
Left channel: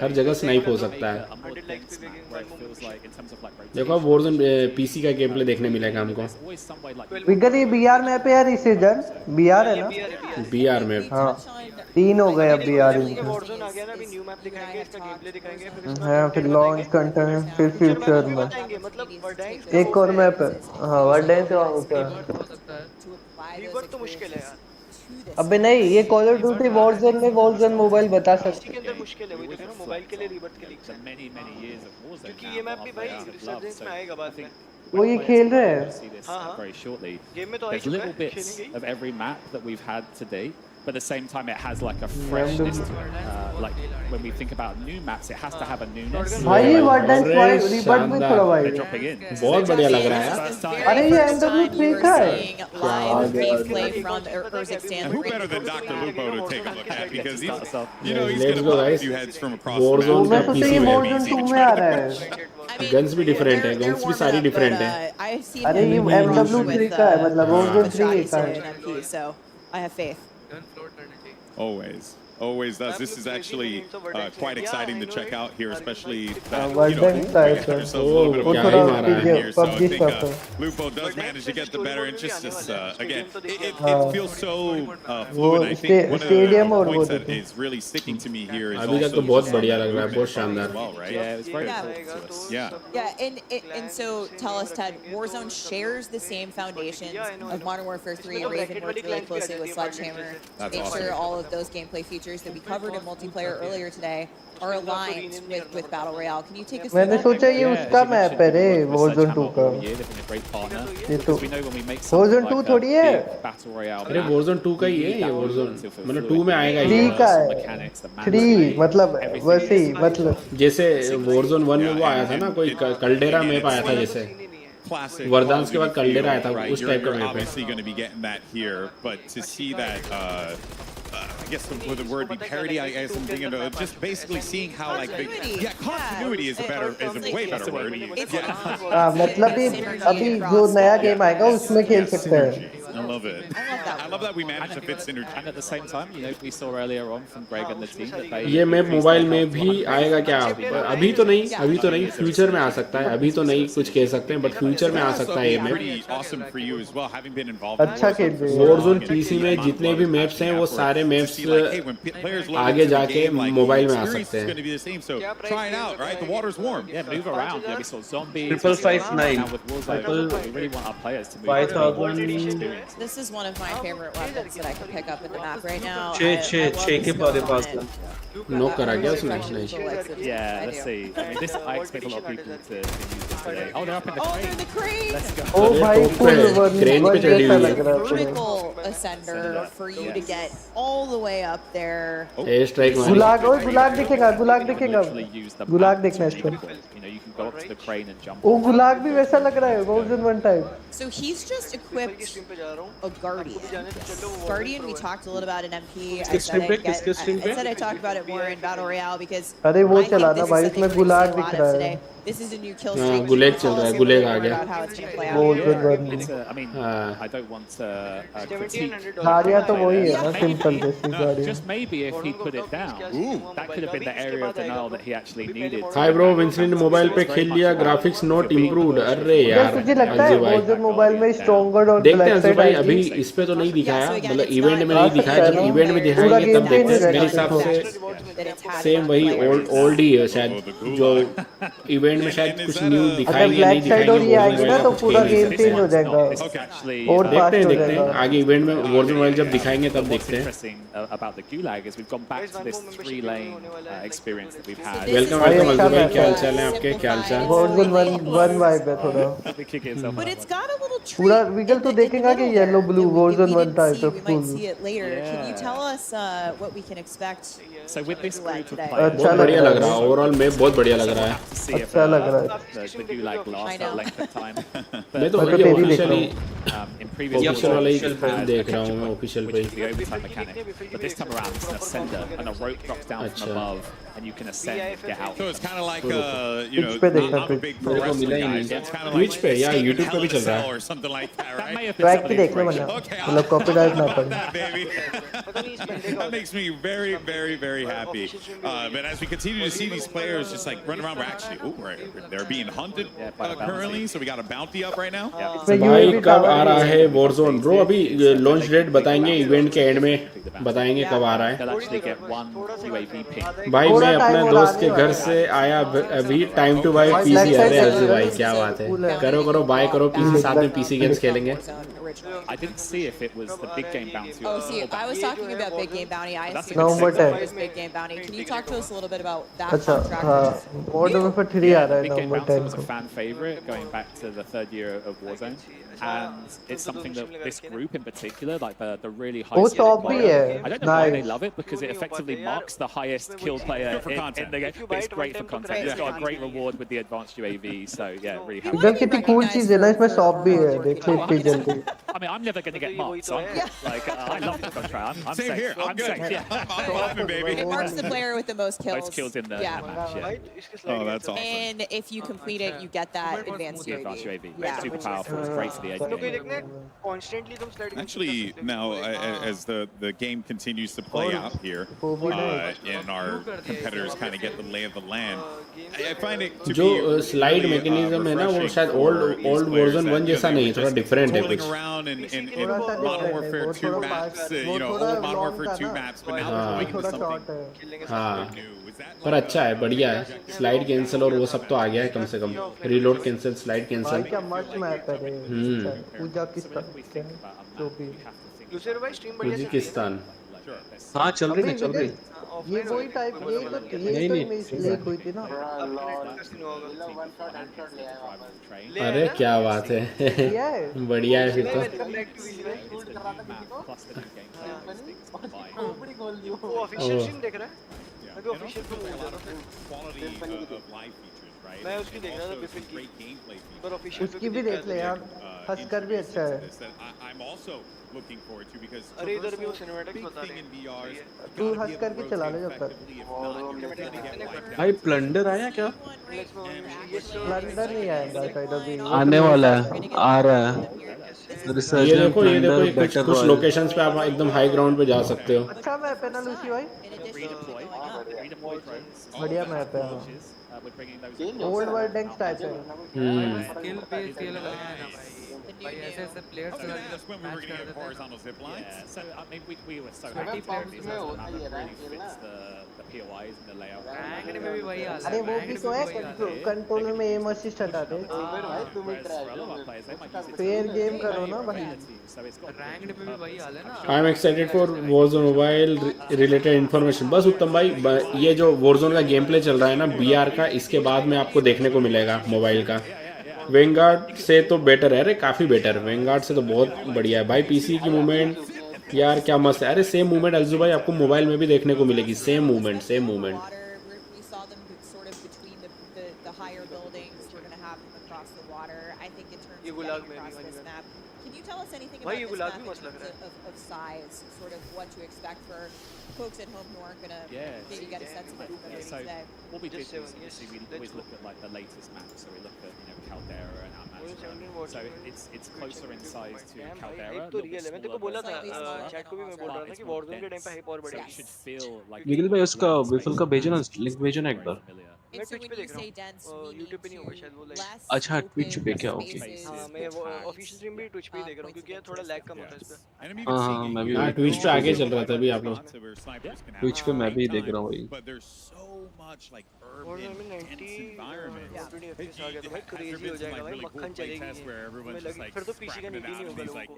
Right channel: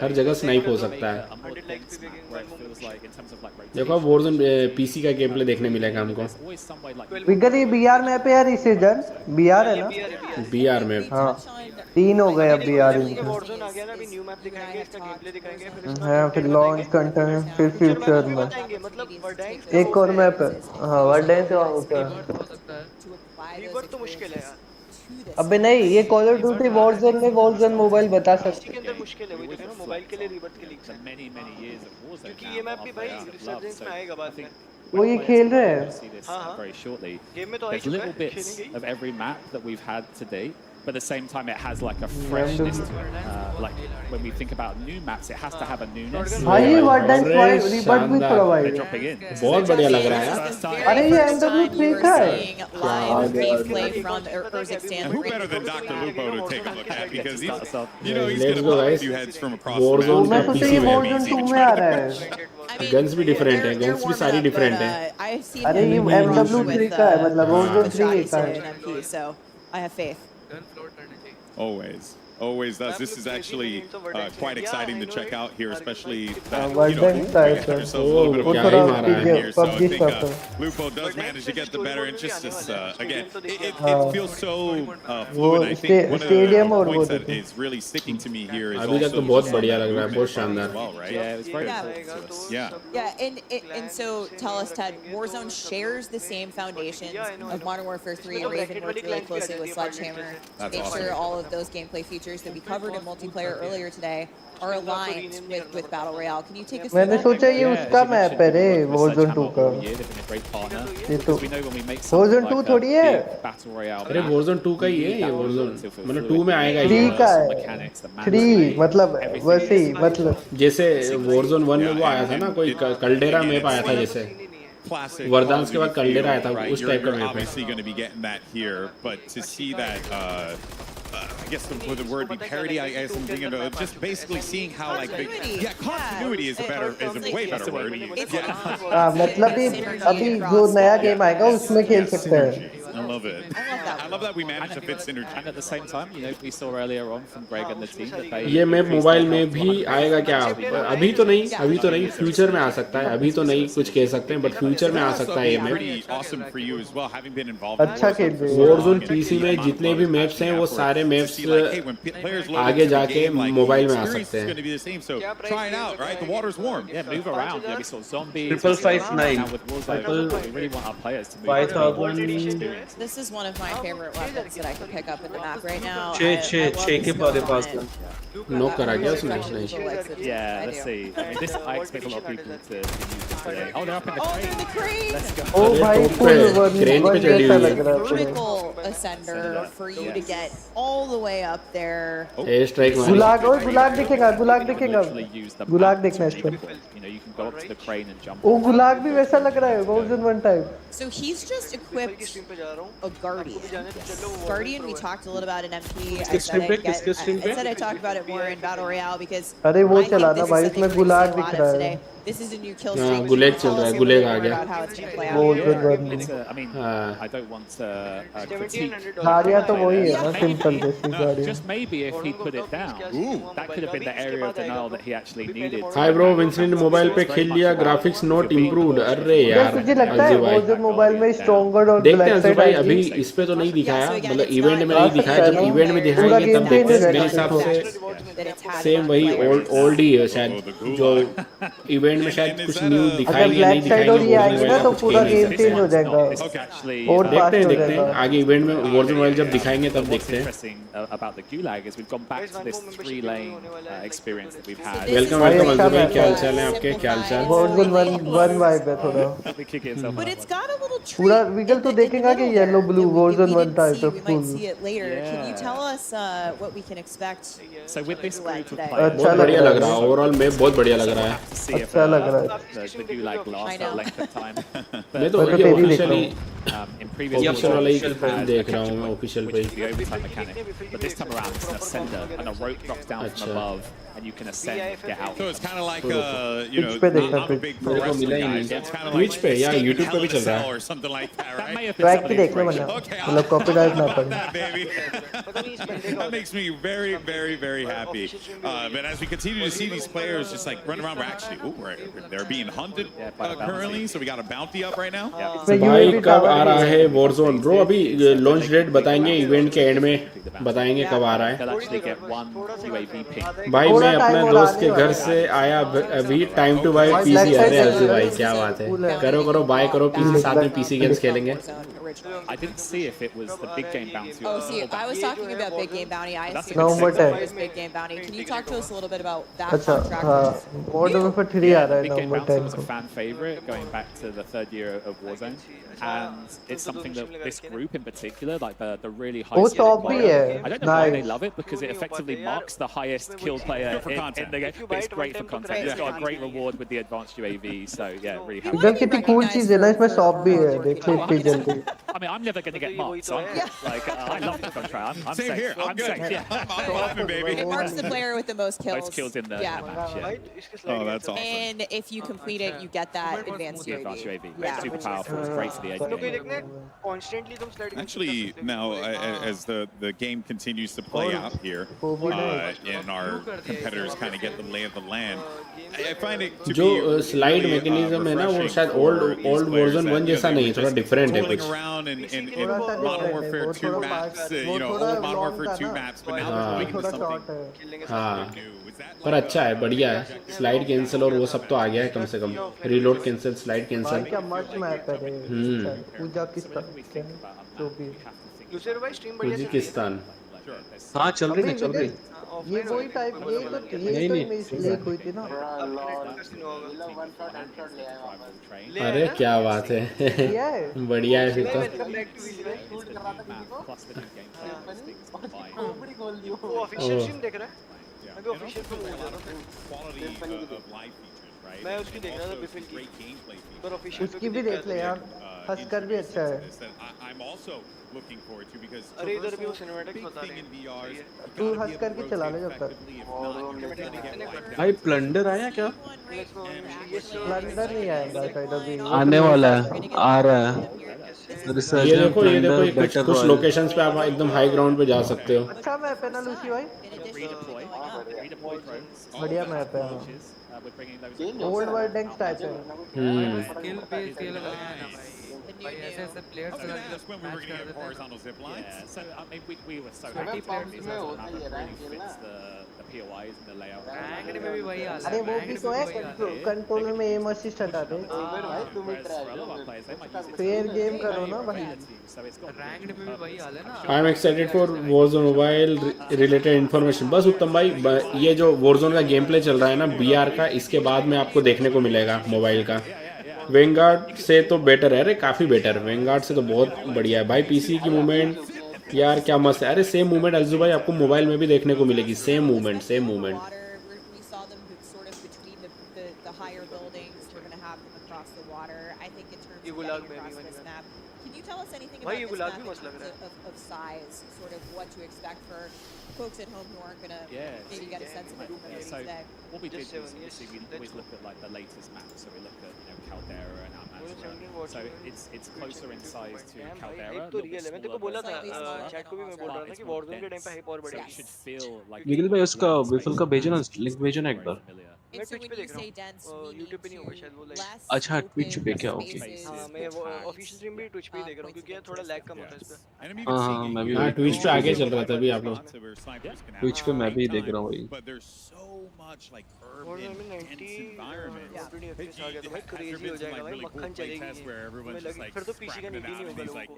हर जगह स्नाइप हो सकता है। देखो वॉरज़ोन पीसी का गेम प्ले देखने मिलेगा हमको। विगर ये बीआर मैप है यार, इसे जन बीआर है ना, बीआर मैप। हाँ 3 हो गए अब बीआर। वॉरज़ोन आ गया ना, अभी न्यू मैप दिखाएंगे, इसका गेम प्ले दिखाएंगे, फिर हाँ फिर लॉन्च कंटेंट, फिर फ्यूचर में मतलब वर्डेंस एक और मैप है। हाँ वर्डेंस होता है। रिबर्थ तो मुश्किल है यार। अबे नहीं, ये कॉल ऑफ ड्यूटी वॉरज़ोन में वॉरज़ोन मोबाइल बता सकते के अंदर मुश्किल है, वही तो मोबाइल के लिए रिबर्थ के लीक्स हैं, क्योंकि ये मैप भी भाई रिसर्जेंस में आएगा बाद में। वो ये खेल रहे हैं। हाँ गेम में तो आ ही चुका है, खेलेंगे। But at the same time, it has like a freshness to it. Like when we think about new maps, it has to have a newness. भाई ये वर्डेंस वाइड रिबर्ट भी थोड़ा वाइड Dropping in. बहुत बढ़िया लग रहा है। अरे ये MW3 का है। Live gameplay from Urzikstan. And who better than Dr. Lupo to take a look at, because he's, you know, he's going to pop a few heads from across the map. वो मैं सोचा ये वॉरज़ोन 2 में आ रहा है। गन्स भी डिफरेंट है, गन्स भी सारी डिफरेंट है। अरे ये MW3 का है, मतलब वॉरज़ोन 3 का है। So I have faith. Always does. This is actually quite exciting to check out here, especially that, you know, we got ourselves a little bit of a game here. So I think Lupo does manage to get the better interests. Again, it feels so fluid. I think one of the points that is really sticking to me here is also just on that movement as well, right? Yeah, it was very important to us. Yeah, and so tell us, Ted, Warzone shares the same foundations of Modern Warfare 3. Raven worked really closely with Sledgehammer to make sure all of those gameplay features that we covered in multiplayer earlier today are aligned with Battle Royale. Can you take us through मैंने that? सोचा ये उसका मैप है रे, वॉरज़ोन 2 का। ये तो वॉरज़ोन 2 थोड़ी है। अरे वॉरज़ोन 2 का ही है, मैंने 2 में आएगा। 3 का है, 3 मतलब वैसे ही, मतलब जैसे वॉरज़ोन 1 में वो आया था ना, कोई कल्डेरा मैप आया था जैसे। Classic Call Call of of Duty Duty feel, Caldera, right? You're obviously going to be getting that here, but to see that, I guess would the word be parody? I guess I'm thinking of just basically seeing how like continuity is a way better word. हाँ मतलब अभी जो नया गेम आएगा उसमें खेल सकते हैं। I love it. I love that we managed to fit synergy. And at the same time, you know, we saw earlier on from Greg and the team that they ये मैं मोबाइल में भी आएगा क्या? अभी तो नहीं, फ्यूचर में आ सकता है. अभी तो नहीं कुछ कह सकते हैं, बट फ्यूचर में आ सकता है. ये pretty awesome for you as well, having been involved. अच्छा खेल रहे हैं. Warzone PC में जितने भी मैप्स हैं वो सारे मैप्स आगे जाके मोबाइल में आ सकते हैं. Going to be the same, so try it out, right? The water's warm. Yeah, move around. Yeah, we saw zombies. 559. With Warzone, we really want our players to move. This is one of my favorite weapons that I can pick up in the map right now. Knock करा गया. Yeah, let's see. I mean, this I expect a lot of people to use this today. Oh, they're up in the crane. They're in the crane. Let's go. ओ भाई फुल वन जैसा लग रहा है. Critical ascender for you to get all the way up there. गुलाग दिखेगा. गुलाग देखना है इसको. You know, you can go up to the crane and jump. ओ गुलाग भी वैसा लग रहा है. Warzone 1 type. So he's just equipped a Guardian. Guardian we talked a little about in MP. I said I talked about it more in Battle Royale because अरे वो I think चला this ना is भाई something इसमें that we गुलाग see a दिख lot रहा of है. today. This is a new kill streak. Can गुलेग you tell us a little bit more about how it's going to play out? Warzone 1. It's I mean, I don't want to critique. हारिया तो वही है ना, सिंपल जैसी गाड़ी. Just maybe if he put it down, that could have been the area of denial that he actually needed. Hi bro, Vincent mobile पे खेल लिया, ग्राफिक्स नॉट इम्प्रूव्ड. अरे क्या तुझे लगता है Warzone मोबाइल में स्ट्रॉन्गर और ब्लैक साइड आएगी? इस पे तो नहीं दिखाया, इवेंट में आ नहीं सकता है दिखाया. ना. इवेंट में दिखाया पूरा गेम चेंज हो जाएगा देखो. सेम वही ओल्ड ही है शायद. इवेंट में शायद कुछ न्यू दिखाया. अगर ब्लैक साइड और ये आएगी ना तो पूरा गेम चेंज हो जाएगा और फास्ट हो जाएगा. आगे इवेंट में Warzone मोबाइल जब दिखाएंगे तब What's देखते हैं. interesting about the Gulag is we've gone back to this 3-lane experience that we've had. भाई अच्छा मैच है. Warzone 1 वाइब है थोड़ा. But it's got a little treat. पूरा विगल तो देखेगा कि yellow blue Warzone 1 type We might see it later. Can you tell us what we can expect? So with this group of अच्छा लग रहा है. ओवरऑल मैच बहुत बढ़िया लग रहा है. अच्छा लग रहा है. The Gulag last that length of time. मैं तो तेरी देख रहा हूँ. In previous Warzone, we've had a capture point, which is the overtime mechanic. But this time around, it's an ascender, and a rope drops down from above, and you can ascend and get out. So it's kind of like, you know, I'm a big pro wrestling guy. So it's kind of like Escape in Hell in a Cell or something like that, right? That may have been some of the inspiration. Okay, मतलब कॉपीराइट ना पड़े. that, baby. That makes me very, very, very happy. But as we continue to see these players just like run around, they're being hunted currently, so we got a bounty up right now. इसमें UAV टावर आ भी रहा है. है Warzone bro. अभी लॉन्च डेट बताएंगे, इवेंट के एंड में बताएंगे कब आ रहा है. They'll actually get one UAV ping. भाई मैं अपने दोस्त के घर से आया अभी टाइम टू बाय पीसी. क्या बात है. करो बाय करो पीसी, साथ में पीसी गेम्स खेलेंगे. I didn't see if it was the big game bounty. Oh, see, I was talking about Big Game Bounty. I assumed November 10. it was Big Game Bounty. Can you talk to us a little bit about that अच्छा contract? हाँ. Modern Warfare 3 आ रहा है Big Game November Bounty 10 was a को. fan favorite going back to the third year of Warzone, and it's something that this group in particular, like the really high. वो top भी है. I don't know why they Nice. love it because it effectively marks the highest kill player in the game. But it's great for content. It's got a great reward with the advanced UAV, so yeah, really happy. इधर कितनी cool चीज है ना, इसमें शॉप भी है. देख ले इतनी जल्दी. I mean, I'm never going to get marked, so I love the contract. I'm Same safe. here. I'm good. safe. Yeah. I'm popping, baby. It marks the player with the most kills. Most kills in the match. Yeah. Oh, that's awesome. And if you complete it, you get that advanced The advanced UAV. UAV. Yeah. Super powerful. It's great for the edge game. Actually, now as the game continues to play out here, and our competitors kind of get the lay of the land, I find it to be really refreshing for these players that they were just twirling around in Modern Warfare 2 maps, old Modern Warfare 2 maps, but now they're going into something new. Is that पर अच्छा है, बढ़िया है. स्लाइड कैंसिल और वो सब तो आ गया है कम से कम. रीलोड कैंसिल, स्लाइड भाई कैंसिल. क्या मस्त मैप है रे. पूजा किस तरह जो भी. उज्बेकिस्तान. हाँ चल रही है. ये वही टाइप ये तो इमेज लीक हुई थी ना. अरे क्या बात है. किया है. बढ़िया है. वो ऑफिशियल स्ट्रीम देख रहा है. अभी ऑफिशियल पे हो जाना फिर quality of life features, right? मैं उसकी देख रहा था Also बिफिल some की great gameplay features. पर ऑफिशियल पे उसकी भी देख ले यार, हस्कर भी अच्छा है। I'm also looking forward to because अरे इधर भी वो traversal, सिनेमैटिक्स big बता thing रहे in हैं VR is सही है तू you gotta be हस्कर able की to चला rotate ले जब तक। effectively. If not, you're gonna get wiped भाई out. प्लंडर आया क्या? प्लंडर नहीं आएगा शायद अभी, आने वाला है, आ रहा है। ये रिसर्जेंट देखो प्लंडर ये कुछ बैटल कुछ रॉयल। लोकेशंस पे आप एकदम हाई ग्राउंड पे जा सकते हो। अच्छा मैप है ना लूसी भाई, बढ़िया मैप है। ओल्ड वर्ल्ड टैंक्स टाइप है। स्किल बेस्ड ये लगा है ना भाई ऐसे ऐसे प्लेयर्स लगा के That's when we were going to get horizontal zip lines. Yeah, so I mean, we were so Sweaty happy players because में it होता ही है, really rank fits the POIs and the layout. Ranked में भी वही हाल है। अरे वो भी तो है, कंट्रोलर में एम असिस्ट हटा दे। फेयर गेम करो ना भाई। रैंक्ड में भी वही हाल है ना। I am excited for Warzone mobile related information. बस उत्तम भाई ये जो Warzone का गेम प्ले चल रहा है ना VR का, इसके बाद में आपको देखने को मिलेगा मोबाइल का। वेंगार्ड से तो बेटर है, अरे काफी बेटर। वेंगार्ड से तो बहुत बढ़िया है भाई। पीसी की मूवमेंट यार क्या मस्त है। अरे सेम मूवमेंट अल्जू भाई आपको मोबाइल में भी देखने को मिलेगी, same movement same movement. We saw them sort of between the higher buildings. We're going to have them across the water. I think in terms of getting across this map. Can you tell us anything about this map in terms of size, sort of what to expect for folks at home who aren't going to maybe get a sense of it from the So today? what we did was obviously we always look at like the latest maps. So we look at Caldera and Almanzora. So it's closer in size to Caldera. एक तो रियल है, मैं तेरे को बोला था चैट को भी मैं बोल रहा था कि Warzone के टाइम पे हाइप और बढ़ेगी। It should feel like Nikhil भाई उसका विफल का भेजो ना, लिंक भेजो ना एक बार। मैं ट्विच पे देख रहा हूँ, YouTube पे नहीं होगा शायद वो लाइव। अच्छा ट्विच पे क्या? ओके हाँ मैं वो ऑफिशियल स्ट्रीम भी ट्विच पे ही देख रहा हूँ क्योंकि यार थोड़ा लैग कम होता है इस पे। हाँ मैं भी ट्विच पे आगे चल रहा था अभी आप लोग। ट्विच पे मैं भी देख रहा हूँ भाई। But there's so much like Warzone urban, में dense 90 environment. 20 FPS आ गया तो भाई क्रेजी हो जाएगा भाई, मक्खन चलेगी। Where everyone's just like फिर तो पीसी का नीड ही नहीं होगा these लोगों like को।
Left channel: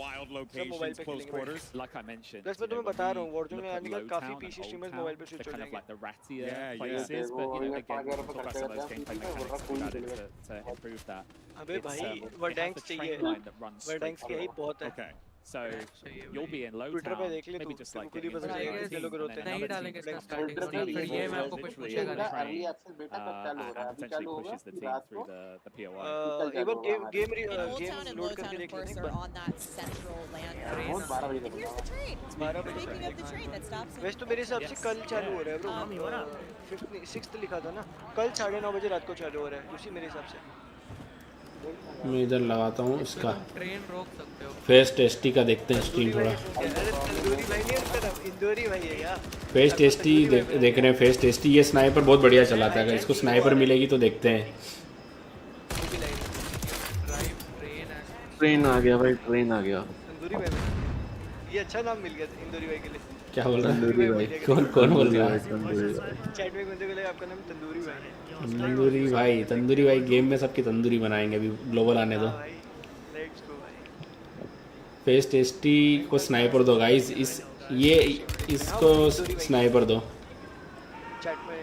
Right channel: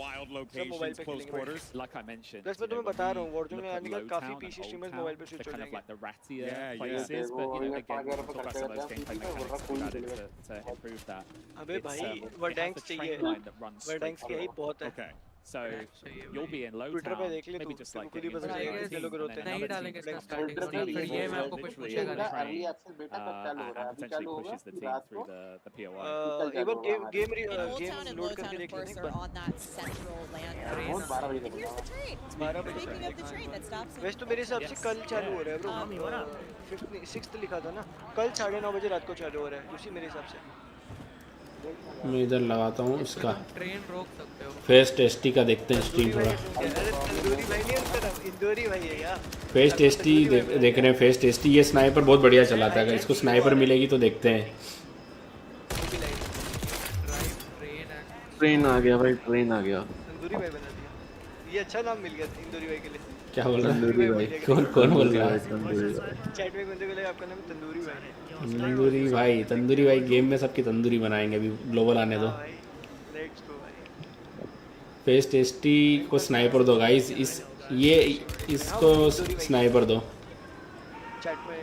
wild सब मोबाइल locations, पे close खेलेंगे quarters. like I mentioned. Plus मैं तुम्हें बता रहा हूँ Warzone में आने का काफी पीसी स्ट्रीमर्स मोबाइल पे स्विच हो kind of जाएंगे। like the rattier places, but again, we'll talk about some of those gameplay mechanics we've added to improve that. अबे भाई वर्डैंक्स चाहिए, वर्डैंक्स की हाइप बहुत है। Okay. So you'll be in low Twitter पे town, देख ले maybe तू, just like खुद ही getting पता into चलेगा a कितने team, लोग and रोते then हैं। नहीं another डालेंगे team इसका brings स्टार्टिंग the फिर ये मैं आपको कुछ literally, पूछेगा नहीं। and potentially pushes the team through the POI. एक बार In Old Town game and load Low Town, करके of देख course, लेना are एक on that central land area. And here's the train. 12 बजे Speaking of the train that stops in वैसे तो मेरे हिसाब से कल चालू हो रहा है ब्रो, 6th लिखा था ना, कल 9:30 बजे रात को चालू हो रहा है उसी मेरे हिसाब से। मैं इधर लगाता हूँ इसका तुम ट्रेन रोक सकते हो। फेस टेस्टी का देखते हैं स्ट्रीम पूरा। तंदूरी भाई नहीं होता, इंदौरी भाई है यार। फेस टेस्टी देख रहे हैं, फेस टेस्टी ये स्नाइपर बहुत बढ़िया चलाता है। अगर इसको स्नाइपर मिलेगी तो देखते हैं। ट्रेन आ गया भाई, ट्रेन आ गया। तंदूरी भाई बना दिया, ये अच्छा नाम मिल गया इंदौरी भाई के लिए। क्या बोल रहा है? तंदूरी भाई, कौन बोल रहा है? तंदूरी भाई। चैट में बंदे बोले आपका नाम तंदूरी भाई है। तंदूरी भाई गेम में सबकी तंदूरी बनाएंगे, अभी ग्लोबल आने दो। भाई लेट्स गो भाई। फेस टेस्टी को स्नाइपर दो गाइस, इसको स्नाइपर दो। चैट में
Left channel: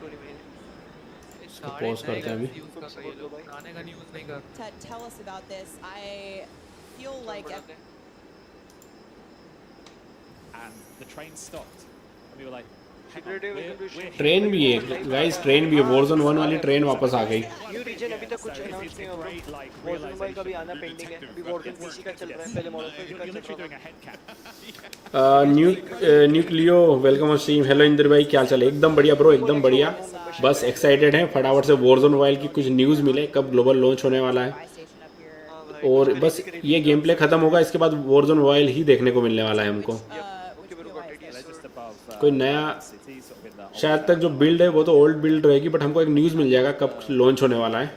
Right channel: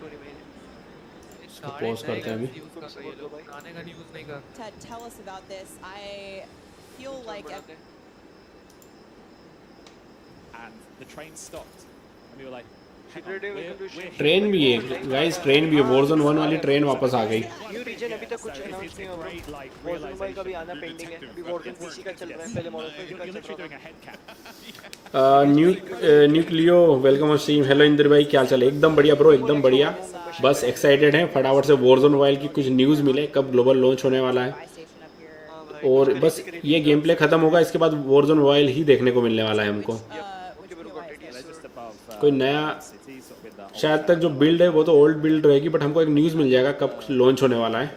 टोनी भाई ने साढ़े 9 यूज कर रहे हैं लोग, आने का न्यूज़ नहीं कर। Ted, tell us about this. I feel like And the train stopped, and we were like, train भी है गाइस, ट्रेन भी है। Warzone 1 वाली ट्रेन वापस आ गई। न्यू रीजन अभी तक कुछ अनाउंस नहीं हुआ ब्रो। Warzone मोबाइल का भी आना पेंडिंग है, अभी Warzone पीसी का चल रहा है, पहले मॉडल पे का चल रहा है। Nucleo welcome on stream. Hello Indra भाई क्या चले? एकदम बढ़िया ब्रो, एकदम बढ़िया। बस एक्साइटेड हैं फटाफट से Warzone मोबाइल की कुछ न्यूज़ मिले, कब ग्लोबल लॉन्च होने वाला है। और बस ये गेम प्ले खत्म होगा, इसके बाद Warzone मोबाइल ही देखने को मिलने वाला है हमको। कोई नया शायद तक जो बिल्ड है वो तो ओल्ड बिल्ड रहेगी, बट हमको एक न्यूज़ मिल जाएगा कब लॉन्च होने वाला है।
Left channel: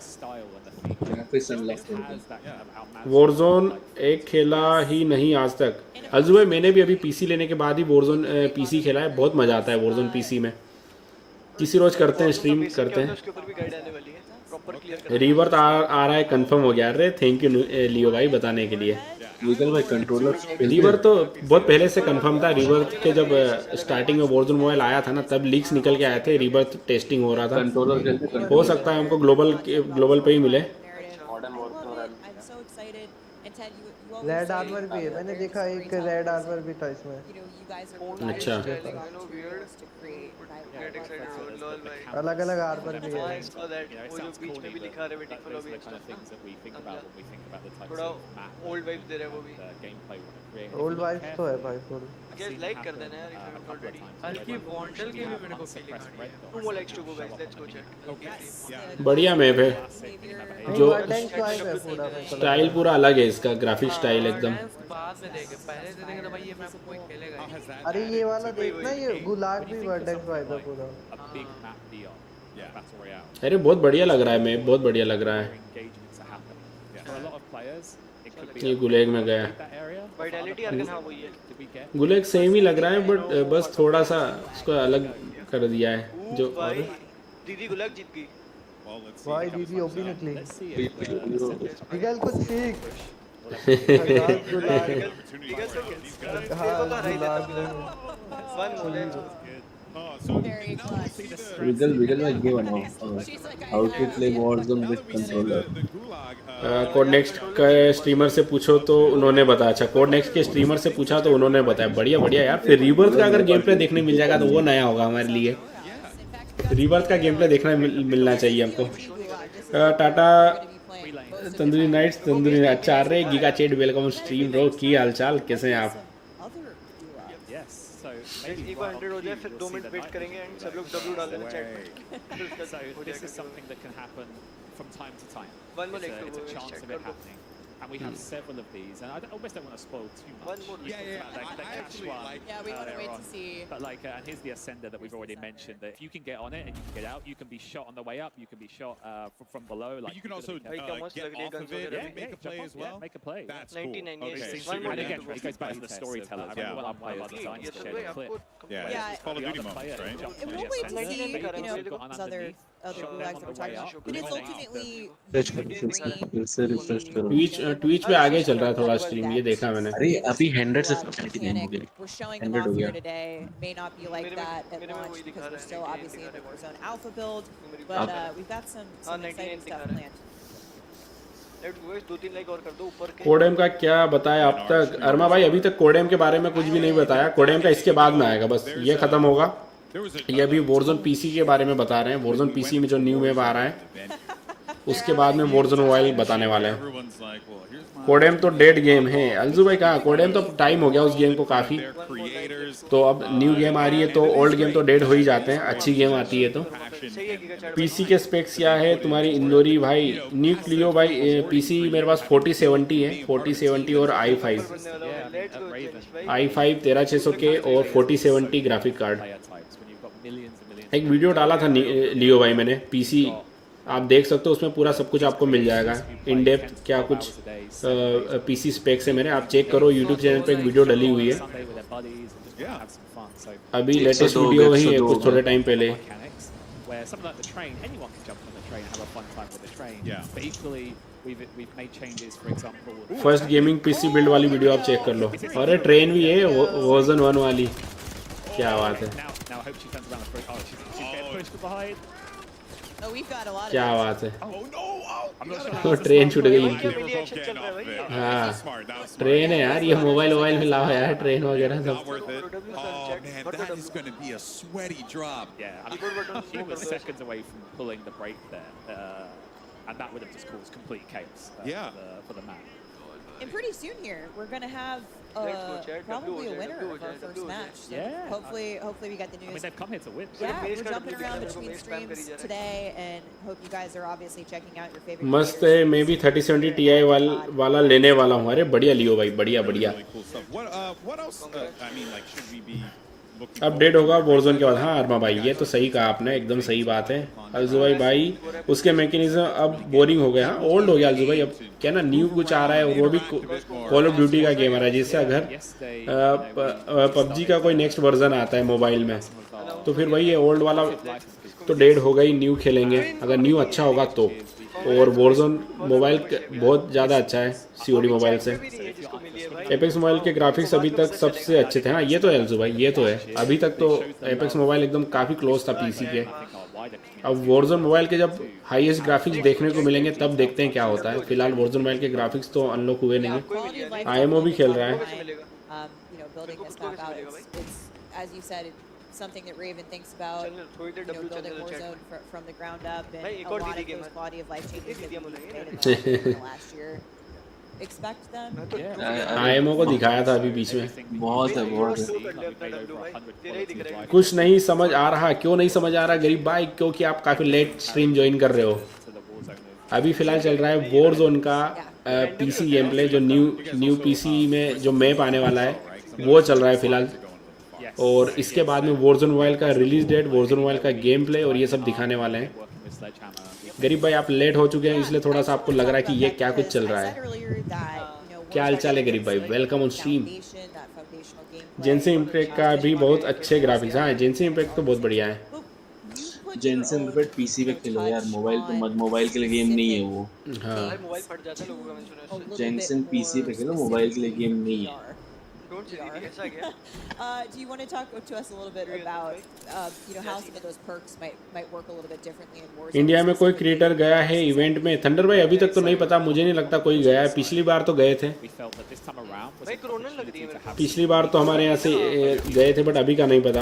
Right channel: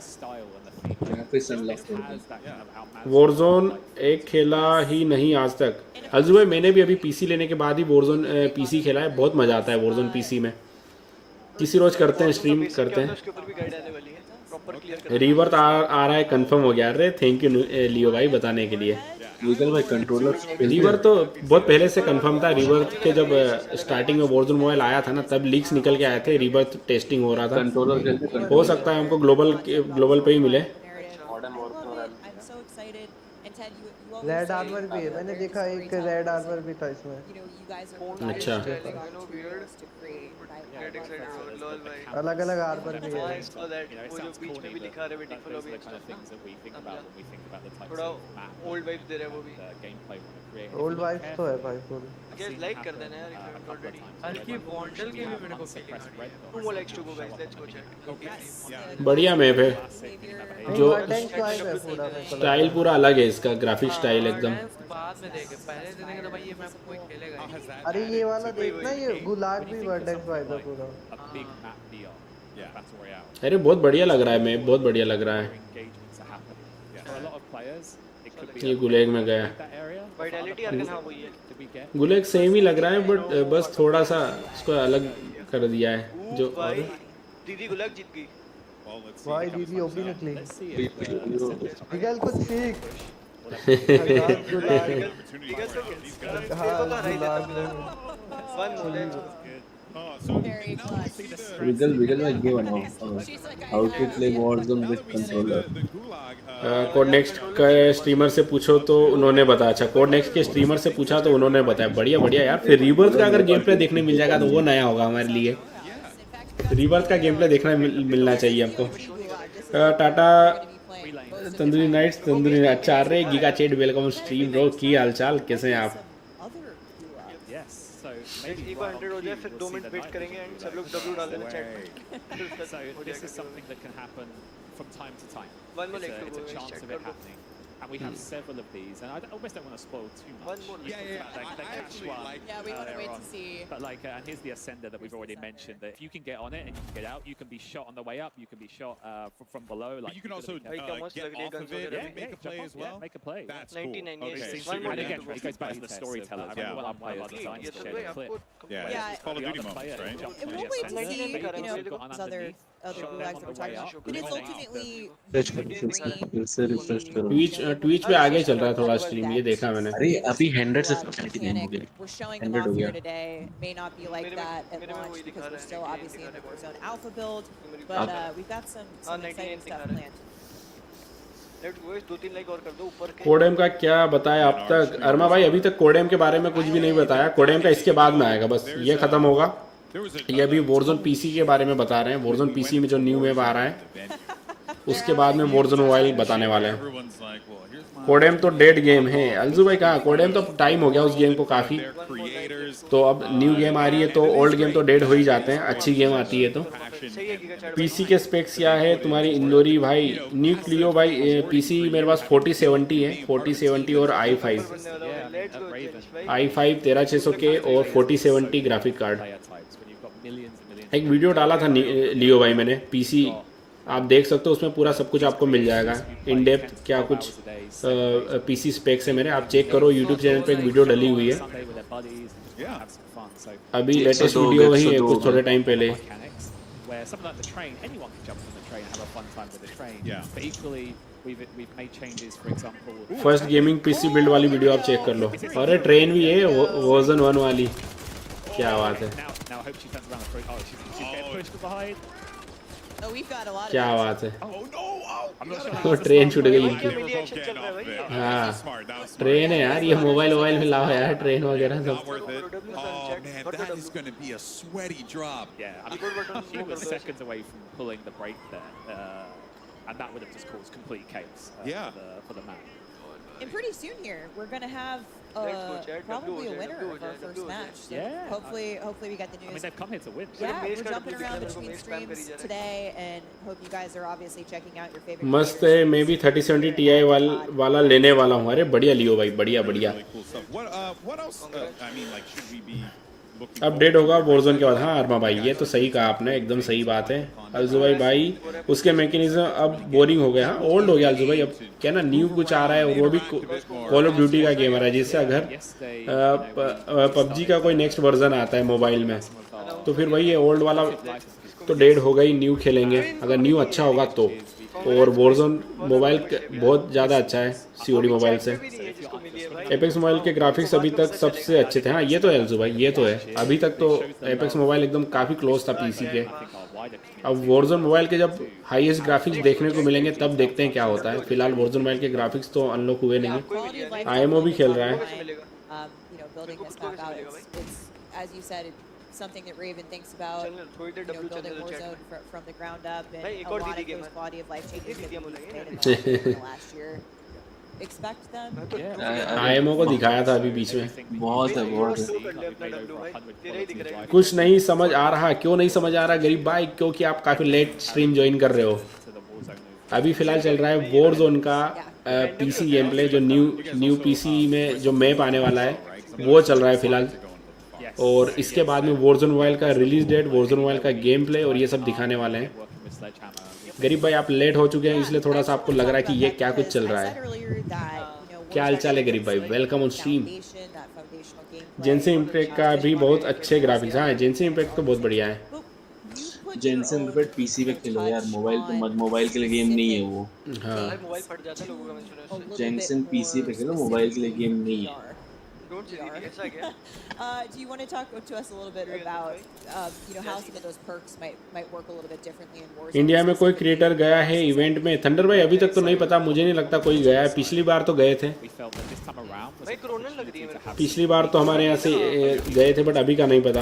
Warzone एक खेला ही नहीं आज तक। अल्जू भाई मैंने भी अभी पीसी लेने के बाद ही Warzone पीसी खेला है, बहुत मजा आता है Warzone पीसी में। किसी रोज करते हैं, स्ट्रीम करते हैं। उसके ऊपर भी गाइड आने वाली है, प्रॉपर क्लियर करते हैं। रिवर्थ आ रहा है, कंफर्म हो गया। अरे थैंक यू लियो भाई बताने के लिए। लीगल भाई कंट्रोलर रिवर्थ तो बहुत पहले से कंफर्म था। रिवर्थ तो जब स्टार्टिंग में Warzone मोबाइल आया था ना, तब लीक्स निकल के आए थे, रिवर्थ टेस्टिंग हो रहा था। कंट्रोलर हो सकता है हमको ग्लोबल पे ही मिले। I'm so excited. And Ted, you always red say armour भी है, मैंने देखा एक रेड आर्मर भी था इसमें. You know, you guys are अच्छा materials to create अलग अलग आर्मर भी है. वो जो बीच में भी लिखा है वेटिंग फॉर लॉबी थोड़ा ओल्ड वाइब्स दे रहा है वो भी. ओल्ड वाइब्स तो है भाई फुल. गाइस लाइक कर देना यार इफ यू हैवंट ऑलरेडी. हल्की बॉन्डल के भी मेरे को फीलिंग आ रही है. 2 more likes to go guys, let's go chat. बढ़िया मैप है. नहीं वर्डेंस वाइब है पूरा. मेरे को स्टाइल पूरा अलग है इसका, ग्राफिक स्टाइल एकदम. बाद में देखे, पहले से देखे तो भाई ये मैप कोई खेलेगा. अरे ये वाला देखना, ये गुलाग भी वर्डेंस वाइब है पूरा. अरे बहुत बढ़िया लग रहा है मैप, बहुत बढ़िया लग रहा है. ये गुलेग में गया. वाइटैलिटी अर्गन हां वही है. गुलेग सेम ही लग रहा है बट बस थोड़ा सा उसको अलग कर दिया है. जो भाई दीदी गुलाग जीत गई. भाई दीदी ओपी निकली. निकल कुछ सीख. गुलाग गुलाग. विगल में ये बनाओ how to play Warzone with controller. Code next के स्ट्रीमर से पूछो तो उन्होंने बताया. अच्छा कोड नेक्स्ट के स्ट्रीमर से पूछा तो उन्होंने बताया. बढ़िया बढ़िया यार. फिर रीबर्थ का अगर गेम प्ले देखने मिल जाएगा तो वो नया होगा हमारे लिए. रीबर्थ का गेम प्ले देखना मिलना चाहिए हमको. टाटा तंदूरी नाइट्स तंदूरी. अच्छा रे गीगा चेट वेलकम स्ट्रीम ब्रो. की हालचाल, कैसे हैं आप? Yes, so maybe 100 हो जाए फिर 2 मिनट वेट करेंगे एंड सब लोग W डाल देना चैट में. So this is something that can happen from time to time. One more like it's a chance of it happening. And we have several of these, and I almost don't want to spoil too much. One more. Yeah. The cash one. Yeah, we want to wait to see. But like, and here's the ascender that we've already mentioned. That if you can get on it and you can get out, you can be shot on the way up. You can be shot from below. Like but you can also get off of it and make a play as well. Yeah, make a play. That's 99 cool. years. Okay. And again, it goes back to the storyteller. One of the designs to share the clip. Yeah, it's Call of Duty moments, right? And we'll wait to see, you know, those other gulags that we're talking about. But it's ultimately refresh करो. ट्विच पे आगे चल रहा है थोड़ा स्ट्रीम, ये देखा मैंने. अरे अभी 100 से 50 गेम हो गए. we're showing them off here today. May not be like that at launch because we're still obviously in the Warzone alpha build, but we've got some exciting stuff planned. Let's go. 2-3 like और कर दो ऊपर के. कोडेम का क्या बताया अब तक? अरमा भाई अभी तक कोडेम के बारे में कुछ भी नहीं बताया. कोडेम का इसके बाद में आएगा, बस ये खत्म होगा. ये अभी वॉरज़ोन पीसी के बारे में बता रहे हैं. वॉरज़ोन पीसी में जो न्यू वेव आ रहा है उसके बाद में वॉरज़ोन मोबाइल बताने वाले हैं. कोडेम तो डेड गेम है. अलजू भाई कहा कोडेम तो टाइम हो गया उस गेम को काफी. तो अब न्यू गेम आ रही है तो ओल्ड गेम तो डेड हो ही जाते हैं. अच्छी गेम आती है तो. पीसी के स्पेक्स क्या है तुम्हारी इंदौरी भाई? न्यू क्लियो भाई पीसी मेरे पास 4070 है. 4070 और i5 13600 के और 4070 ग्राफिक कार्ड. एक वीडियो डाला था लियो भाई मैंने. पीसी आप देख सकते हो, उसमें पूरा सब कुछ आपको मिल जाएगा. इन डेप्थ क्या कुछ पीसी स्पेक्स है मेरे. आप चेक करो यूट्यूब चैनल पे वीडियो डली हुई है. अभी लेटेस्ट वीडियो वही है कुछ थोड़े टाइम पहले. Where something like the train, anyone can jump on the train and have a fun time with the train. Yeah. But equally, we've made changes. For example, first gaming PC build वाली वीडियो आप चेक कर लो. अरे ट्रेन भी है वर्जन 1 वाली. क्या बात है. Now I hope she turns around the front. Oh, she's getting pushed behind. Oh, we've got a lot of क्या that. बात है. Oh no! I'm not sure तो how to ट्रेन छूट गई. Smart. ट्रेन है यार. ये मोबाइल में लाओ यार ट्रेन वगैरह. Not worth it. Oh man, that is going to be a sweaty drop. Yeah, I mean, she was seconds away from pulling the brake there, and that would have just caused complete chaos for the map. And pretty soon here, we're going to have probably a winner of our first match. So hopefully we get the news. I mean, they've come here to win. Yeah, we're jumping around between streams today, and hope you guys are obviously checking out your favorite मस्त है. मैं भी 3070 Ti वाला लेने वाला हूँ. अरे बढ़िया लियो भाई, बढ़िया बढ़िया. What else? I mean, like, should we be update होगा वॉरज़ोन के बाद. हाँ अरमा भाई ये तो सही कहा आपने, एकदम सही बात है. अलजू भाई उसके मैकेनिज्म अब बोरिंग हो गया. ओल्ड हो गया अलजू भाई. अब क्या ना न्यू कुछ आ रहा है, वो भी कॉल ऑफ ड्यूटी का गेम आ रहा है. जिससे अगर पबजी का कोई नेक्स्ट वर्जन आता है मोबाइल में तो फिर वही है ओल्ड वाला तो डेड होगा ही. न्यू खेलेंगे अगर न्यू अच्छा होगा तो. और वॉरज़ोन मोबाइल बहुत ज़्यादा अच्छा है COD मोबाइल से. एपेक्स मोबाइल के ग्राफिक्स अभी तक सबसे अच्छे थे. हाँ ये तो है अलजू भाई, ये तो है. अभी तक तो एपेक्स मोबाइल एकदम काफ़ी क्लोज था पीसी के। अब वॉरजोन मोबाइल के जब हाईएस्ट ग्राफिक्स देखने को मिलेंगे तब देखते हैं क्या होता है। फिलहाल वॉरजोन मोबाइल के ग्राफिक्स तो अनलॉक हुए नहीं है। आईएमओ भी खेल रहा है। Something that Raven thinks about, building Warzone from the ground up, and a lot of those quality of life changes that we've made in the last year. Expect them. IMO को दिखाया था अभी बीच में। बहुत है कुछ नहीं समझ आ रहा। क्यों नहीं समझ आ रहा गरीब भाई? क्योंकि आप काफी लेट स्ट्रीम ज्वाइन कर रहे हो। अभी फिलहाल चल रहा है वॉरजोन का पीसी गेम प्ले, जो न्यू पीसी में जो मैप आने वाला है वो चल रहा है फिलहाल। और इसके बाद में वॉरजोन मोबाइल का रिलीज डेट, वॉरजोन मोबाइल का गेम प्ले और ये सब दिखाने वाले हैं। गरीब भाई आप लेट हो चुके हैं, इसलिए थोड़ा सा आपको लग रहा है कि ये क्या कुछ चल रहा है। क्या हाल चाल है गरीब भाई? Welcome on stream. Genshin Impact का भी बहुत अच्छे ग्राफिक्स हैं। जेंसन इम्पैक्ट तो बहुत बढ़िया है। जेंसन इम्पैक्ट पीसी पे खेलो यार, मोबाइल तो मत, मोबाइल के लिए गेम नहीं है वो। भाई मोबाइल फट जाता है लोगों का, मैंने सुना है। जेंसन पीसी पे खेलो, मोबाइल के लिए गेम नहीं है। Don't say that. ऐसा क्या? Do you want to talk to us a little bit about, how some of those perks might work a little bit differently in Warzone? India में कोई क्रिएटर गया है इवेंट में? थंडर भाई अभी तक तो नहीं पता, मुझे नहीं लगता कोई गया है। पिछली बार तो गए थे। भाई कोरोना लग रही है मेरे को। पिछली बार तो हमारे यहाँ से गए थे, बट अभी का नहीं पता।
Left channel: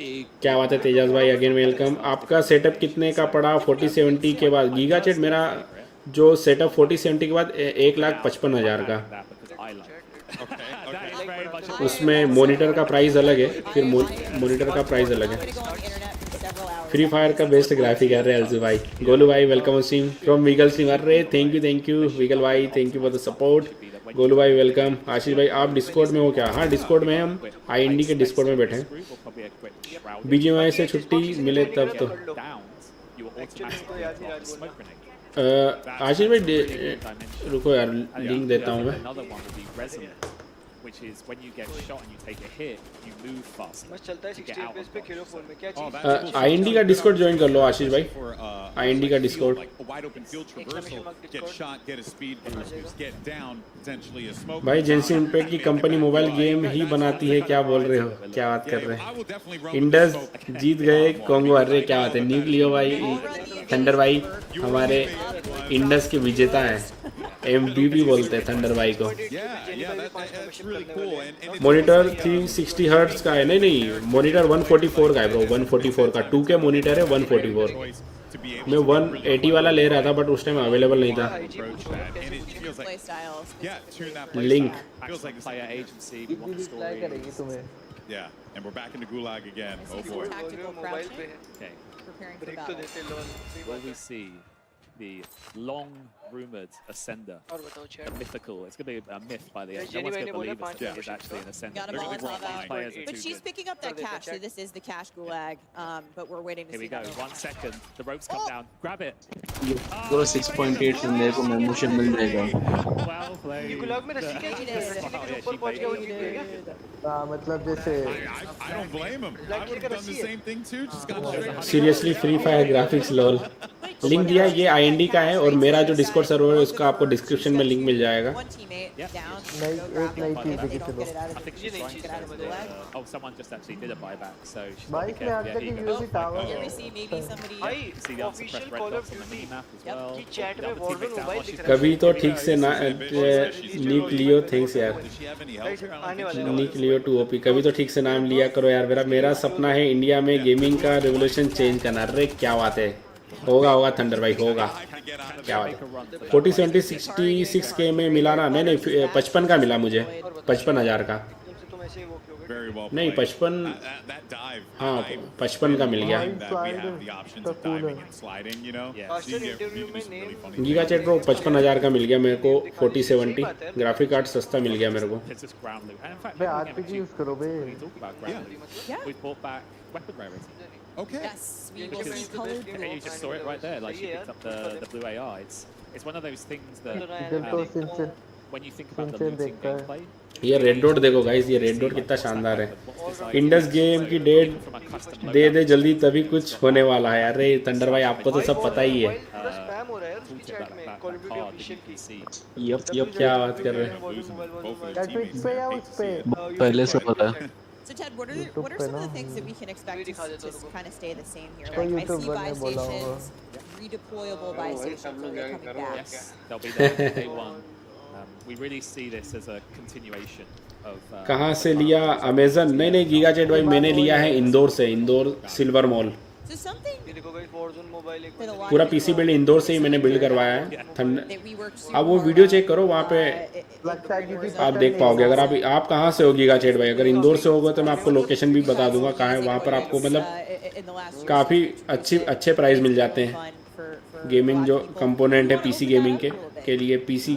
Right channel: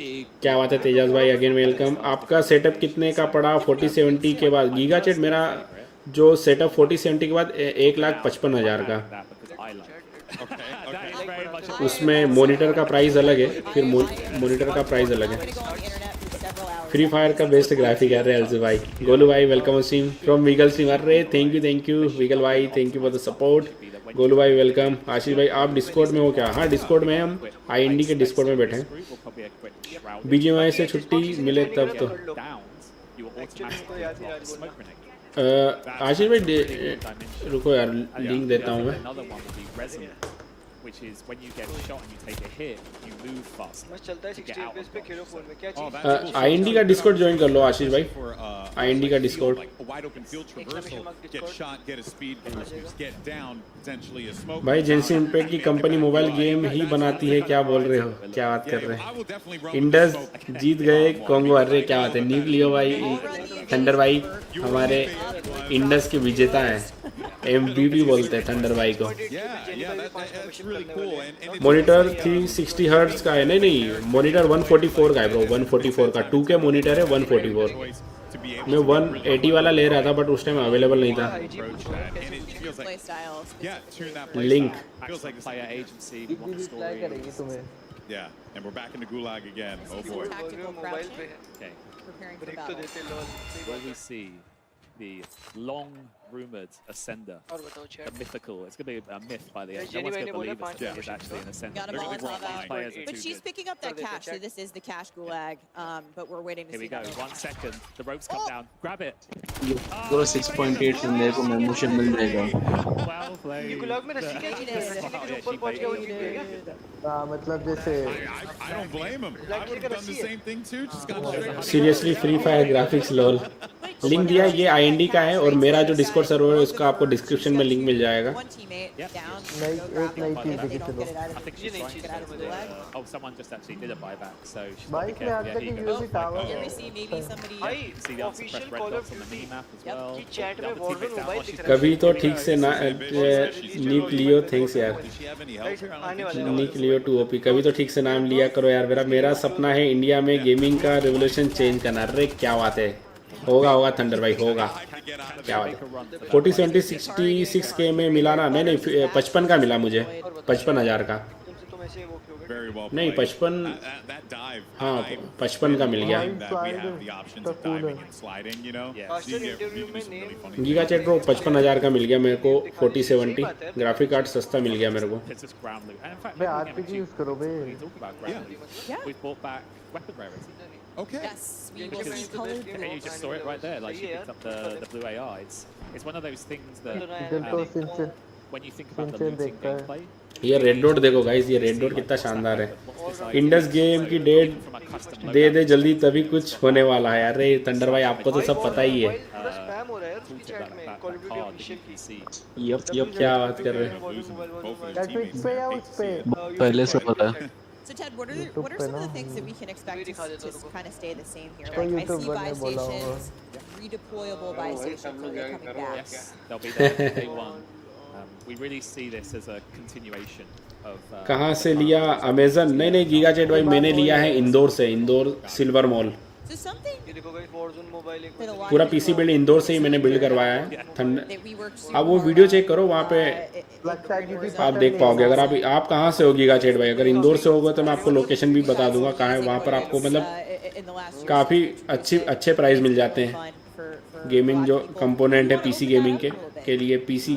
क्या बात है तेजस भाई, अगेन वेलकम। आपका सेटअप कितने का पड़ा 4070 के बाद? गीगा चैट मेरा जो सेटअप 4070 के बाद 1,55,000 का। उसमें मॉनिटर का प्राइस अलग है, फिर मॉनिटर का प्राइस अलग है। फ्री फायर का बेस्ट ग्राफिक है रेल्स भाई। गोलू भाई welcome stream from wiggle Singh. अरे थैंक यू वीगल भाई, thank you for the support. Golu भाई वेलकम। आशीष भाई आप डिस्कॉर्ड में हो क्या? हाँ डिस्कॉर्ड में हम आईएनडी के डिस्कॉर्ड में बैठे हैं। बीजीएमआई से छुट्टी मिले तब तो। आशीष भाई रुको यार, लिंक देता हूँ मैं। which is when you get shot and you take a hit, you move faster. मस्त चलता है 60 FPS पे खेलो फोन में, क्या चीज? आईएनडी का डिस्कॉर्ड ज्वाइन कर लो आशीष भाई। आईएनडी का Discord. A wide open field traversal, get shot, get a speed boost, get down, potentially a smoke. भाई जेंसन इम्पैक्ट की कंपनी मोबाइल गेम ही बनाती है, क्या बोल रहे हो? क्या बात कर रहे हैं? इंडस जीत गए कॉन्गो। अरे क्या बात है, निक लियो भाई। थंडर भाई हमारे इंडस के विजेता है, एमवीपी बोलते हैं थंडर भाई को। मॉनिटर 360 हर्ट्ज का है। नहीं मॉनिटर 144 का है ब्रो, 144 का 2K मॉनिटर है 144। मैं 180 वाला ले रहा था बट उस टाइम अवेलेबल नहीं था। Link Yeah, and we're back in the gulag again. Oh boy. Okay. Preparing for battle. Will we see the long-rumored Ascender, the mythical? It's going to be a myth by the end. No one's going to believe it is actually an Ascender. Got a Molotov out. But she's picking up that cash, so this is the cash gulag. But we're waiting to see. Here we go. 1 second. The ropes come down. Grab it. पूरा 6.8 से मेरे को मेमोशिप मिल जाएगा। Well played. ये गुलाग में रस्सी क्या चीज है? रस्सी के ऊपर पहुंच गया वो जीत गया। हाँ मतलब जैसे I don't blame him. I would have done the same thing too. Just got straight. Seriously free fire graphics lol. Link दिया, ये आईएनडी का है और मेरा जो डिस्कॉर्ड सर्वर है उसका आपको डिस्क्रिप्शन में लिंक मिल जाएगा। नई चीज देखी चलो। I think she's trying to. Oh, someone just actually did a buyback, so she's भाई इसमें आज तक UAV tower Here we see maybe somebody. see the unsuppressed red dots on the mini map as well. की चैट में वॉरजोन मोबाइल दिख रहा है। कभी तो ठीक से ना नीक लियो, थैंक्स यार। आने वाला है नीक लियो 2OP। कभी तो ठीक से नाम लिया करो यार। मेरा सपना है इंडिया में गेमिंग का रेवोल्यूशन चेंज करना। अरे क्या बात है, होगा थंडर भाई होगा। क्या बात 4070 66K में मिला रहा। नहीं 55 का मिला मुझे, 55,000 का। नहीं 55, हाँ 55 का मिल गया। गीगा चैट को 55,000 का मिल गया मेरे को। 4070 ग्राफिक कार्ड सस्ता मिल गया मेरे को। बे आरपीजी यूज करो बे। We bought back weapon rarity. Okay. Yes, we will see colored And you just saw it right there, like she picked up the blue AR. It's one of those things that when you think about the looting gameplay. ये रेड डॉट देखो गाइस, ये रेड डॉट कितना शानदार है। इंडस गेम की डेट दे जल्दी, तभी कुछ होने वाला है। अरे थंडर भाई आपको तो सब पता ही है। पूरा स्पैम हो रहा है उसकी चैट में कॉल ऑफ ड्यूटी ऑफिशियल की। यप क्या बात कर रहे हैं? नेटफ्लिक्स पे या उस पे? पहले से पता है। So Ted, what are some of the things that we can expect to kind of stay the same here? तो Like I YouTube see buy बनने बोला stations, redeployable buy stations. Are they coming back? Yes, they'll be there day one. We really see this as a continuation of. कहाँ से लिया? अमेजन? नहीं गीगा चैट भाई मैंने लिया है इंदौर से, Indore silver mall. So something ये देखो गाइस Warzone मोबाइल एक पूरा पीसी बिल्ड इंदौर से ही मैंने बिल्ड करवाया है। आप वो वीडियो चेक करो वहाँ पे आप देख पाओगे। अगर आप कहाँ से हो गीगा चैट भाई? अगर इंदौर से होगा तो मैं आपको लोकेशन भी बता दूंगा कहाँ है। वहाँ पर आपको मतलब काफ़ी अच्छे प्राइस मिल जाते हैं। गेमिंग जो कंपोनेंट है पीसी गेमिंग के लिए, पीसी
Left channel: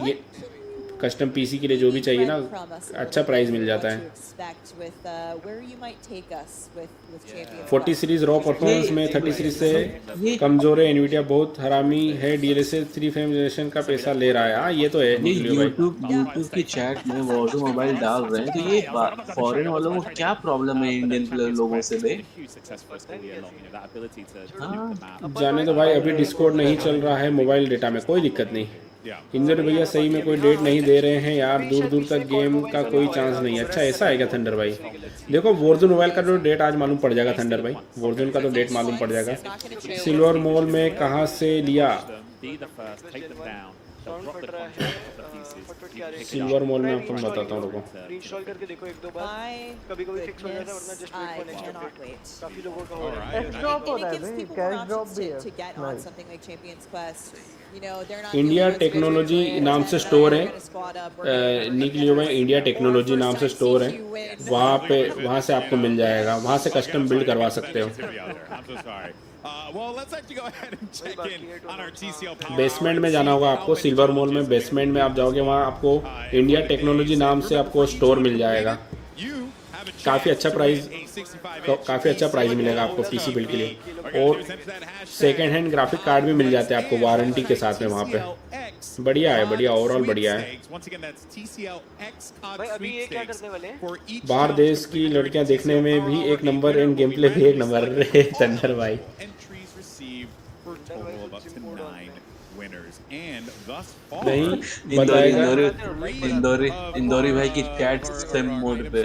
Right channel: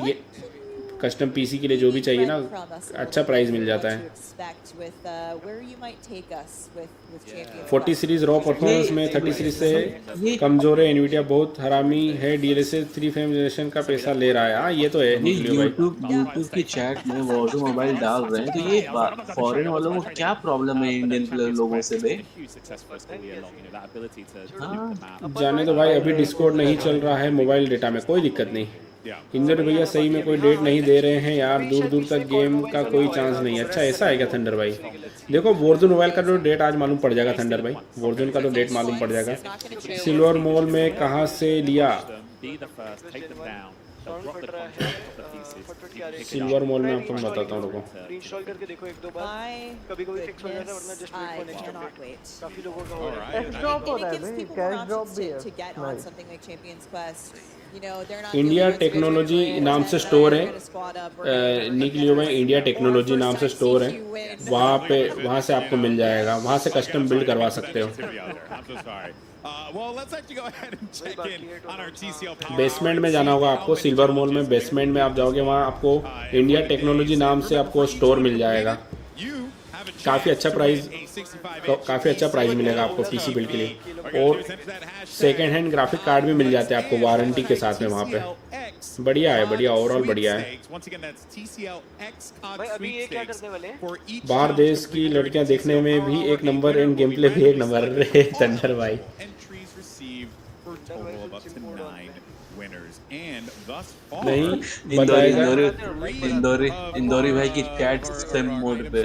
कस्टम पीसी के लिए जो भी चाहिए ना, अच्छा प्राइस मिल जाता है। 40 सीरीज रॉ परफॉर्मेंस में 30 सीरीज से कमजोर है। एनवीडिया बहुत हरामी है, डीएलएसए 3 फ्रेम जनरेशन का पैसा ले रहा है। हाँ ये तो है। ये यूट्यूब की चैट में Warzone मोबाइल डाल रहे हैं, तो ये फॉरेन वालों को क्या प्रॉब्लम है इंडियन प्लेयर लोगों से बे? जाने तो भाई, अभी डिस्कॉर्ड नहीं चल रहा है मोबाइल डेटा में, कोई दिक्कत नहीं। इंजन भैया सही में कोई डेट नहीं दे रहे हैं यार, दूर दूर तक गेम का कोई चांस नहीं है। अच्छा ऐसा है क्या थंडर भाई? देखो Warzone मोबाइल का तो डेट आज मालूम पड़ जाएगा थंडर भाई, Warzone का तो डेट मालूम पड़ जाएगा। सिल्वर मॉल में कहाँ से लिया? सिल्वर मॉल में आपको बताता हूँ। इंस्टॉल करके देखो एक दो बार, कभी-कभी फिक्स हो जाता है, वरना just wait for next update. काफी लोगों का हो रहा है। ड्रॉप हो रहा है भाई, कैश ड्रॉप भी है। इंडिया टेक्नोलॉजी नाम से स्टोर है, निकलियो में इंडिया टेक्नोलॉजी नाम से स्टोर है। वहाँ से आपको मिल जाएगा, वहाँ से कस्टम बिल्ड करवा सकते हो। बेसमेंट में जाना होगा आपको, सिल्वर मॉल में बेसमेंट में आप जाओगे, वहाँ आपको इंडिया टेक्नोलॉजी नाम से आपको स्टोर मिल जाएगा। काफ़ी अच्छा प्राइस मिलेगा आपको पीसी बिल्ड के लिए, और सेकेंड हैंड ग्राफिक कार्ड भी मिल जाते हैं आपको वारंटी के साथ में वहाँ पे। बढ़िया है, बढ़िया, ओवरऑल बढ़िया है। भाई अभी ये क्या करने वाले हैं? बाहर देश की लड़कियां देखने में भी एक नंबर है, गेम प्ले भी एक नंबर है। थंडर भाई इंदौरी भाई की चैट सिम मोड पे।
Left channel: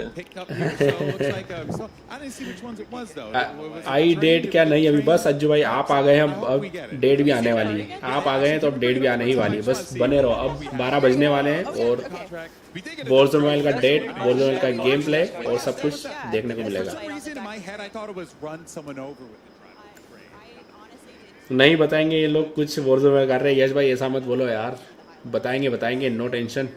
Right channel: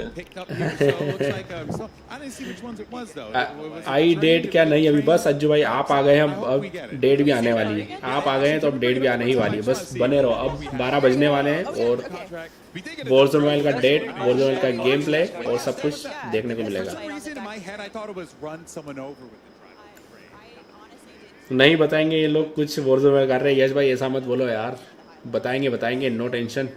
आई डेट क्या नहीं अभी, बस अज्जू भाई आप आ गए हैं, अब डेट भी आने वाली है। आप आ गए हैं तो अब डेट भी आने ही वाली है, बस बने रहो। अब 12 बजने वाले हैं और Warzone का डेट, Warzone का गेम प्ले और सब कुछ देखने को मिलेगा। नहीं बताएंगे ये लोग कुछ Warzone कर रहे हैं। यश भाई ऐसा मत बोलो यार, बताएंगे, no tension.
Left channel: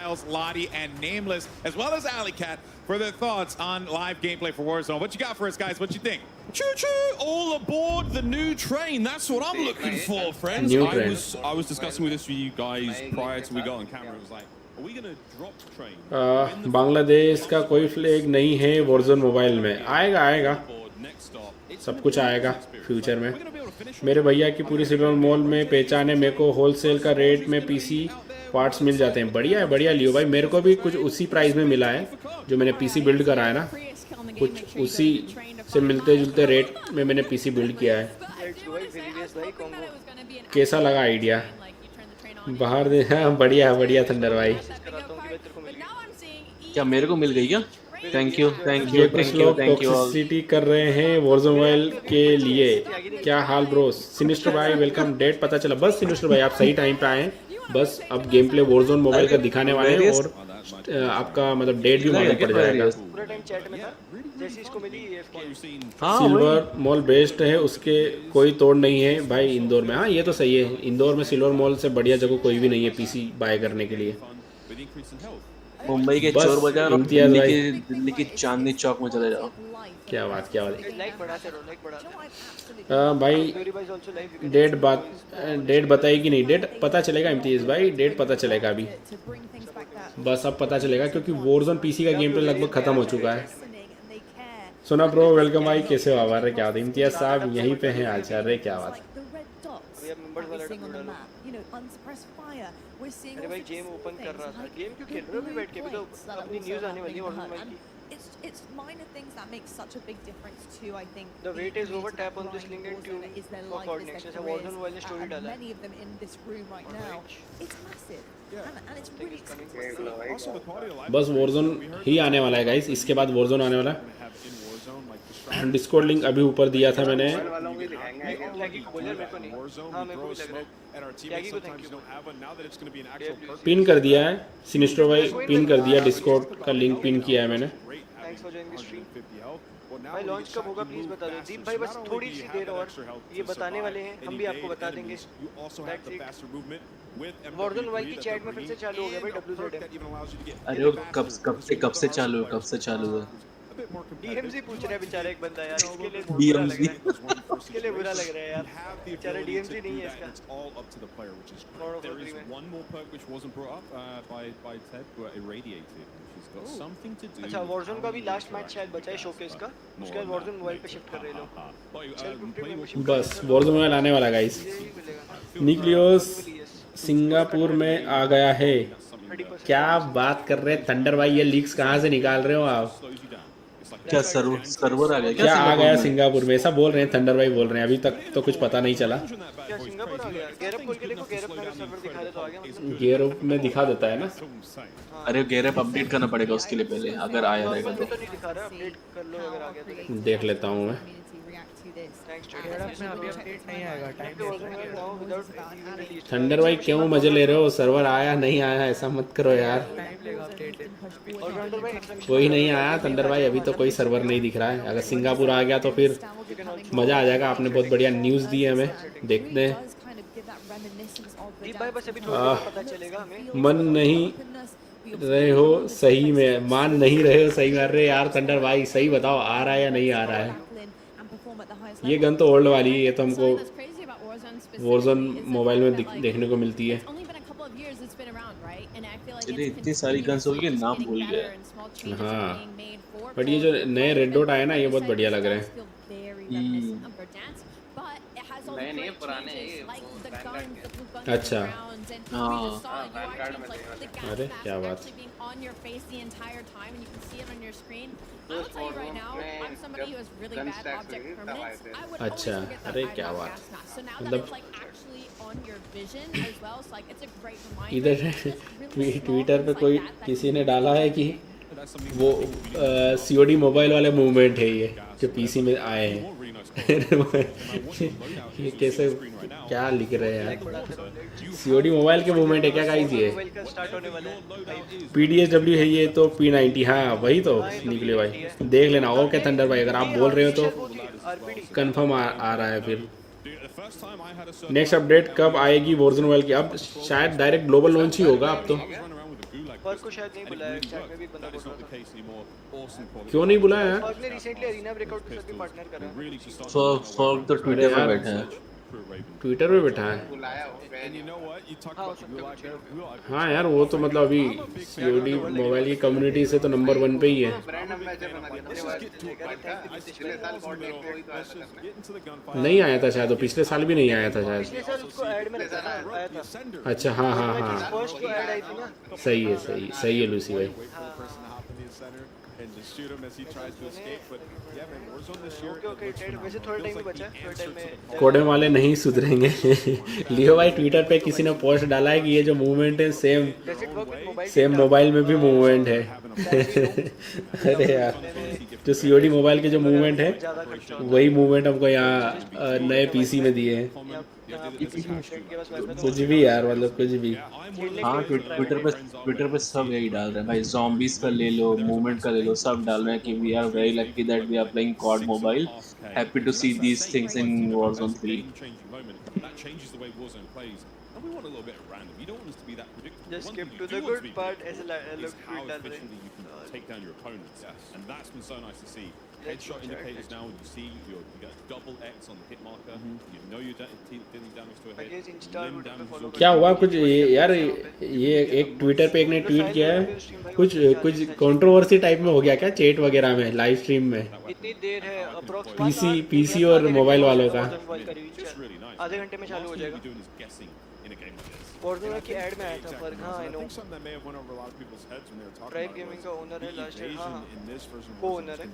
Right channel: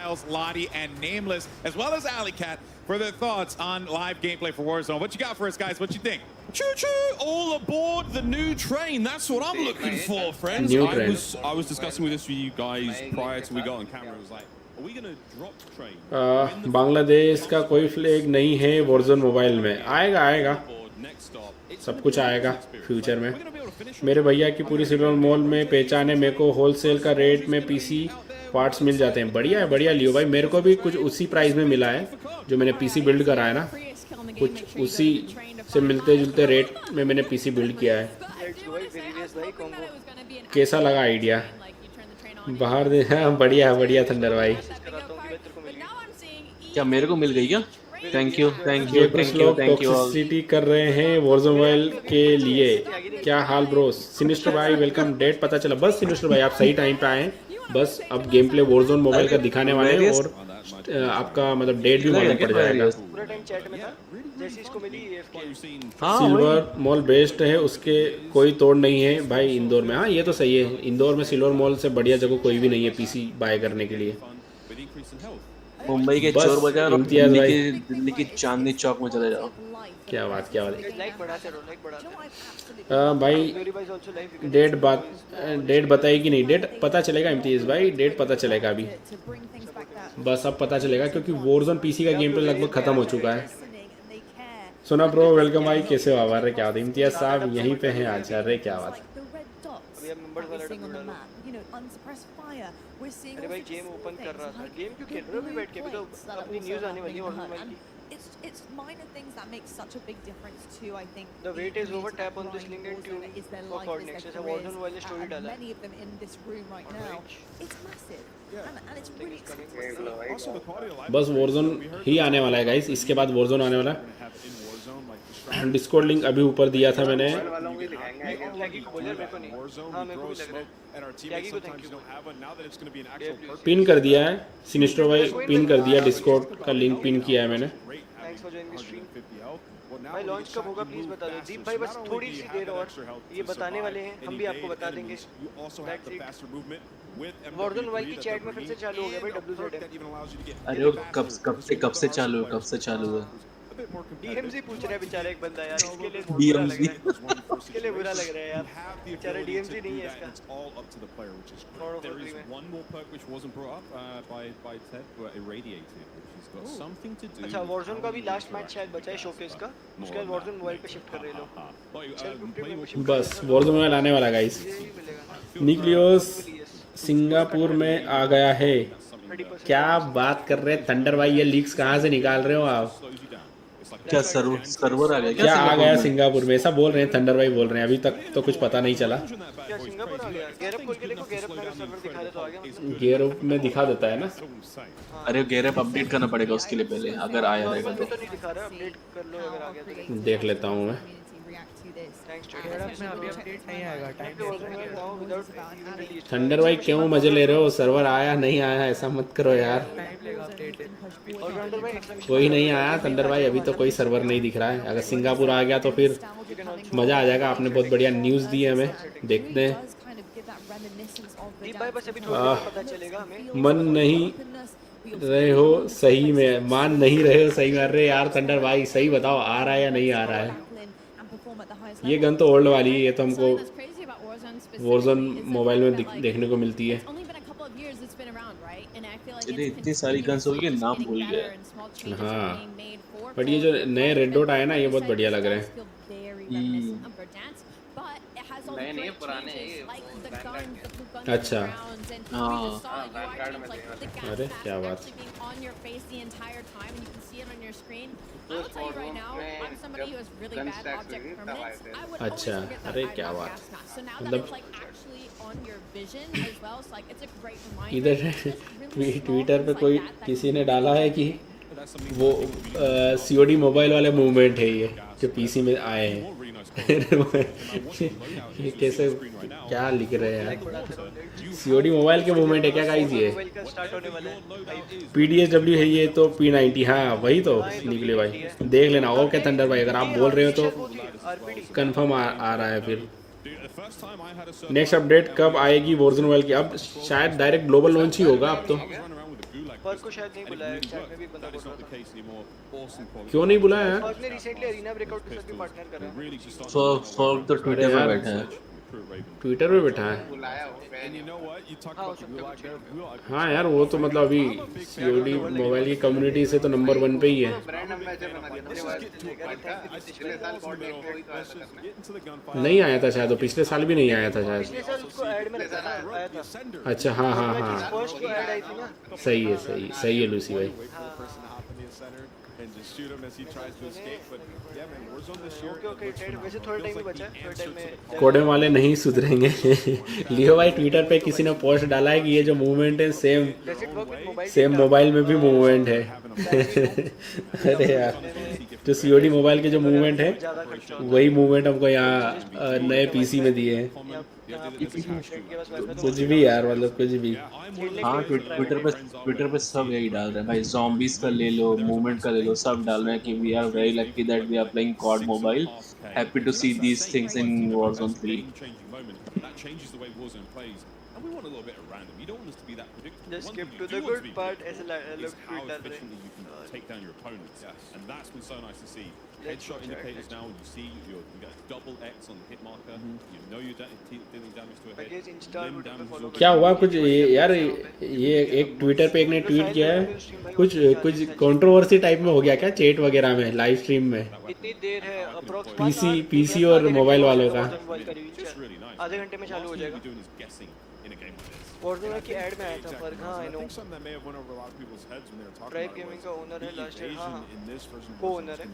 Miles, Lottie, and Nameless, as well as Alleycat, for their thoughts on live gameplay for Warzone. What you got for us, guys? What you think? Choo-choo! All aboard the new train. That's what I'm looking for, friends. I was discussing with this with you guys prior to we got on camera. It was like, are we gonna drop train? Bangladesh का कोई फ्लैग नहीं है Warzone मोबाइल में। आएगा, सब कुछ आएगा फ्यूचर में। मेरे भैया की पूरी सिल्वर मॉल में पहचान है, मेरे को होलसेल का रेट में पीसी पार्ट्स मिल जाते हैं। बढ़िया लियो भाई, मेरे को भी कुछ उसी प्राइस में मिला है जो मैंने पीसी बिल्ड करा है ना, कुछ उसी से मिलते जुलते रेट में मैंने पीसी बिल्ड किया है। कैसा लगा आइडिया? बाहर दे, हाँ बढ़िया थंडर भाई। क्या मेरे को मिल गई क्या? थैंक यू सिटी कर रहे हैं Warzone मोबाइल के लिए। क्या हाल ब्रो? सिनिस्टर भाई वेलकम। डेट पता चला? बस सिनिस्टर भाई आप सही टाइम पे आए, बस अब गेम प्ले Warzone मोबाइल का दिखाने वाले हैं और आपका मतलब डेट भी पूरा टाइम चैट में था जैसे इसको मिली AFK। सिल्वर मॉल बेस्ट है, उसके कोई तोड़ नहीं है भाई इंदौर में। हाँ ये तो सही है, इंदौर में सिल्वर मॉल से बढ़िया जगह कोई भी नहीं है पीसी बाय करने के लिए। मुंबई के चोर बाजार और दिल्ली की चांदनी चौक में चले जाओ। क्या बात लाइक बढ़ाते रहो, लाइक बढ़ाते। भाई डेट बताई कि नहीं? डेट पता चलेगा इम्तियाज भाई, डेट पता चलेगा अभी, बस अब पता चलेगा क्योंकि Warzone पीसी का गेम तो लगभग खत्म हो चुका है। सुना ब्रो वेलकम भाई, कैसे हो? आवार क्या बात? इम्तियाज साहब यहीं पे हैं आज। अरे क्या बात? अभी आप मेंबर्स वाला अरे भाई गेम ओपन कर रहा था। गेम क्यों खेल रहे हो अभी बैठ के? अभी तो अपनी न्यूज़ आने वाली है Warzone की। it's minor things that make such a big difference too. I think the weight is over. Tap on this link and tune for COD next. ऐसा Warzone वाले story डाला है. Many of them in this room right now. It's massive. And it's really exciting. बस Warzone ही आने वाला है गाइस. इसके बाद Warzone आने वाला है. डिस्कॉर्ड लिंक अभी ऊपर दिया था मैंने. पिन कर दिया है. सिनिस्ट्रो भाई पिन कर दिया. डिस्कॉर्ड का लिंक पिन किया है मैंने. Thanks for joining the stream. भाई लॉन्च कब होगा प्लीज बता दो. दीप भाई बस थोड़ी सी देर और ये बताने वाले हैं. हम भी आपको बता देंगे. Warzone मोबाइल की चैट में फिर से चालू हो गया भाई WZM. अरे वो कब से चालू है. DMZ पूछ रहा है बेचारा एक बंदा यार. इसके लिए बुरा लग रहा है यार. बेचारा DMZ नहीं है इसका. There is one more perk which wasn't brought up by Ted, but irradiated, which has got something to do. अच्छा Warzone का भी लास्ट मैच शायद बचा है शोकेस का. उसके बाद Warzone मोबाइल पे शिफ्ट कर रहे लोग. बस Warzone मोबाइल आने वाला गाइस. न्यूक्लियस सिंगापुर में आ गया है. क्या बात कर रहे हैं थंडर भाई. ये लीक्स कहाँ से निकाल रहे हो आप. क्या सर्वर आ गया क्या आ गया सिंगापुर में. ऐसा बोल रहे हैं थंडर भाई बोल रहे हैं. अभी तक तो कुछ पता नहीं चला. क्या सिंगापुर आ गया. गैरप खोल के देखो. गैरप मेरा सर्वर दिखा दे तो आ गया मतलब. गैरप में दिखा देता है ना. अरे गैरप अपडेट करना पड़ेगा उसके लिए पहले. अगर आया रहेगा तो नहीं दिखा रहा. अपडेट कर लो अगर आ गया तो. देख लेता हूँ मैं. गैरप में अभी अपडेट नहीं आएगा. थंडर भाई क्यों मजे ले रहे हो. सर्वर आया नहीं आया ऐसा मत करो यार. कोई नहीं आया थंडर भाई. अभी तो कोई सर्वर नहीं दिख रहा है. अगर सिंगापुर आ गया तो फिर मजा आ जाएगा. आपने बहुत बढ़िया न्यूज़ दी है हमें. देखते हैं. मन नहीं रहे हो सही में. मान नहीं रहे हो सही में. अरे यार थंडर भाई सही बताओ आ रहा है या नहीं आ रहा है. ये गन तो ओल्ड वाली है. ये तो हमको Warzone मोबाइल में देखने को मिलती है. इतनी सारी गन्स हो गई नाम भूल गए. हाँ बट ये जो नए रेड डॉट आए ना ये बहुत बढ़िया लग रहे हैं. नए पुराने अच्छा अरे क्या बात. अच्छा अरे क्या बात. मतलब इधर ट्विटर पे कोई किसी ने डाला है कि वो COD मोबाइल वाले मूवमेंट है ये जो PC में आए हैं. ये कैसे क्या लिख रहे हैं. COD मोबाइल के मूवमेंट है क्या गाइस. ये PDSW है ये तो P90. हाँ वही तो निकले भाई. देख लेना. ओके थंडर भाई अगर आप बोल रहे हो तो कंफर्म आ रहा है. फिर नेक्स्ट अपडेट कब आएगी Warzone मोबाइल की. अब शायद डायरेक्ट ग्लोबल लॉन्च ही होगा. अब तो पर को शायद नहीं बुलाया. चैट में भी एक बंदा बोल रहा था. क्यों नहीं बुलाया. फर्क ने रिसेंटली एरिना ब्रेकआउट के साथ भी पार्टनर करा है. फॉर्क तो ट्विटर पे बैठा है. ट्विटर पे बैठा है. हाँ यार वो तो मतलब अभी COD मोबाइल की कम्युनिटी से तो नंबर 1 पे ही है. नहीं आया था शायद. पिछले साल भी नहीं आया था शायद. पिछले साल उसको ऐड में लगा था. आया था. अच्छा हाँ हाँ हाँ फर्स्ट को ऐड आई थी ना. सही है लूसी भाई. And just shoot him as he tries to escape. But yeah, man, Warzone this year. Okay, वैसे थोड़ा टाइम ही बचा है. थोड़ा टाइम में कोडे वाले नहीं सुधरेंगे. लियो भाई ट्विटर पे किसी ने पोस्ट डाला है कि ये जो मूवमेंट है सेम मोबाइल में भी मूवमेंट है. अरे यार तो COD मोबाइल के जो मूवमेंट है वही मूवमेंट हमको यहाँ नए PC में दिए हैं. कुछ भी यार मतलब कुछ भी. हाँ ट्विटर पे सब यही डाल रहे हैं भाई. zombies का ले लो, मूवमेंट का ले लो, सब डाल रहे हैं कि we are very lucky that we are playing COD mobile. Happy to see these things in Warzone 3. That changes the way Warzone plays. And we want a little bit of random. You don't want us to be that predictable. Just skip to the good part. Is how efficiently you can take down your opponents. And that's been so nice to see. headshot indicators now. You see you got double X on the hit marker. You know you're dealing damage to a head. Limb damage. क्या हुआ कुछ यार, ये एक ट्विटर पे एक ने ट्वीट किया, कुछ कुछ कंट्रोवर्सी टाइप में हो गया क्या चैट वगैरह में, लाइव स्ट्रीम में? इतनी देर है पीसी और मोबाइल वालों का आधे घंटे में चालू हो जाएगा। Warzone की ऐड में आया था पर हाँ आई नो ट्राइब गेमिंग का ओनर है लास्ट ईयर, हाँ को ओनर है।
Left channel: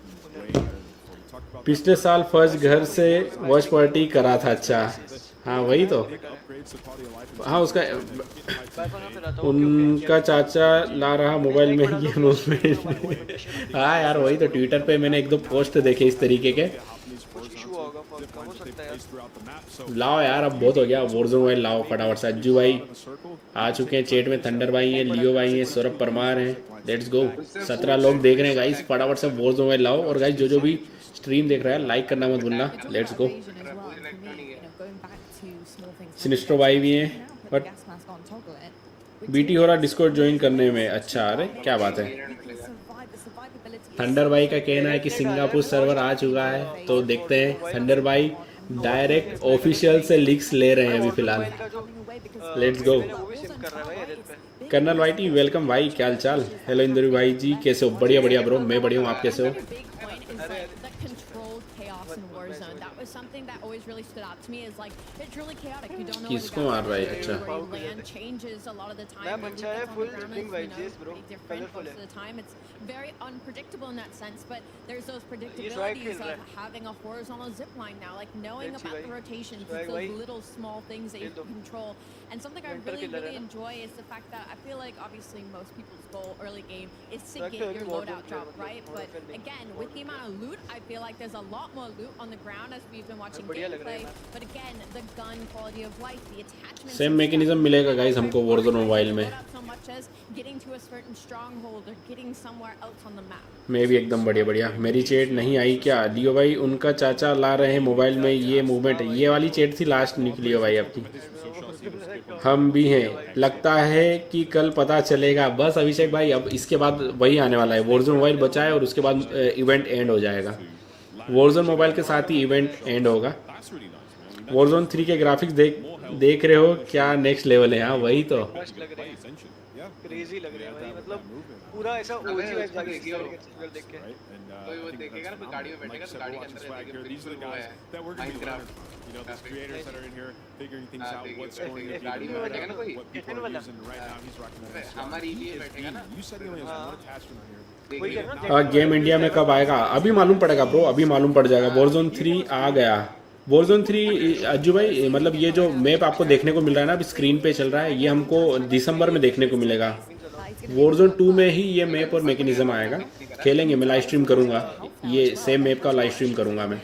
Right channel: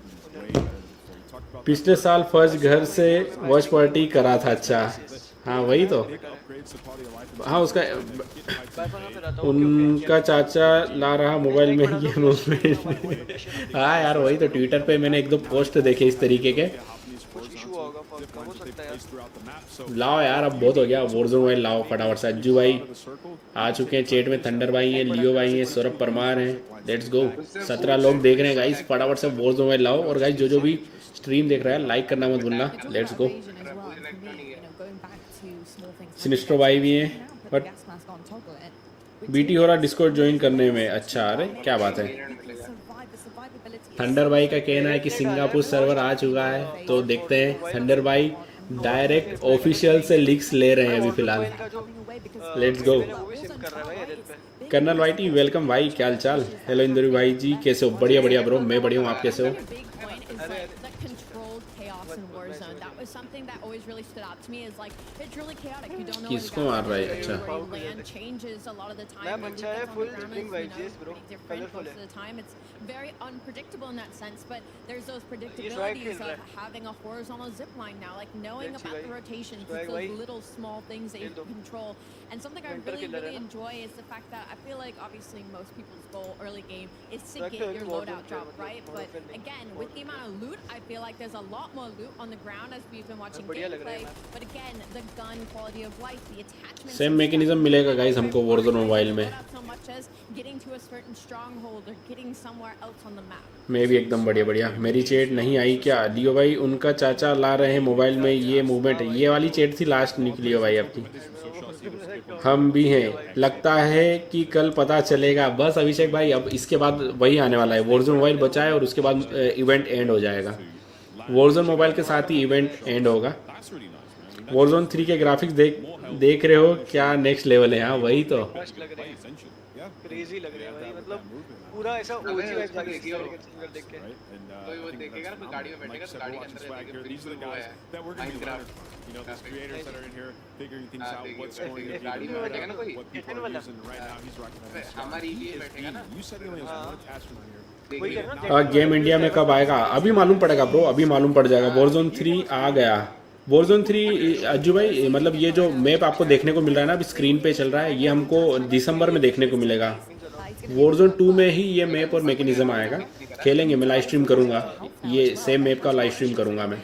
पिछले साल फर्स्ट घर से वॉच पार्टी करा था। अच्छा हाँ वही तो, हाँ उसका उनका चाचा ला रहा मोबाइल में गेम उसमें। हाँ यार वही तो, ट्विटर पे मैंने एक दो पोस्ट देखे इस तरीके के। लाओ यार अब बहुत हो गया, Warzone मोबाइल लाओ फटाफट से। अज्जू भाई आ चुके हैं चैट में, थंडर भाई है, लियो भाई है, सौरभ परमार है। लेट्स गो, 17 लोग देख रहे हैं गाइस, फटाफट से Warzone मोबाइल लाओ। और गाइस जो भी स्ट्रीम देख रहा है लाइक करना मत भूलना। Let's go. सिनिस्टर भाई भी है, बट बीटी हो रहा डिस्कॉर्ड ज्वाइन करने में। अच्छा अरे क्या बात है। थंडर भाई का कहना है कि सिंगापुर सर्वर आ चुका है, तो देखते हैं। थंडर भाई डायरेक्ट ऑफिशियल से लीक्स ले रहे हैं अभी फिलहाल। Let's go. कर्नल भाई टी वेलकम भाई, क्या हाल चाल? हेलो इंदुरी भाई जी, कैसे हो? बढ़िया बढ़िया ब्रो, मैं बढ़िया हूँ, आप कैसे हो? किसको मार रहा है? अच्छा मैम अच्छा है, full spring vibes bro, colourful है। Very unpredictable in that sense, but there's those predictabilities of having a horizontal zip line now, like knowing about the rotations, it's those little small things that you can control. And something I really enjoy is the fact that I feel like obviously most people's goal early game is to get your loadout drop, right? But again, with the amount of loot, I feel like there's a lot more loot on the ground as we've been watching gameplay. But again, the gun quality of life, the attachments. Same mechanism मिलेगा guys हमको Warzone मोबाइल में। So much as getting to a certain stronghold or getting somewhere else on the map. मैं भी एकदम बढ़िया बढ़िया। मेरी चैट नहीं आई क्या? लियो भाई उनका चाचा ला रहे हैं मोबाइल में ये मूवमेंट, ये वाली चैट थी लास्ट निकली है भाई आपकी। हम भी हैं, लगता है कि कल पता चलेगा। बस अभिषेक भाई अब इसके बाद वही आने वाला है, Warzone मोबाइल बचा है और उसके बाद इवेंट एंड हो जाएगा। Warzone मोबाइल के साथ ही इवेंट एंड होगा। Warzone 3 के ग्राफिक्स देख रहे हो क्या? नेक्स्ट लेवल है। हाँ वही तो, क्रेजी लग रहा है भाई, मतलब पूरा ऐसा ओजी वाइब देख के कोई वो देखेगा ना, कोई गाड़ी में बैठेगा तो गाड़ी के अंदर देखेगा बिल्कुल वो है Minecraft, you know, these creators that are in here figuring things out, what's going to be गाड़ी में बैठेगा ना कोई, what people are using right now. He's recommending हमारी लिए बैठेगा ना। You said he only has one attachment on here. Game India में कब आएगा? अभी मालूम पड़ेगा ब्रो, अभी मालूम पड़ जाएगा। Warzone 3 आ गया। Warzone 3 अज्जू भाई, मतलब ये जो मैप आपको देखने को मिल रहा है ना अभी स्क्रीन पे चल रहा है, ये हमको दिसंबर में देखने को मिलेगा। Warzone 2 में ही ये मैप और मैकेनिज्म आएगा। खेलेंगे, मैं लाइव स्ट्रीम करूंगा, ये सेम मैप का लाइव स्ट्रीम करूंगा मैं।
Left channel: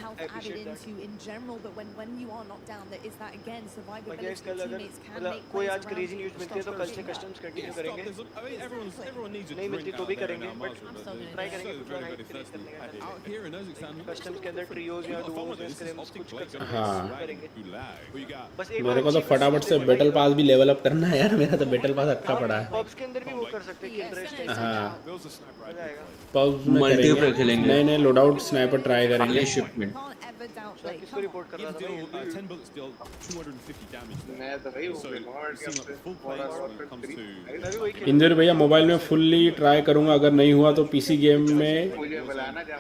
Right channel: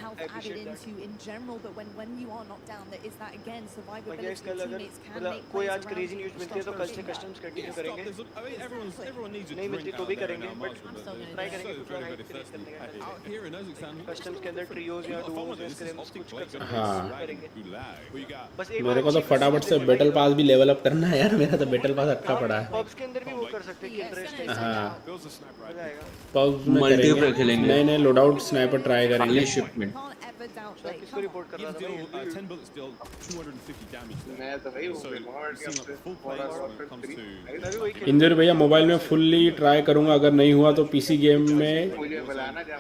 कोई आज क्रेजी न्यूज़ मिलती है तो कल से कस्टम्स कंटिन्यू करेंगे, नहीं मिलती तो भी करेंगे, बट ट्राई करेंगे कुछ और हाइप क्रिएट करने का। कस्टम्स के अंदर ट्रियोज या डुओज या स्क्रिम्स कुछ कर सकते हैं, करेंगे। बस एक बार मेरे को तो फटाफट से बैटल पास भी लेवल अप करना है यार, मेरा तो बैटल पास अच्छा पड़ा है। पब्स के अंदर भी वो कर सकते हैं कि इंटरेस्टिंग पब मल्टीप्लेयर खेलेंगे। नए लोडआउट स्नाइपर ट्राई करेंगे। खाली शिपमेंट किसको रिपोर्ट कर रहा था? 10 bullets deal 250 damage there. मैं तो भाई वो इंदर भैया मोबाइल में फुल्ली ट्राई करूंगा, अगर नहीं हुआ तो पीसी गेम में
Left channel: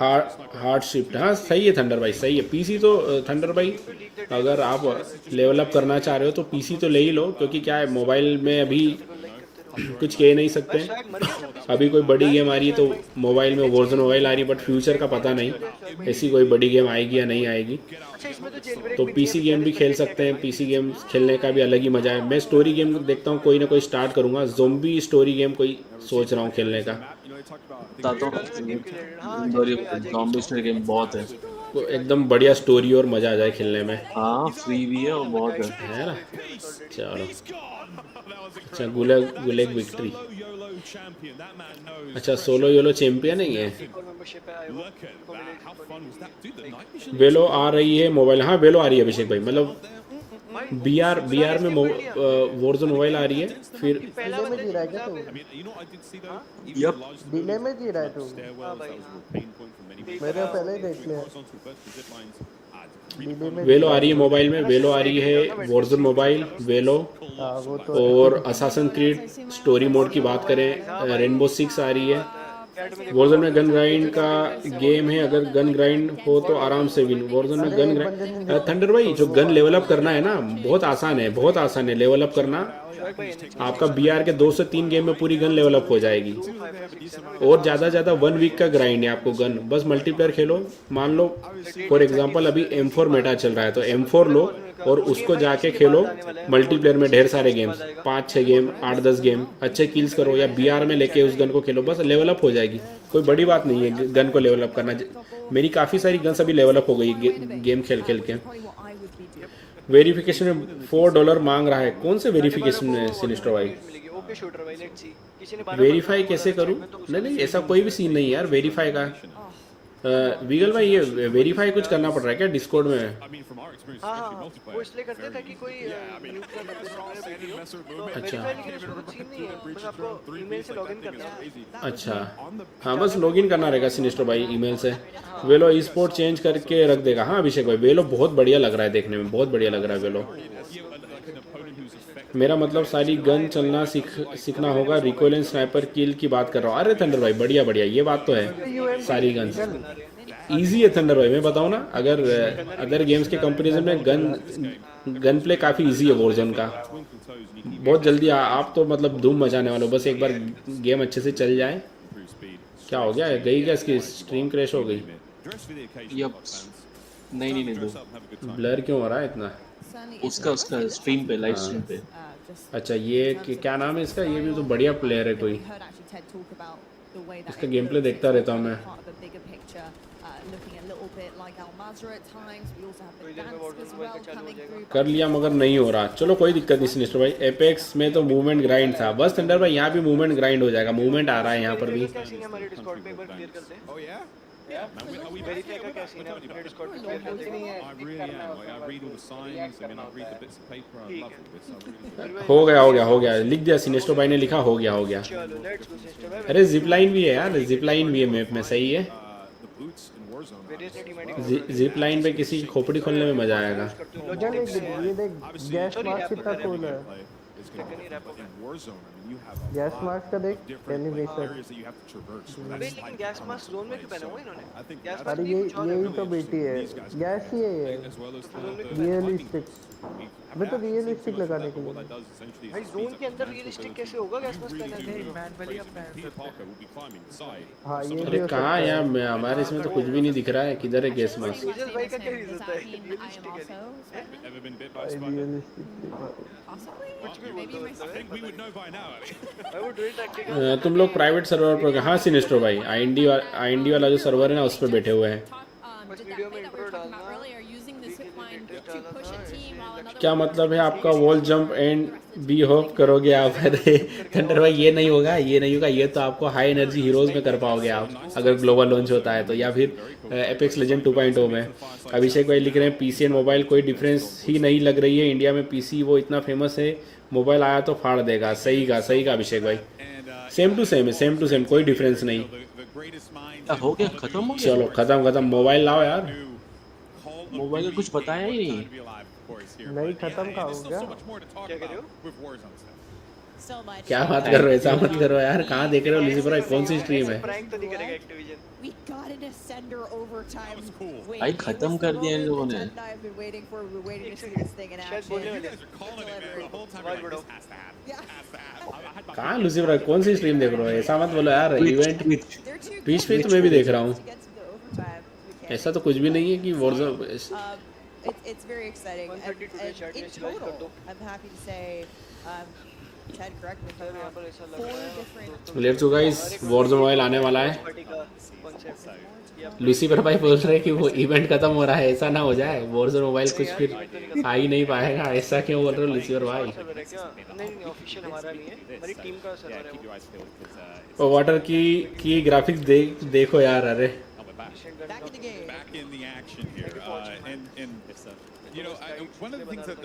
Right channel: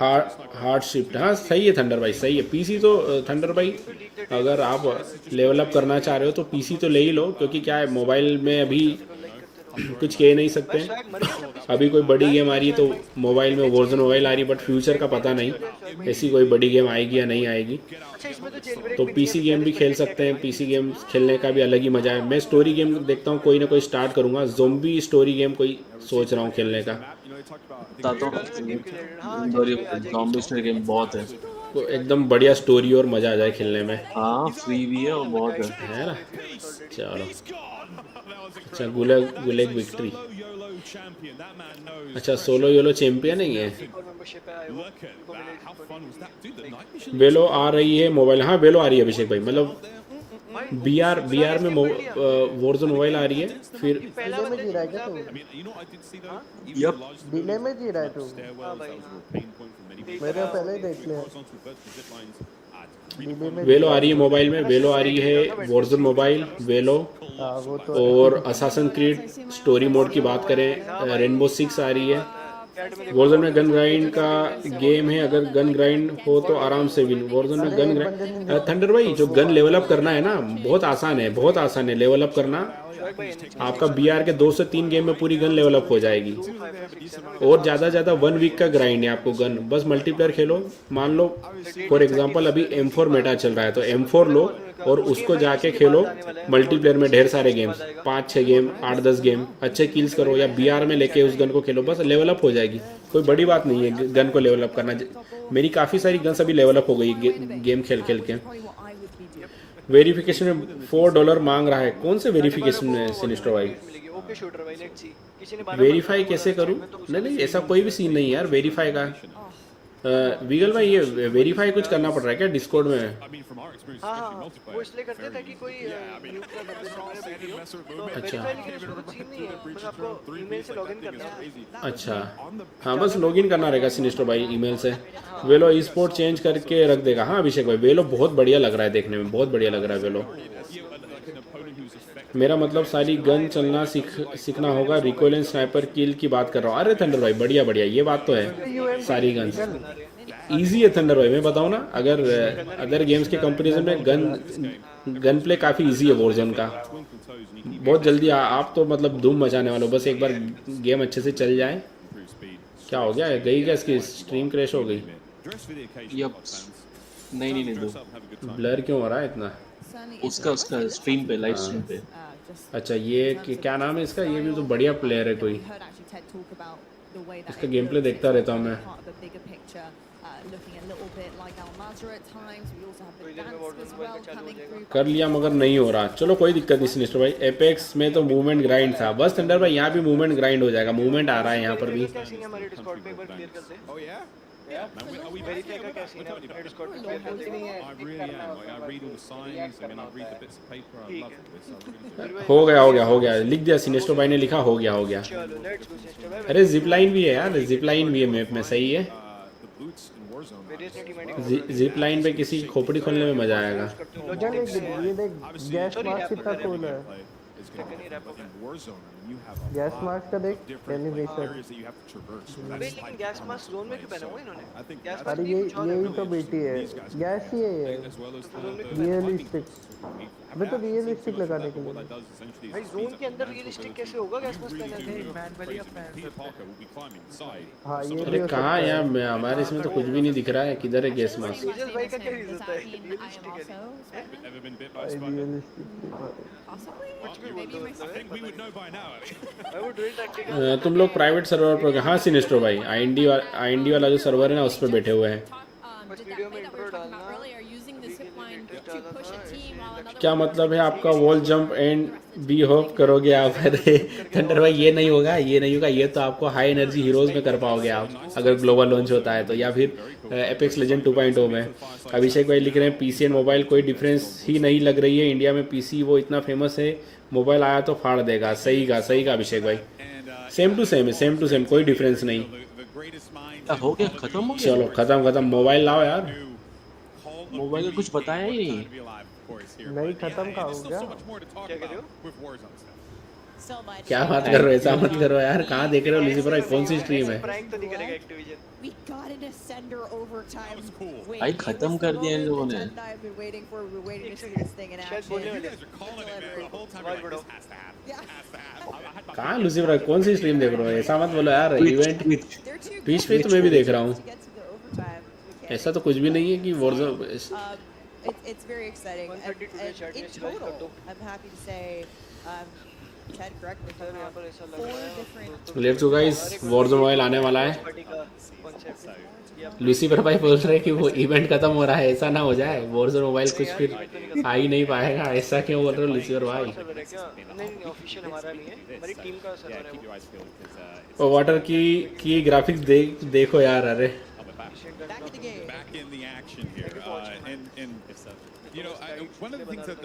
हार्ड शिफ्ट। हाँ सही है थंडर भाई, सही है। पीसी तो थंडर भाई अगर आप लेवल अप करना चाह रहे हो तो पीसी तो ले ही लो, क्योंकि क्या है मोबाइल में अभी कुछ कह नहीं सकते। अभी कोई बड़ी गेम आ रही है तो मोबाइल में Warzone मोबाइल आ रही है, बट फ्यूचर का पता नहीं ऐसी कोई बड़ी गेम आएगी या नहीं आएगी। तो पीसी गेम भी खेल सकते हैं, पीसी गेम खेलने का भी अलग ही मजा है। मैं स्टोरी गेम देखता हूँ, कोई ना कोई स्टार्ट करूंगा, ज़ोंबी स्टोरी गेम कोई सोच रहा हूँ खेलने का। ज़ोंबी स्टोरी गेम बहुत है। एकदम बढ़िया स्टोरी और मजा आ जाए खेलने में। हाँ फ्री भी है और बहुत है। चलो अच्छा गुलेग विक्ट्री। अच्छा सोलो योलो चैंपियन है ये। वेलो आ रही है मोबाइल। हाँ वेलो आ रही है अभिषेक भाई, मतलब बीआर में वॉरज़ोन मोबाइल आ रही है। फिर डिले में जी रहा है क्या तू? डिले में जी रहा है तू? मेरे पहले ही देख लिया। वेलो आ रही है मोबाइल में, वेलो आ रही है वॉरज़ोन मोबाइल, वेलो और असासिन क्रीड स्टोरी मोड की बात करें रेनबो 6 आ रही है। वॉरज़ोन में गन ग्राइंड का गेम है, अगर गन ग्राइंड हो तो आराम से विन। वॉरज़ोन में गन ग्राइंड थंडर भाई जो गन लेवल अप करना है ना बहुत आसान है, बहुत आसान है लेवल अप करना। आपका बीआर के 2 से 3 गेम में पूरी गन लेवल अप हो जाएगी। और ज़्यादा से ज़्यादा 1 वीक का ग्राइंड है आपको गन। बस मल्टीप्लेयर खेलो, मान लो फॉर एग्जाम्पल अभी M4 मेटा चल रहा है तो M4 लो और उसको जाके खेलो मल्टीप्लेयर में ढेर सारे गेम, 5-6 गेम 8-10 गेम अच्छे किल्स करो या बीआर में लेके उस गन को खेलो, बस लेवल अप हो जाएगी। कोई बड़ी बात नहीं है गन को लेवल अप करना। मेरी काफ़ी सारी गन्स अभी लेवल अप हो गई गेम खेल खेल के। वेरिफिकेशन में $4 मांग रहा है। कौन से वेरिफिकेशन में सिनिस्टर भाई? वेरीफाई कैसे करूँ? नहीं ऐसा कोई भी सीन नहीं यार वेरीफाई का। वीगल भाई ये वेरीफाई कुछ करना पड़ रहा है क्या डिस्कॉर्ड में? हाँ वो इसलिए करते थे कि कोई म्यूट ना कर दे सामने वीडियो, तो वेरीफाई लिखने का कुछ सीन नहीं है, बस आपको ईमेल से लॉगिन करना है। अच्छा हाँ बस लॉगिन करना रहेगा सिनिस्टर भाई ईमेल से। वेलो ई स्पोर्ट चेंज करके रख देगा। हाँ अभिषेक भाई वेलो बहुत बढ़िया लग रहा है देखने में, बहुत बढ़िया लग रहा है वेलो। मेरा मतलब सारी गन चलना सीखना होगा। रिकॉइल एंड स्नाइपर किल की बात कर रहा हूँ। अरे थंडर भाई बढ़िया बढ़िया ये बात तो है, सारी गन इजी है थंडर भाई। मैं बताऊँ ना अगर गेम्स के कंपैरिजन में गन प्ले काफी इजी है वॉरज़ोन का। बहुत जल्दी आप तो मतलब धूम मचाने वाले हो, बस एक बार गेम अच्छे से चल जाए। क्या हो गया है गई क्या इसकी स्ट्रीम क्रैश हो गई? नहीं दो ब्लर क्यों हो रहा है इतना? उसका स्ट्रीम पे लाइव स्ट्रीम पे। अच्छा ये क्या नाम है इसका? ये तो बढ़िया प्लेयर है कोई, इसका गेम प्ले देखता रहता हूँ मैं। कर लिया मगर नहीं हो रहा। चलो कोई दिक्कत नहीं सिनिस्टर भाई। एपेक्स में तो मूवमेंट ग्राइंड था बस थंडर भाई, यहाँ भी मूवमेंट ग्राइंड हो जाएगा। मूवमेंट आ रहा है यहाँ पर भी। वेरीफाई का क्या सीन है अपने डिस्कॉर्ड पे क्लियर कर देंगे? I really am. Like, I read all the signs. I mean, I read the bits of paper. I love all this. I really do. हो गया लिख दिया सिनेस्टो भाई ने लिखा हो गया। चलो लेट्स गो सिस्टर भाई। अरे जिपलाइन भी है यार, जिपलाइन भी है मैप में, सही है। जिप लाइन पे किसी की खोपड़ी खोलने में मजा आएगा। ये देख गैस मास्क कितना कूल है। गैस मास्क का देख एनिमेशन। लेकिन गैस मास्क जोन में क्यों पहना हुआ इन्होंने? अरे यही तो बेटी है, गैस ही है ये रियलिस्टिक। मैं तो रियलिस्टिक लगाने के लिए। भाई जोन के अंदर रियलिस्टिक कैसे होगा गैस मास्क पहनने से? मैनुअली अपना हाँ ये भी हो सकता कहाँ है। यार हमारे इसमें तो कुछ भी नहीं दिख रहा है। किधर है गैस मास्क? तेजस भाई का क्या रीजन था रियलिस्टिकली? तुम लोग प्राइवेट सर्वर पर कहाँ सिनेस्टर भाई? आईएनडी वाला जो सर्वर है ना उस पर बैठे हुए हैं। क्या मतलब है आपका wall jump and B hop करोगे आप? थंडर भाई ये नहीं होगा। ये तो आपको हाई एनर्जी हीरोज में कर पाओगे आप अगर ग्लोबल लॉन्च होता है तो, या फिर एपेक्स लेजेंड 2.0 में। अभिषेक भाई लिख रहे हैं पीसी एंड मोबाइल कोई डिफरेंस ही नहीं लग रही है। इंडिया में पीसी वो इतना फेमस है, मोबाइल आया तो फाड़ देगा। सही का अभिषेक भाई, सेम टू सेम कोई डिफरेंस नहीं। हो गया खत्म हो गया। चलो खत्म मोबाइल लाओ यार। मोबाइल का कुछ बताया ही नहीं। नहीं खत्म का हो गया। क्या कर रहे हो? क्या बात कर रहे हो? ऐसा मत करो यार। कहाँ देख रहे हो लूसीफर भाई? कौन सी स्ट्रीम है? प्रैंक तो नहीं करेगा एक्टिविजन। भाई खत्म कर दिया इन लोगों ने। कहाँ लूसीफर भाई कौन सी स्ट्रीम देख रहे हो? ऐसा मत बोलो यार। इवेंट ट्विच पे तो मैं भी देख रहा हूँ। ऐसा तो कुछ भी नहीं है कि Warzone. It's very exciting. And in total, I'm happy to say Ted, correct me if I'm wrong, 4 different let's go guys, Warzone mobile आने वाला है। लूसीफर भाई बोल रहे हैं कि वो इवेंट खत्म हो रहा है, ऐसा ना हो जाए वॉरज़ोन मोबाइल कुछ फिर आ ही नहीं पाएगा। ऐसा क्यों बोल रहे हो लूसीफर भाई? नहीं ऑफिशियल हमारा नहीं है, हमारी टीम का सर्वर है वो। और वाटर की ग्राफिक्स देखो यार, अरे Back in the action here, and you know, one of the things that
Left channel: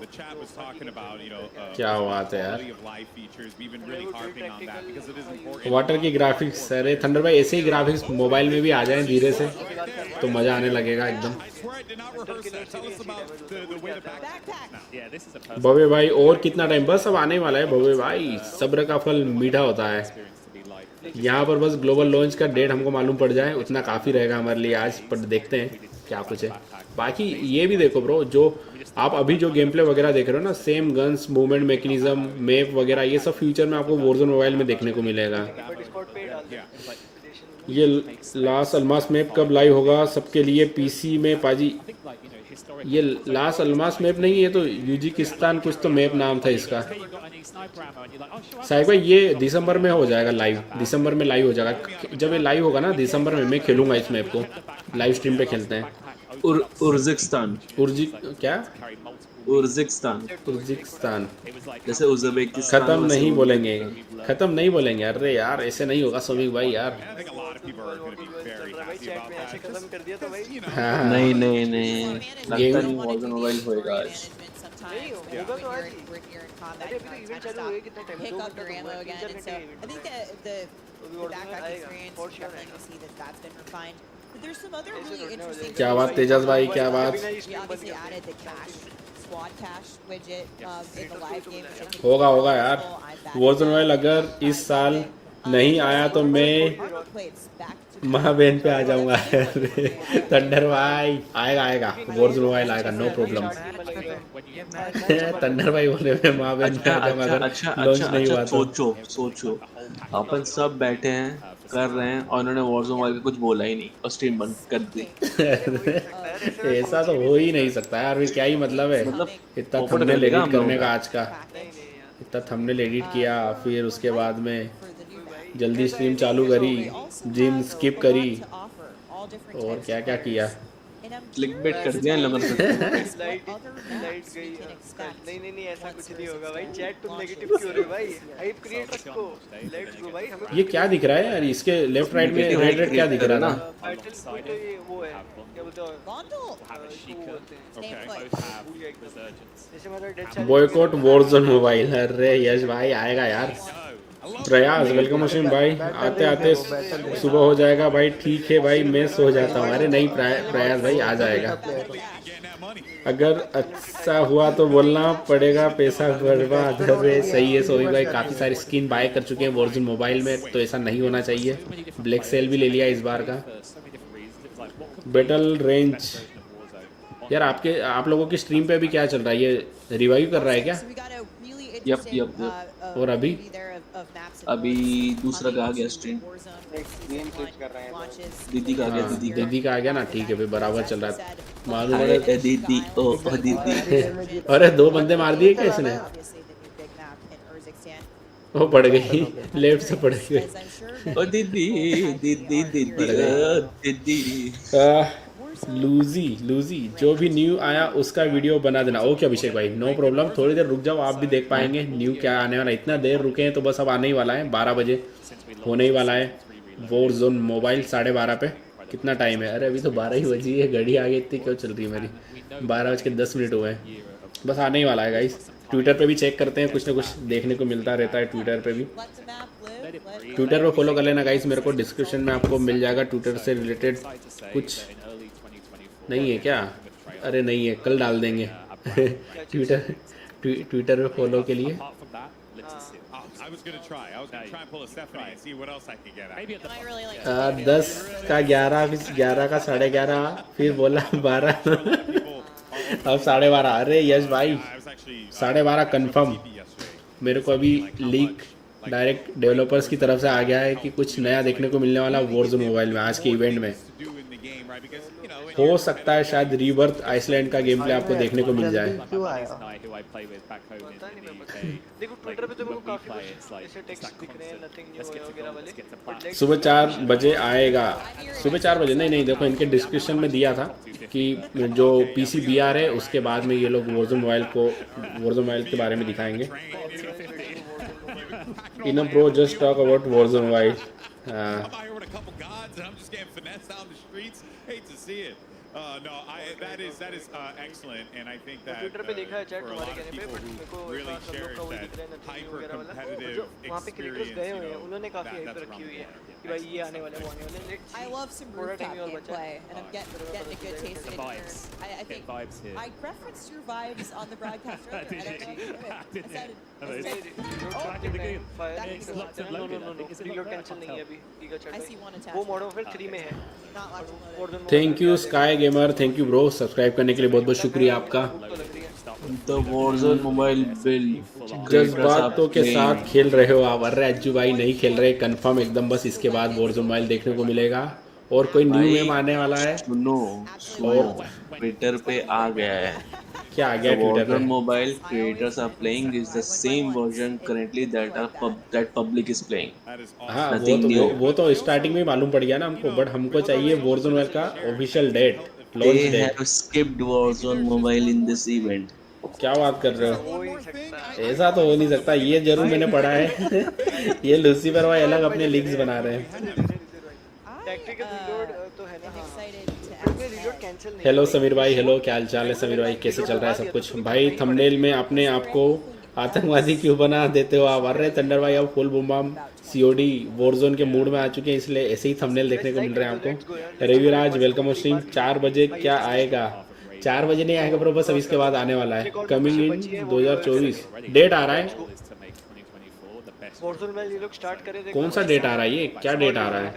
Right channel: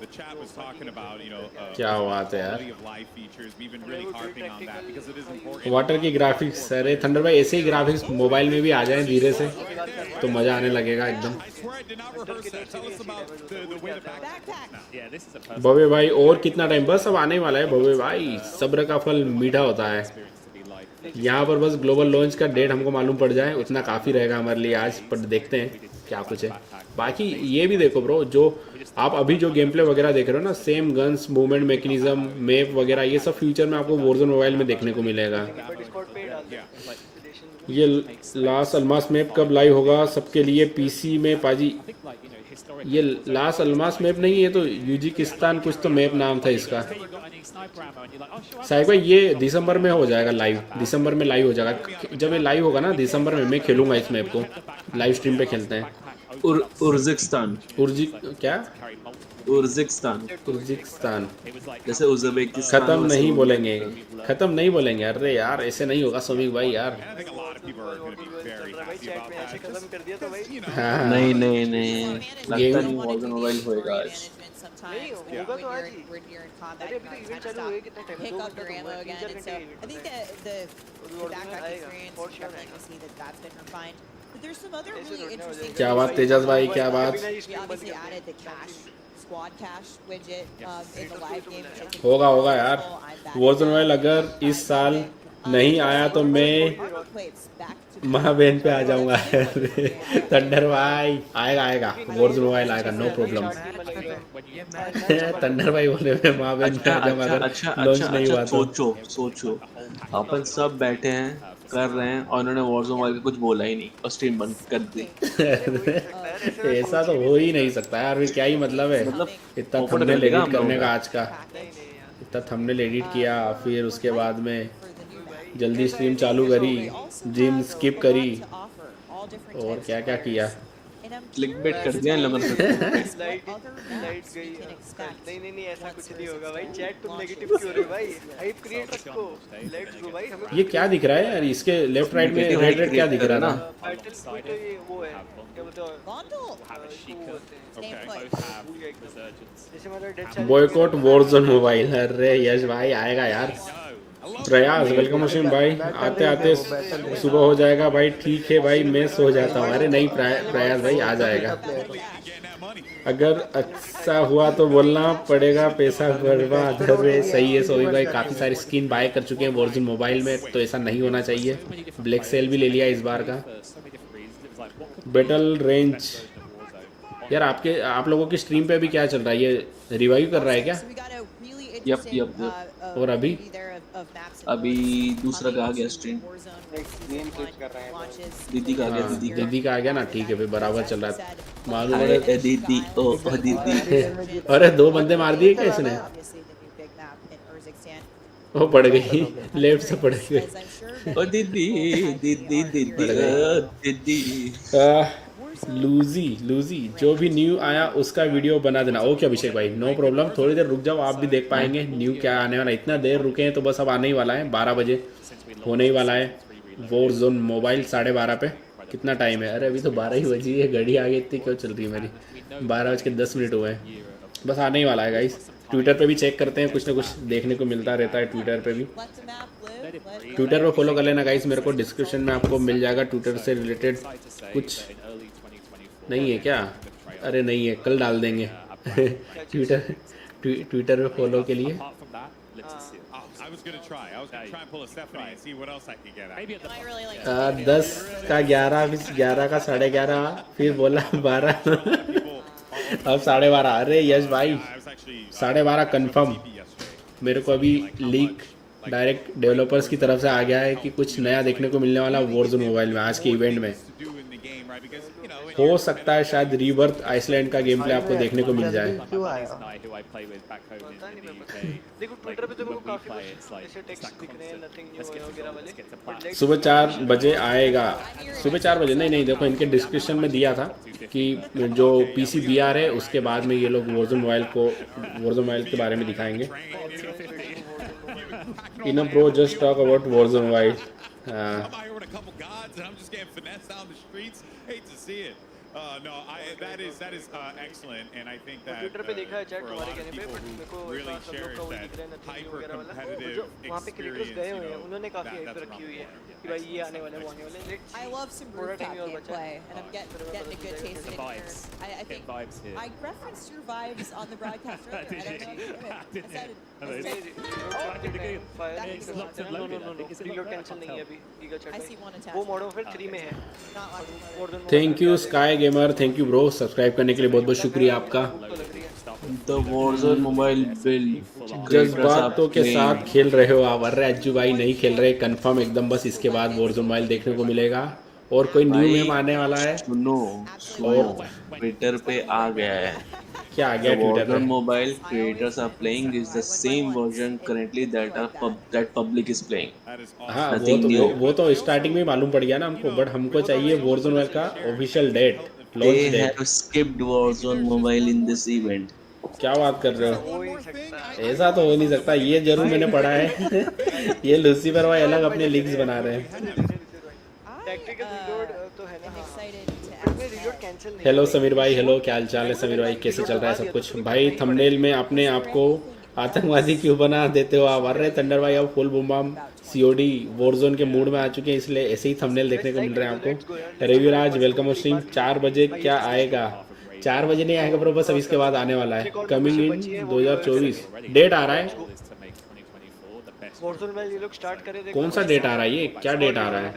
the chat was talking about, you know, quality of life features. We've been really harping on that because it is important. Water की ग्राफिक्स, अरे थंडर भाई ऐसे ही ग्राफिक्स मोबाइल में भी आ जाए धीरे से तो मजा आने लगेगा एकदम। I swear I did not rehearse that. Tell us about the way the backpack. Yeah, this is a बबे भाई और कितना टाइम, बस अब आने वाला है बबे भाई, सब्र का फल मीठा होता है। यहाँ पर बस ग्लोबल लॉन्च का डेट हमको मालूम पड़ जाए उतना काफ़ी रहेगा हमारे लिए आज, पर देखते हैं क्या कुछ है। बाकी ये भी देखो ब्रो, जो आप अभी जो गेम प्ले वगैरह देख रहे हो ना, same guns, movement mechanism, map वगैरह, ये सब फ्यूचर में आपको वॉरज़ोन मोबाइल में देखने को मिलेगा। ये लास्ट अल्मास मैप कब लाइव होगा सबके लिए पीसी में पाजी? ये लास्ट अल्मास मैप नहीं है तो यूजिकिस्तान कुछ तो मैप नाम था इसका। साहिब भाई ये दिसंबर में हो जाएगा लाइव, दिसंबर में लाइव हो जाएगा। जब ये लाइव होगा ना दिसंबर में, मैं खेलूंगा इस मैप को, लाइव स्ट्रीम पे खेलते हैं। उर्जिकिस्तान क्या? उर्जिकिस्तान जैसे उज़्बेकिस्तान खत्म नहीं बोलेंगे, खत्म नहीं बोलेंगे। अरे यार ऐसे नहीं होगा समीक भाई यार। नहीं नहीं नहीं, लगता नहीं वॉरज़ोन मोबाइल होएगा आज। sometimes when you're in combat, you kind of stop, pick up your ammo again, and so I think that the backpack experience, you're definitely going to see that that's been refined. But there's some other really interesting. क्या बात तेजस भाई, क्या बात? We obviously added the cache, squad cache widget in the live game, which I think होगा यार। वॉरज़ोन मोबाइल अगर इस साल नहीं आया तो मैं माँ बहन पे आ जाऊंगा। थंडर भाई आएगा वॉरज़ोन मोबाइल आएगा, नो प्रॉब्लम। थंडर भाई बोले मैं माँ बहन। अच्छा सोचो अपन सब बैठे हैं कर रहे हैं और उन्होंने वॉरज़ोन मोबाइल का कुछ बोला ही नहीं और स्ट्रीम बंद कर दी। ऐसा तो हो ही नहीं सकता यार, क्या ही मतलब है? इतना पोपट कर लेगा हम लोगों का आज का, इतना थंबनेल एडिट किया, फिर उसके बाद में जल्दी स्ट्रीम चालू करी, ड्रीम स्किप करी और क्या क्या किया। क्लिकबेट कर दिया इन लोगों ने। लाइट गई। नहीं ऐसा कुछ नहीं होगा भाई। चैट तुम नेगेटिव क्यों हो रहे हो भाई? हाइप क्रिएट रखो। लेट्स गो भाई। हमें ये क्या दिख रहा है यार इसके लेफ्ट राइट में? क्या दिख रहा है ना? टाइटल तो ये वो है, क्या बोलते हैं, जैसे मतलब dead challenge boycott Warzone mobile. अरे यश भाई आएगा यार। प्रयास वेलकम असीम भाई, आते आते सुबह हो जाएगा भाई। ठीक है भाई मैं सो जाता हूँ। अरे नहीं प्रयास भाई आ जाएगा। अगर अच्छा हुआ तो बोलना पड़ेगा, पैसा बर्बाद। सही है सोई भाई, काफी सारी स्किन बाय कर चुके हैं वॉरज़ोन मोबाइल में, तो ऐसा नहीं होना चाहिए। ब्लैक सेल भी ले लिया इस बार का। बैटल रेंज यार आप लोगों की स्ट्रीम पे अभी क्या चल रहा है? ये रिवाइव कर रहा है क्या? यप और अभी दूसरा का आ गया स्ट्रीम। दीदी का आ गया ना। ठीक है भाई बराबर चल रहा है। दीदी ओ दीदी। अरे 2 बंदे मार दिए क्या इसने? वो पड़ गई, लेफ्ट से पड़ गई। ओ दीदी। लूजी जो भी न्यू आया उसका वीडियो बना देना। ओके अभिषेक भाई नो प्रॉब्लम, थोड़ी देर रुक जाओ, आप भी देख पाएंगे न्यू क्या आने वाला है। इतना देर रुके हैं तो बस अब आने ही वाला है, 12 बजे होने ही वाला है वॉरज़ोन मोबाइल। 12:30 पे कितना टाइम है? अरे अभी तो 12 ही बजी है, घड़ी आगे इतनी क्यों चल रही है मेरी? 12:10 हुए हैं, बस आने ही वाला है गाइस। ट्विटर पे भी चेक करते हैं, कुछ ना कुछ देखने को मिलता रहता है ट्विटर पे भी। ट्विटर पे फॉलो कर लेना गाइस, मेरे को डिस्क्रिप्शन में आपको मिल जाएगा ट्विटर से रिलेटेड कुछ। नहीं है क्या? अरे नहीं है, कल डाल देंगे। ट्विटर पे फॉलो के लिए। I was gonna try and pull a Stephanie and see what else I could get at. 10 का 11, 11 का 11:30, फिर बोला 12, अब 12:30। अरे यश भाई 12:30 कंफर्म। मेरे को अभी लीक डायरेक्ट डेवलपर्स की तरफ से आ गया है कि कुछ नया देखने को मिलने वाला वॉरज़ोन मोबाइल में आज के इवेंट में। हो सकता है शायद रीबर्थ आइसलैंड का गेम प्ले आपको देखने को मिल जाए। देखो ट्विटर पे तो मेरे को काफी कुछ ऐसे टेक्स्ट दिख रहे हैं, नथिंग न्यू वगैरह वाले। सुबह 4 बजे आएगा। सुबह 4 बजे नहीं, देखो इनके डिस्क्रिप्शन में दिया था कि जो पीसी VR है उसके बाद में ये लोग वॉरज़ोन मोबाइल के बारे में दिखाएंगे। Bro, just talk about Warzone Mobile. I'm out here with a couple gods and I'm just getting finessed out in the streets. Hate to see it. No, that is excellent, and I think that Twitter पे देखा है चैट for a तुम्हारे lot of कहने पे, people बट मेरे को who really सब लोग का वही दिख रहा है, cherish that नथिंग न्यू वगैरह वाला। hyper-competitive जो वहाँ पे क्रिएटर्स गए हुए हैं, experience, उन्होंने काफी हाइप that's रखी around हुई the है world. कि भाई ये आने वाले वो आने वाले। Let's I love some थोड़ा rooftop टाइम ही और बचा है। gameplay, and I'm getting a good taste of it here. I think vibes here. I referenced your vibes on the broadcast earlier. I don't know if you did. I said I see one attachment. वो मॉडर्न वॉरफेयर 3 में है। Not watching thank you sky gamer, thank you bro, subscribe करने के लिए बहुत बहुत शुक्रिया आपका। The Warzone mobile build creators are बातों के साथ playing. खेल रहे हो आप। अरे अज्जू भाई नहीं खेल रहे कंफर्म एकदम, बस इसके बाद Warzone मोबाइल देखने को मिलेगा और कोई न्यू भाई गेम आने वाला है। सुनो ट्विटर पे आ गया है। क्या आ The गया ट्विटर Warzone पे? mobile creators are playing is the same version currently that public is playing. हाँ Nothing new. वो तो स्टार्टिंग में मालूम पड़ गया ना हमको, बट हमको चाहिए Warzone मोबाइल का official date, They launch date. have skipped Warzone mobile in this event. क्या बात कर रहे हो? ऐसा तो हो नहीं सकता, ये जरूर मैंने पढ़ा है। ये लूसीफर भाई अलग अपने लिंक्स बना रहे हैं। टैक्टिकल रीलोड तो है ना। इसमें रीलोड कैंसिल नहीं। हेलो समीर भाई, हेलो क्या हाल चाल है समीर भाई, कैसे चल रहा है सब कुछ? भाई थंबनेल में अपने आप को आतंकवादी क्यों बना देते हो आप? अरे थंडर भाई अब full boom bam COD Warzone के मूड में आ चुके हैं, इसलिए ऐसे ही थंबनेल देखने को मिल रहे हैं आपको। Raviraj welcome stream. 4 बजे क्या आएगा? 4 बजे नहीं आएगा ब्रो, बस अब इसके बाद आने वाला है। कमिंग इन 2024 डेट आ रहा है। वॉरज़ोन में ये लोग स्टार्ट करे। कौन सा डेट आ रहा है? ये क्या डेट आ रहा है?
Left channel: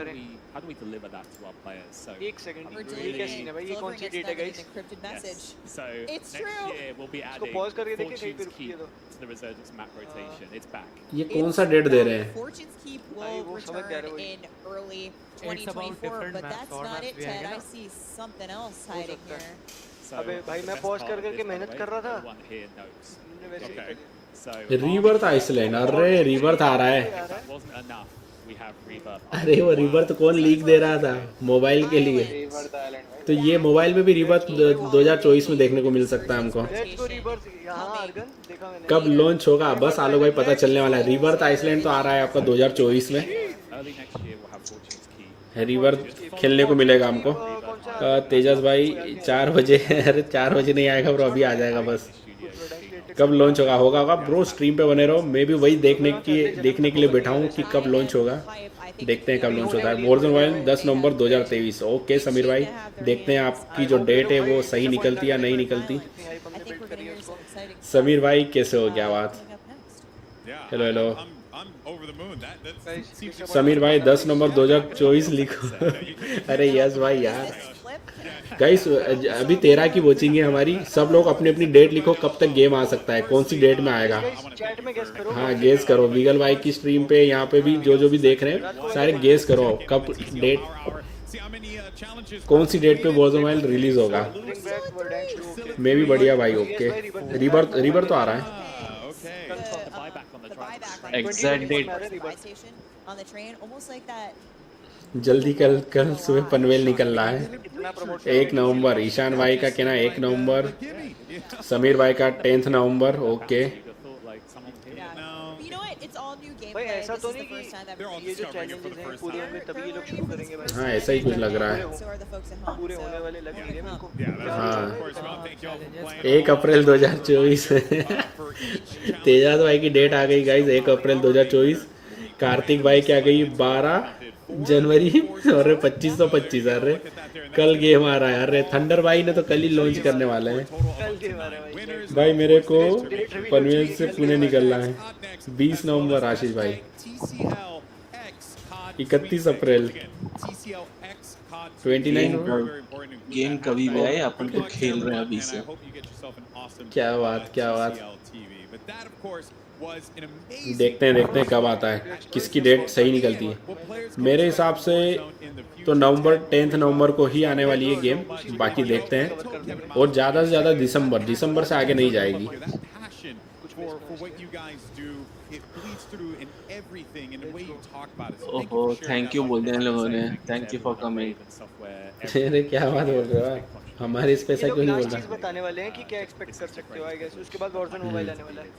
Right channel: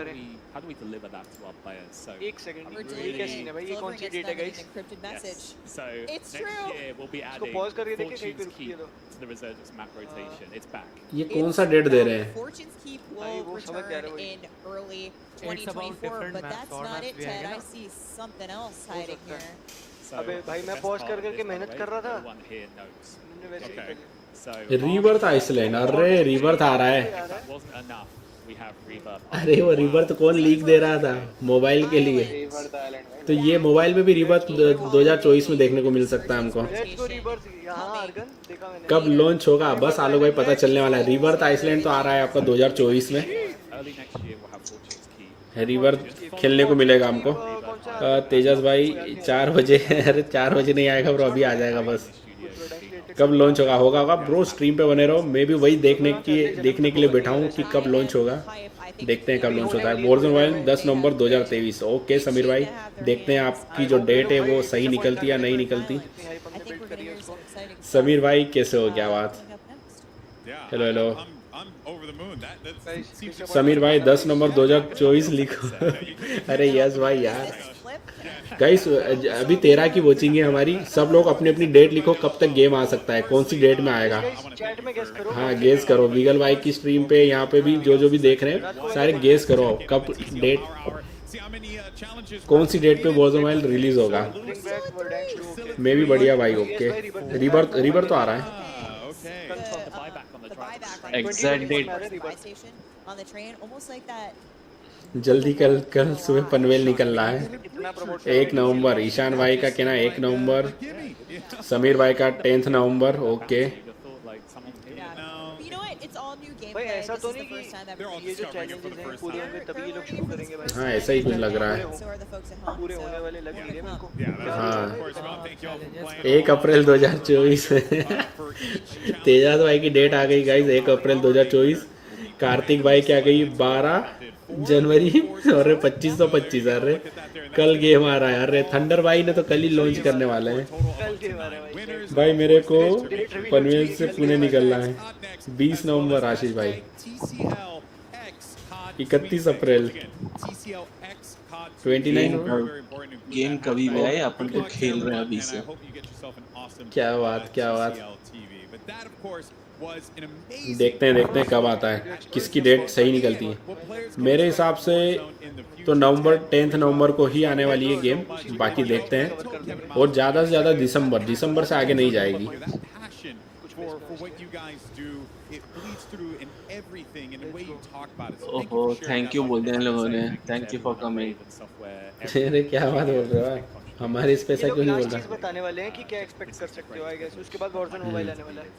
एक सेकंड, ये क्या सीन है भाई? ये कौन सी डेट है guys? So It's next true. year we'll be इसको adding पॉज करके देखिए कहीं पे Fortune's रुकी है Keep तो। to the Resurgence map rotation. It's back. ये कौन सा डेट दे रहे हैं? Fortune's Keep भाई will वो समझ जा रहा है return वही। in early It's about 2024, different but maps, that's और not maps it, भी आएंगे Ted. I ना? see something else हो hiding सकता है। here. So अबे भाई the मैं best पॉज part कर of करके this, by the मेहनत way, कर रहा था। no one here knows. उन्होंने वैसे ही कर दिया। So रीबर्थ आइसलैंड, अरे रीबर्थ आ रहा है। if that wasn't enough, we have Rebirth. अरे वो रीबर्थ कौन लीक दे रहा था मोबाइल के लिए? तो ये मोबाइल में भी रीबर्थ 2024 में देखने को मिल सकता है हमको। Let's go rebirth. यहाँ अर्गन देखा मैंने। कब लॉन्च होगा? बस आलो भाई पता चलने वाला है। रीबर्थ आइसलैंड तो आ रहा है आपका 2024 में। Early next year we'll have Fortune's Keep. Rebirth खेलने को मिलेगा हमको। तेजस भाई 4 बजे, अरे 4 बजे नहीं आएगा ब्रो, अभी आ जाएगा बस। कब लॉन्च होगा ब्रो, स्ट्रीम पे बने रहो। मैं भी वही देखने के लिए बैठा हूँ कि कब लॉन्च होगा। देखते हैं कब लॉन्च होता है। वॉरज़ोन मोबाइल 10 नवंबर 2023। ओके समीर भाई, देखते हैं आपकी जो डेट है वो सही निकलती या नहीं निकलती। समीर भाई कैसे हो? क्या बात? Hello hello I'm over the moon. That seems to Sameer भाई 10 नवंबर 2024 लिखो। अरे यस भाई यार। गाइस अभी 13 की वॉचिंग है हमारी, सब लोग अपनी अपनी डेट लिखो कब तक गेम आ सकता है, कौन सी डेट में आएगा। चैट में गेस करो। हाँ गेस करो, लीगल भाई की स्ट्रीम पे यहाँ पे भी जो भी देख रहे हैं सारे गेस करो कब डेट, कौन सी डेट पे वॉरज़ोन मोबाइल रिलीज होगा। मैं भी बढ़िया भाई। ओके रिबर्थ तो आ रहा है। Exact date. On the train, almost like that. जल्दी कल सुबह पनवेल निकल रहा है। 1 नवंबर ईशान भाई का कहना 1 नवंबर, समीर भाई का 10 नवंबर। Okay You know what? It's all new gameplay. भाई ऐसा तो This is नहीं the first time that कि we're ये जो चैलेंजेस हैं पूरे होंगे तभी ये लोग शुरू करेंगे भाई। हाँ ऐसा ही कुछ लग रहा है। So are the folks at home. पूरे होने वाले लग नहीं रहे मेरे को। हाँ 1 अप्रैल 2024 तेजाज भाई की डेट आ गई गाइस, 1 अप्रैल 2024। कार्तिक भाई क्या गई 12 जनवरी और 2525। अरे कल गेम आ रहा है। अरे थंडर भाई ने तो कल ही लॉन्च करने वाले हैं भाई। मेरे को पनवेल से पुणे निकलना है 20 नवंबर। आशीष भाई 31 अप्रैल 29। गेम कभी भी आए, अपन तो खेल रहे हैं अभी से। क्या बात क्या बात। was an amazing. देखते हैं कब आता है, किसकी डेट सही निकलती है। मेरे हिसाब से तो नवंबर 10 नवंबर को ही आने वाली है गेम, बाकी देखते हैं। और ज़्यादा से ज़्यादा दिसंबर से आगे नहीं जाएगी। For what you guys do, it bleeds through in everything and the way you talk about it. ओहो, थैंक यू बोल दिया इन लोगों ने, थैंक यू फॉर कमिंग। अरे क्या बात बोल रहे हो, हमारी स्पेशल ये लोग क्यों नहीं लास्ट बोल चीज बताने वाले हैं कि क्या एक्सपेक्ट कर सकते हो, आई गेस उसके बाद वॉरजोन मोबाइल आने वाला है।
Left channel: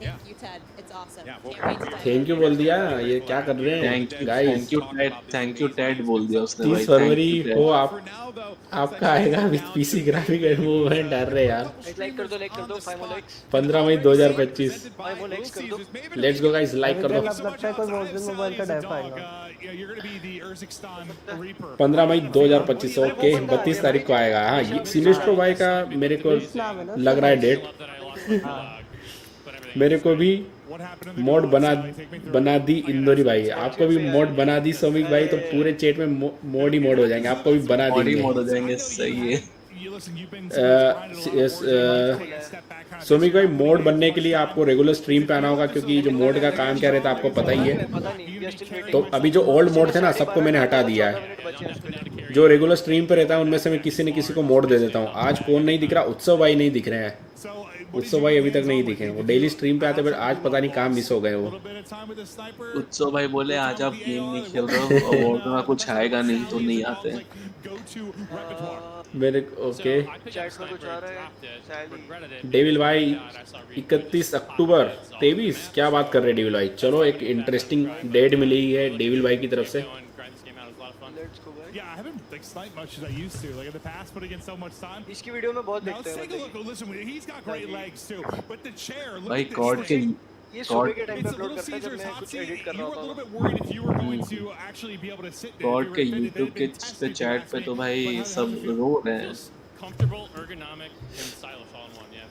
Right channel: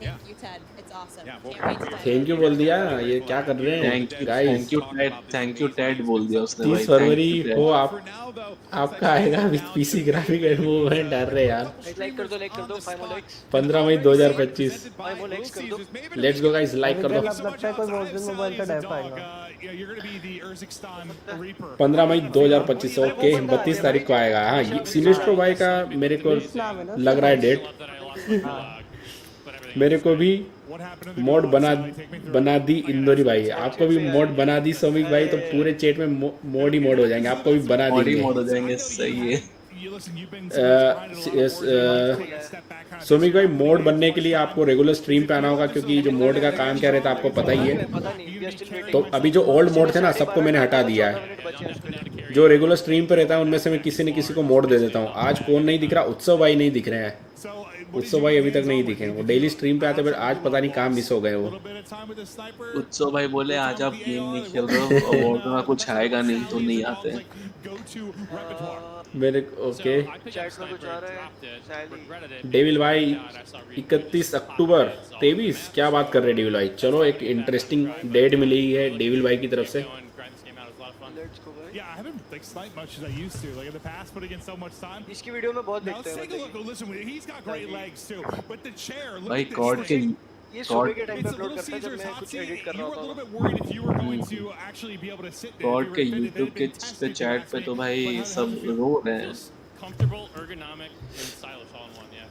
Thank you, Ted. It's awesome. Yeah, Can't wait to dive thank in. You बोल दिया, ये क्या कर रहे हैं थैंक यू टेड बोल दिया उसने भाई, फरवरी थैंक यू को टेड। आपका आएगा पीसी ग्राफिक वो है, डर रहे यार। लाइक कर दो 5 more likes। 15 मई 2025 5 more likes कर दो। लेट्स गो गाइस, लाइक कर दो। लगता है कोई Warzone मोबाइल का डायफ आएगा। 15 मई 2025 ओके, 32 तारीख को आएगा। हाँ, ये सिनेस्ट्रो भाई का मेरे को लग रहा है डेट। मेरे को भी मोड बना दी इंदौरी भाई, आपको भी मोड बना दी सोमिक भाई, तो पूरे चैट में मोड ही मोड हो जाएंगे, आपको भी बना दी मोड हो जाएंगे, सही है। सोमिक भाई मोड बनने के लिए आपको रेगुलर स्ट्रीम पे आना होगा, क्योंकि जो मोड का काम कह रहे थे आपको पता ही है। तो अभी जो ओल्ड मोड थे ना, सबको मैंने हटा दिया है। जो रेगुलर स्ट्रीम पे रहता है उनमें से मैं किसी न किसी को मोड दे देता हूँ। आज कौन नहीं दिख रहा, उत्सव भाई नहीं दिख रहे हैं, उत्सव भाई अभी तक नहीं दिखे। वो डेली स्ट्रीम पे आते, बट आज पता नहीं काम मिस हो गए वो। उत्सव भाई बोले आज आप गेम नहीं खेल रहे हो और वॉरजोन का कुछ आएगा नहीं तो नहीं आते। मेरे ओके, चैट में कुछ आ रहा है सैली। डेविल भाई 31 अक्टूबर 23, क्या बात कर रहे हैं डेविल भाई। चलो एक इंटरेस्टिंग डेट मिली है डेविल भाई की तरफ से। लेट्स गो भाई। Yeah, I haven't like sniped much as I used to. Like in the past, putting in so much time. इसकी वीडियो में बहुत Now देखते let's हैं take a look. Listen, he's got great legs too. But the chair, look भाई at this. कॉड के ये सुबह के टाइम पे It's a अपलोड little करता है जब Caesar's मैं hot कुछ seat. एडिट कर You रहा were a little होता bit worried if you were going to actually be able to sit there. COD के यूट्यूब के पे चैट पे तो भाई सब रो रहे हैं। Comfortable, ergonomic, and stylish all in one. Yeah.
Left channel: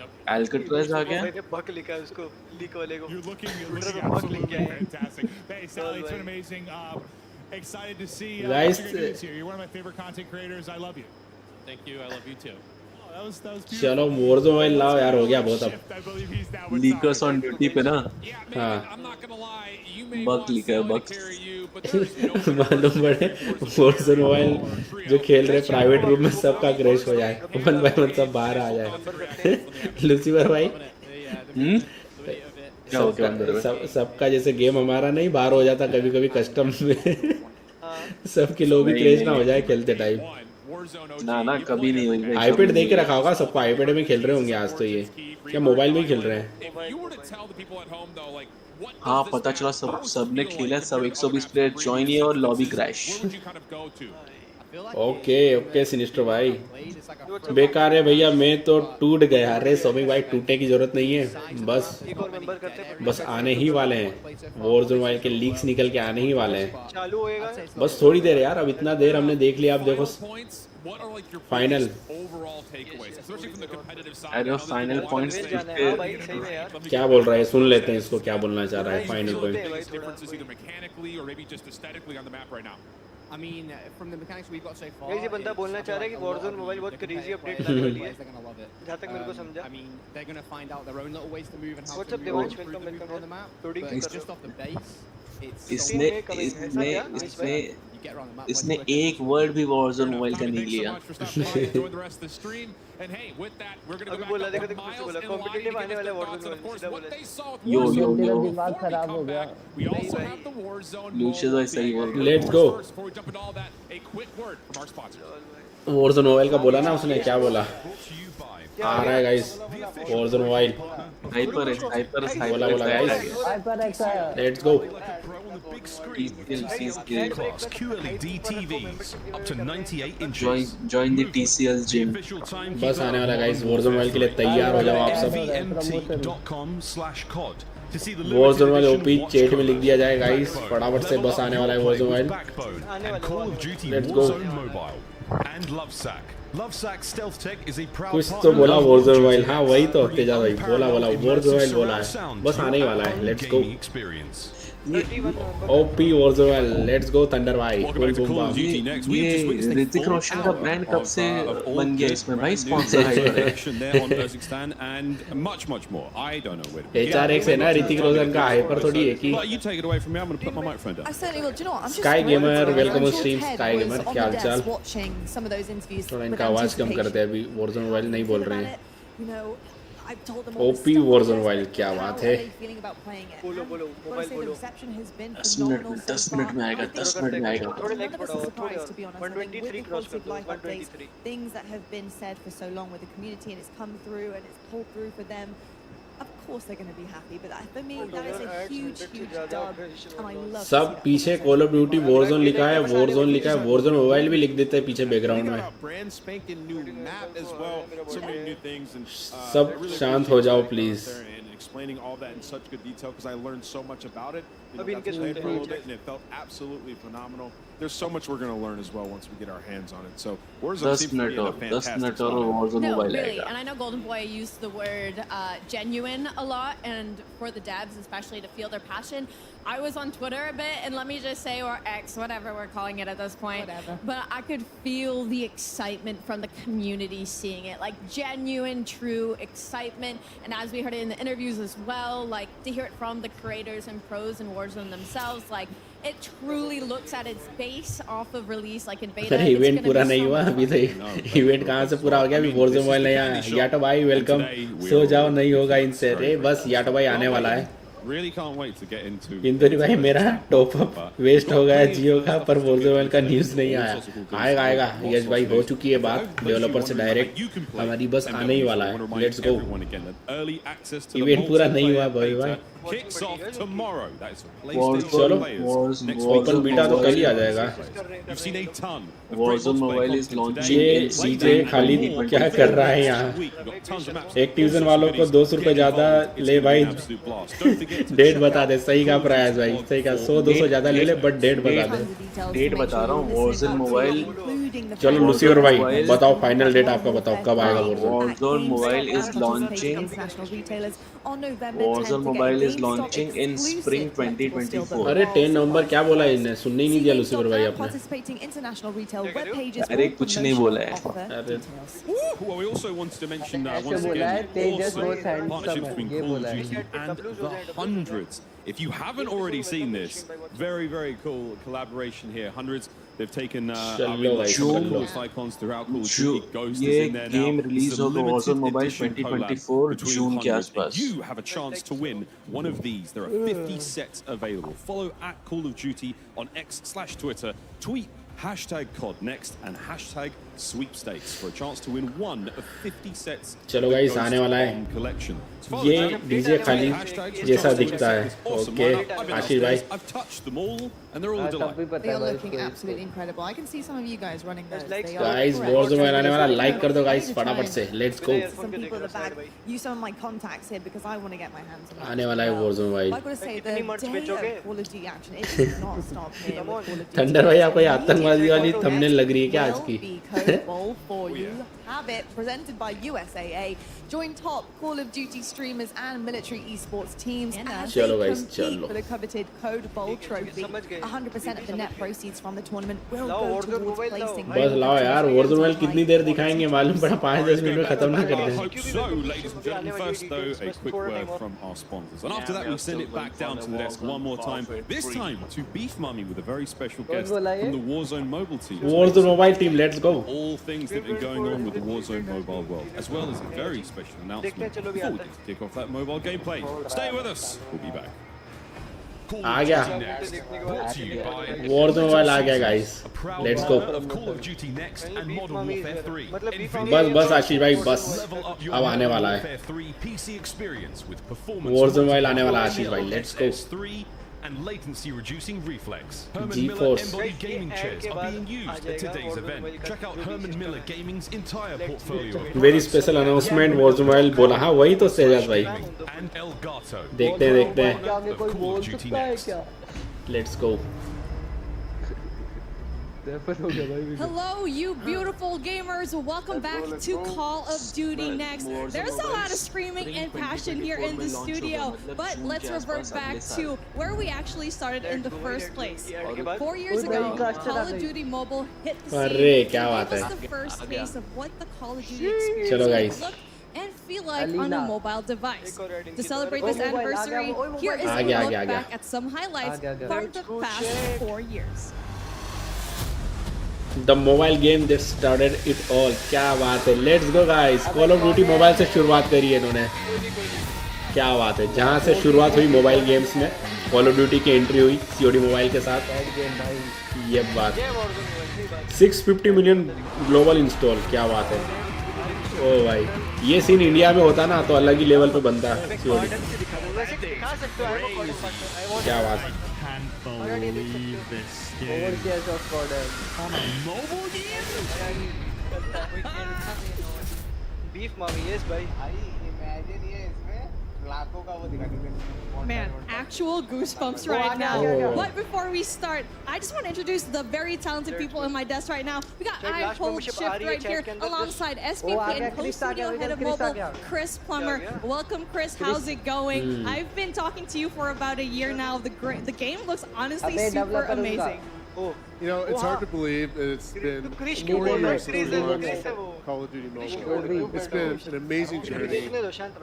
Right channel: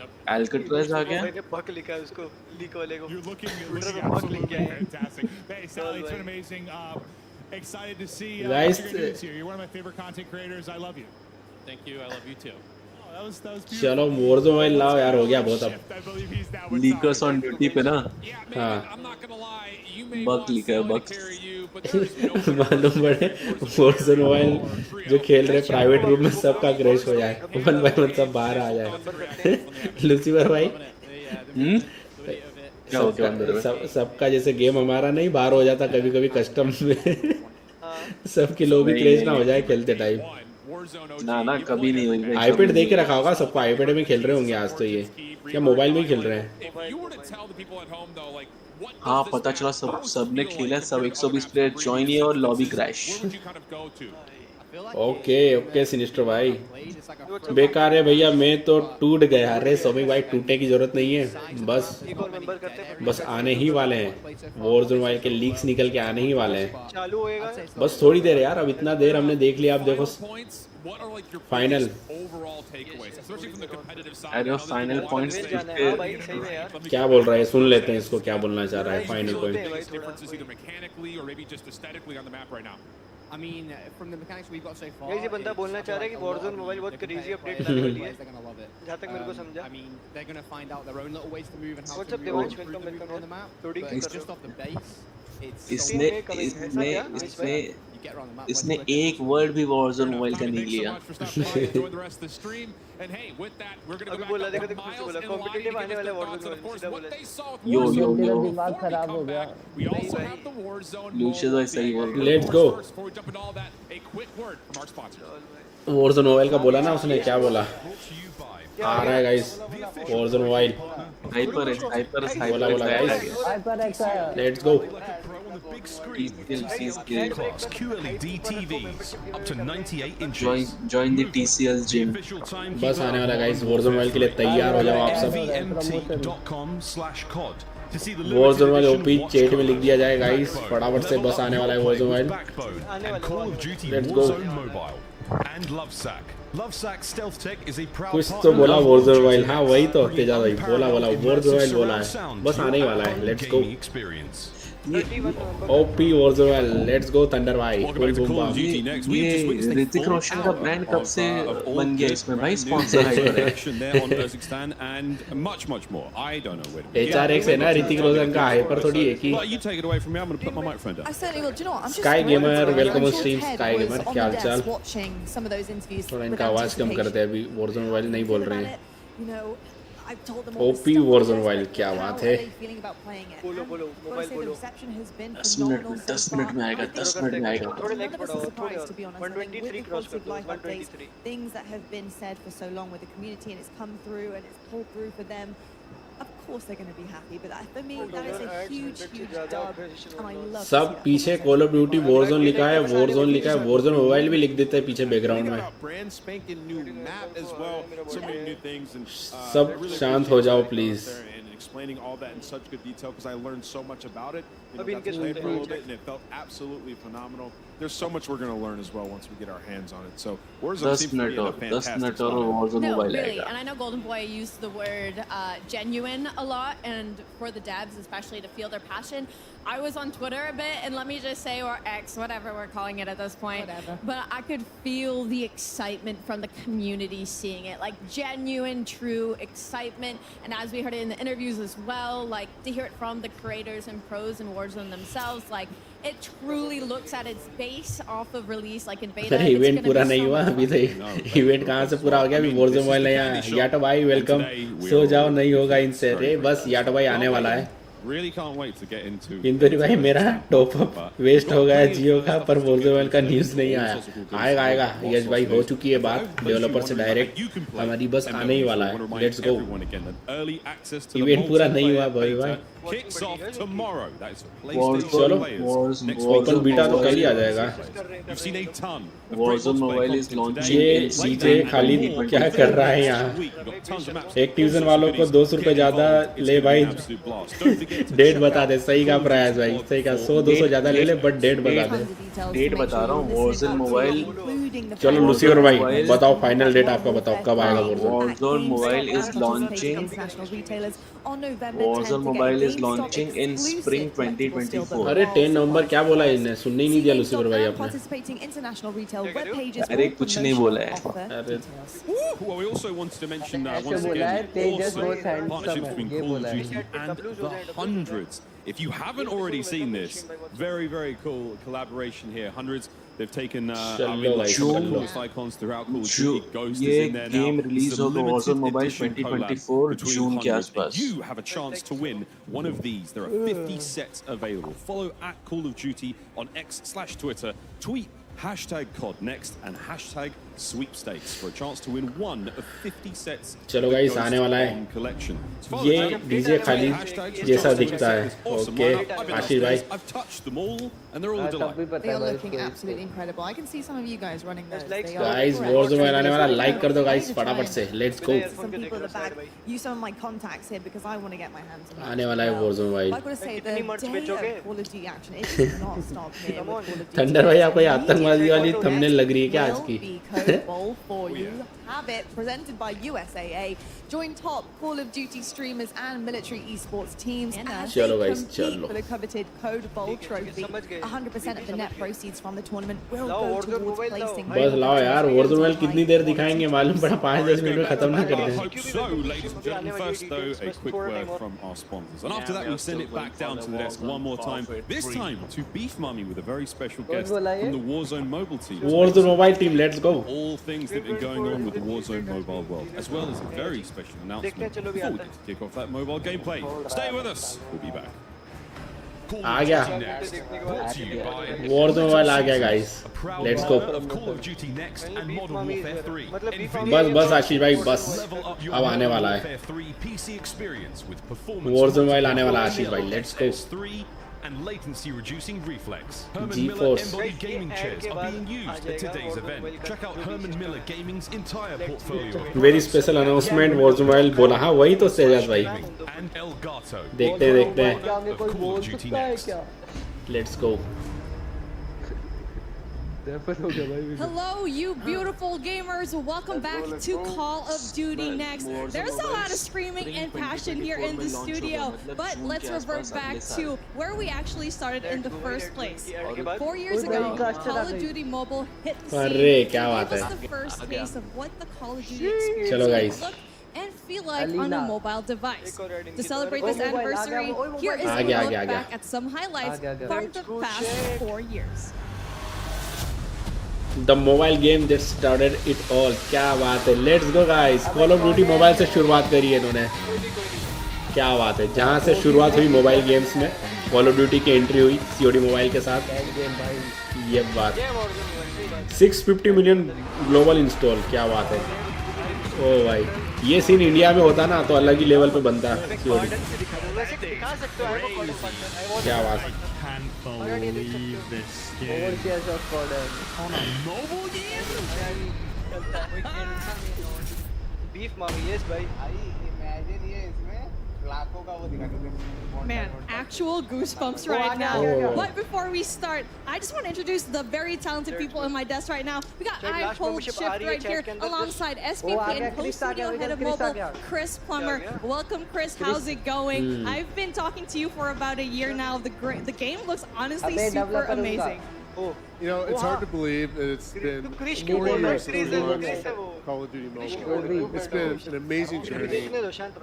Nope. एल्कट्राज आ गया। मैंने बक लिखा है उसको, लीक वाले को। You're looking ट्विटर पे बक लिख absolutely गया है। fantastic. Hey, Sally, it's been amazing. Excited to see what Guys, you're going to do this year. You're one of my favorite content creators. I love you. Thank you. I love you too. Oh, that was beautiful. चलो Warzone मोबाइल लाओ यार, हो गया बहुत अब। I believe he's now with liquors on duty पे ना Yeah, हाँ। Megan, I'm not gonna lie. You may bug want लिखा है, Sally to bug. carry you, but there's no better मालूम person पड़े to carry Warzone mobile Warzone जो खेल रहे प्राइवेट रूम में सबका क्रैश हो जाए, मतलब बाहर आ जाए। लूसीफर भाई क्या हो गया अंदर में? सबका जैसे गेम हमारा नहीं बाहर हो जाता कभी कभी कस्टम में, सबके लोग क्रेज ना हो जाए खेलते टाइम। ना कभी नहीं हुई। आईपैड दे के रखा होगा सबको, आईपैड में खेल रहे होंगे आज तो। ये क्या मोबाइल में खेल रहे हैं? हाँ पता चला, सबने खेला, सब 120 प्लेयर ज्वाइन किए और lobby crash. Okay okay sinister भाई, बेकार है भैया, मैं तो टूट गया। अरे सोमी भाई टूटने की जरूरत नहीं है, बस आने ही वाले हैं। वॉरज़ोन मोबाइल के लीक्स निकल के आने ही वाले हैं, चालू होएगा बस थोड़ी देर यार। अब इतना देर हमने देख लिया, आप देखो फाइनल। अरे फाइनल पॉइंट्स क्या बोल रहा है, सुन लेते हैं इसको क्या बोलना चाह रहा है final point. I mean, from the mechanics we've got so far, ये बंदा बोलना चाह रहा है कि Warzone मोबाइल बहुत क्रेजी अपडेट लाने वाली है। they're gonna love it. जहाँ तक मेरे को समझा। I mean, they're gonna find out their own little ways to move and how What's to up, move Devansh? through Welcome, the movement welcome, on the map. Loading But कर it's रहा just off the base. It's इसने एक वर्ड भी Warzone मोबाइल का नहीं लिया। अभी बोला देखो देखो फिर से बोला कॉम्पिटिटिव आने वाला Warzone मोबाइल, सीधा बोला। यो दिमाग खराब हो गया। लूशियस भाई सही बोल रहे। Let's go. Warzone मोबाइल का बोला ना उसने, क्या बोला? आ रहा है guys Warzone mobile. Hyper X आ गया। हाइपर एक्स आया। Let's go. QLED TVs up to 98 inches. Join the TCS gym. बस आने वाला गाइस Warzone मोबाइल के लिए तैयार हो जाओ आप सब। nvmt.com/cod to see the Warzone limited mobile edition OP watch chat में लिख दिया जाए गाइस, Backbone. फटाफट से बस आने वाला है Level up Warzone play with mobile. Backbone and Call of Duty Let's go. Warzone Mobile and Lovesack. Lovesack Stealth Tech is a proud कुछ तो partner बोला of Warzone Warzone Mobile, हाँ वही तो bringing तेजा भाई बोला unparalleled Warzone immersive बोला surround है sound बस to आने your वाला है at-home let's go gaming experience. OP Warzone Mobile let's go Thunder भाई Welcome back to Call of Duty next. We've just ये witnessed a ऋतिक full रोशन का hour ब्रांड कब से of all बन गया good, इसमें भाई brand new sponsor hide Warzone करे action there on Kazakhstan and much more. I don't know where to begin. HRX है ना ऋतिक रोशन का हाइपर तो नहीं है कि But you take it away from me. I'm going to put my microphone down. I certainly will. Do you know what? I'm just Sky thrilled, Gamer, to be honest. welcome I'm on sure stream, Ted Sky was Gamer, on क्या the हाल desk चाल? watching some of those interviews थोड़ा with इनका आवाज कम कर दे anticipation. अभी Warzone Mobile नहीं How बोल do you feel रहे about हैं it? You know, I've told them all this OP stuff Warzone on the Mobile desk, क्या but how बात are है they feeling about playing it? बोलो And बोलो I've got to mobile say the बोलो reception has been 10 phenomenal so 10 far. Minute में I आएगा think 10 मिनट में आएगा थोड़े none लेग्स of us बढ़ाओ are थोड़े surprised, और to be honest. I think with 123 the cross quality कर of दो life updates, 123 things that have been said for so long with the community and it's come through and it's pulled through for them, of course they're going to be happy. But for me, that is a huge dub, and I love to see सब that. पीछे Call of Duty Warzone लिखा है Warzone लिखा है Warzone Mobile भी लिख देते हैं पीछे We बैकग्राउंड got में a brand spanking new map as well. So many new things, and सब I really शांत appreciate हो जाओ, Zach going out please. there and explaining all that in such good detail because I learned so much about it. You know, अभी got to इनके play it for a little सुनते हैं। bit, and it felt absolutely phenomenal. There's so much we're going to learn as well once we get our hands on it. So Warzone 10 seems to be in a minute और 10 fantastic मिनट और spot. Warzone No, Mobile really, आएगा and I know Golden Boy used the word genuine a lot, and for the devs especially to feel their passion. I was on Twitter a bit, and let me just say, or X, whatever we're calling it at this point. Whatever. But I could feel the excitement from the community seeing it, like genuine, true excitement. And as we heard it in the interviews as well, like to hear it from the creators and pros in Warzone themselves, like it truly looks at its base off of release, like in beta. अरे It's इवेंट gonna पूरा be नहीं so हुआ much अभी fun. तक इवेंट कहाँ से पूरा हो गया अभी Warzone Mobile नहीं आया याटो भाई वेलकम सो जाओ नहीं होगा इनसे अरे बस याटो भाई आने वाला है Really can't wait to get into. इंद्री भाई मेरा टॉप अप वेस्ट हो गया जियो का पर Warzone Mobile का न्यूज़ नहीं आया आएगा आएगा यस भाई हो चुकी है बात डेवलपर से डायरेक्ट हमारी बस आने ही वाला है let's go Early access to the event पूरा नहीं हुआ multiplayer भाई beta kicks off tomorrow. That is for Warzone PlayStation players. Next week, Warzone beta तो कल ही आ जाएगा you've seen a ton of Warzone Mobile is launching in spring खाली 2024 क्या कर रहा है यहाँ week. We've got tons of maps. Activision वालों को 200 रुपए ज्यादा It's ले going to be भाई an absolute blast. Don't forget to date check बता out दे सही का प्राइस भाई सही का 100-200 ज्यादा ले ले बट डेट बता दे डेट बता रहा हूँ Warzone Mobile चलो लूसियर भाई बताओ फाइनल डेट आपका बताओ कब आएगा Warzone Mobile is launching Warzone Mobile is launching in spring 2024 अरे 10 नवंबर क्या बोला इसने सुनने ही नहीं दिया लूसियर भाई आपने participating international retail web pages अरे कुछ नहीं बोला है Well, we also wanted to mention ऐसे once बोला है, again they just also both handsome partnership है, between ये Call of बोला है। Duty and the hundreds. If you haven't already seen this, very cool collaboration here. Hundreds. They've taken I mean like some of the coolest icons throughout Call of Duty. Ghost is ये in there now. Game release It's a होगा limited Warzone Mobile edition collab 2024 between जून के hundreds. आसपास You have a chance to win one of these. There are 50 sets available. Follow at Call of Duty on X/Twitter. Tweet #COD next and #sweepstakes for a chance to win one of 50 sets of चलो the guys, Ghost आने वाला है। Bomb collection. So follow ये the channel, डीजे खाली tweet hashtags for a ये chance सब to win a दिखता set है of this awesome okay lineup. I've been Ashish upstairs, भाई I've touched them all, and they're all a सब delight. भी पता They है are भाई looking इसको absolutely incredible. I can see some of you guys running those. They are guys incredible. Warzone Mobile आने वाला लाइक कर दो गाइस Ready to try फटाफट and से let's go some people in the back. Use some of my contacts here because I want to get my hands on that. आने as वाला है well. Warzone Mobile I've got to say, the day of Call of Duty action, it does not stop here with Call of Duty. Thunder भाई आपको ये Immediately आतंकवादी वाली coming थंबनेल लग रही है क्या आज will की be Code Bowl for you. Have it presented by USAA. Join top Call of Duty streamers and military esports teams as they चलो guys, compete चलो। for the coveted Code Bowl trophy. 100% of the net proceeds from the tournament will go towards placing बस लाओ यार Warzone Mobile कितनी देर दिखाएंगे मालूम पड़ा 5 मिनट में खत्म ना I करें hope so, ladies and gentlemen. First, though, a quick word from our sponsors. And after that, we send it back down to the desk one more time. This time to Beef Mummy with a very special guest from the Warzone mobile team. Warzone Mobile team let's go All things that have been going on with the Warzone mobile world, as well as a very special announcement before we get to kick off that mobile gameplay. Stay with us. We'll be back. Call uh of गया Duty Next, brought to you by Warzone Mobile आ गया guys a proud let's go partner of Call of Duty Next and Modern Warfare 3. बस आशीष भाई बस Level up your अब आने Modern वाला है Warfare 3 PC experience with performance Warzone Mobile आने वाला है आशीष multiplier भाई let's go SS3 and latency reducing reflex. Herman GeForce. Miller embodied gaming chairs are being used at today's event. Check out Herman Miller Gaming's entire portfolio of very special announcement Warzone Mobile बोला हाँ वही तो तेजस भाई and Elgato. देखते देखते हैं Of Call of Duty Next. let's go Hello, you beautiful gamers. Welcome back to Call of Duty Next. There's a lot of screaming and passion here in the studio, but let's revert back to where we actually started in the first place. 4 years ago, Call of Duty Mobile hit the scene and gave us the first taste of what the Call of Duty experience would look and feel like on a mobile device. To celebrate this anniversary, here is a look back at some highlights from the past 4 years. The mobile game that started it all. क्या बात है. Let's go guys. Call of Duty Mobile से शुरुआत करी है इन्होंने. क्या बात है. जहाँ से शुरुआत हुई मोबाइल गेम्स में, Call of Duty की एंट्री हुई COD मोबाइल के साथ. ये बात. 650 मिलियन ग्लोबल इंस्टॉल. क्या बात है. ओ भाई, ये सीन इंडिया में होता ना तो अलग ही लेवल पे बनता है. क्या बात है. Can't believe this game on a mobile game. Beef मांगी है इस भाई. Imagine ये इसमें लाखों का वो दिखा देते हैं. Man, actual goosebumps right now. But before we start, I just want to introduce the very talented people in my desk right now. We got I Hold Shift right here alongside SVP and co-studio head of mobile, Chris Plummer. Welcome, Chris. How's it going? I've been talking to you for about a year now. The game looks honestly super amazing. You know, it's hard to believe that it's been 4 years since we launched Call of Duty Mobile. It's been an amazing journey.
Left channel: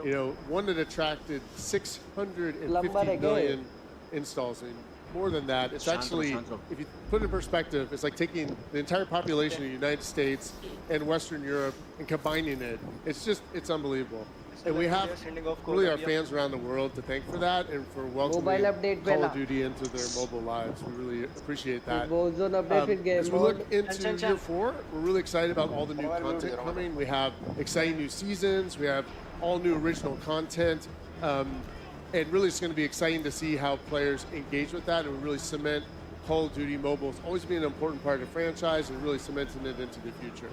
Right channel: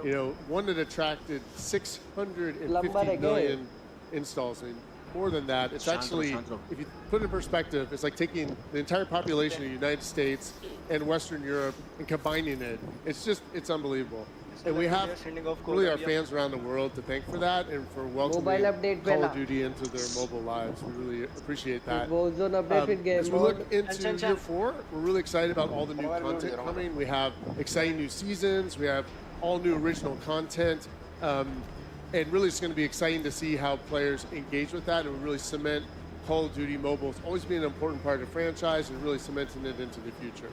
You know, one that attracted 650 million installs. And more than that, it's actually, if you put it in perspective, it's like taking the entire population of the United States and Western Europe and combining it. It's unbelievable. And we have really our fans around the world to thank for that and for welcoming Call of Duty into their mobile lives. We really appreciate that. As we look into year 4, we're really excited about all the new content coming. We have exciting new seasons. We have all new original content. And really it's going to be exciting to see how players engage with that and we really cement Call of Duty Mobile as always being an important part of the franchise and really cementing it into the future.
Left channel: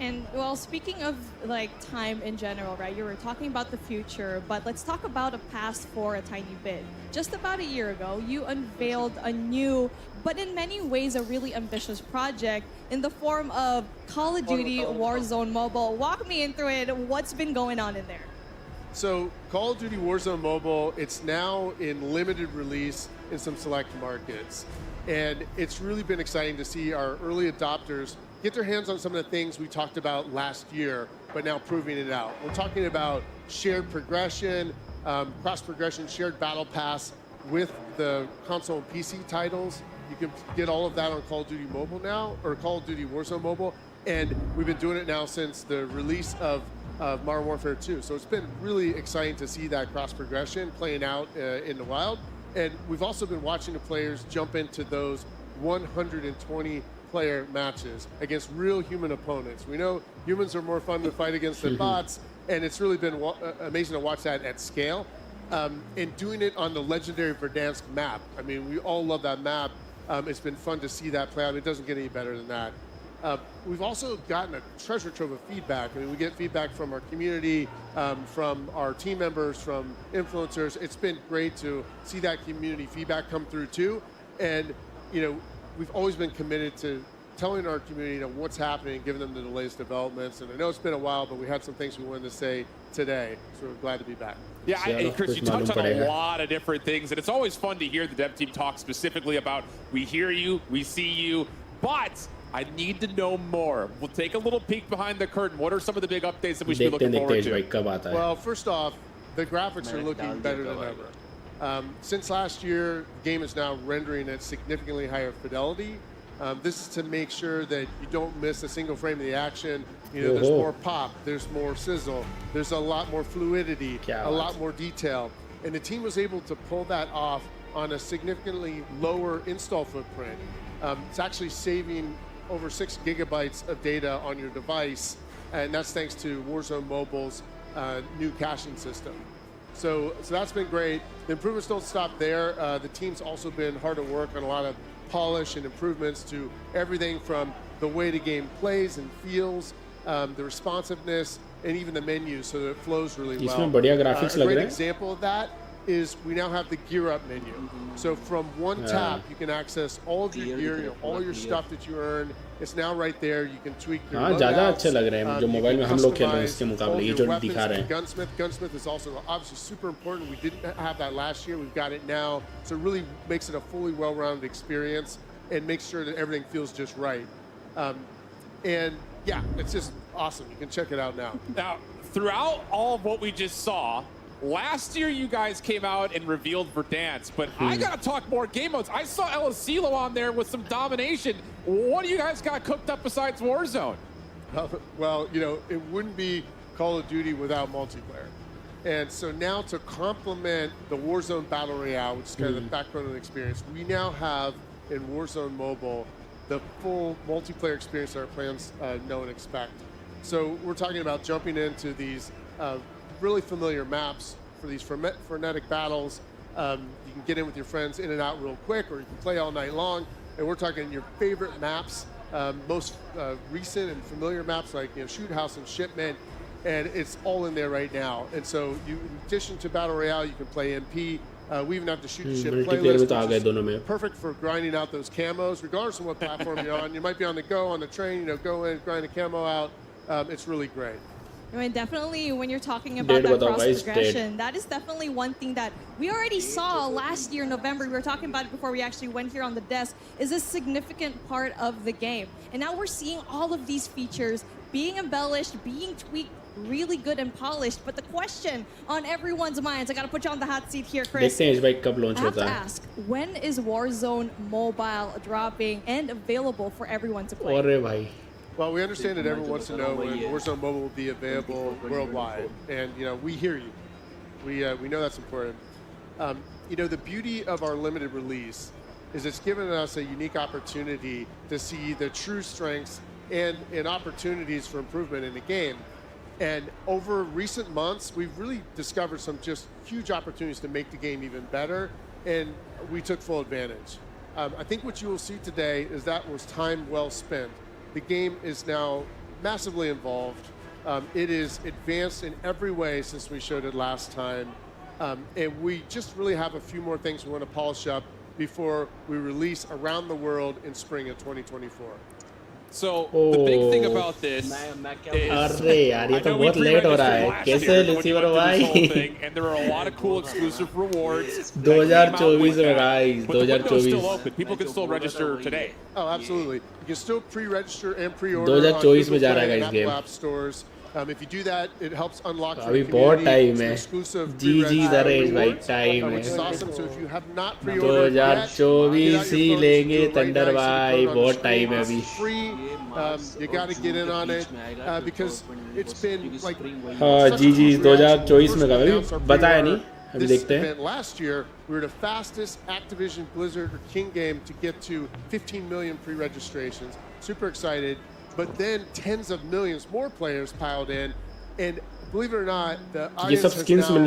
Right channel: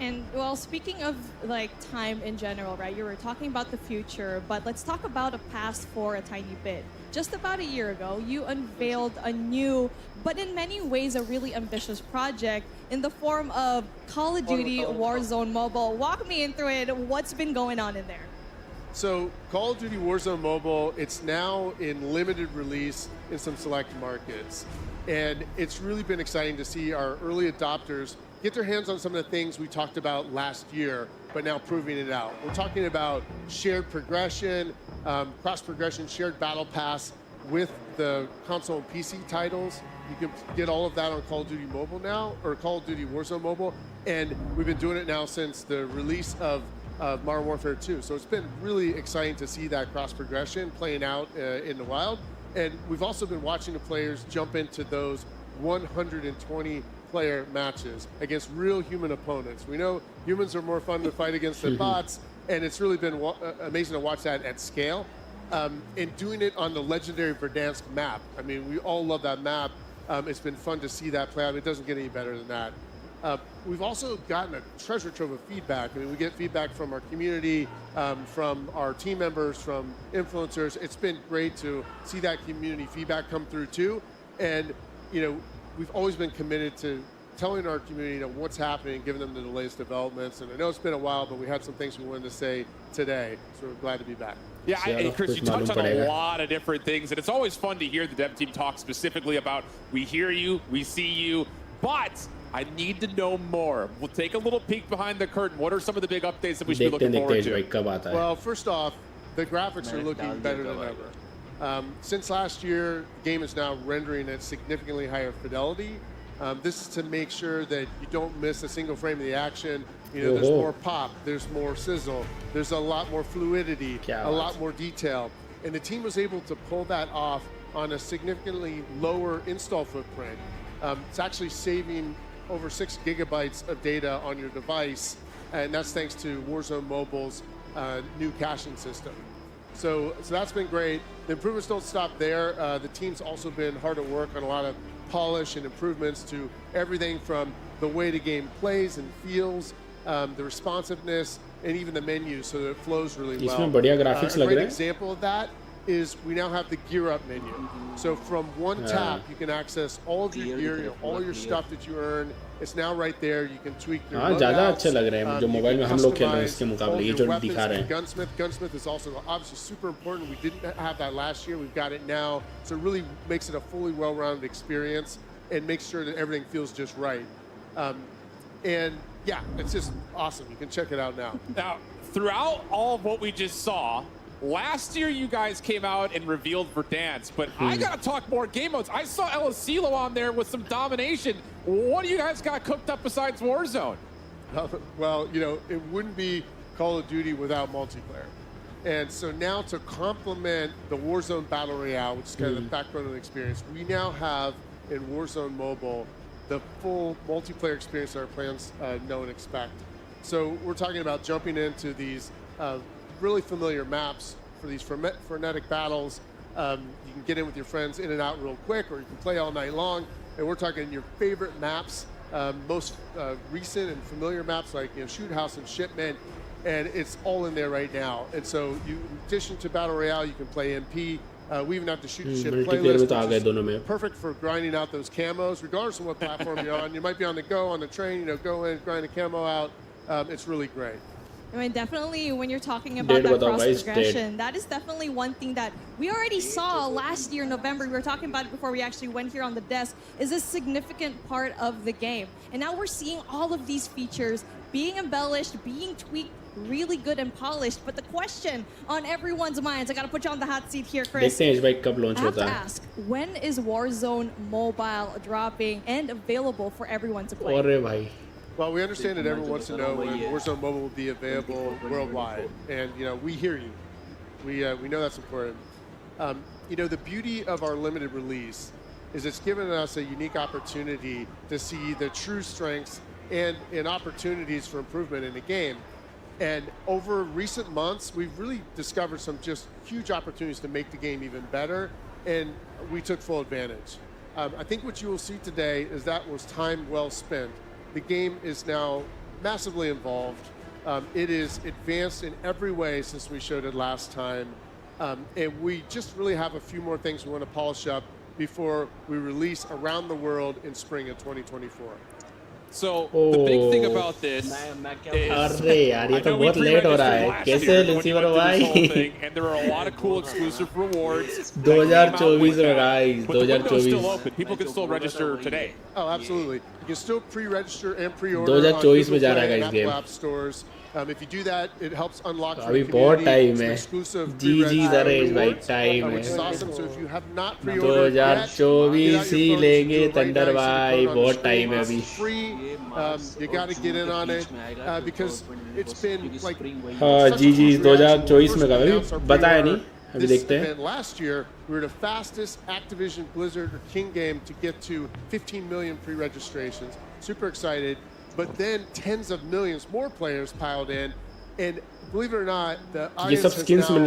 And well, speaking of like time in general, right? You were talking about the future, but let's talk about the past for a tiny bit. Just about a year ago, you unveiled a new, but in many ways a really ambitious project in the form of Call of Duty Warzone Mobile. Walk me in through it. What's been going on in there? So Call of Duty Warzone Mobile, it's now in limited release in some select markets. And it's really been exciting to see our early adopters get their hands on some of the things we talked about last year, but now proving it out. We're talking about shared progression, cross-progression, shared battle pass with the console and PC titles. You can get all of that on Call of Duty Mobile now, or Call of Duty Warzone Mobile, and we've been doing it now since the release of Modern Warfare 2. So it's been really exciting to see that cross-progression playing out in the wild. And we've also been watching the players jump into those 120 player matches against real human opponents. We know humans are more fun to fight against than bots, and it's really been amazing to watch that at scale. And doing it on the legendary Verdansk map. I mean, we all love that map. It's been fun to see that play out. It doesn't get any better than that. We've also gotten a treasure trove of feedback. I mean, we get feedback from our community, from our team members, from influencers. It's been great to see that community feedback come through too. And, you know, we've always been committed to telling our community what's happening, giving them the latest developments. And I know it's been a while, but we had some things we wanted to say today. So we're glad to be back. Yeah, and Chris, you touched on a lot of different things, and it's always fun to hear the dev team talk specifically about we hear you, we see you, but I need to know more. We'll take a little peek behind the curtain. What are some of the big updates that we should be looking forward to? Well, first off, the graphics are looking better than ever. Since last year, the game is now rendering at significantly higher fidelity. This is to make sure that you don't miss a single frame of the action. You know, there's more pop, there's more sizzle, there's a lot more fluidity, a lot more detail. And the team was able to pull that off on a significantly lower install footprint. It's actually saving over 6 gigabytes of data on your device, and that's thanks to Warzone Mobile's new caching system. So that's been great. The improvements don't stop there. The team's also been hard at work on a lot of polish and improvements to everything from the way the game plays and feels, the responsiveness, and even the menu so that it flows really well. A great example of that is we now have the gear up menu. So from one tap, you can access all of your gear, all your stuff that you earn. It's now right there. You can tweak your loadouts. You can customize all of your weapons and Gunsmith. Gunsmith is also obviously super important. We didn't have that last year. We've got it now. So it really makes it a fully well-rounded experience and makes sure that everything feels just right. And yeah, it's just awesome. You can check it out now. Now, throughout all of what we just saw, last year you guys came out and revealed Verdansk, but I gotta talk more game modes. I saw Elisilo on there with some domination. What do you guys got cooked up besides Warzone? Well, you know, it wouldn't be Call of Duty without multiplayer. And so now to complement the Warzone Battle Royale, which is kind of the backbone of the experience, we now have in Warzone Mobile the full multiplayer experience that our plans know and expect. So we're talking about jumping into these really familiar maps for these frenetic battles. You can get in with your friends in and out real quick, or you can play all night long. And we're talking your favorite maps, most recent and familiar maps like Shoot House and Shipment, and it's all in there right now. And so you, in addition to Battle Royale, you can play MP. We even have the Shoot the Ship playlist, which is perfect for grinding out those camos, regardless of what platform you're on. You might be on the go, on the train, go in, grind a camo out. It's really great. I mean, definitely when you're talking about that cross progression, that is definitely one thing that we already saw last year in November. We were talking about it before we actually went here on the desk, is a significant part of the game. And now we're seeing all of these features being embellished, being tweaked, really good and polished. But the question on everyone's minds, I got to put you on the hot seat here, Chris. I have to ask, when is Warzone Mobile dropping and available for everyone to play? Well, we understand that everyone wants to know when Warzone Mobile will be available worldwide, and we hear you. We know that's important. The beauty of our limited release is it's given us a unique opportunity to see the true strengths and opportunities for improvement in the game. And over recent months, we've really discovered some just huge opportunities to make the game even better, and we took full advantage. I think what you will see today is that was time well spent. The game is now massively involved. It is advanced in every way since we showed it last time. And we just really have a few more things we want to polish up before we release around the world in spring of 2024. So the big thing about this is, I know we pre-registered last year when you went through this whole thing, and there are a lot of cool exclusive rewards that came out with that. But the window's still open. People can still register today. Oh, absolutely. You can still pre-register and pre-order on Google Play and Apple App stores. If you do that, it helps unlock for the community some exclusive pre-register rewards, which is awesome. So if you have not pre-ordered yet, get out your phone, you do it right now. You see the code on the screen. It's free. You got to get in on it because it's been like such a huge reaction. When we first announced our pre-order this event last year, we were the fastest Activision, Blizzard, or King game to get to 15 million pre-registrations. Super excited. But then tens of millions more players piled in, and believe it or not, the audience has now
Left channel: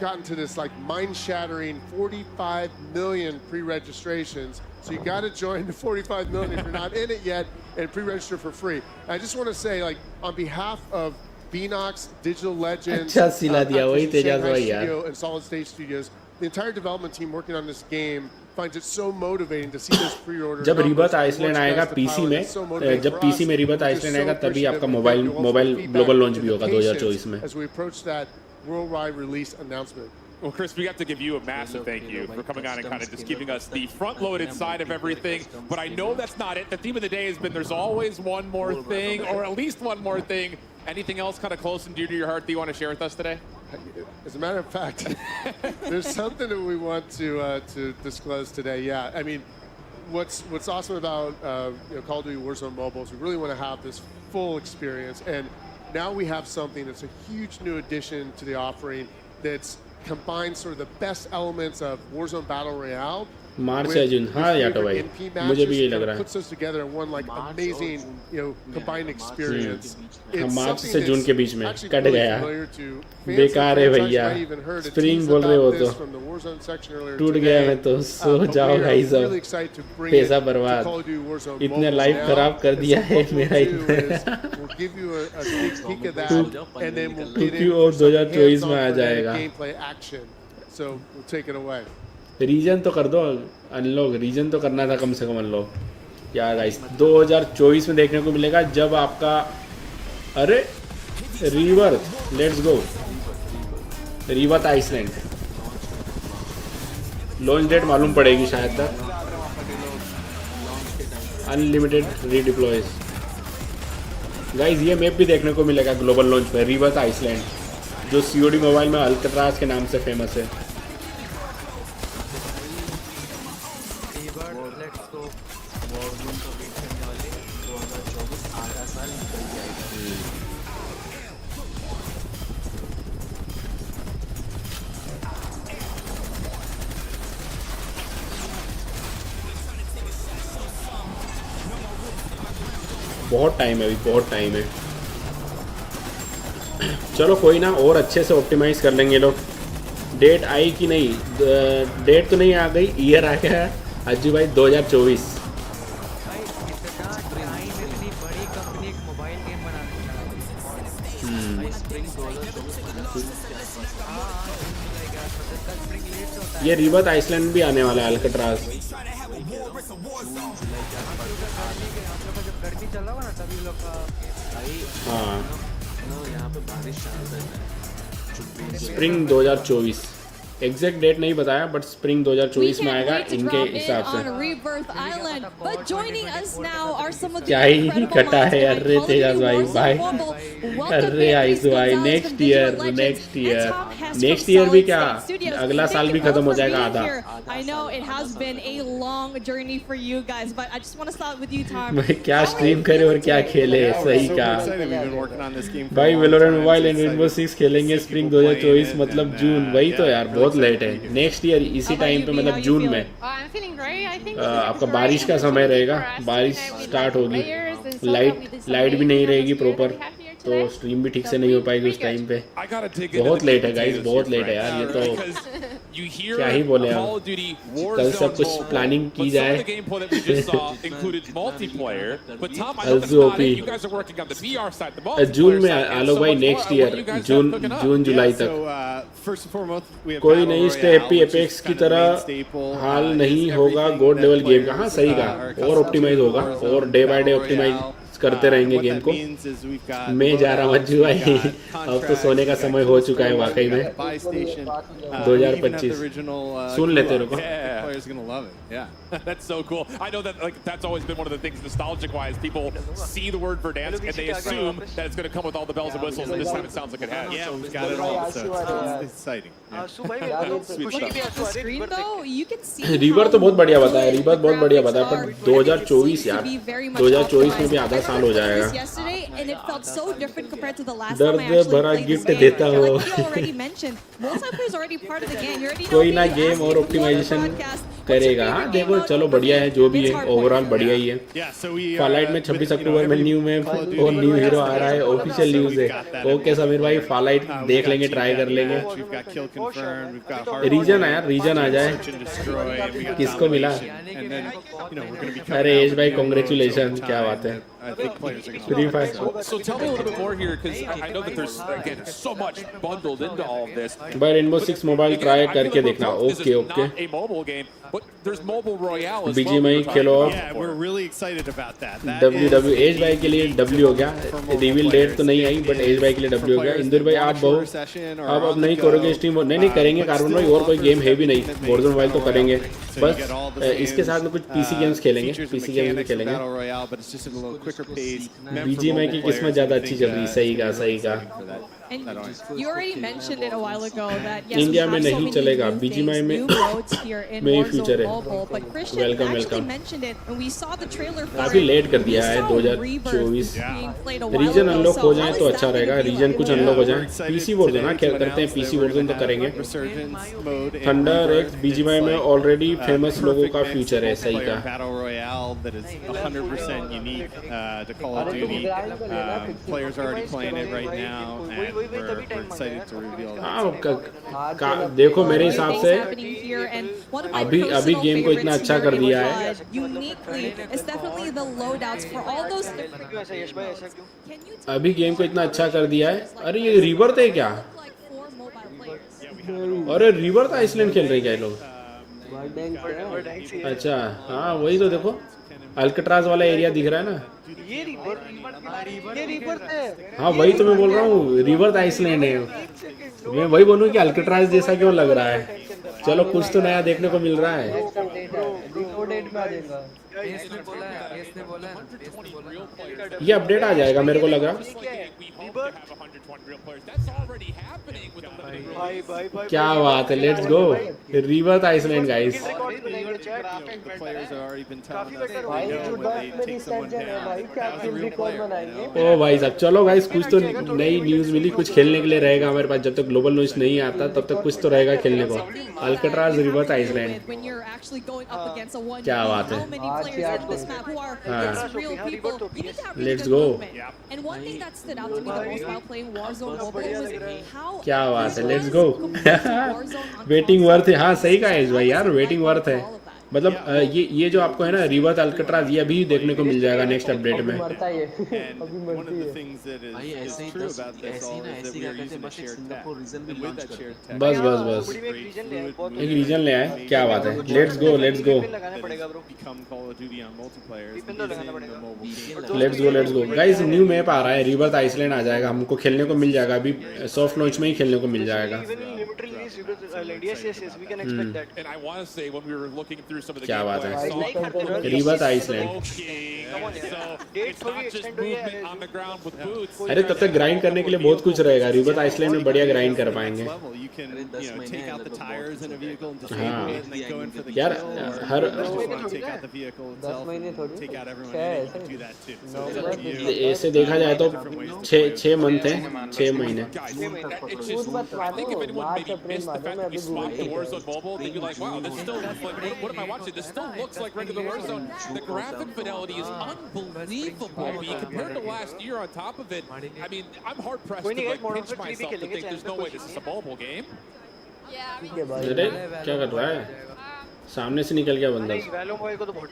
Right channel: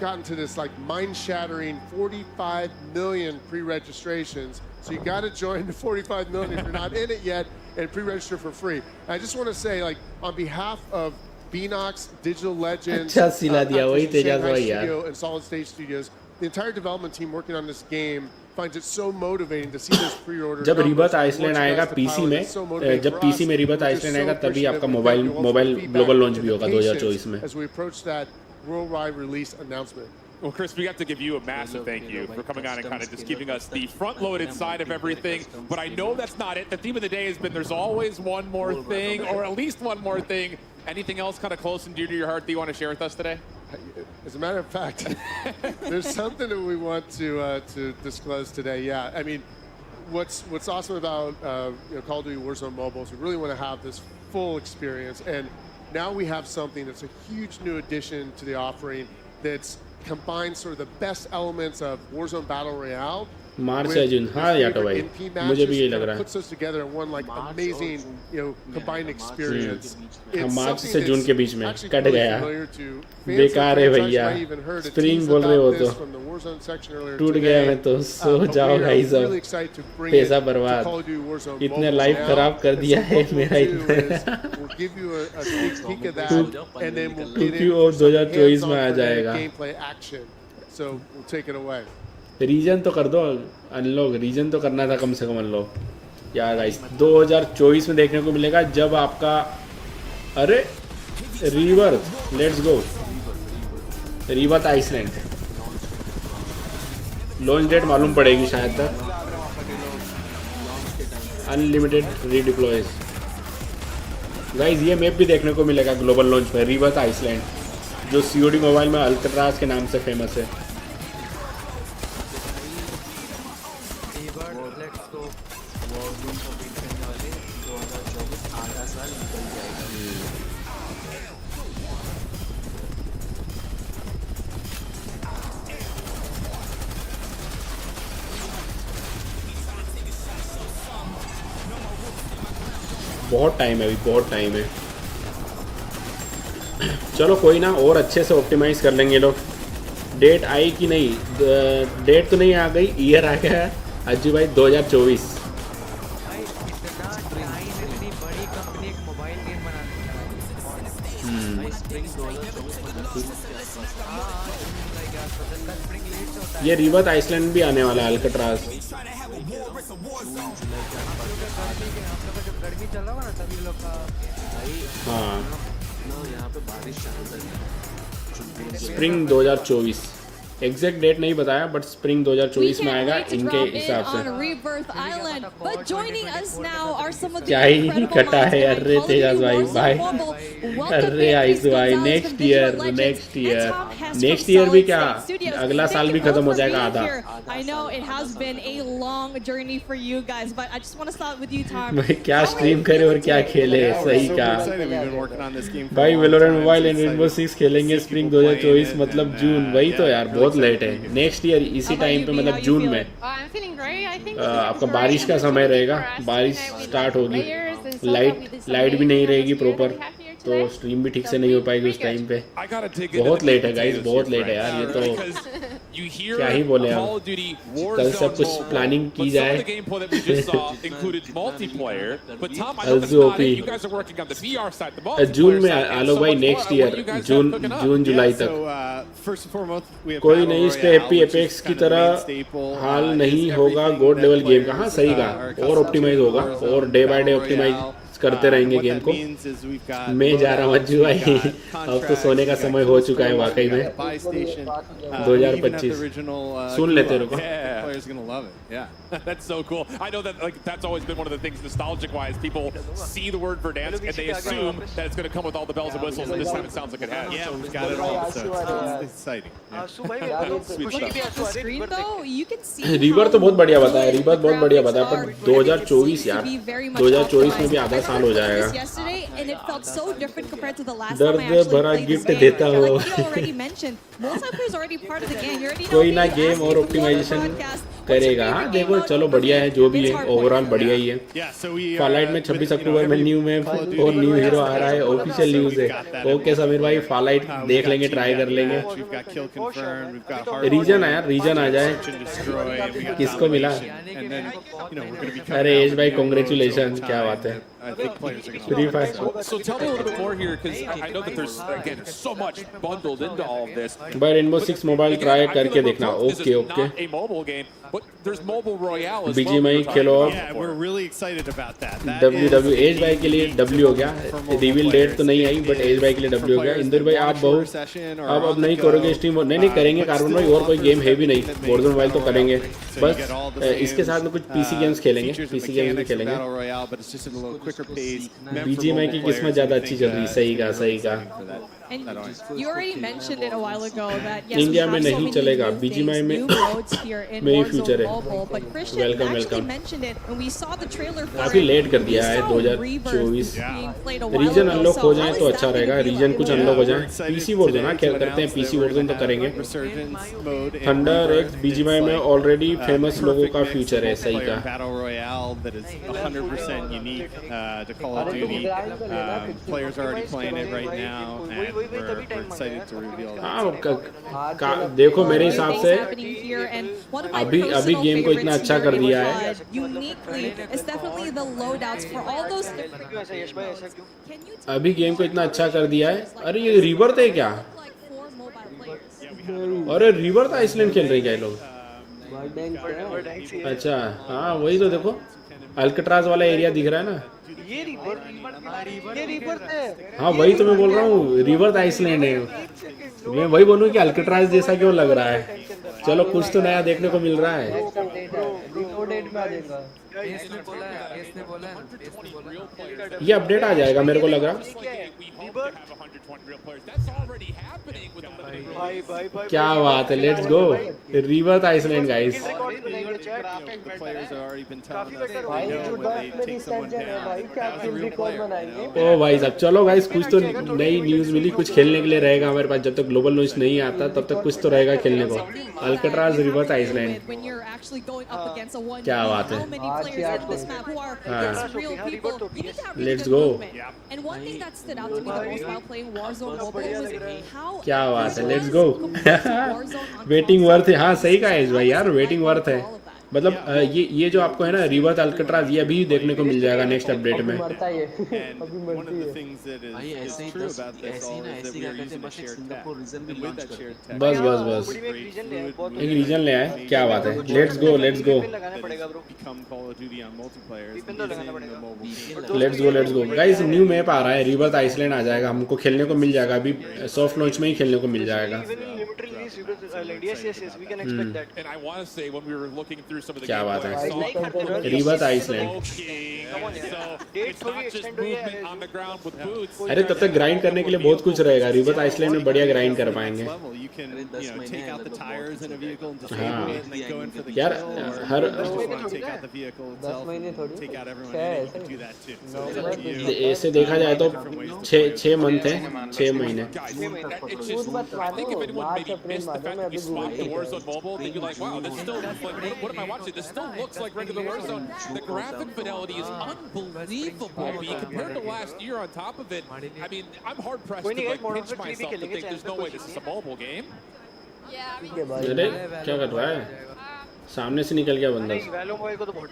gotten to this like mind-shattering 45 million pre-registrations. So you got to join the 45 million if you're not in it yet, and pre-register for free. And I just want to say, like, on behalf of Beanox, Digital Legends, Activision Shanghai Studio, and Solid State Studios, the entire development team working on this game finds it so motivating to see those pre-order numbers. It's so motivating for us. We're just so appreciative and thank you all for the feedback and the patience as we approach that worldwide release announcement. Well, Chris, we have to give you a massive thank you for coming on and kind of just giving us the front-loaded side of everything. But I know that's not it. The theme of the day has been there's always one more thing, or at least one more thing. Anything else kind of close and dear to your heart that you want to share with us today? As a matter of fact, there's something that we want to disclose today. Yeah, I mean, what's awesome about Call of Duty Warzone Mobile is we really want to have this full experience, and now we have something that's a huge new addition to the offering that's combines sort of the best elements of Warzone Battle Royale with your favorite NP matches. It kind of puts us together in one like amazing, combined experience. It's something that's actually really familiar to fans of the franchise. You might even heard a tease about this from the Warzone section earlier today. But we are really excited to bring it to Call of Duty Warzone Mobile now. And so what we'll do is we'll give you a sneak peek of that, and then we'll get in for some hands-on frenetic gameplay action. So we'll take it away. Reason तो कर दो अनलॉक, रीजन तो करना था कम से कम अनलॉक यार गाइस। 2024 में देखने को मिलेगा जब आपका अरे river, let's go river island launch date मालूम पड़ेगी शायद तक। अनलिमिटेड रीडिप्लॉयज गाइस, ये मैप भी देखने को मिलेगा ग्लोबल लॉन्च में, रिवर आइसलैंड, जो COD मोबाइल में अल्कट्राज के नाम से फेमस है। लेट्स गो वॉरज़ोन को बीट करने वाले 2024 आधा साल निकल जाएगा। बहुत टाइम है अभी, बहुत टाइम है। चलो कोई ना, और अच्छे से ऑप्टिमाइज कर लेंगे लोग। डेट आई कि नहीं, डेट तो नहीं आ गई, ईयर आ गया है अजी भाई 2024। भाई इतना टाइम, इतनी बड़ी कंपनी एक मोबाइल गेम बनाने लगा भाई। स्प्रिंग 2024 स्प्रिंग लेट से होता है। ये रिवर आइसलैंड भी आने वाला है अल्कट्राज। आप लोग का जब गर्मी चल रहा होगा ना तभी लोग का भाई हाँ ना यहाँ पे बारिश चालू रहता है। स्प्रिंग 2024 एग्जैक्ट डेट नहीं बताया, बट स्प्रिंग 2024 में आएगा इनके हिसाब से। Rebirth Island, but joining us now are some of the क्या ही incredible कटा minds है यार behind Call of Teja Duty भाई Warzone Mobile. Welcome Beatriz Gonzalez from Digital Legends and Tom Hess from next year भी Solid क्या, State Studios. अगला साल Thank भी you खत्म both हो for जाएगा being आधा। here. I know it has been a long journey for you guys, but I just want to start with you, Tom. क्या How are स्ट्रीम you करे और feeling क्या today? खेले, Yeah, we're सही super का excited. We've been working on this game for a भाई long Valorant time. Mobile So and excited rainbow to 6 खेलेंगे see spring people playing 2024 it, मतलब and, जून, वही तो yeah, यार really बहुत लेट excited है। to be here. Next year इसी How about टाइम you, पे B? How मतलब you जून में। feeling? I'm feeling great. I think this is आपका a बारिश great का समय opportunity रहेगा, for us to बारिश unite with स्टार्ट like होगी, players and so that light with this light भी नहीं amazing रहेगी atmosphere that proper, we have here तो today. स्ट्रीम भी ठीक So से नहीं हो pretty पाएगी उस good. टाइम पे। I gotta dig into बहुत the लेट है meat गाइस, potatoes बहुत here, लेट है यार ये Frank, तो। because you hear क्या ही बोले Call हम, of Duty कल सब Warzone कुछ Mobile, प्लानिंग की but some of जाए। the gameplay that we just saw included multiplayer. But Tom, I know that's not it. You guys are working on the VR side, the June multiplayer में side, and आलो so भाई much more. Next What do you year, guys June have cooking up? June July Yeah, so तक first and foremost, we have कोई Battle नहीं Royale, step which is Apex की kind of the तरह main staple. हाल Is नहीं होगा everything gold that level game का। हाँ players सही are कहा, और accustomed to ऑप्टिमाइज in होगा Warzone, और day by day Battle optimize Royale. करते रहेंगे What गेम that को। means is we've got मैं जा रहा हूँ loadouts, जी भाई, we've got अब तो contracts, सोने का we've got समय हो kill चुका है streaks, वाकई we've got में। the buy station. We even have the 2025 original सुन लेते रहो। Yeah, players are gonna love it. Yeah. That's so cool. I know that like that's always been one of the things nostalgic-wise. People see the word Verdansk and they assume that it's going to come with all the bells and whistles, and this time it sounds like it has. Yeah, we've got it all. So it's exciting. Yeah. Sweet Looking stuff. at the screen though, you can see river how तो बहुत बढ़िया बताया, good रिवर the बहुत बढ़िया graphics बताया, are. पर 2024 Seems to यार, be very much 2024 में optimized. भी I आधा साल remember हो playing जाएगा। this yesterday and it felt so different compared to the last time I दर्द actually भरा played this गिफ्ट game. देता And like हूँ। what you already mentioned, multiplayer is already part of the game. You already know कोई if ना you गेम asked और me before the optimization broadcast, what's your करेगा। favorite game केवल mode? चलो बढ़िया है, जो भी It's है hardpoint. ओवरऑल बढ़िया ही है। Yeah, so we फॉलाइट में 26 अक्टूबर में न्यू में और न्यू हीरो आ रहा है, ऑफिशियल न्यूज़ है। ओके समीर भाई, फॉलाइट देख लेंगे, ट्राई कर लेंगे। We've got kill confirmed. We've got hard reason है यार, रीजन आ जाए। search and destroy, and we got किसको मिला? domination. And then we're going to be coming अरे out एज with भाई new modes कांग्रेचुलेशन, over क्या time बात है। that I think players are going to love. So tell me a little bit more here, because I know that there's again so much bundled into all of this. भाई rainbow 6 mobile Again, try I feel करके like देखना। this is okay okay. not a mobile game, but there's mobile royale as well. BGMI we were talking Khelo. about Yeah, before. we're really excited about that. That is W a edge भाई के लिए unique W हो गया, for mobile reveal players. Date तो नहीं आई, It बट एज भाई के लिए is for W हो गया। players इंदर that भाई want आप a shorter बहुत session or अब on the नहीं go. करोगे स्ट्रीम, नहीं करेंगे, But कार्बन still भाई और कोई offers गेम है भी नहीं, everything that makes Warzone mobile तो Battle करेंगे। Royale great. So you get all the इसके साथ में same कुछ पीसी गेम्स खेलेंगे, features and PC games mechanics from खेलेंगे। Battle Royale, but it's just at a little quicker pace, meant for BGMI mobile की players. किस्मत And ज़्यादा we अच्छी think चल रही, सही it's कहा, gonna be really सही कहा। exciting for that. And you already mentioned it a while ago that yes, we India में have so नहीं many चलेगा, new BGMI things, में new modes here in में Warzone future है। Mobile. But Christian Welcome, actually welcome। mentioned it, and we saw the trailer for काफी it. लेट कर We दिया है saw 2024। Rebirth being played a while reason ago. Unlock So हो how जाए is तो that अच्छा going रहेगा, to be रीजन like? कुछ Yeah, अनलॉक हो we're जाए। excited पीसी वो today ना to क्या करते हैं, announce that PC we're version going तो to have करेंगे। Resurgence mode and thunder Rebirth. BGMI It's में like ऑलरेडी the फेमस लोगों perfect का mix फ्यूचर है, of सही multiplayer का। and battle royale that is 100% unique to Call of Duty. Players are already playing it right now, and we're excited to reveal that. देखो मेरे New हिसाब things से happening here, and one of my अभी personal गेम को इतना favorites अच्छा here कर in दिया है। COD, uniquely, is definitely the loadouts for all those different modes. Can you tell अभी me गेम को more इतना about अच्छा कर दिया है। features like अरे that? ये रिवर है क्या? Look like 4 mobile players. अरे रिवर था आइसलैंड खेल रहे क्या ये लोग? अच्छा हाँ वही तो देखो अल्कट्राज वाला एरिया दिख रहा है ना ये रिवर है हाँ वही तो मैं बोल रहा हूँ रिवर आइसलैंड है मैं वही बोलूँ कि अल्कट्राज जैसा क्यों लग रहा है चलो कुछ तो नया देखने को मिल रहा है ये अपडेट आ जाएगा मेरे को लग रहा क्या बात है let's go river Island guys ओ भाई साहब चलो गाइस कुछ तो नई न्यूज़ मिली कुछ खेलने के लिए रहेगा हमारे पास जब तक ग्लोबल न्यूज़ नहीं आता तब तक कुछ तो रहेगा खेलने को अल्कट्राज रिवर आइसलैंड क्या बात है who are against real people. You need to have really good movement. And one thing that stood out to me the most while playing Warzone Mobile was how क्या बात है लेट्स गो वेटिंग वर्थ है हाँ सही कहा है भाई यार वेटिंग वर्थ है मतलब ये जो आपको है ना रिवर्स अल्कट्राज ये भी देखने को मिल जाएगा नेक्स्ट अपडेट में भाई ऐसे ही ना ऐसे क्या कहते हैं बस एक सिंगापुर रीजन भी लॉन्च कर बस एक रीजन ले आए क्या बात है लेट्स गो लगाना पड़ेगा bro let's go guys new map आ रहा है रिवर्स आइसलैंड आ जाएगा हमको खेलने को मिल जाएगा अभी सॉफ्ट लॉन्च में ही खेलने को मिल जाएगा क्या बात है रिवर्स आइसलैंड अरे तब तक ग्राइंड करने के लिए बहुत कुछ रहेगा रिवर्स आइसलैंड में बढ़िया ग्राइंड कर पाएंगे यार हर 10 महीने थोड़ी ऐसे देखा जाए तो 6 मंथ है 6 महीने This still looks like regular Warzone. The graphic fidelity is unbelievable compared to last year on top of it. I mean, I'm hard pressed to like pinch myself to think there's no way this is a mobile game. क्या कर रहा है सामने से निकल गया बंदा वैलो मोबाइल को तो बहुत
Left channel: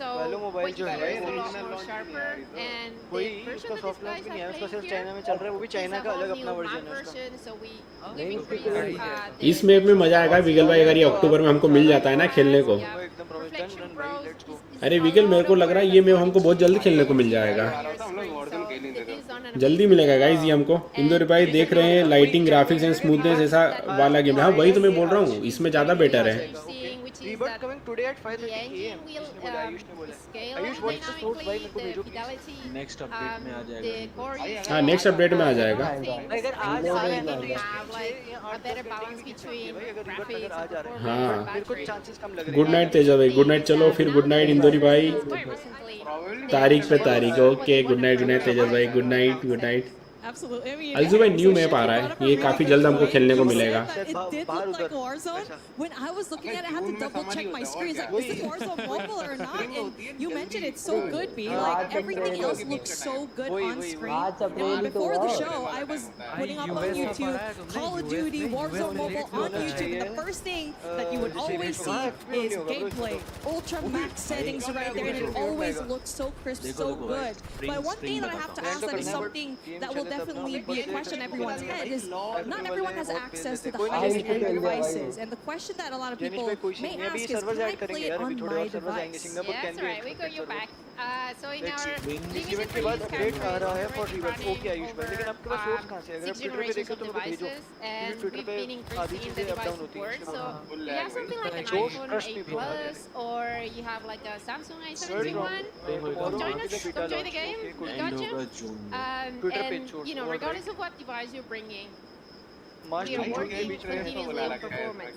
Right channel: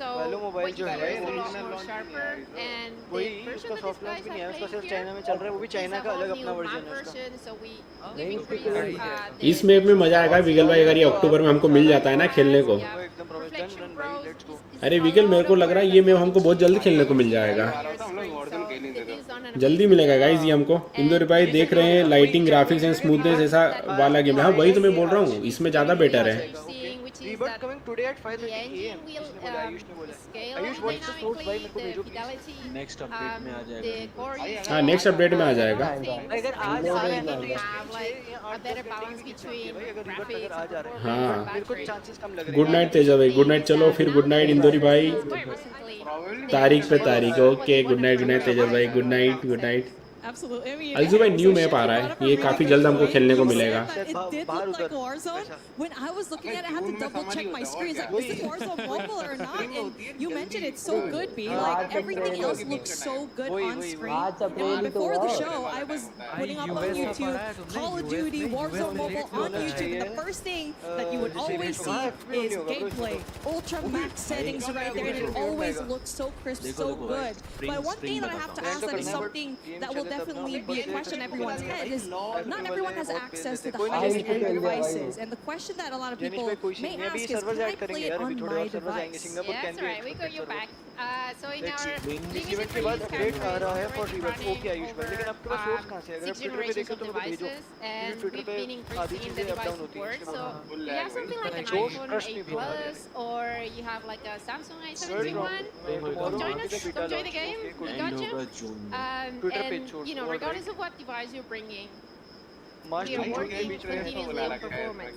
वैलो मोबाइल जो है वही उसका सॉफ्ट लॉन्च भी नहीं है उसका सिर्फ चाइना में चल रहा है वो भी चाइना का अलग अपना वर्जन है उसका इस मैप में मजा आएगा विगल भाई अगर ये अक्टूबर में हमको मिल जाता है ना खेलने को अरे विगल मेरे को लग रहा है ये मैप हमको बहुत जल्दी खेलने को मिल जाएगा जल्दी मिलेगा गाइस ये हमको इंदौर भाई देख रहे हैं लाइटिंग ग्राफिक्स एंड स्मूथनेस ऐसा वाला गेम है वही तो मैं बोल रहा हूँ इसमें ज्यादा बेटर है rebirth coming today at 5:30 AM Ayush ने बोला आयुष व्हाट्स द सोर्स भाई मेरे को भेजो नेक्स्ट अपडेट में आ जाएगा हां नेक्स्ट अपडेट में आ जाएगा अगर आज आ रहा है ना अगर आज आ रहा है मेरे को चांसेस कम लग रहे हैं गुड नाइट तेजा भाई गुड नाइट चलो फिर गुड नाइट इंदौरी भाई तारीख पे तारीख ओके गुड नाइट तेजा भाई good night Absolutely. I mean, अलजू भाई न्यू मैप आ रहा है ये काफी जल्द हमको खेलने को मिलेगा it did look like Warzone. When I was looking at it, I had to double check my screens. Like, is this Warzone mobile or not? And you mentioned it's so good, B. Like everything else looks so good on screen. And before the show, I was putting up on YouTube Call of Duty Warzone mobile on YouTube, and the first thing that you would always see is gameplay, ultra max settings right there, and it always looks so crisp, so good. But one thing that I have to ask that is something that will definitely be a question in everyone's head is not everyone has access to the highest end devices, and the question that a lot of people may ask is, can I play it on my device? Yeah, that's right. We got your back. So in our event के बाद अपडेट आ रहा है फॉर रिवर्स ओके आयुष भाई लेकिन आपके पास सोर्स कहां से अगर आप ट्विटर पे देखो तो मुझे भेजो ट्विटर पे आधी चीजें अप डाउन होती हैं so you have something like an iPhone 8 Plus or you have like a Samsung A71 come join us, come join the game, we got you. And you know, regardless of what device you're bringing, we are working continuously on performance.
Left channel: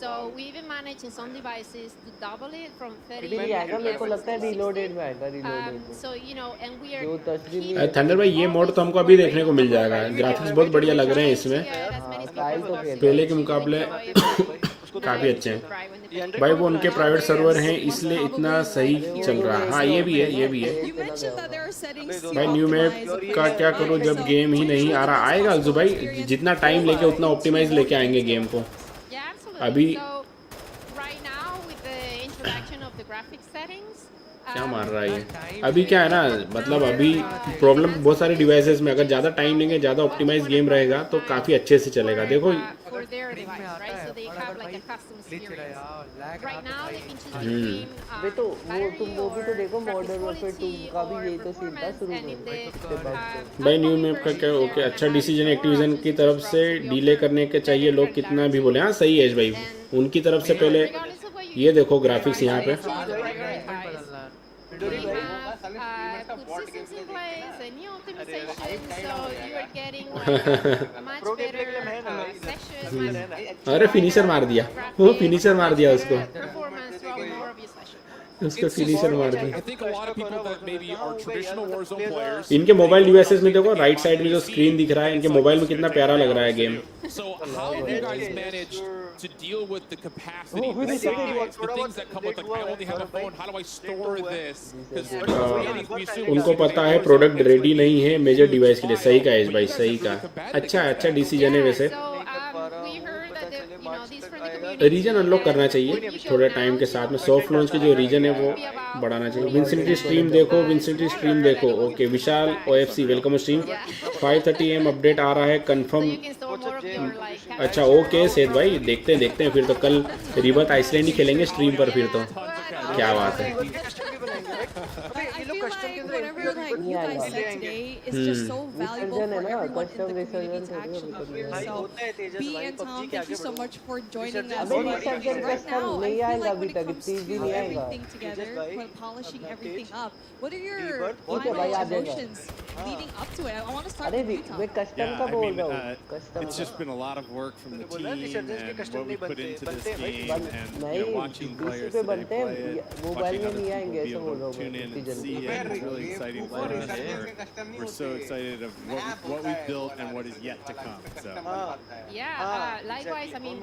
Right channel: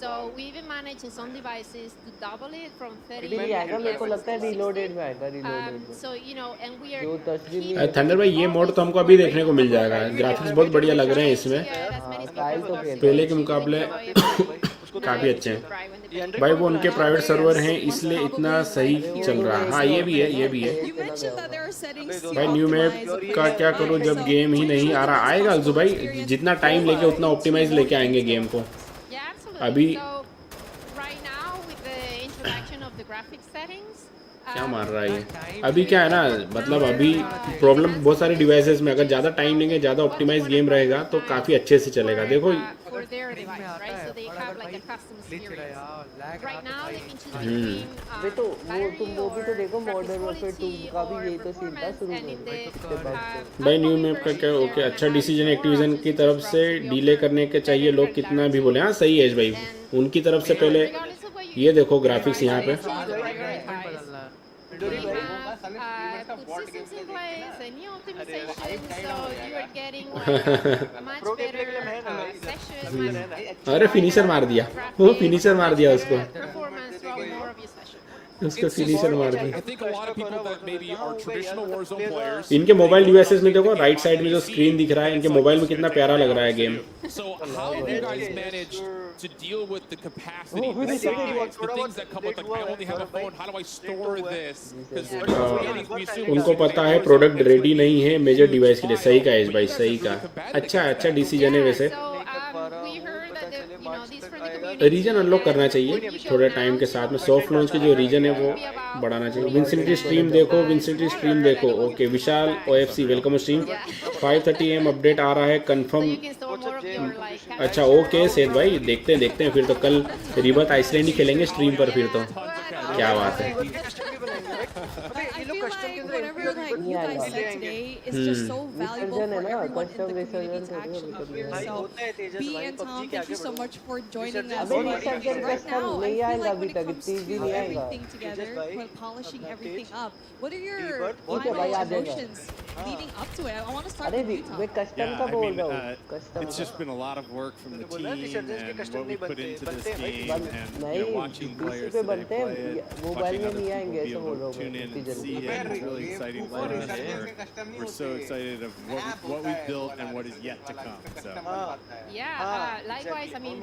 So we even managed in some devices to double it from 30 मेरे को लगता है रीलोडेड में आएगा reloaded so you know, and we जो तस्वीर are थंडर भाई ये मोड तो हमको अभी देखने को मिल जाएगा ग्राफिक्स बहुत बढ़िया लग रहे हैं इसमें पहले के मुकाबले काफी अच्छे हैं भाई वो उनके प्राइवेट सर्वर हैं इसलिए इतना सही चल रहा है हाँ ये भी है भाई न्यू मैप का क्या करूँ जब गेम ही नहीं आ रहा आएगा जो भाई जितना टाइम लेके उतना ऑप्टिमाइज लेके आएंगे गेम को अभी right now with the introduction of the graphics settings क्या मान रहा है अभी क्या है ना मतलब अभी प्रॉब्लम बहुत सारे डिवाइसेस में अगर ज़्यादा टाइम लेंगे ज़्यादा ऑप्टिमाइज गेम रहेगा तो काफ़ी अच्छे से चलेगा देखो for their device, right? So they have like a custom experience. Right now, they can choose between वे तो वो तुम वो भी तो or देखो मॉडर्न वॉरफेयर 2 का भी यही तो सीन था शुरू में भाई न्यू मैप का क्या ओके अच्छा डिसीजन एक्टिविजन की तरफ से डीले करने के चाहिए लोग कितना भी बोले हाँ सही है भाई उनकी तरफ से पहले ये देखो ग्राफिक्स यहाँ पे We have put systems in place, a new optimization, so you are getting like a much better session. अरे फिनिशर मार दिया वो फिनिशर मार दिया उसको Performance throughout more of your session. उसका फिनिशर मार दिया I think a lot of people that maybe are traditional Warzone players. इनके मोबाइल यूएसएस में देखो राइट साइड में जो स्क्रीन दिख रहा है इनके मोबाइल में कितना प्यारा लग रहा है game So how have you guys managed to deal with the capacity, the size, the things that come with like I only have a phone, how do I store this? Because उनको पता है प्रोडक्ट रेडी नहीं है मेजर डिवाइस के लिए सही का है भाई सही का अच्छा डिसीजन है वैसे रीजन अनलॉक करना चाहिए थोड़ा टाइम के साथ में सॉफ्ट लॉन्च के जो रीजन है वो बढ़ाना चाहिए विंसेंटी स्ट्रीम देखो विंसेंटी स्ट्रीम देखो okay Vishal OFC welcome stream 5:30 AM update आ रहा है कंफर्म अच्छा ओके सेठ भाई देखते हैं फिर तो कल रिबर्थ आइसलैंड ही खेलेंगे स्ट्रीम पर फिर तो क्या बात है I feel like whatever like you guys said today is just so valuable for everyone in the community to actually hear. So B and Tom, thank you so much for joining us. But right now, I feel like when it comes to everything together, when polishing everything up, what are your final emotions leading up to it? I want to start with you, Tom. It's just been a lot of work from the team and what we put into this game, and watching players today play it, watching other people be able to tune in and see it. It's really exciting for us. We're so excited of what we've built and what is yet to come. So Likewise, I mean,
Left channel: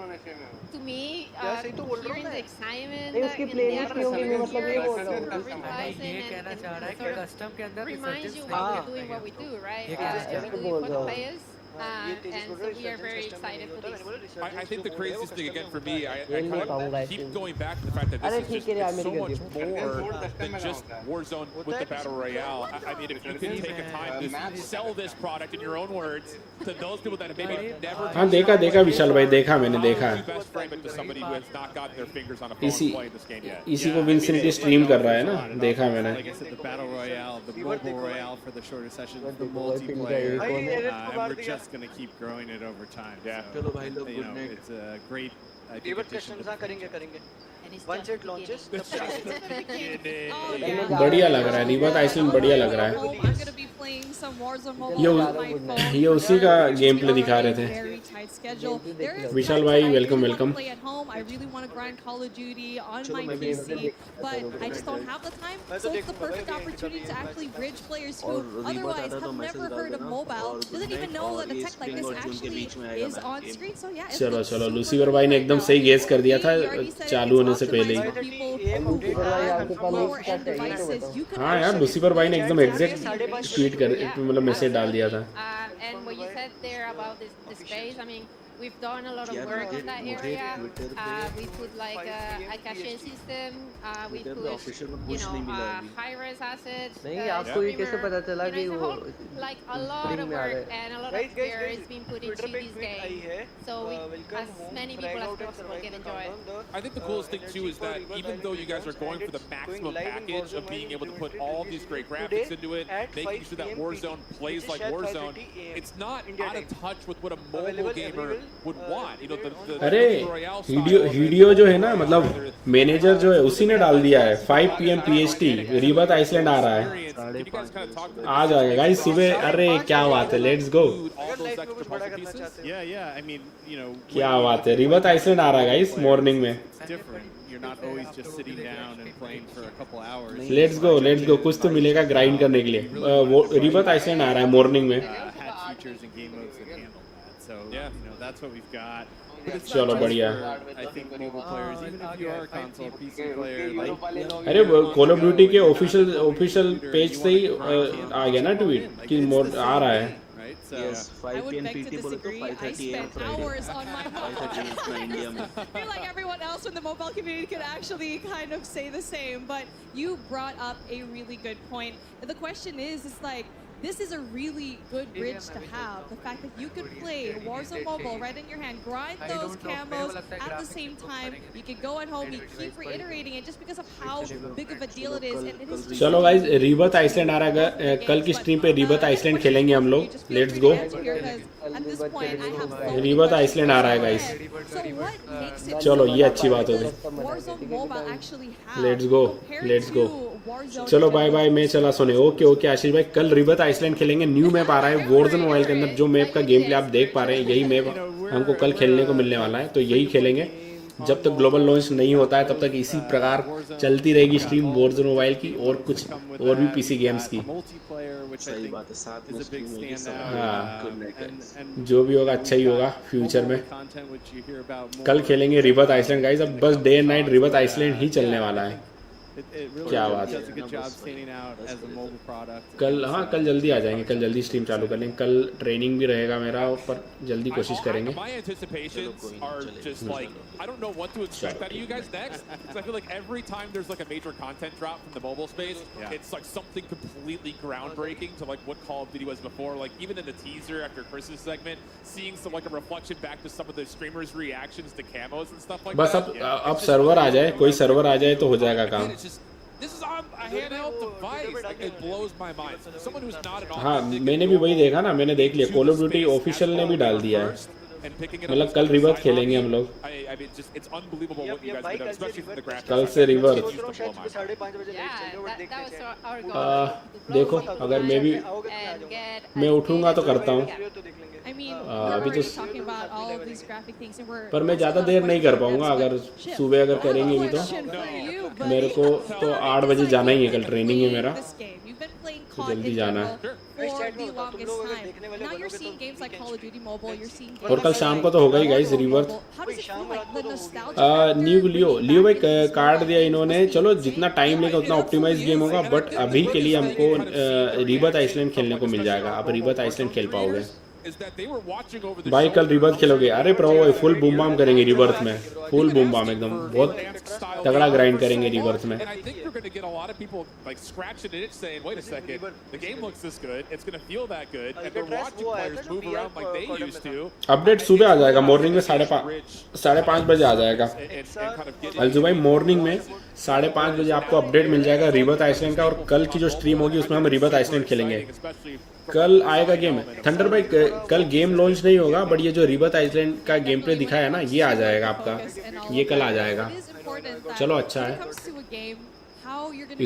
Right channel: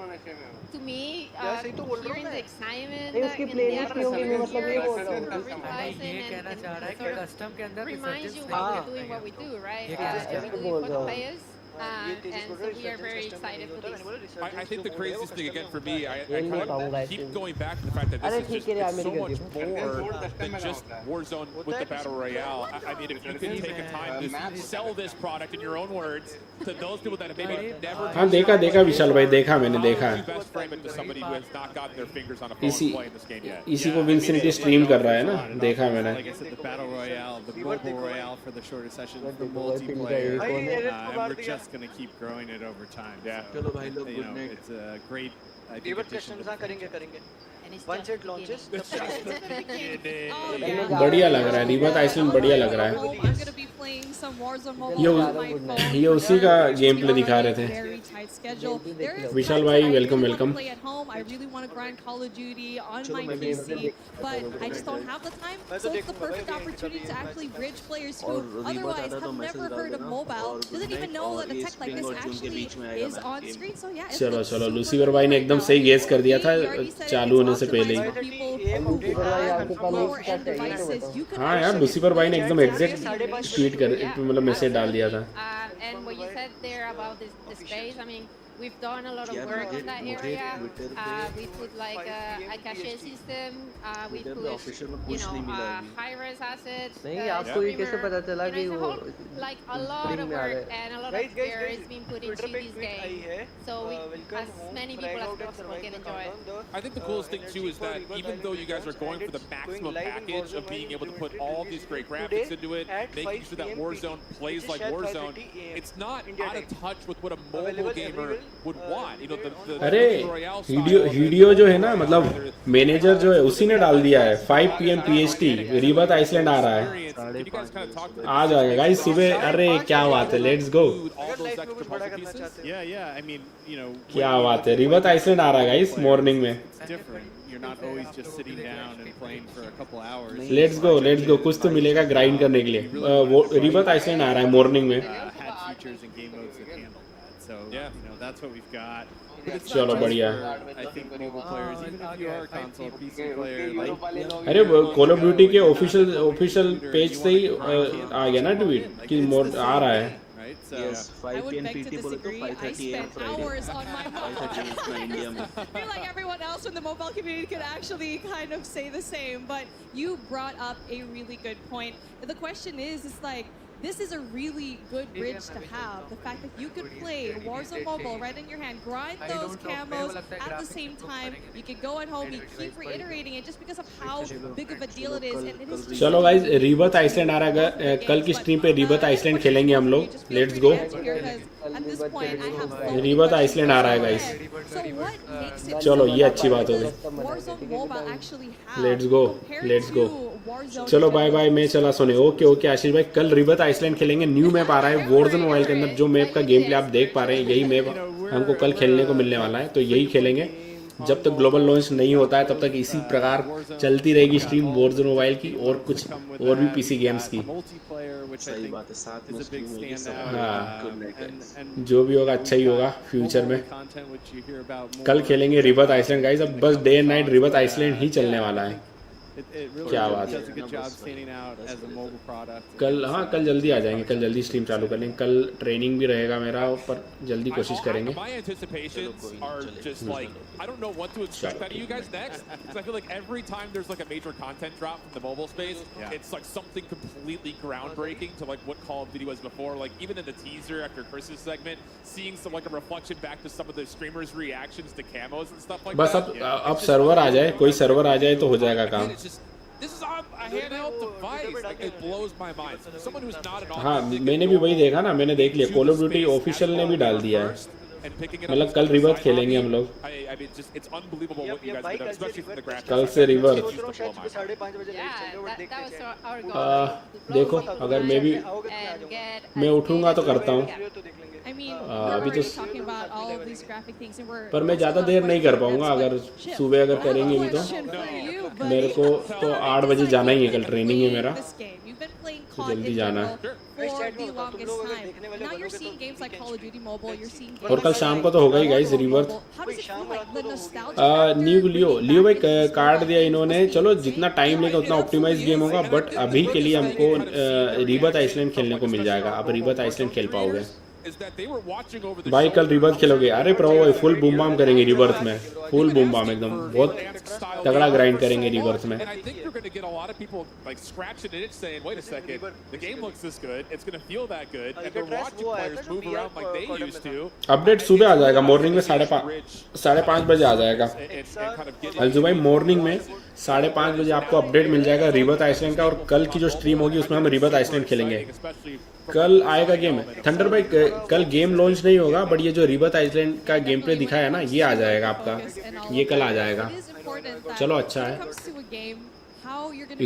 to me, hearing the excitement उसकी प्लेलिस्ट की होगी मतलब ये बोल रहा हूँ ये कहना चाह रहा है कि कस्टम के अंदर reminds you why we're doing what we do, right? Really for the players. And so we are very excited for this. I think the craziest thing again for me, I kind of keep going back to the fact that this is just so much more than just Warzone with the Battle Royale. I mean, if you can take a time to sell this product in your own words to those people that have maybe never हाँ देखा विशाल भाई देखा मैंने देखा you best frame it to somebody who has not gotten their fingers on a phone playing this game yet. इसी को विंसेंटी स्ट्रीम कर रहा है ना देखा मैंने Like I said, the Battle Royale, the mobile royale for the shorter sessions, the multiplayer, and we're just going to keep growing it over time. Yeah. So, you know, it's a great addition to करेंगे once it launches बढ़िया लग रहा है रिबर्थ आइसलैंड बढ़िया लग रहा है I'm gonna be playing some Warzone mobile on my phone. ये उसी का गेम प्ले दिखा रहे थे Very tight schedule. There is Vishal times भाई that I really want welcome to play at home. I really want to grind Call of Duty on my PC, but I just don't have the time. So it's the perfect opportunity to actually bridge players who otherwise have never heard of mobile, doesn't even know that a tech like this actually is on screen. So yeah, it looks चलो super लूसीफर cool भाई ने right एकदम now. सही गेस कर दिया था We already said चालू होने it's से पहले optimized for people who have lower end devices. You can हाँ यार actually लूसीफर भाई ने एकदम play एग्जैक्ट ट्वीट कर मतलब मैसेज डाल दिया था And what you said there about the space, I mean, we've done a lot of work on that area. We put like a cache system. We put, you know, high-res assets. नहीं आपको ये कैसे पता चला कि वो like a lot of work and a lot of care is being put into this game. So as many people as possible can enjoy it. I think the coolest thing too is that even though you guys are going for the maximum package of being able to put all these great graphics into it, making sure that Warzone plays like Warzone, it's not out of touch with what a mobile gamer would want. You know, the अरे Royale वीडियो जो है ना मतलब मैनेजर जो है उसी ने डाल दिया है 5 PM PST रिबर्थ आइसलैंड आ रहा है आ जाएगा गाइस सुबह अरे क्या बात है let's go Yeah, I mean, you know, क्या बात है रिबर्थ आइसलैंड आ रहा है गाइस मॉर्निंग में it's different. You're not always just sitting down and playing for a couple hours. Let's go कुछ तो मिलेगा ग्राइंड करने के लिए रिबर्थ आइसलैंड आ रहा है मॉर्निंग में Had features and game modes that handle that. So you know that's what we've got. But it's चलो not just बढ़िया for, I think, mobile players. Even if you are a console or PC player, like अरे कॉल ऑफ ड्यूटी के ऑफिशियल पेज से ही आ गया ना ट्वीट कि मोड आ रहा है right? So Yes, 5 I would PM beg to PT बोलो तो disagree. I 5:30 AM spent Friday. hours on my mobile. 5:30 AM India में. I feel like everyone else in the mobile community could actually kind of say the same, but you brought up a really good point. The question is like, this is a really good bridge to have. The fact that you could play Warzone Mobile right in your hand, grind those camos at the same time. You could go at home, you keep reiterating it just because of how big of a deal it is. And it is just चलो गाइस रिबर्थ आइसलैंड आ रहा है कल की स्ट्रीम पे रिबर्थ आइसलैंड खेलेंगे हम लोग लेट्स गो रिबर्थ आइसलैंड आ रहा है गाइस चलो ये अच्छी बात है लेट्स गो चलो बाय बाय मैं चला सुने ओके ओके आशीष भाई कल रिबर्थ आइसलैंड खेलेंगे न्यू मैप आ रहा है वॉरज़ोन मोबाइल के अंदर जो मैप का गेम प्ले आप देख पा रहे हैं यही मैप हमको कल खेलने को मिलने वाला है तो यही खेलेंगे जब तक ग्लोबल लॉन्च नहीं होता है तब तक इसी प्रकार चलती रहेगी स्ट्रीम वॉरज़ोन मोबाइल की और कुछ और भी पीसी गेम्स की सही बात है साथ में स्ट्रीम होगी सब जो भी होगा अच्छा ही होगा फ्यूचर में कल खेलेंगे रिबर्थ आइसलैंड गाइस अब बस day and night Rebirth Island ही चलने वाला है It really does a good job standing out as a mobile product. कल हाँ कल जल्दी आ जाएंगे कल जल्दी स्ट्रीम चालू करेंगे कल ट्रेनिंग भी रहेगा मेरा पर जल्दी कोशिश करेंगे My anticipations are just like I don't know what to expect out of you guys next because I feel like every time there's like a major content drop from the mobile space it's like something completely groundbreaking to like what Call of Duty was before like even in the teaser after Chris's segment seeing some like a reflection back to some of the streamers reactions to camos and stuff like बस that अब सर्वर आ जाए कोई सर्वर आ जाए तो हो जाएगा काम This is on a handheld device. Like, it blows my mind. Someone who's not an authentic. मैंने भी वही देखा ना मैंने देख लिया कॉल ऑफ ड्यूटी ऑफिशियल ने भी डाल दिया है And picking it up मतलब कल रिबर्थ खेलेंगे हम लोग I mean, just it's unbelievable what you guys have done, especially from the graphics. कल से रिबर्थ देखो अगर मैं भी मैं उठूंगा तो करता हूँ I mean, we're already talking about all of these graphic things, and we're. पर मैं ज़्यादा देर नहीं कर पाऊंगा अगर सुबह अगर करेंगे तो मेरे को तो 8 बजे जाना ही है कल ट्रेनिंग है मेरा You've been playing COD in general for the longest time. Now you're seeing games like Call of Duty Mobile. You're seeing games. और कल शाम को तो होगा ही guys Rebirth How does it feel like the nostalgia factor? New Leo भाई कार्ड दिया इन्होंने चलो जितना टाइम लेगा उतना ऑप्टिमाइज गेम होगा बट अभी के लिए हमको रिबर्थ आइसलैंड खेलने को मिल जाएगा अब रिबर्थ आइसलैंड खेल पाओगे भाई कल रिबर्थ खेलोगे अरे प्रो फुल बूम बाम करेंगे रिबर्थ में फुल बूम बाम एकदम बहुत तगड़ा ग्राइंड करेंगे रिबर्थ में And I think you're going to get a lot of people like scratching it saying, wait a second, the game looks this good, it's going to feel that good, and they're watching players move around like they used to. Update सुबह आ जाएगा मॉर्निंग में 5:30 बजे आ जाएगा अलजू भाई मॉर्निंग में 5:30 बजे आपको अपडेट मिल जाएगा रिबर्थ आइसलैंड का और कल की जो स्ट्रीम होगी उसमें हम रिबर्थ आइसलैंड खेलेंगे कल आएगा गेम थंडर भाई कल गेम लॉन्च नहीं होगा बट ये जो रिबर्थ आइसलैंड का गेम प्ले दिखाया है ना ये आ जाएगा आपका ये कल आ जाएगा चलो अच्छा है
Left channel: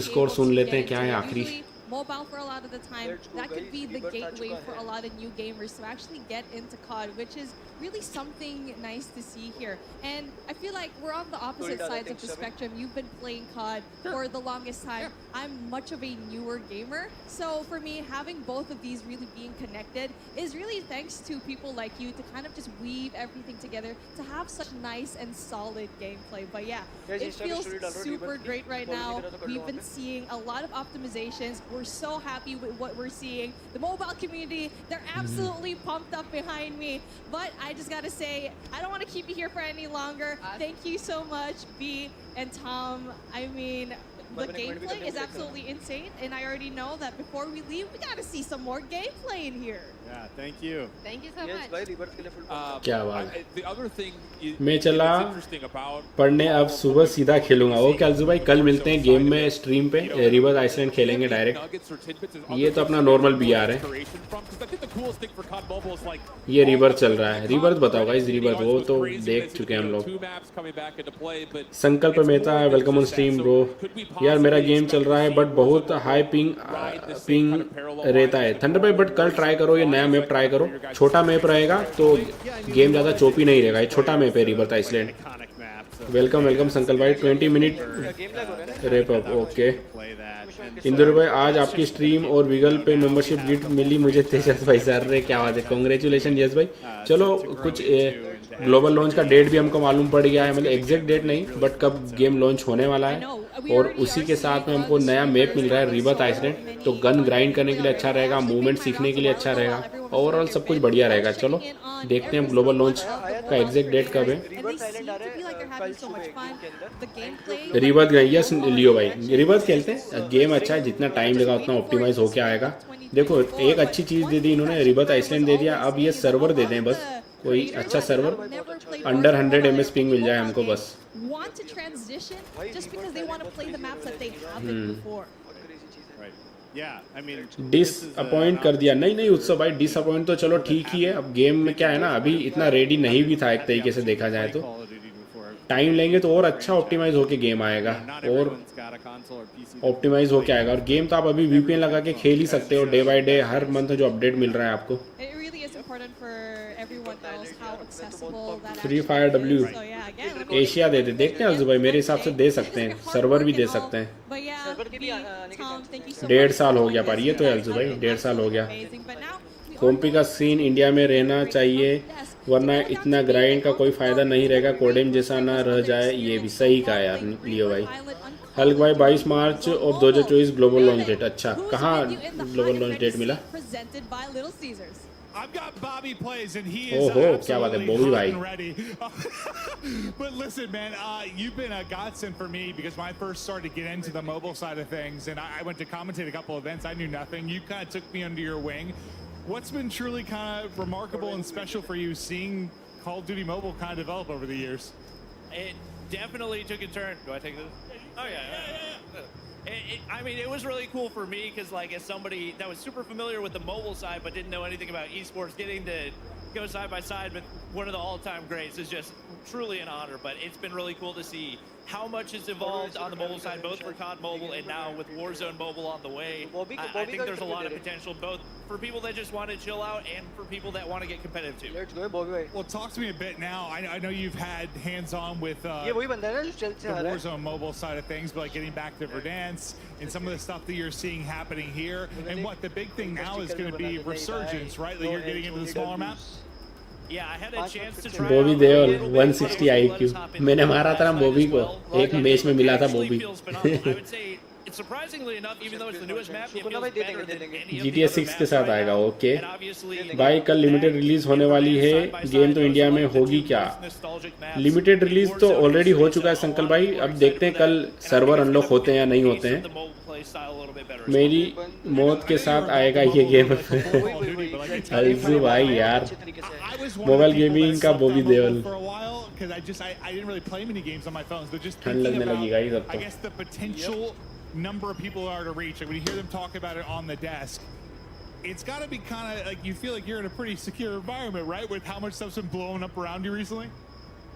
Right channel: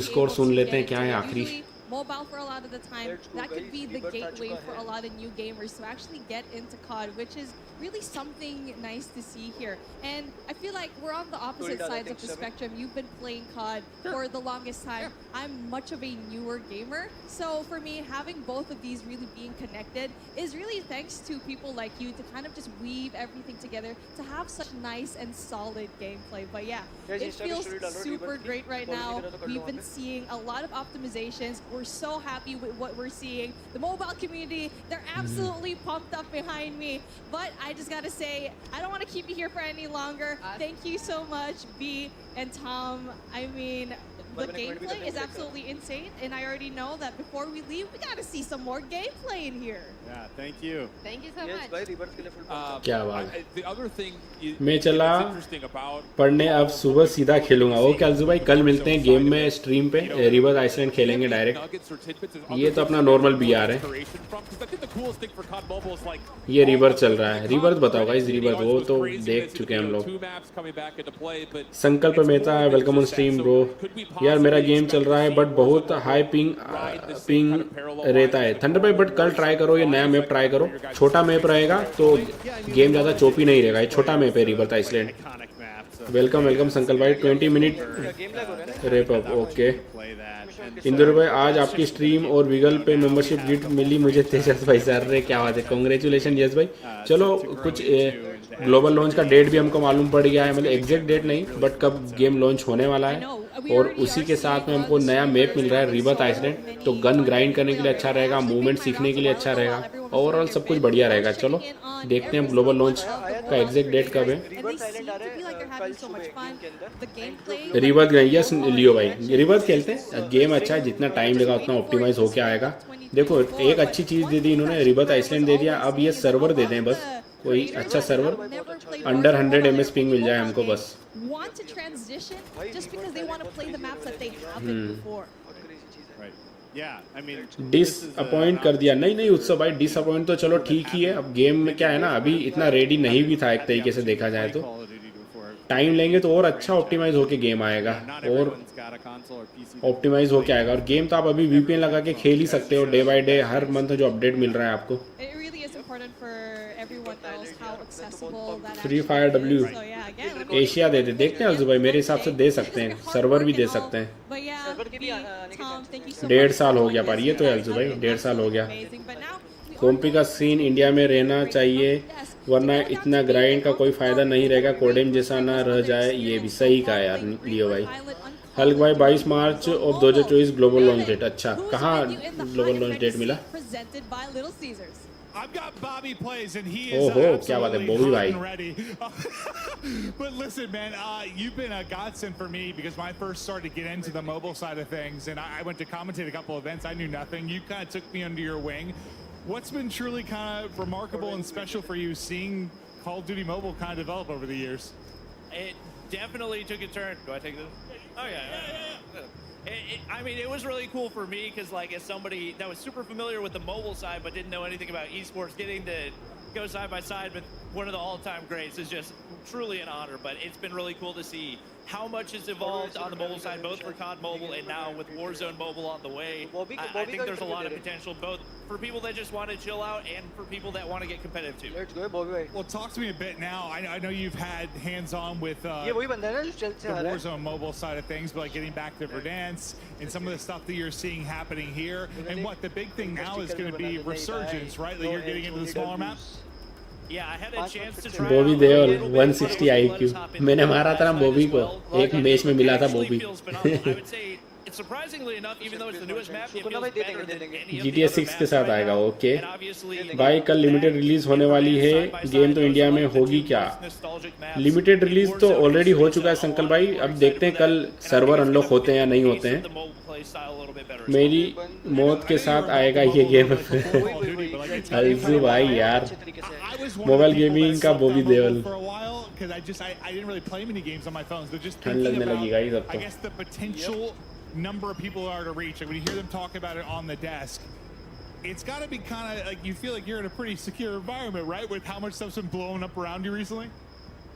स्कोर सुन लेते हैं क्या है आखिरी mobile for a lot of the time. That could be the gateway for a lot of new gamers to actually get into COD, which is really something nice to see here. And I feel like we're on the opposite sides of the spectrum. You've been playing COD for the longest time. I'm much of a newer gamer. So for me, having both of these really being connected is really thanks to people like you to kind of just weave everything together to have such nice and solid gameplay. But yeah, it feels super great right now. We've been seeing a lot of optimizations. We're so happy with what we're seeing. The mobile community, they're absolutely pumped up behind me. But I just gotta say, I don't want to keep you here for any longer. Thank you so much, B and Tom. I mean, the gameplay is absolutely insane, and I already know that before we leave, we gotta see some more gameplay in here. Yeah, thank you. Thank you so much. क्या बात The other thing मैं चला interesting about पढ़ने अब सुबह सीधा खेलूंगा ओके अलजू भाई कल मिलते हैं गेम में स्ट्रीम पे रिबर्थ आइसलैंड खेलेंगे डायरेक्ट ये तो अपना नॉर्मल पीआर है ये रिबर्थ चल रहा है रिबर्थ बताओ गाइस रिबर्थ वो तो देख चुके हैं हम लोग संकल्प Mehta welcome on stream bro यार मेरा गेम चल रहा है बट बहुत हाई पिंग रहता है थंडर भाई, बट कल ट्राई करो, ये नया मैप ट्राई करो, छोटा मैप रहेगा तो गेम ज़्यादा चोपी नहीं रहेगा, ये छोटा मैप है रिवर आइसलैंड। वेलकम वेलकम संकल भाई, 20 minute rape up, okay. Indore भाई आज आपकी स्ट्रीम और विगल पे मेंबरशिप गिफ्ट मिली मुझे तेजस भाई सर ने, क्या बात है, कांग्रेचुलेशन यस भाई। चलो कुछ ग्लोबल लॉन्च का डेट भी हमको मालूम पड़ गया है, मतलब एग्जैक्ट डेट नहीं बट कब गेम लॉन्च होने वाला है, और उसी के साथ में हमको नया मैप मिल रहा है रिवर आइसलैंड, तो गन ग्राइंड करने के लिए अच्छा रहेगा, मूवमेंट सीखने के लिए अच्छा रहेगा, ओवरऑल सब कुछ बढ़िया रहेगा। चलो देखते हैं ग्लोबल लॉन्च का एग्जैक्ट डेट कब है। रिवर्स गई यस लियो भाई, रिवर्स खेलते हैं, गेम अच्छा है, जितना टाइम लेगा उतना ऑप्टिमाइज होके आएगा। देखो एक अच्छी चीज दे दी इन्होंने, रिवर्स आइसलैंड दे दिया, अब ये सर्वर दे दें बस, कोई अच्छा सर्वर अंडर 100 MS पिंग मिल जाए हमको बस। Want to transition just because they want to play the maps that they haven't before. Right. Yeah, I mean, disappoint कर दिया, नहीं नहीं उत्सव भाई, डिसअपॉइंट तो चलो ठीक ही है, अब गेम में क्या है ना, अभी इतना रेडी नहीं भी था एक तरीके से देखा जाए तो, टाइम लेंगे तो और अच्छा ऑप्टिमाइज होके गेम आएगा, और ऑप्टिमाइज होके आएगा, और गेम तो आप अभी VPN लगा के खेल ही सकते हो day by day, her month जो अपडेट मिल रहा है आपको। It really is important for everyone else how accessible that Free actually Fire is. W So yeah, again, Asia दे दे, देखते हैं भाई, मेरे हिसाब से दे सकते हैं, सर्वर भी दे सकते हैं। But yeah, Tom, thank you so much. 1.5 साल हो गया पर ये तो यार भाई 1.5 साल हो गया। कॉम्पी का सीन इंडिया में रहना चाहिए वरना इतना ग्राइंड का कोई फायदा नहीं रहेगा, कोडेम जैसा ना रह जाए, ये भी सही कहा यार लियो भाई। हल्क भाई 22 मार्च और 2024 ग्लोबल लॉन्च डेट, अच्छा कहाँ ग्लोबल लॉन्च डेट मिला? I've got Bobby Plays, and he is absolutely hot and ready. But listen, man, you've been a godsend for me because when I first started to get into the mobile side of things, and I went to commentate a couple events, I knew nothing. You kind of took me under your wing. What's been truly kind of remarkable and special for you seeing Call of Duty Mobile kind of develop over the years? It definitely took a turn. Do I take this? Oh, yeah. I mean, it was really cool for me because, like, as somebody that was super familiar with the mobile side but didn't know anything about esports, getting to go side by side with one of the all-time greats is just truly an honor. But it's been really cool to see how much has evolved on the mobile side, both for COD Mobile and now with Warzone Mobile on the way. I think there's a lot of potential, both for people that just want to chill out and for people that want to get competitive too. Let's go, Bobby. Well, talk to me a bit now. I know you've had hands-on with the Warzone Mobile side of things, but like getting back to Verdansk and some of the stuff that you're seeing happening here. And what the big thing now is going to be resurgence, right? Like you're getting into the smaller maps. Yeah, I had a chance to try Bobby Deol 160 IQ, मैंने मारा था बॉबी को, एक मैच में मिला था Bobby. I would say surprisingly enough, even though it's the newest map, it feels better than any of the GTA other 6 के maps साथ right आएगा, now. ओके। And obviously, भाई कल लिमिटेड रिलीज होने वाली है, गेम तो इंडिया में होगी क्या? लिमिटेड रिलीज तो ऑलरेडी हो चुका है संकल भाई, अब देखते हैं कल सर्वर अनलॉक होते हैं या नहीं होते हैं। मेरी मौत के साथ आएगा ये गेम। भाई यार मोबाइल गेमिंग का Bobby Deol For a while, because I didn't really play many games on my phones, but just thinking about, I guess, the potential number of people are to reach. Like when you hear them talk about it on the desk, it's got to be kind of like you feel like you're in a pretty secure environment, right? With how much stuff's been blowing up around you recently.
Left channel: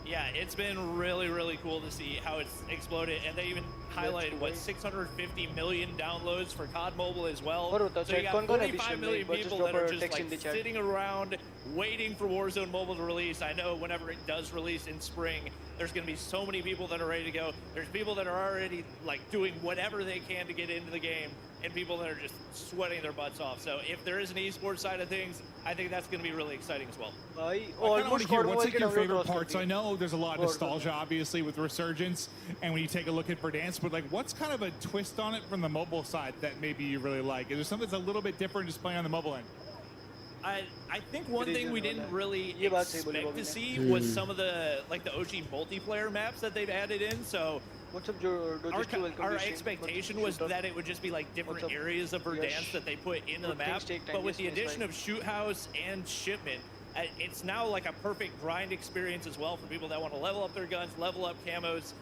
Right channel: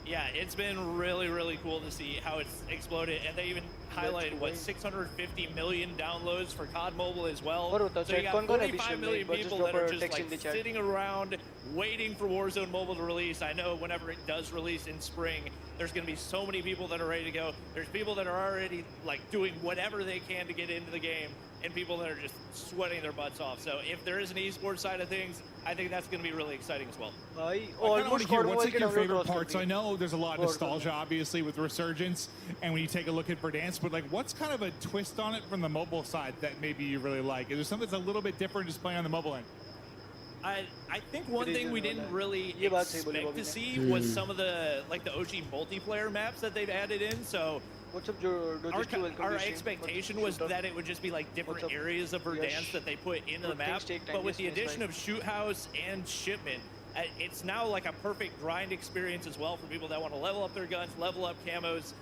Yeah, it's been really, really cool to see how it's exploded, and they even highlighted what 650 million downloads for COD Mobile as well. So you got 45 million people that are just like sitting around waiting for Warzone Mobile to release. I know whenever it does release in spring, there's going to be so many people that are ready to go. There's people that are already like doing whatever they can to get into the game, and people that are just sweating their butts off. So if there is an esports side of things, I think that's going to be really exciting as well. I kind of want to hear what's like your favorite parts. I know there's a lot of nostalgia, obviously, with Resurgence, and when you take a look at Verdansk, but like, what's kind of a twist on it from the mobile side that maybe you really like? Is there something that's a little bit different just playing on the mobile end? I think one thing we didn't really expect to see was some of the like the OG multiplayer maps that they've added in. So our expectation was that it would just be like different areas of Verdansk that they put into the map. But with the addition of Shoot House and Shipment, it's now like a perfect grind experience as well for people that want to level up their guns, level up camos,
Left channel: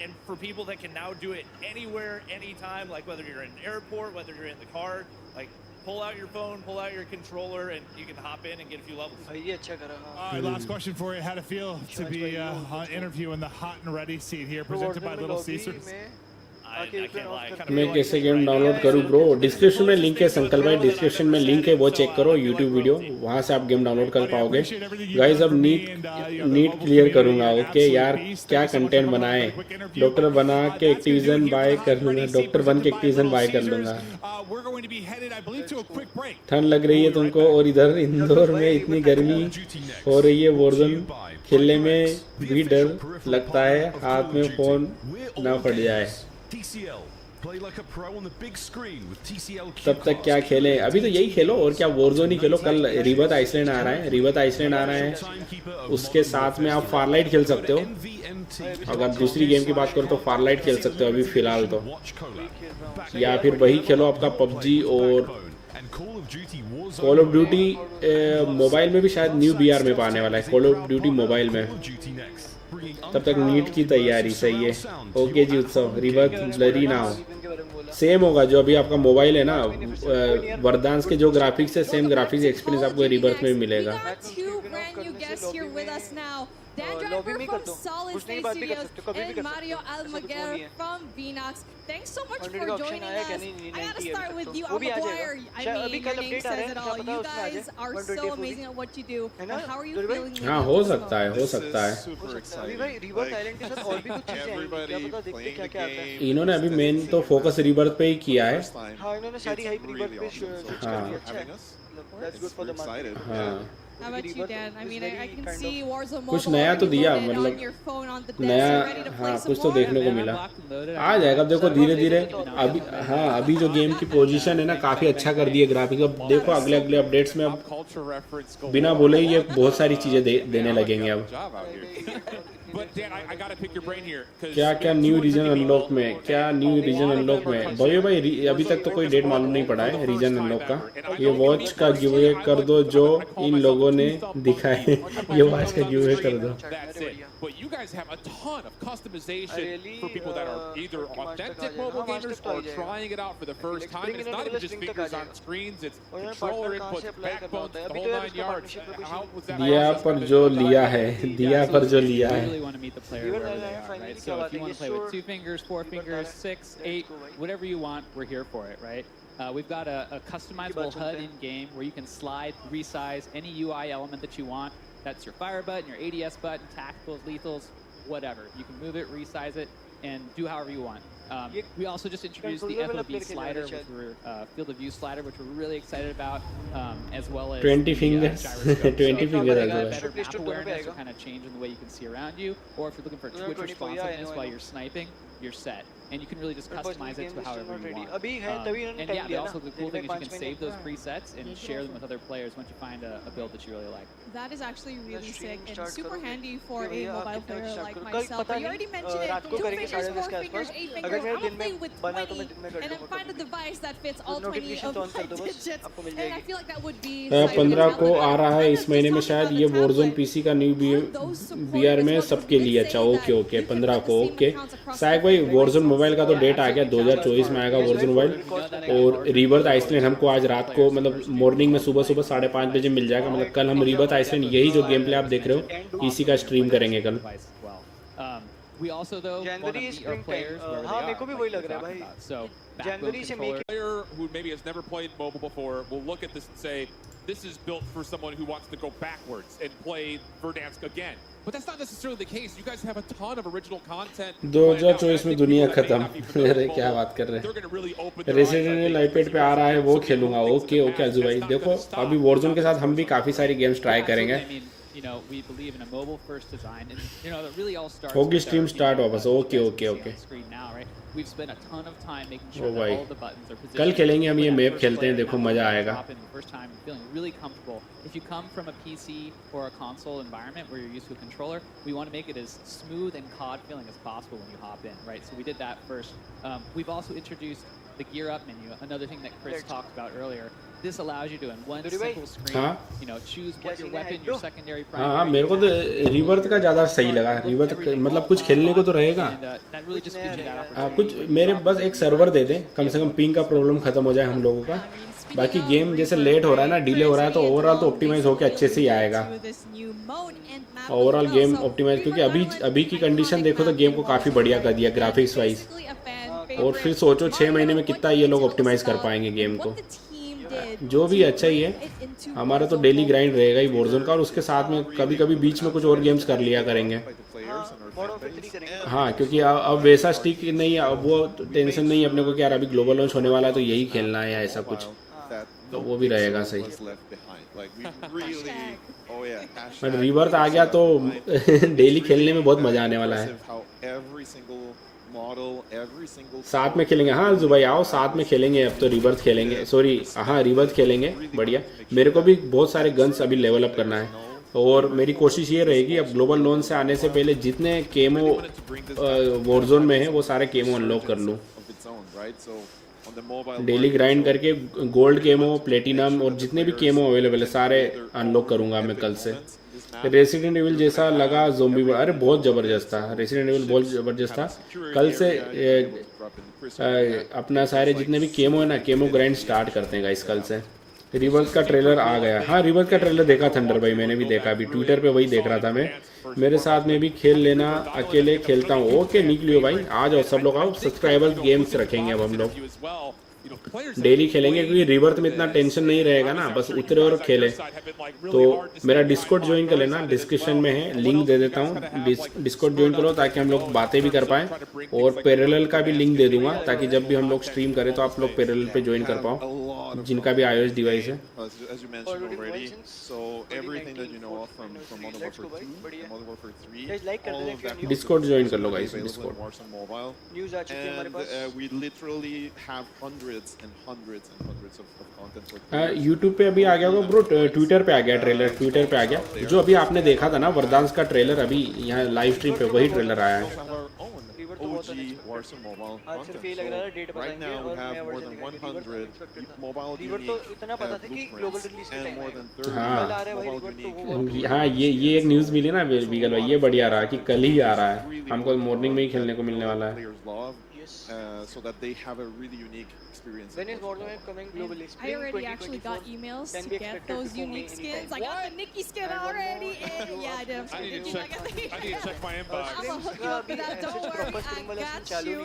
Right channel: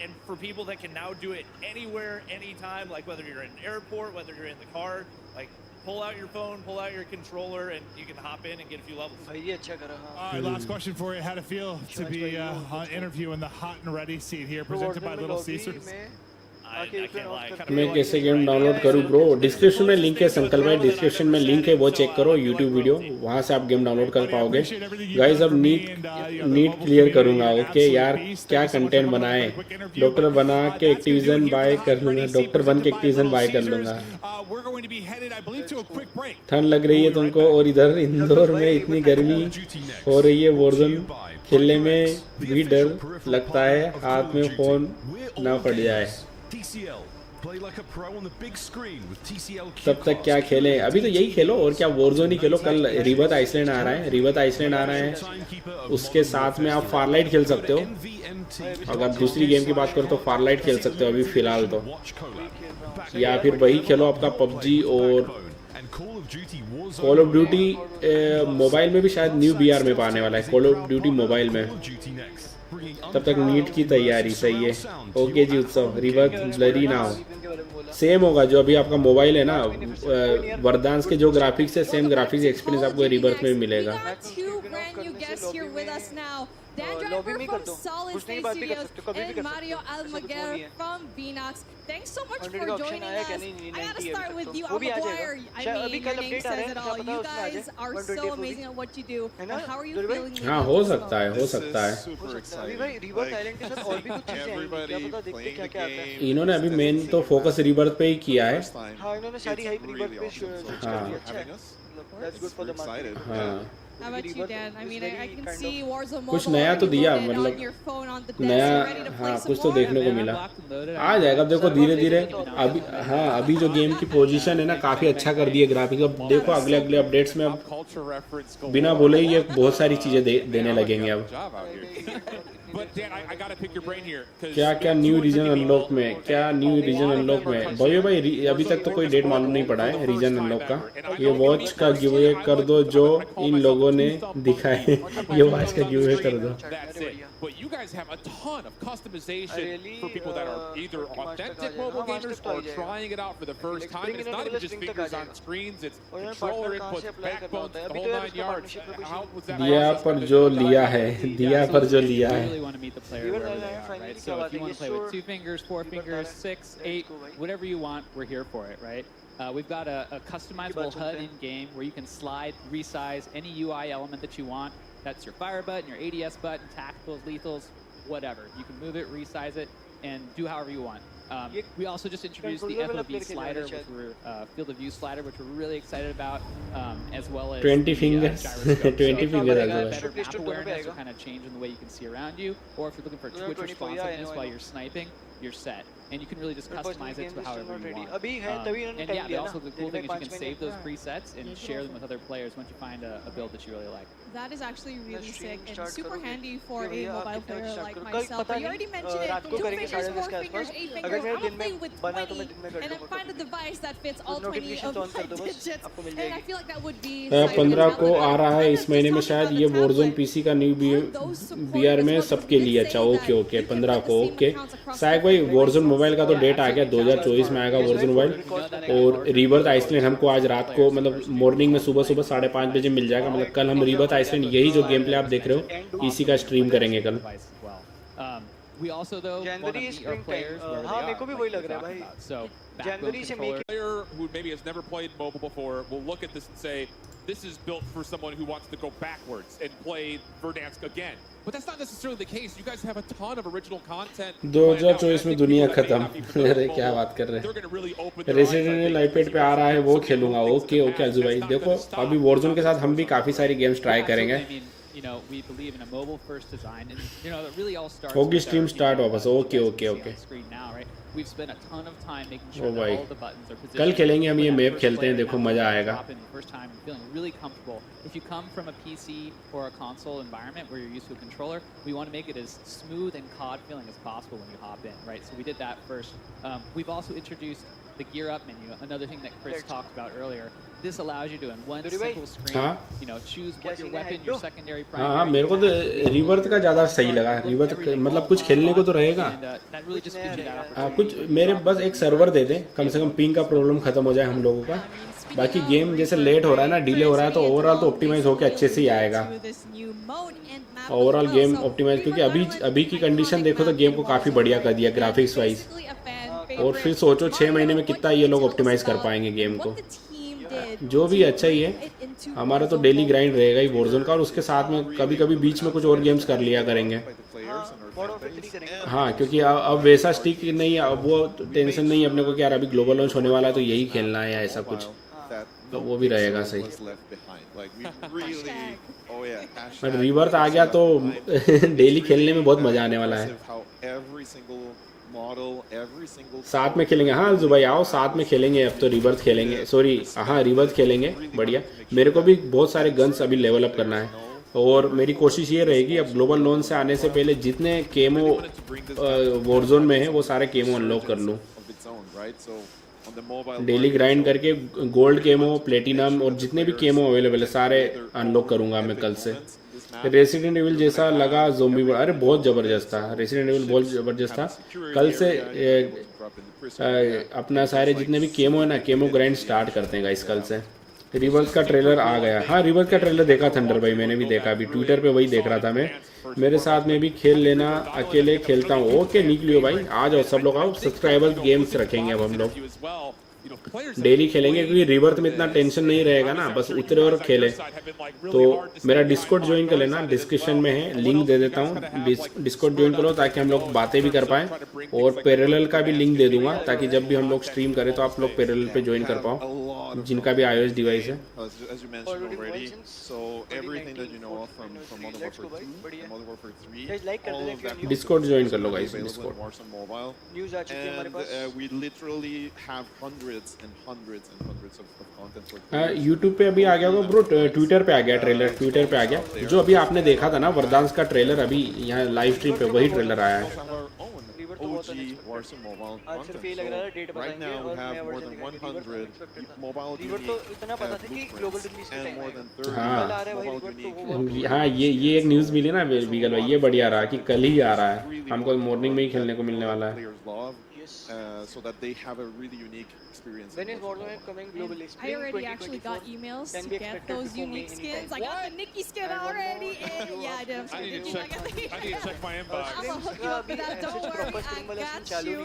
and for people that can now do it anywhere, anytime, like whether you're in an airport, whether you're in the car, like pull out your phone, pull out your controller, and you can hop in and get a few levels. All right, last question for you. How'd it feel to be on interview in the hot and ready seat here, presented by Little Caesars? मैं कैसे गेम डाउनलोड करूँ ब्रो? डिस्क्रिप्शन में लिंक है संकल भाई, डिस्क्रिप्शन में लिंक है, वो चेक करो यूट्यूब वीडियो, वहाँ से आप गेम डाउनलोड कर पाओगे। गाइस अब नीट क्लियर करूँगा। ओके यार क्या कंटेंट बनाए, डॉक्टर बना के एक्टिविजन बाय कर लूँगा, डॉक्टर बन के एक्टिविजन बाय कर लूँगा। ठंड लग रही है तुमको और इधर इंदौर में इतनी गर्मी हो रही है, वॉरज़ोन खेलने में भी डर लगता है, हाथ में फोन ना पड़ जाए। तब तक क्या खेलें? अभी तो यही खेलो और क्या, वॉरज़ोन ही खेलो। कल रिबर्थ आइसलैंड आ रहा है, रिबर्थ आइसलैंड आ रहा है, उसके साथ में आप फारलाइट खेल सकते हो। अगर दूसरी गेम की बात करो तो फारलाइट खेल सकते हो अभी फिलहाल तो, या फिर वही खेलो अपना पबजी और कॉल ऑफ ड्यूटी मोबाइल में भी शायद न्यू बीआर में आने वाला है, कॉल ऑफ ड्यूटी मोबाइल में। तब तक नीट की तैयारी सही है। ओके जी उत्सव, रिवर्स डरी ना हो, सेम होगा जो अभी आपका मोबाइल है ना, वरदांस के जो ग्राफिक्स है सेम ग्राफिक्स एक्सपीरियंस आपको रिवर्स में मिलेगा। Dan Driver from Solid State Studios and Mario Almaguer from Vinox. Thanks so much for joining us. I gotta start with you, Almaguer. I mean, your name says it all. You guys are so amazing at what you do. How are you feeling? हाँ हो सकता है, हो सकता है। इन्होंने अभी मेन तो फोकस रिबर्थ पे ही किया है। हाँ इन्होंने सारी हाइप रिबर्थ पे स्विच कर दी। अच्छा है, मतलब that's good for the market. How about you, Dan? I mean, I can see Warzone कुछ Mobile नया तो दिया, loaded on your phone on the desk. You ready to play some कुछ तो more? देखने को मिला। आ जाएगा, देखो धीरे धीरे। अभी हाँ अभी जो गेम की पोजीशन है ना काफी अच्छा कर दिए ग्राफिक्स। अब देखो अगले अगले अपडेट्स में अब बिना बोले ही ये बहुत सारी चीजें देने लगेंगे अब। क्या क्या न्यू रीजन अनलॉक में, क्या न्यू रीजन अनलॉक में भाई अभी तक तो कोई डेट मालूम नहीं पड़ा है रीजन अनलॉक का। ये वॉच का गिवअवे कर दो जो इन लोगों ने दिखाए, ये वॉच का गिवअवे कर दो। But you guys have a ton of customization for people that are either authentic mobile gamers or trying it out for the first time. And it's not even just fingers on screens, it's controller inputs, backbones, the whole 9 yards. How was that? दिया पर जो लिया है, दिया पर जो लिया है। Want to meet the player wherever they are, right? So if you want to play with 2 fingers, 4 fingers, 6, 8, whatever you want, we're here for it, right? We've got a customizable HUD in-game where you can slide, resize any UI element that you want. That's your fire button, your ADS button, tacticals, lethals, whatever. You can move it, resize it, and do however you want. We also just introduced the FOV slider, which we're field of view slider, which we're really excited about, as well as 20 the fingers. gyroscope. 20 so if you want fingers. better map awareness or kind of change in the way you can see around you, or if you're looking for twitch responsiveness while you're sniping, you're set. And you can really just customize it to however you want. And yeah, also the cool thing is you can save those presets and share them with other players once you find a build that you really like. That is actually really sick and super handy for a mobile player like myself. But you already mentioned it, 2 fingers, 4 fingers, 8 fingers. I'm gonna play with 20 and then find a device that fits all 20 of my digits. And I feel like that would be 15 को आ रहा है इस महीने में शायद ये Warzone PC का न्यू बीआर में सबके लिए। अच्छा ओके ओके 15 को ओके। शायद भाई Warzone मोबाइल का तो डेट आ गया, 2024 में आएगा Warzone मोबाइल। और रिवर्थ आइसलैंड हमको आज रात को मतलब मॉर्निंग में सुबह 5:30 बजे मिल जाएगा। मतलब कल हम रिवर्थ आइसलैंड यही जो गेम प्ले आप देख रहे हो इसी का स्ट्रीम करेंगे कल। We also though want to meet our players where they are. मेरे को भी वही लग रहा है भाई। So जनवरी से make player who maybe has never played mobile before will look at this and say, this is built for someone who wants to go backwards and play Verdansk again. But that's not necessarily the case. You guys have a ton of original content. 2024 में दुनिया खत्म। अरे क्या बात कर रहे हैं? रेसिडेंट इविल आईपैड पे आ रहा है वो खेलूंगा। ओके ओके अजू भाई देखो अभी Warzone के साथ हम भी काफी सारी गेम्स ट्राई करेंगे। You know, we believe in a mobile-first design, and you know, it really all starts. Okay, stream start होगा, so okay. On screen now, right? We've spent a ton of time making sure that all of the buttons are positioned. कल खेलेंगे हम ये मैप खेलते हैं, देखो मजा आएगा. First time, feeling really comfortable. If you come from a PC or a console environment where you're used to a controller, we want to make it as smooth and COD feeling as possible when you hop in, right? So we did that first. We've also introduced the gear up menu, another thing that Chris talked about earlier. This allows you to, in one simple screen, you know, choose what your weapon, your secondary, primary. हाँ मेरे को तो रिवर्थ का ज़्यादा सही लगा। रिवर्थ मतलब कुछ खेलने को तो रहेगा। हाँ कुछ मेरे बस एक सर्वर दे दे, कम से कम पिंग का प्रॉब्लम खत्म हो जाए हम लोगों का। बाकी गेम जैसे लेट हो रहा है ना, डिले हो रहा है तो ओवरऑल तो ऑप्टिमाइज होके अच्छे से ही आएगा। ओवरऑल गेम ऑप्टिमाइज क्योंकि अभी की कंडीशन देखो तो गेम को काफी बढ़िया कर दिया ग्राफिक्स वाइज। और फिर सोचो 6 महीने में कितना ये लोग ऑप्टिमाइज कर पाएंगे गेम को। जो भी अच्छा ही है, हमारा तो डेली ग्राइंड रहेगा ही वॉरज़ोन का, और उसके साथ में कभी कभी बीच में कुछ और गेम्स कर लिया करेंगे। हाँ, क्योंकि अब वैसा स्टिक नहीं, अब वो टेंशन नहीं अपने को कि यार अभी ग्लोबल लॉन्च होने वाला है तो यही खेलना है या ऐसा कुछ, तो वो भी रहेगा सही। पर रिवर्स आ गया तो डेली खेलने में बहुत मजा आने वाला है। साथ में खेलेंगे। हाँ जुबाई आओ, साथ में खेलेंगे। अब तो रिवर्स खेलेंगे, सॉरी हाँ रिवर्स खेलेंगे। बढ़िया, मेरे को भी बहुत सारे गन्स अभी लेवल अप करना है, और मेरी कोशिश ये रहेगी अब ग्लोबल लॉन्च से आने से पहले जितने केमो वॉरज़ोन में है वो सारे केमो अनलॉक कर लूँ। डेली ग्राइंड करके गोल्ड केमो, प्लेटिनम और जितने भी केमो अवेलेबल है सारे अनलॉक करूंगा मैं कल से। रेसिडेंट एविल जैसा लगा ज़ोंबी, अरे बहुत ज़बरदस्त था रेसिडेंट एविल, बहुत ज़बरदस्त था। कल से अपना सारे जितने भी केमो है ना, केमो ग्राइंड स्टार्ट करते हैं गाइस कल से। रिवर्स का ट्रेलर आ गया। हाँ रिवर्स का ट्रेलर देखा थंडर भाई, मैंने भी देखा, अभी ट्विटर पे वही देख रहा था मैं। मेरे साथ में भी खेल लेना, अकेले खेलता हूँ। ओके निकलियो भाई, आ जाओ सब लोग आओ। सब्सक्राइबर गेम्स रखेंगे अब हम लोग, डेली खेलेंगे, क्योंकि रिवर्स में इतना टेंशन नहीं रहेगा ना, बस उतरे और खेले। तो मेरा डिस्कॉर्ड ज्वाइन कर लेना, डिस्क्रिप्शन में है, लिंक दे देता हूँ। डिस्कॉर्ड ज्वाइन करो ताकि हम लोग बातें भी कर पाएं, और पैरेलल का भी लिंक दे दूंगा ताकि जब भी हम लोग स्ट्रीम करें तो आप लोग पैरेलल पे ज्वाइन कर पाओ, जिनका भी iOS डिवाइस है। डिस्कॉर्ड ज्वाइन कर लो गाइस, यूट्यूब पे अभी आ गया होगा ब्रो, ट्विटर पे आ गया ट्रेलर, ट्विटर पे आ गया। जो अभी आपने देखा था ना वर्दांस का ट्रेलर, अभी यहाँ लाइव स्ट्रीम पे वही ट्रेलर आया है। आज सिर्फ ये लग रहा है डेट बताएंगे और नया वर्जन दिखाएंगे। रिवर तो इतना पता था कि ग्लोबल रिलीज के टाइम कल आ रहा है भाई रिवर, तो वो हाँ ये एक न्यूज़ मिली ना बीगल भाई, ये बढ़िया रहा कि कल ही आ रहा है, हमको मॉर्निंग में ही खेलने को मिलने वाला है। So that they have a really unique experience. When is Warzone coming globally? I already actually got emails to get those unique skins. I got the Nikki skin already. Yeah, I did. I need to check my inbox. I'm gonna hook you up with that. Don't worry, I got you.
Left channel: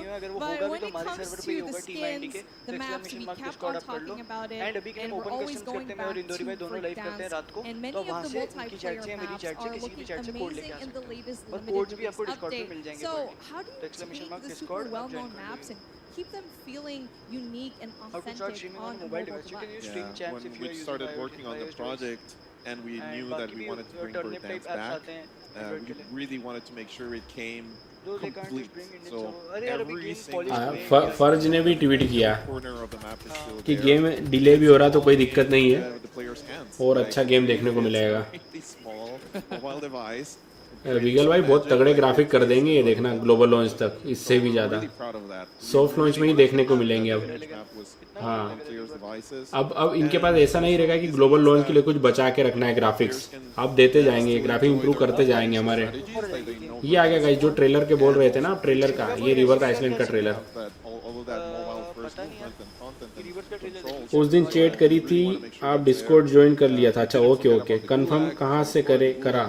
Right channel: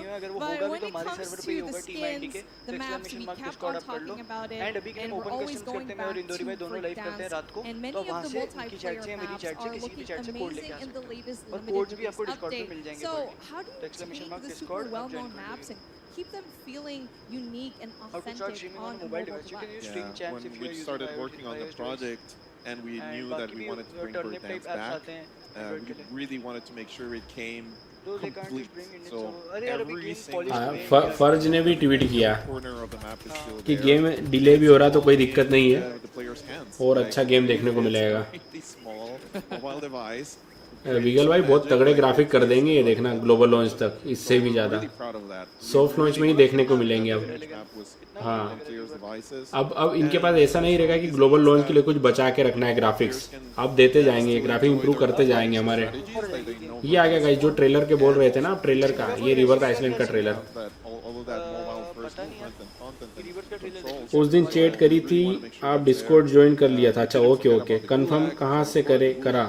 But when it comes to the skins, the maps, we kept on talking about it, and we're always going back to dance. And many of the multiplayer maps are looking amazing in the latest limited release update. So how do you take the super well-known maps and keep them feeling unique and authentic on a mobile device? When we started working on the project and we knew that we wanted to bring bird dance back, we really wanted to make sure it came complete. So every single फर्ज ने भी ट्वीट किया कि गेम डिले भी हो रहा तो कोई दिक्कत नहीं है और अच्छा गेम देखने को मिलेगा। वीगल भाई बहुत तगड़े ग्राफिक कर देंगे ये, देखना ग्लोबल लॉन्च तक, इससे भी ज्यादा सॉफ्ट लॉन्च में ही देखने को मिलेंगे अब। हाँ अब इनके पास ऐसा नहीं रहेगा कि ग्लोबल लॉन्च के लिए कुछ बचा के रखना है ग्राफिक्स, अब देते जाएंगे, ग्राफिक इंप्रूव करते जाएंगे हमारे। ये आ गया गाइस जो ट्रेलर के बोल रहे थे ना, ट्रेलर का, ये रिवर आइसलैंड का ट्रेलर। उस दिन चैट करी थी, आप डिस्कॉर्ड ज्वाइन कर लिया था। अच्छा ओके कंफर्म कहाँ से करा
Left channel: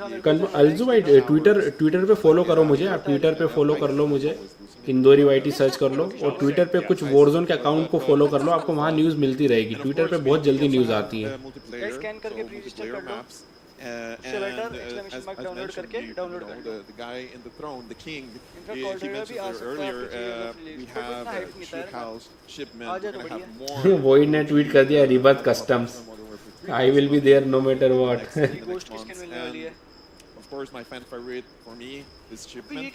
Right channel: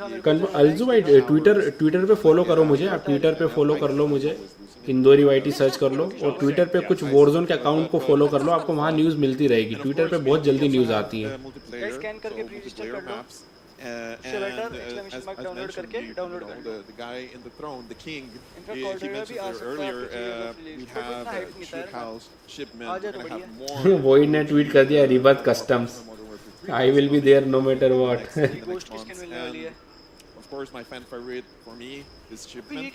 अलजू भाई? ट्विटर पे फॉलो करो मुझे, आप ट्विटर पे फॉलो कर लो मुझे, इंदौरी वाईटी सर्च कर लो, और ट्विटर पे कुछ वॉरज़ोन के अकाउंट को फॉलो कर लो, आपको वहाँ न्यूज़ मिलती रहेगी। ट्विटर पे बहुत जल्दी न्यूज़ आती है। स्कैन करके प्री रजिस्टर कर लो, उससे बेटर एक्सक्लेमेशन मार्क डाउनलोड करके डाउनलोड कर लो। The guy in the throne, the king, he mentioned earlier, we have ship house, shipment, we're gonna have more. वही ने ट्वीट कर दिया, रिबत customs, I will be there no matter what. गोश्त की स्किन मिलने वाली है। Of course, my fan favorite for me is shipment.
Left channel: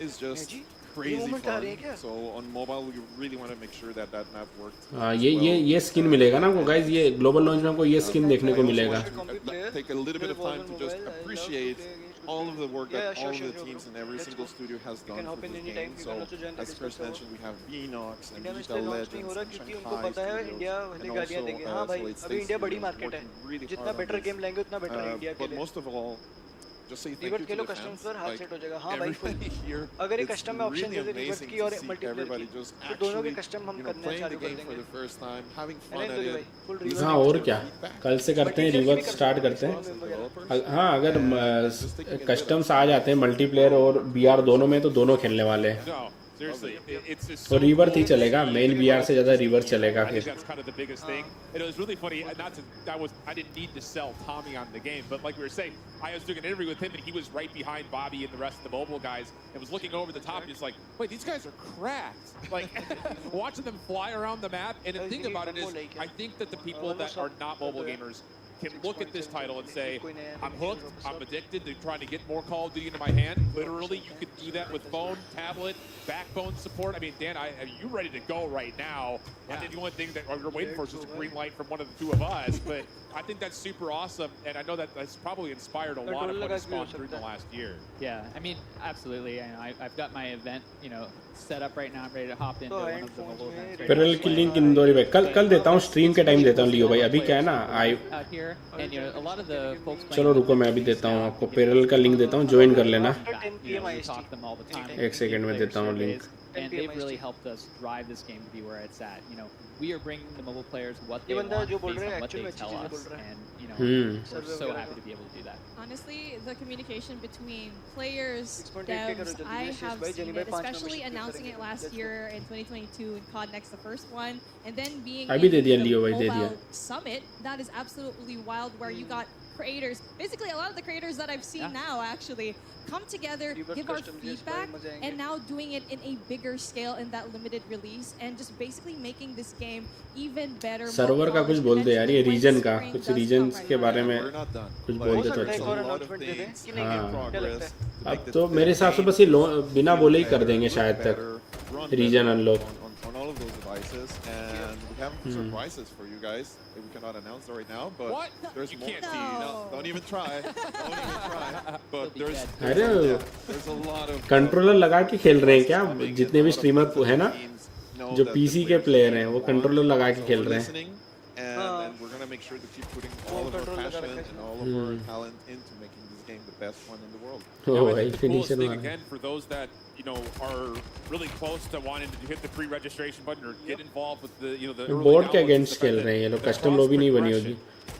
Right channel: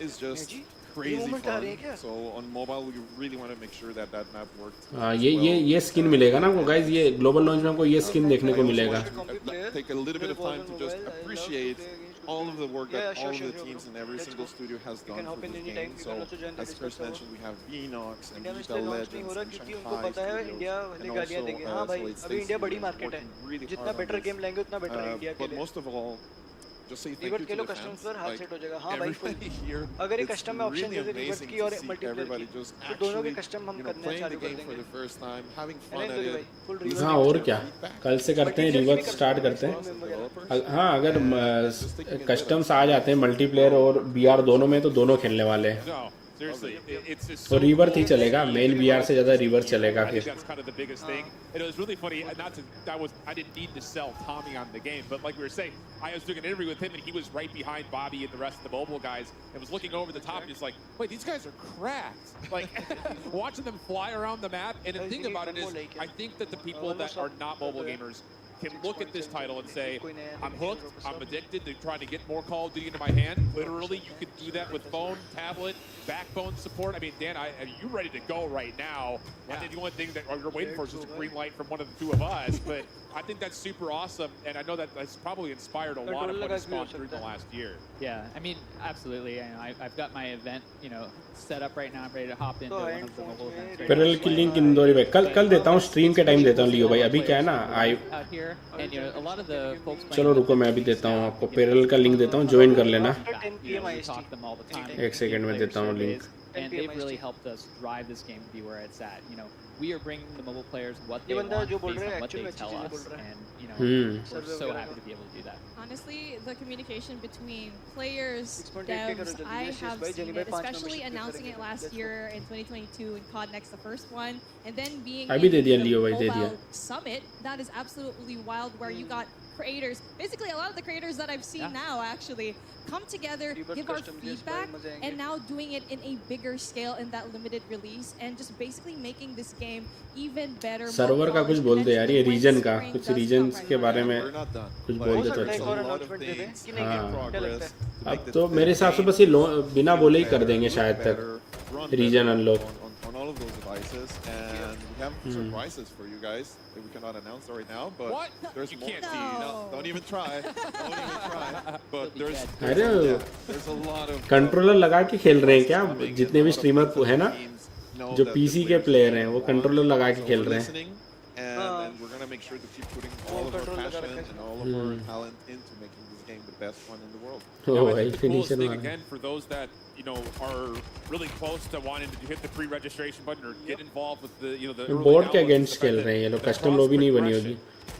It's just crazy fun. So on mobile, we really want to make sure that that map worked. हाँ ये स्किन मिलेगा ना आपको गाइस, ये ग्लोबल लॉन्च में आपको ये स्किन देखने को मिलेगा। Take a little bit of time to just appreciate all of the work that all of the teams in every single studio has done for this game. So as Chris mentioned, we have Beanox and Vita Legends and Shanghai Studios, and also Solid State Studios working really hard on this. But most of all, just say thank you to the fans. Like, everybody here, अगर ये it's कस्टम में ऑप्शन really दे दे रिवर्स amazing की और to see मल्टीप्लेयर everybody की just तो दोनों के actually, कस्टम हम you know, करना playing the चालू कर game for देंगे the first time, having है fun ना at इंदु it. भाई फुल हाँ रिवर्स और क्या कल से करते हैं रिवर्स स्टार्ट करते हैं हाँ अगर कस्टम्स आ जाते हैं मल्टीप्लेयर और बीआर दोनों में तो दोनं खेलने वाले हैं No, seriously, it's just तो so reverse he cool to चलेगा see मेन the बीआर से growth ज्यादा of this रिवर्स year. चलेगा I think फिर that's kind of the biggest thing. And it was really funny. Not to I didn't need to sell Tommy on the game, but like we were saying, I was doing an interview with him, and he was right behind Bobby and the rest of the mobile guys, and was looking over the top, and he's like, "Wait, these guys are cracked!" Like watching them fly around the map. And the thing about it is, I think that the people that are not mobile gamers can look at this title and say, I'm hooked, I'm addicted to trying to get more Call of Duty into my hand. Literally, you could do that with phone, tablet, backbone support. I mean, Dan, are you ready to go right now? I think the only thing that you're waiting for is just a green light from one of the two of us. But I think that's super awesome, and I know that that's probably inspired a lot of what has gone through the last year. Yeah, I mean, absolutely. I've got my event, set up right now. I'm ready to hop into one of the mobile events. पेरल की लिंक इंदौरी में कल देता हूँ स्ट्रीम के टाइम देता हूँ लियो भाई अभी क्या है ना out here, and a lot of the folks playing. चलो रुको मैं अभी देता हूँ आपको पेरल का लिंक देता हूँ ज्वाइन कर लेना We talk to them all the time. एक सेकंड में देता हूँ link And they've really helped us drive this game to be where it's at. We are bringing the mobile players what they want based on what they tell us, and we're so happy to be able to do that. Honestly, the communication between players, devs, I have seen it, especially announcing it last year in 2022 in COD Next, the first one, and then being in the mobile summit. That is absolutely wild, where you got creators, basically a lot of the creators that I've seen now actually come together, give our feedback, and now doing it in a bigger scale in that limited release, and just basically making this game even better. Server का कुछ बोल दे यार ये रीजन का कुछ रीजन्स के बारे में कुछ बोल दे अब तो मेरे हिसाब से बस ये बिना बोले ही कर देंगे शायद तक region unlock on all of those devices, and we have surprises for you guys that we cannot announce right now, but there's you more. Can't see. No, don't even try. Don't even try. But there's a lot of controller लगा के खेल रहे हैं क्या जितने भी स्ट्रीमर है ना जो पीसी के प्लेयर हैं वो कंट्रोलर लगा के खेल रहे हैं and we're gonna make sure to keep putting all of our passion and all of our talent into making this game the best one in the world. Yeah, I think the coolest thing again for those that are really close to wanting to hit the pre-registration button or get involved with the the early downloads.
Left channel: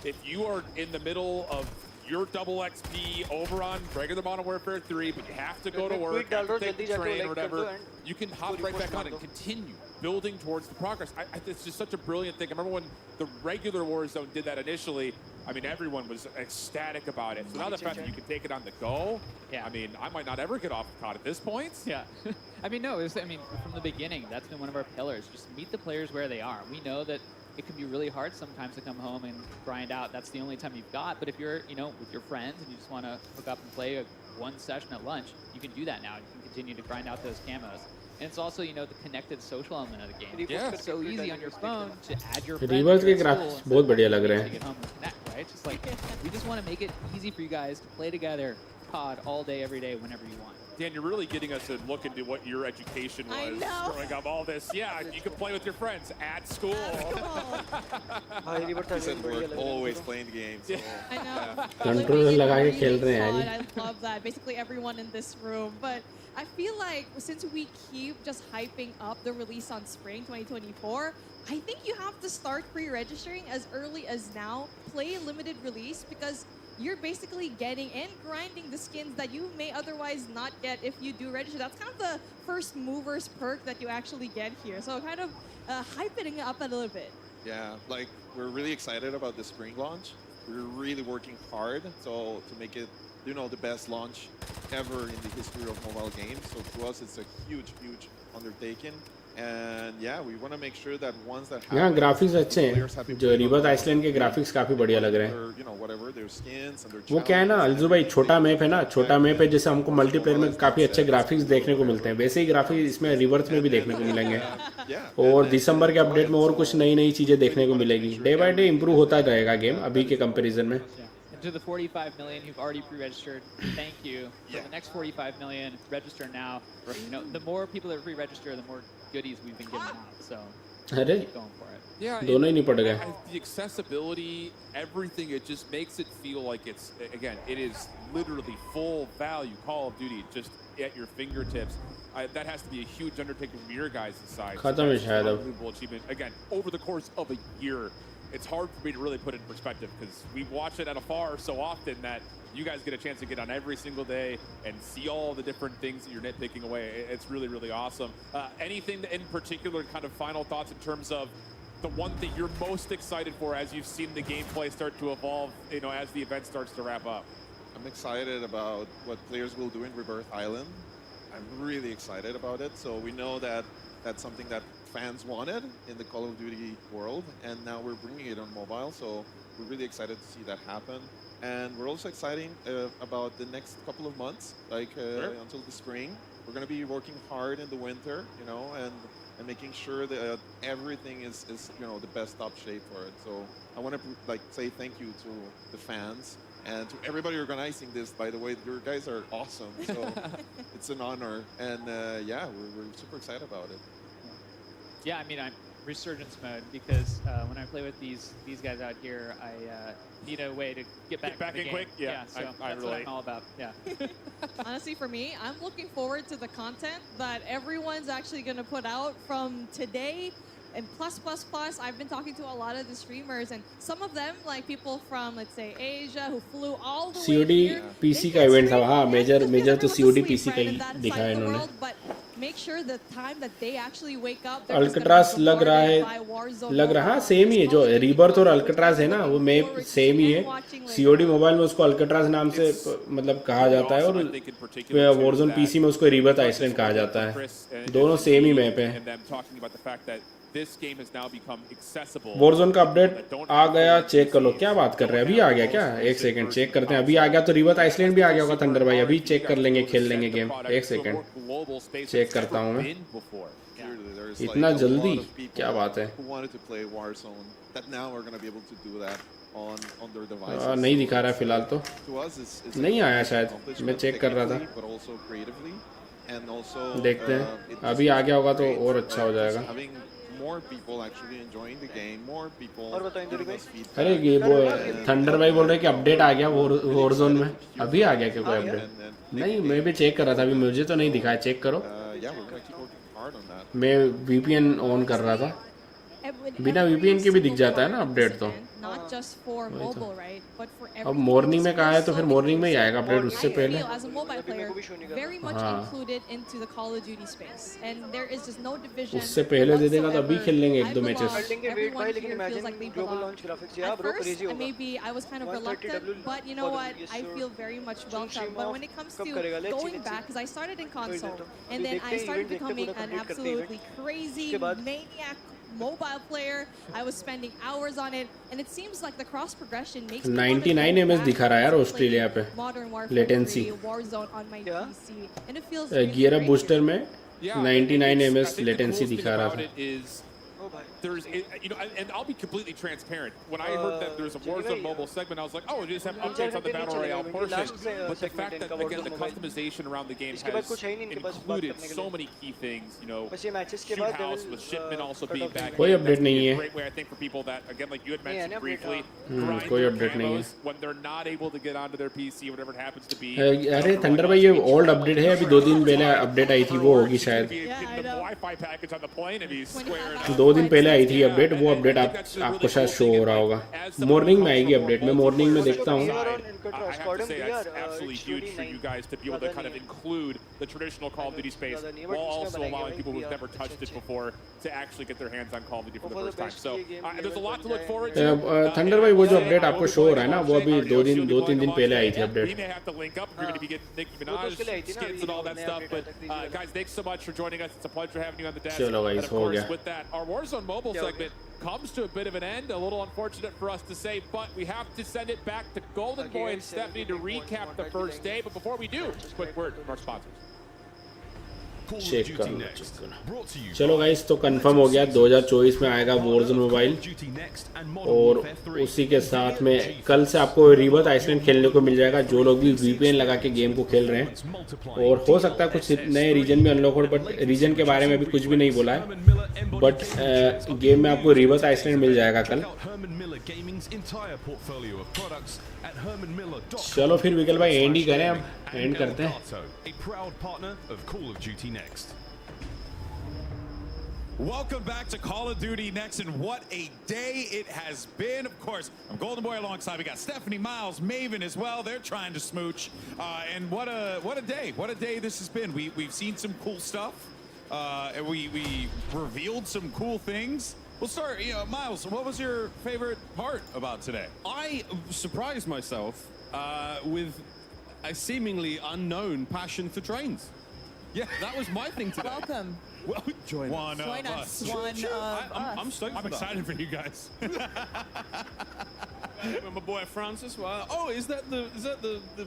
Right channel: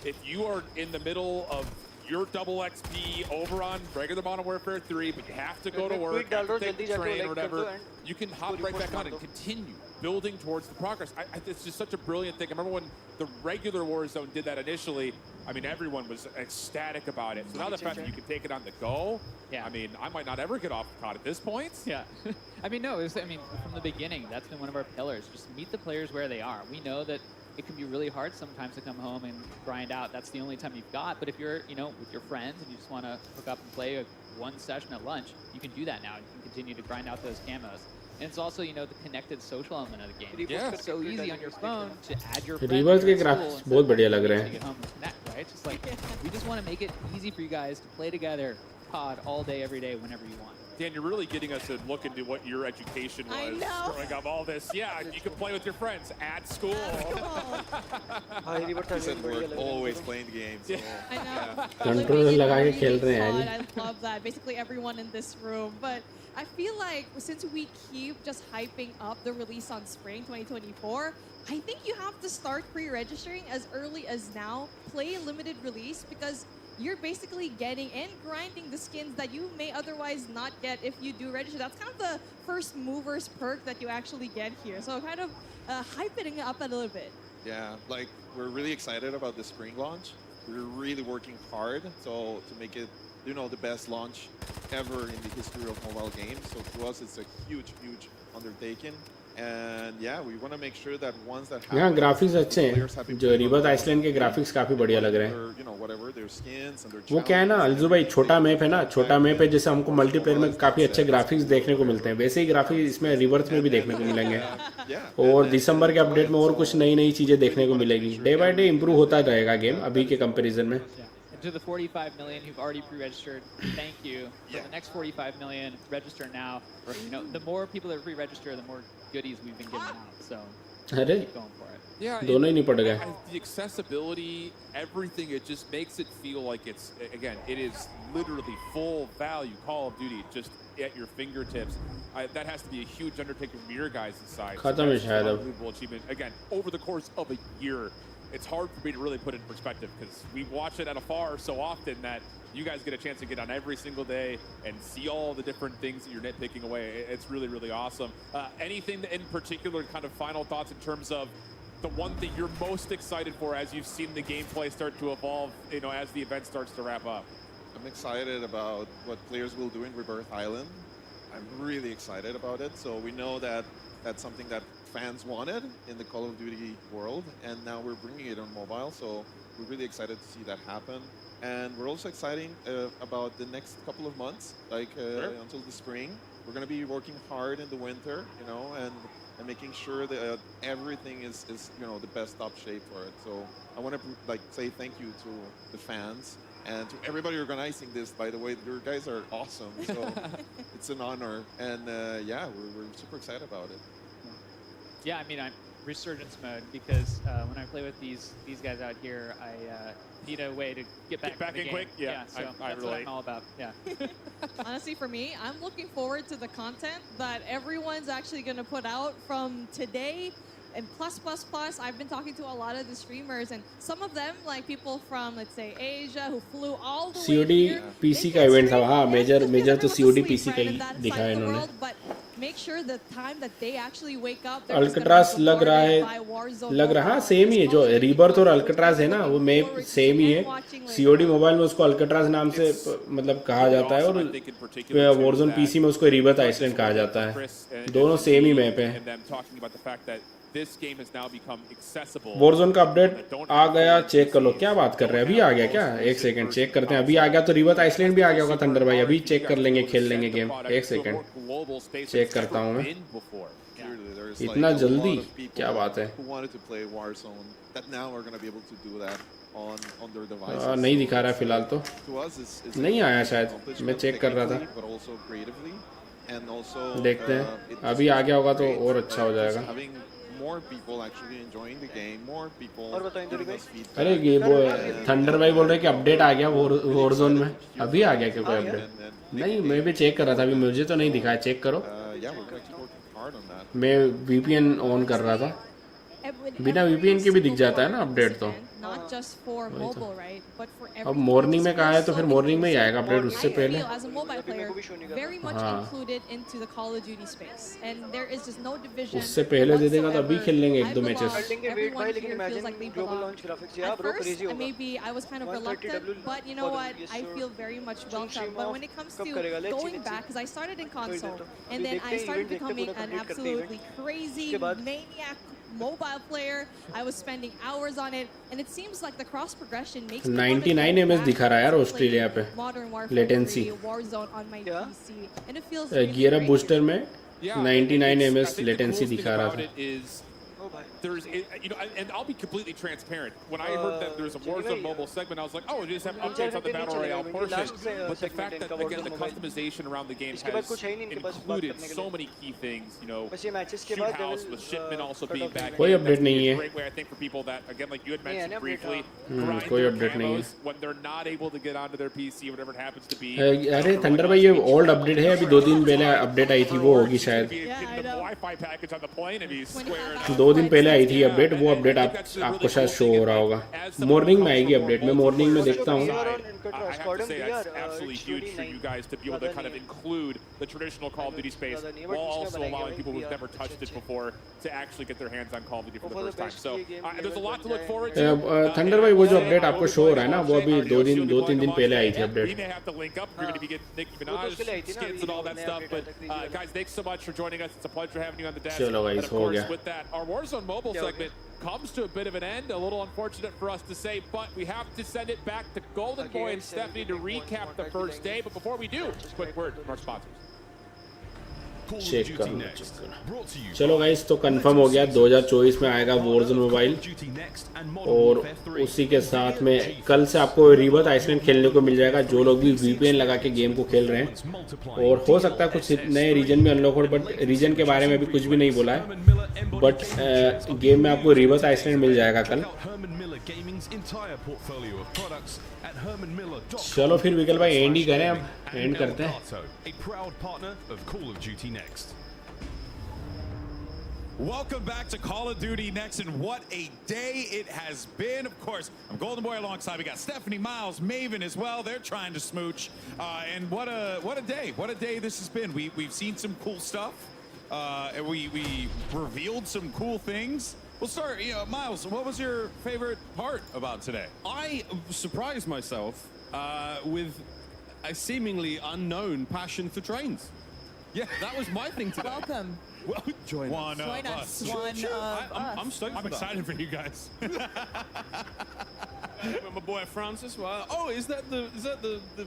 If you are in the middle of your double XP over on regular Modern Warfare 3, but you have to go to work, have to take the train or whatever, you can hop right back on and continue building towards the progress. It's just such a brilliant thing. I remember when the regular Warzone did that initially, I mean, everyone was ecstatic about it. So now the fact that you can take it on the go, I mean, I might not ever get off the COD at this point. Yeah. I mean, no, from the beginning, that's been one of our pillars. Just meet the players where they are. We know that it can be really hard sometimes to come home and grind out. That's the only time you've got. But if you're, with your friends and you just want to hook up and play one session at lunch, you can do that now. You can continue to grind out those camos. And it's also, the connected social element of the game. Yeah. It's so easy on your phone to add your friends reverse के to ग्राफिक्स बहुत बढ़िया लग रहे to get home and connect, right? It's just like, we just want to make it easy for you guys to play together, COD, all day, every day, whenever you want. Dan, you're really getting us to look into what your education was growing up. All this, you can play with your friends at school. He said we're always playing games. So. I know. Controller लगा के खेल रहे हैं I love that. Basically everyone in this room, but I feel like since we keep just hyping up the release on spring 2024, I think you have to start pre-registering as early as now. Play limited release because you're basically getting and grinding the skins that you may otherwise not get if you do register. That's kind of the first mover's perk that you actually get here. So kind of hyping it up a little bit. Yeah, like we're really excited about the spring launch. We're really working hard to make it, the best launch ever in the history of mobile games. So to us, it's a huge, huge undertaking. And we want to make sure that ones that have graphics अच्छे हैं जो रिवर्स आइसलैंड के ग्राफिक्स काफी बढ़िया लग रहे हैं whatever their skins and their वो क्या है ना अलजू भाई छोटा मैप है ना छोटा मैप है जैसे हमको मल्टीप्लेयर में काफी अच्छे ग्राफिक्स देखने को मिलते हैं वैसे ही ग्राफिक्स इसमें रिवर्स में भी देखने को मिलेंगे और दिसंबर के अपडेट में और कुछ नई नई चीजें देखने को मिलेगी डे बाय डे इंप्रूव होता रहेगा गेम अभी के कंपैरिजन में To the 45 million who've already pre-registered, thank you. For the next 45 million, register now. The more people that pre-register, the more goodies we've been giving out. So अरे keep going for it. Yeah, दोनों ही नहीं पड़ गए. the accessibility, everything, it just makes it feel like it's, again, it is literally full value Call of Duty just at your fingertips. That has to be a huge undertaking from your guys' side. So that's just an unbelievable achievement. Again, over the course of a year, it's hard for me to really put it in perspective because we watch it at afar so often that you guys get a chance to get on every single day and see all the different things that you're nitpicking away. It's really, really awesome. Anything in particular, kind of final thoughts in terms of the one thing you're most excited for as you've seen the gameplay start to evolve, as the event starts to wrap up? I'm excited about what players will do in Rebirth Island. I'm really excited about it. So we know that that's something that fans wanted in the Call of Duty world, and now we're bringing it on mobile. So we're really excited to see that happen. And we're also excited about the next couple of months, until the spring. We're going to be working hard in the winter, and making sure that everything is the best top shape for it. So I want to say thank you to the fans and to everybody organizing this. By the way, your guys are awesome. So it's an honor, and we're super excited about it. Yeah, I mean, I'm resurgence mode because when I play with these guys out here, I need a way to get back in the game. Quick. Yeah, so that's what I'm all about. Yeah. Honestly, for me, I'm looking forward to the content that everyone's actually going to put out from today. And plus, I've been talking to a lot of the streamers, and some of them, like people from, let's say, Asia, who flew all the way here. COD PC का event था, हाँ, major तो COD PC का ही दिखाया इन्होंने. But make sure the time that they actually wake up, they're just gonna be bombarded by Warzone. लग रहा सेम ही है जो Rebirth और Alcatraz है ना, वो में सेम ही है. COD मोबाइल में उसको Alcatraz नाम से मतलब कहा जाता है और Warzone PC में उसको Rebirth Iceland कहा जाता है. दोनों सेम ही मैप है. This game has now become accessible. Warzone का अपडेट आ गया, चेक कर लो. क्या बात कर रहे हैं? अभी आ गया क्या? एक सेकंड चेक करते हैं. अभी आ गया तो Rebirth Iceland भी आ गया होगा थंडर भाई. अभी चेक कर लेंगे, खेल लेंगे गेम. एक सेकंड चेक करता हूँ मैं. इतना जल्दी? क्या बात है? Who wanted to play Warzone that now are going to be able to do that on their devices. नहीं दिखा रहा फिलहाल तो. To us is नहीं आया शायद. मैं चेक कर रहा था. But also creatively and also देखते हैं. अभी आ गया होगा तो और अच्छा हो जाएगा. Having more people actually enjoying the game, more people giving us feedback. अरे ये वो थंडर भाई बोल रहे हैं कि अपडेट आ गया Warzone में. अभी आ गया क्या कोई अपडेट? नहीं, मैं भी चेक कर रहा था. अभी मुझे तो नहीं दिखा. चेक करो. Yeah, we're going to keep working hard on that. मैं VPN ऑन कर रहा था. बिना VPN के भी दिख जाता है ना अपडेट तो. Not just for mobile, right? But for every. अब मॉर्निंग में कहा है तो फिर मॉर्निंग में ही आएगा अपडेट उससे पहले. I feel as a mobile player very much included into the Call of Duty space, and there is just no division. उससे पहले दे देगा तो अभी खेल लेंगे एक दो matches. Everyone here feels like they belong. At first, maybe I was kind of reluctant, but you know what? I feel very much welcome. But when it comes to going back, because I started in console, and then I started becoming an absolutely crazy maniac mobile player. I was spending hours on it, and it seems like the cross progression makes me want to 99 ms दिखा रहा है यार ऑस्ट्रेलिया पे. Modern Warfare 3, Warzone on my PC, and it feels really gear great. Booster में 99 ms latency दिखा रहा था. There's, and I'll be completely transparent. When I heard that there's a Warzone mobile segment, I was like, oh, we just have updates on the Battle Royale portion. But the fact that, again, the customization around the game has included so many key things, shoot house with shipment also being back in. That's a great way, I think, for people that, again, like you had mentioned briefly, grind their camos when they're not able to get onto their PC, whatever it happens to be. अरे थंडर भाई ये ओल्ड अपडेट है. अभी 2 दिन पहले अपडेट आई थी, वो होगी शायद. The Wi-Fi package on the plane and he's squaring up. 2 दिन पहले आई थी अपडेट. वो अपडेट आपको शायद शो हो रहा होगा. मॉर्निंग में आएगी अपडेट. मैं मॉर्निंग में देखता हूँ. I have to say that's absolutely huge for you guys to be able to kind of include the traditional Call of Duty space while also allowing people who've never touched it before to actually get their hands on Call of Duty for the first time. So there's a lot to look forward to. Thunder भाई वो जो अपडेट आपको शो हो रहा है ना, वो अभी 2-3 दिन पहले आई थी update. We may have to link up if you're going to be getting Nicki Minaj skits and all that stuff. But guys, thanks so much for joining us. It's a pleasure having you on the desk. And of course, with that, our Warzone mobile segment comes to a bit of an end. A little unfortunate for us to say, but we have to send it back to Golden Boy and Stephanie to recap the first day. But before we do, quick word from our sponsors. Check करूँगा। चलो गाइस, तो कंफर्म हो गया 2024 में आएगा वॉरज़ोन मोबाइल, और उसी के साथ में कल से आपको रिबर्थ आइसलैंड खेलने को मिल जाएगा, जो लोग भी VPN लगा के गेम को खेल रहे हैं। और हो सकता है कुछ नए रीजन में अनलॉक हो, बट रीजन के बारे में भी कुछ भी नहीं बोला है, बट गेम में आपको रिबर्थ आइसलैंड मिल जाएगा कल। चलो फिर विकल भाई एंड ही करें, अब एंड करते हैं। Welcome back to Call of Duty Next, and what a day it has been. Of course, I'm Golden Boy alongside. We got Stephanie, Miles, Maven as well. They're trying to smooch. And what a day. What a day this has been. We've seen some cool stuff. And we revealed some cool things. We'll start, Miles, what was your favorite part about today? I surprised myself with a seemingly unknown passion for trains. Yeah, that was my thing today. Welcome. Well, join us. I'm stoked. I'm excited for you guys. My boy Francis. Well, oh, is that the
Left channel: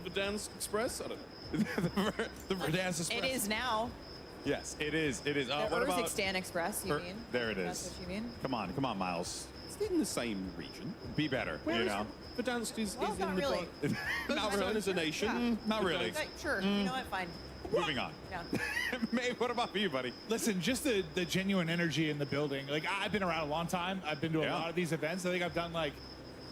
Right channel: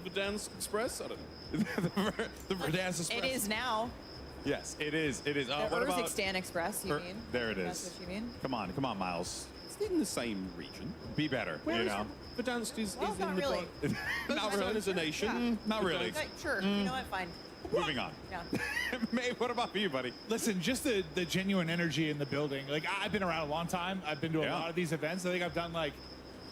Verdansk Express? I don't know. the Verdansk Express. It is now. Yes, it is. It is. The What about Urzikstan Express, you mean? There it is. That's what you mean? Come on, Miles. It's in the same region. Be better. Where you is know. Verdansk is Well, in not the really. not really as a nation. Not really. Okay, sure. You know what? Fine. Moving on. Yeah. May, what about you, buddy? Listen, just the genuine energy in the building. Like, I've been around a long time. I've been to a lot of these events. I think I've done like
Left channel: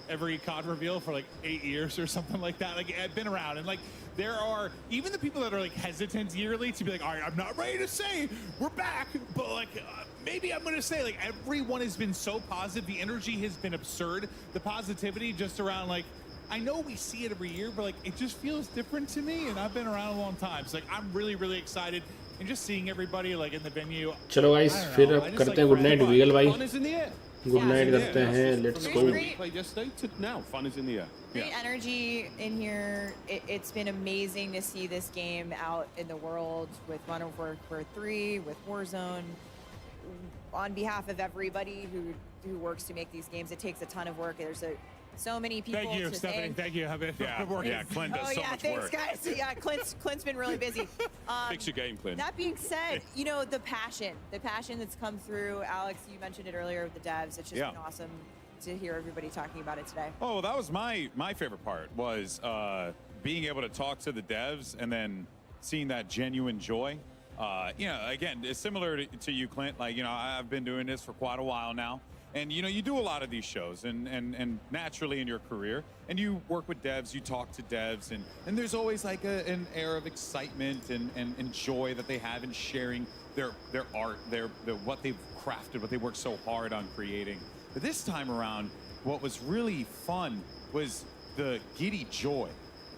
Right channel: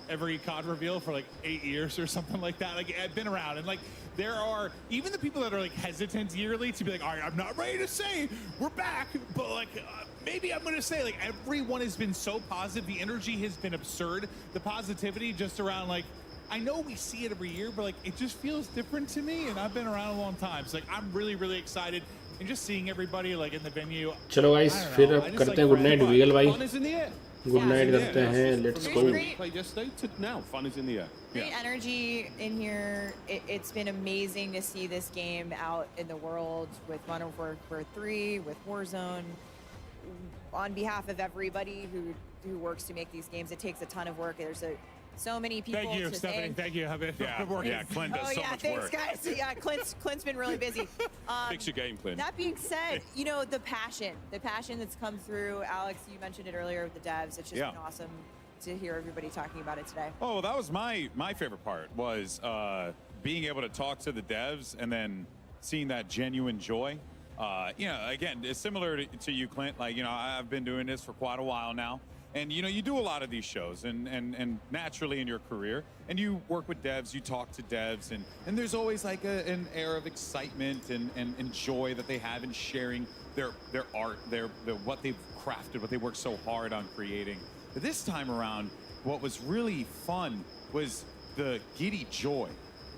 every COD reveal for like 8 years or something like that. Like, I've been around, and like there are even the people that are like hesitant yearly to be like, all right, I'm not ready to say we're back, but like maybe I'm gonna say like everyone has been so positive. The energy has been absurd. The positivity just around like, I know we see it every year, but like it just feels different to me, and I've been around a long time. So like I'm really, really excited, and just seeing everybody like in the venue. चलो guys, फिर करते हैं गुड नाइट विगल भाई। Fun is in the air. Good night करते हैं, let's From the go. moment we played yesterday to now, fun is in the air. Great energy in here. It's been amazing to see this game out in the world with Modern Warfare 3, with Warzone. On behalf of everybody who works to make these games, it takes a ton of work. There's so many people. Thank you, to Stephanie. thank. Thank you. Clint does so much thanks, work. guys. Yeah, Clint's been really busy. Fix your game, Clint. That being said, you know, the passion that's come through. Alex, you mentioned it earlier with the devs. It's just been awesome to hear everybody talking about it today. Oh, that was my favorite part, was being able to talk to the devs and then seeing that genuine joy. Again, it's similar to you, Clint. Like, I've been doing this for quite a while now. And, you do a lot of these shows and naturally in your career, and you work with devs, you talk to devs, and there's always like an air of excitement and joy that they have in sharing their art, what they've crafted, what they worked so hard on creating. But this time around, what was really fun was the giddy joy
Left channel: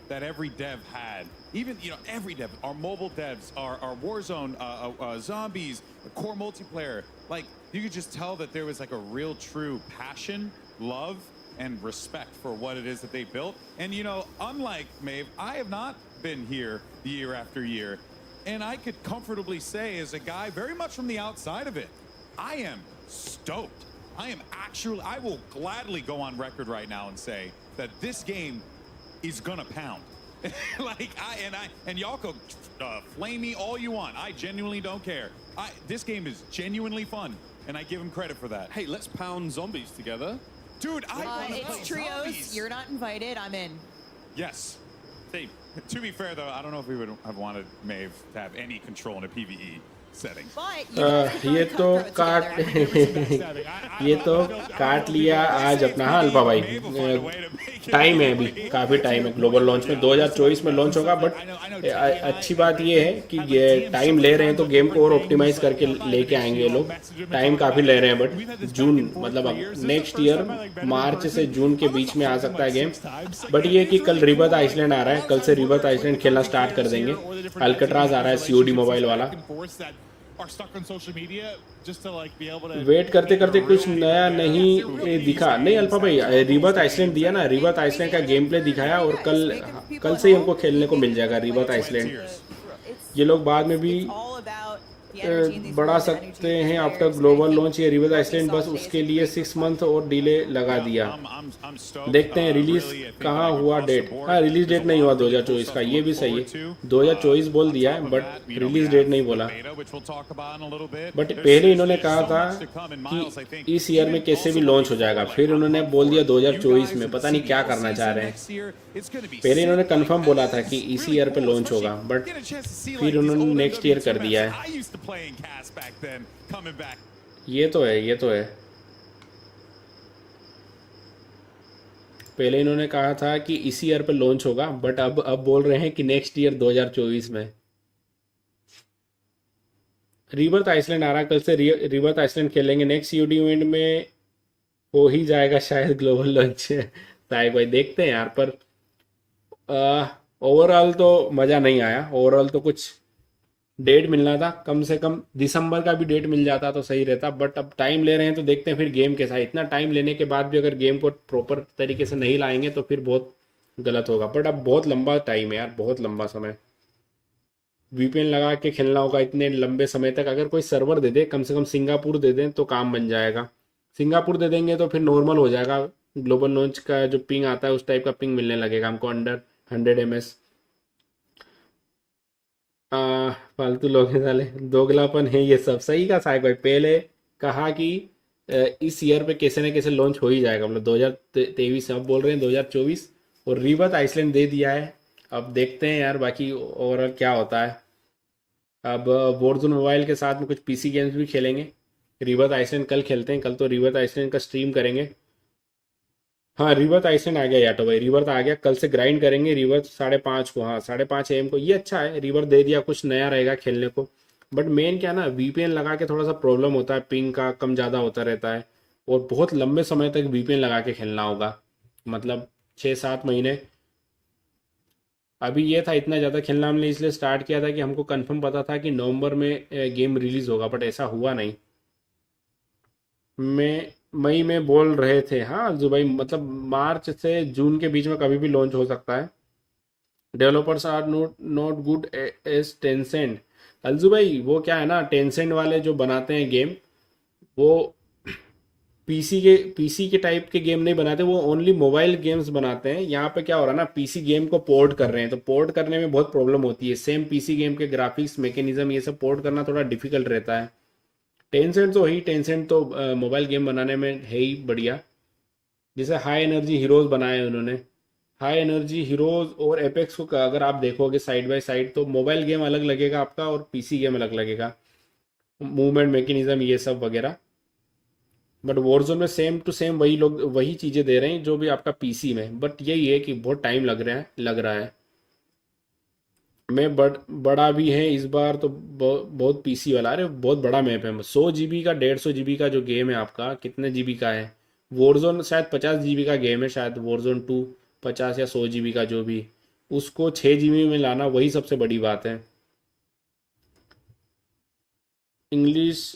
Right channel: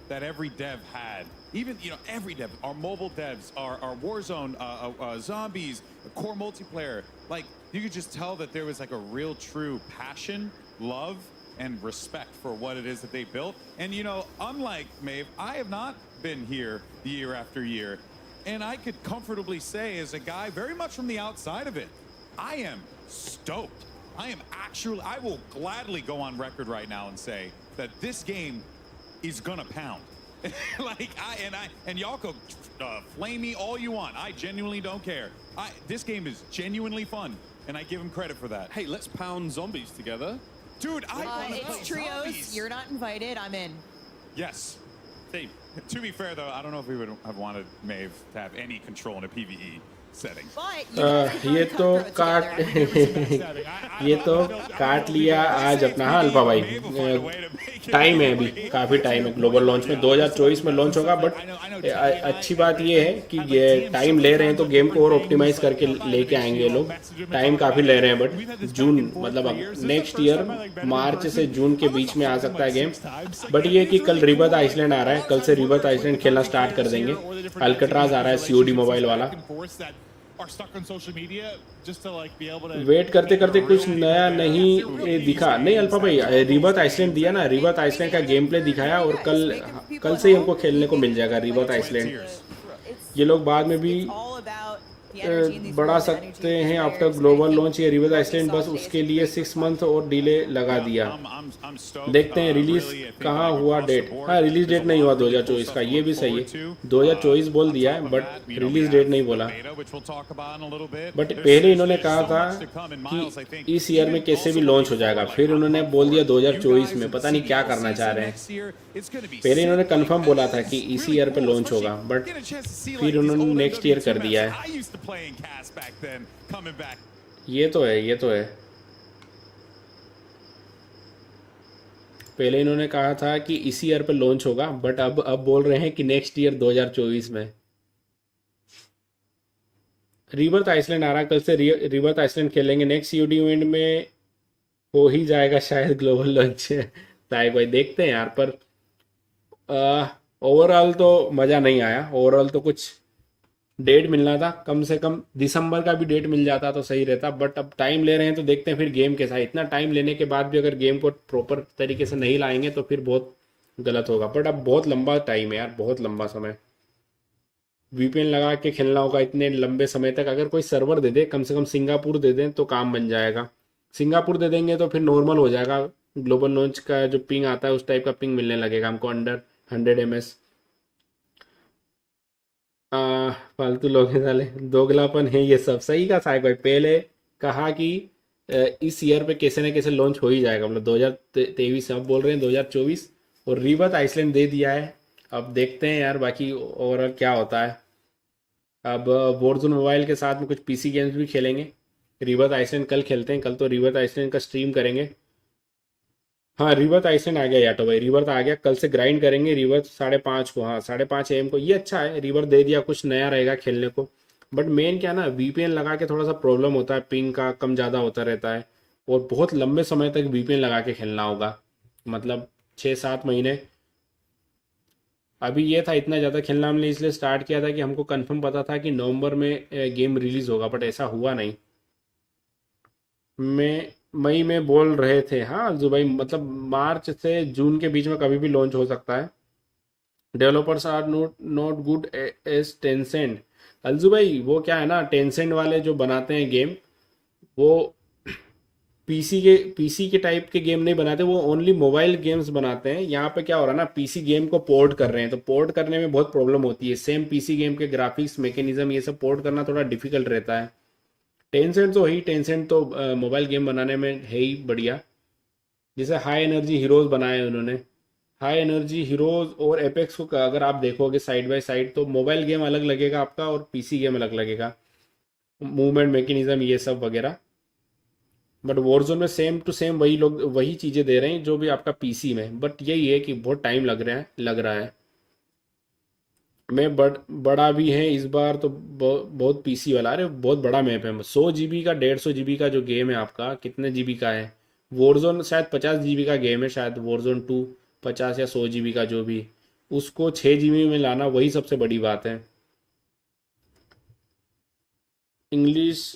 that every dev had. Even, every dev, our mobile devs, our Warzone, zombies, core multiplayer, like, you could just tell that there was like a real true passion, love, and respect for what it is that they built. And, unlike Maeve, I have not been here year after year. And I could comfortably say, as a guy very much from the outside of it, I am stoked. I will gladly go on record right now and say that this game is gonna pound. And y'all could flame me all you want. I genuinely don't care. This game is genuinely fun, and I give him credit for that. Hey, let's pound zombies together. Dude, it's trios. Zombies. You're not invited. I'm in. Yes. Team. To be fair, though, I don't know if we would have wanted Maeve to have any control in a PvE setting. But you guys could run cutthroat together. ये तो काट लिया आज अपना अल्फा भाई। टाइम है अभी, काफी टाइम है। ग्लोबल लॉन्च में 2024 में लॉन्च होगा, बट अच्छी बात ये है कि ये टाइम ले रहे हैं, तो गेम को और ऑप्टिमाइज करके लेके आएंगे ये लोग। टाइम काफी ले रहे हैं, बट जून मतलब नेक्स्ट ईयर मार्च से जून के बीच में आ सकता है गेम। बट ये कि कल रिबर्थ आइसलैंड आ रहा है, कल से रिबर्थ आइसलैंड खेलना स्टार्ट कर देंगे। अल्कट्राज आ रहा है COD मोबाइल वाला। Are stuck on social media just to like be able to wait करते करते कुछ नया नहीं दिखा। नहीं अल्फा भाई, रिबर्थ आइसलैंड दिया ना, रिबर्थ आइसलैंड का गेम प्ले दिखाया, और कल से ही उनको खेलने को मिल जाएगा रिबर्थ आइसलैंड। ये लोग बाद में भी The energy in these बढ़ा rooms, the energy सकते of these हैं आपका players. And I global think launch या रिवर्स what we आइसलैंड, saw बस today is उसके a लिए great 6 मंथ और डिले लगा दिया। I'm stoked. देखते हैं रिलीज Really, I think कहाँ like हुआ across the डेट। board, हाँ, रिलीज there's डेट a नहीं lot हुआ of really cool 2024 stuff का, to ये look भी सही forward है। to. 2024 बोल On दिया top है of but that, we release have date नहीं the बोला। beta, which we'll talk about in a little bit. But There's पहले इन्होंने कहा so था much to come, and Miles, I think, कि इस ईयर में even कैसे भी also लॉन्च हो looking जाएगा, forward, like फिर on उन्होंने Pump बोल दिया Forward, you 2024 guys में, and पता नहीं क्या CDL करना चाह season रहे हैं। next year, it's going to be पहले इन्होंने sick. Like, कंफर्म बोला था कि it's इस really ईयर पे cool, लॉन्च especially होगा, but getting a chance to see फिर like these उन्होंने old नेक्स्ट ईयर MW2 कर दिया maps है। that I used to play in CAS back then coming back. ये तो है, ये तो है। पहले इन्होंने कहा था कि इसी ईयर पे लॉन्च होगा, बट अब बोल रहे हैं कि नेक्स्ट ईयर 2024 में। रिबर्थ आइसलैंड आ रहा, कल से रिबर्थ आइसलैंड खेलेंगे। नेक्स्ट सीओडी इवेंट में हो ही जाएगा शायद ग्लोबल लॉन्च। साहिब भाई देखते हैं यार, पर ओवरऑल तो मज़ा नहीं आया। ओवरऑल तो कुछ डेट मिलना था, कम से कम दिसंबर का भी डेट मिल जाता तो सही रहता, बट अब टाइम ले रहे हैं तो देखते हैं फिर गेम कैसा है। इतना टाइम लेने के बाद भी अगर गेम को प्रॉपर तरीके से नहीं लाएंगे तो फिर बहुत गलत होगा। बट अब बहुत लंबा टाइम है यार, बहुत लंबा समय। वीपीएन लगा के खेलना होगा इतने लंबे समय तक। अगर कोई सर्वर दे दे, कम से कम सिंगापुर दे दें तो काम बन जाएगा। सिंगापुर दे देंगे तो फिर नॉर्मल हो जाएगा। ग्लोबल लॉन्च का जो पिंग आता है उस टाइप का पिंग मिलने लगेगा हमको, अंडर 100 ms। फालतू लोग हैं साले, दोगलापन है ये सब। सही का साहब भाई, पहले कहा कि इस ईयर पे कैसे न कैसे लॉन्च हो ही जाएगा, मतलब 2023 से। अब बोल रहे हैं 2024, और रिबर्थ आइसलैंड दे दिया है। अब देखते हैं यार बाकी ओवरऑल क्या होता है। अब वॉरज़ोन मोबाइल के साथ में कुछ पीसी गेम्स भी खेलेंगे। रिबर्थ आइसलैंड कल खेलते हैं, कल तो रिबर्थ आइसलैंड का स्ट्रीम करेंगे। हाँ, रिबर्थ आइसलैंड आ गया यार, तो भाई रिबर्थ आ गया, कल से ग्राइंड करेंगे रिबर्थ 5:30 को। हाँ, 5:30 AM को। ये अच्छा है, रिबर्थ दे दिया, कुछ नया रहेगा खेलने को। बट मेन क्या ना, वीपीएन लगा के थोड़ा सा प्रॉब्लम होता है, पिंग का कम ज़्यादा होता रहता है, और बहुत लंबे समय तक वीपीएन लगा के खेलना होगा, मतलब 6-7 महीने। अभी ये था, इतना ज़्यादा खेलना हमने इसलिए स्टार्ट किया था कि हमको कंफर्म पता था कि नवंबर में गेम रिलीज़ होगा, बट ऐसा हुआ नहीं। मई में बोल रहे थे। हाँ जो भाई, मतलब मार्च से जून के बीच में कभी भी लॉन्च हो सकता है। Developers are not good as Tencent. अलजू भाई, वो क्या है ना, टेंसेंट वाले जो बनाते हैं गेम, वो पीसी के टाइप के गेम नहीं बनाते, वो ओनली मोबाइल गेम्स बनाते हैं। यहाँ पे क्या हो रहा है ना, पीसी गेम को पोर्ट कर रहे हैं, तो पोर्ट करने में बहुत प्रॉब्लम होती है। सेम पीसी गेम के ग्राफिक्स, मैकेनिज्म, ये सब पोर्ट करना थोड़ा डिफिकल्ट रहता है। टेंसेंट तो मोबाइल गेम बनाने में है ही बढ़िया। जैसे हाई एनर्जी हीरोज बनाए उन्होंने। हाई एनर्जी हीरोज और एपेक्स को अगर आप देखोगे साइड बाय साइड, तो मोबाइल गेम अलग लगेगा आपका और पीसी गेम अलग लगेगा, मूवमेंट मैकेनिज्म ये सब वगैरह। बट वॉरजोन में सेम टू सेम वही लोग वही चीज़ें दे रहे हैं जो भी आपका पीसी में। बट यही है कि बहुत टाइम लग रहा है। मैं बड़ा भी है इस बार तो, बहुत पीसी वाला। अरे बहुत बड़ा मैप है, 100 GB का, 150 GB का जो गेम है आपका, कितने जीबी का है। वॉरजोन शायद 50 GB का गेम है, शायद वॉरजोन 2 50 या 100 GB का, जो भी, उसको 6 GB में लाना वही सबसे बड़ी बात है। इंग्लिश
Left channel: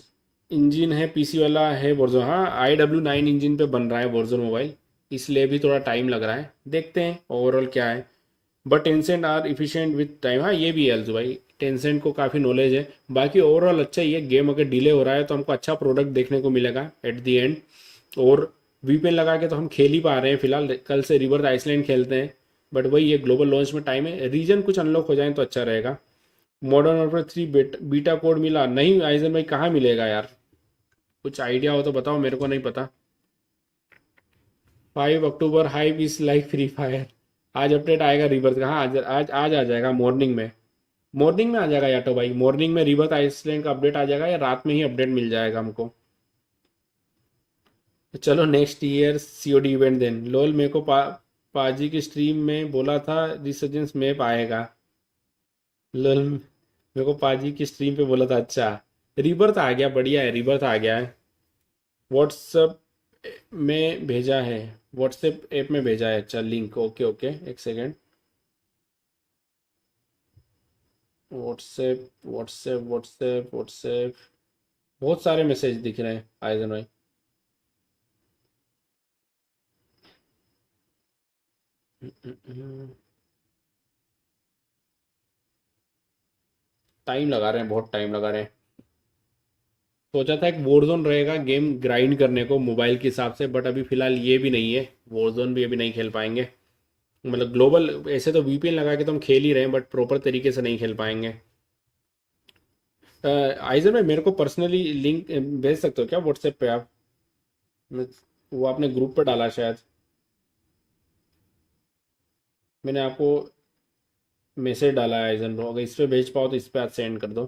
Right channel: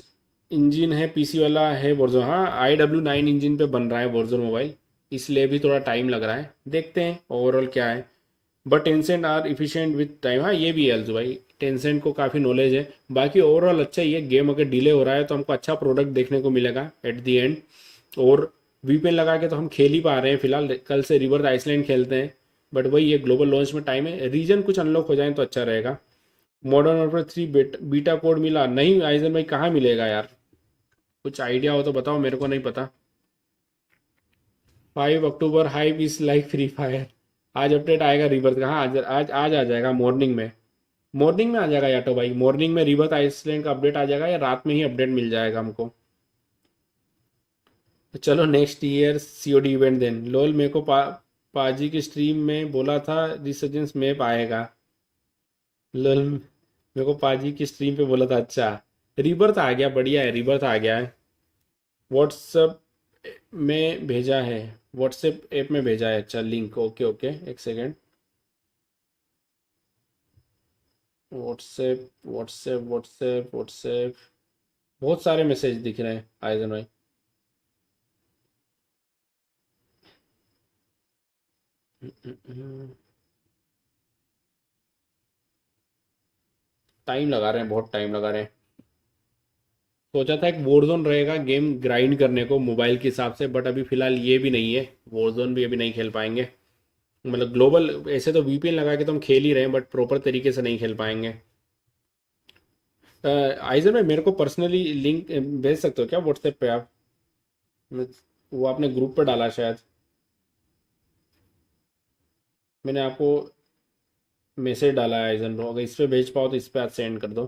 इंजन है पीसी वाला है वॉरजोन। हाँ, IW9 इंजन पे बन रहा है वॉरजोन मोबाइल, इसलिए भी थोड़ा टाइम लग रहा है। देखते हैं ओवरऑल क्या है। But Tencent are efficient with time. हाँ, ये भी है अलजू भाई, टेंसेंट को काफ़ी नॉलेज है। बाकी ओवरऑल अच्छा ही है। गेम अगर डिले हो रहा है तो हमको अच्छा प्रोडक्ट देखने को मिलेगा एट दी एंड। और वीपीएन लगा के तो हम खेल ही पा रहे हैं फिलहाल। कल से रिबर्थ आइसलैंड खेलते हैं, बट वही ये ग्लोबल लॉन्च में टाइम है। रीजन कुछ अनलॉक हो जाए तो अच्छा रहेगा। मॉडर्न वॉरफेयर 3 बीटा कोड मिला नहीं आइजन भाई? कहाँ मिलेगा यार, कुछ आइडिया हो तो बताओ, मेरे को नहीं पता। 5 अक्टूबर hype is like free fire. आज अपडेट आएगा रिबर्थ का। हाँ, आज आ जाएगा मॉर्निंग में। मॉर्निंग में आ जाएगा या तो भाई, मॉर्निंग में रिबर्थ आइसलैंड का अपडेट आ जाएगा, या रात में ही अपडेट मिल जाएगा हमको। चलो next year COD event then. Lol, मेरे को पाजी की स्ट्रीम में बोला था रिसर्जेंस मैप आएगा। लोल, मेरे को पाजी की स्ट्रीम पे बोला था। अच्छा, रिबर्थ आ गया, बढ़िया है, रिबर्थ आ गया है। व्हाट्सएप में भेजा है, व्हाट्सएप ऐप में भेजा है। अच्छा, लिंक, ओके ओके, एक second. WhatsApp WhatsApp WhatsApp WhatsApp, बहुत सारे मैसेज दिख रहे हैं आइजन भाई। टाइम लगा रहे हैं, बहुत टाइम लगा रहे हैं। सोचा था एक वॉरजोन रहेगा गेम ग्राइंड करने को मोबाइल के हिसाब से, बट अभी फिलहाल ये भी नहीं है, वॉरजोन भी अभी नहीं खेल पाएंगे। मतलब ग्लोबल ऐसे तो वीपीएन लगा के तो हम खेल ही रहे हैं, बट प्रॉपर तरीके से नहीं खेल पाएंगे। आइजर भाई मेरे को पर्सनली लिंक भेज सकते हो क्या व्हाट्सएप पे आप? वो आपने ग्रुप पे डाला शायद, मैंने आपको मैसेज डाला है आइजन ब्रो, अगर इस पे भेज पाओ तो इस पे आप सेंड कर दो।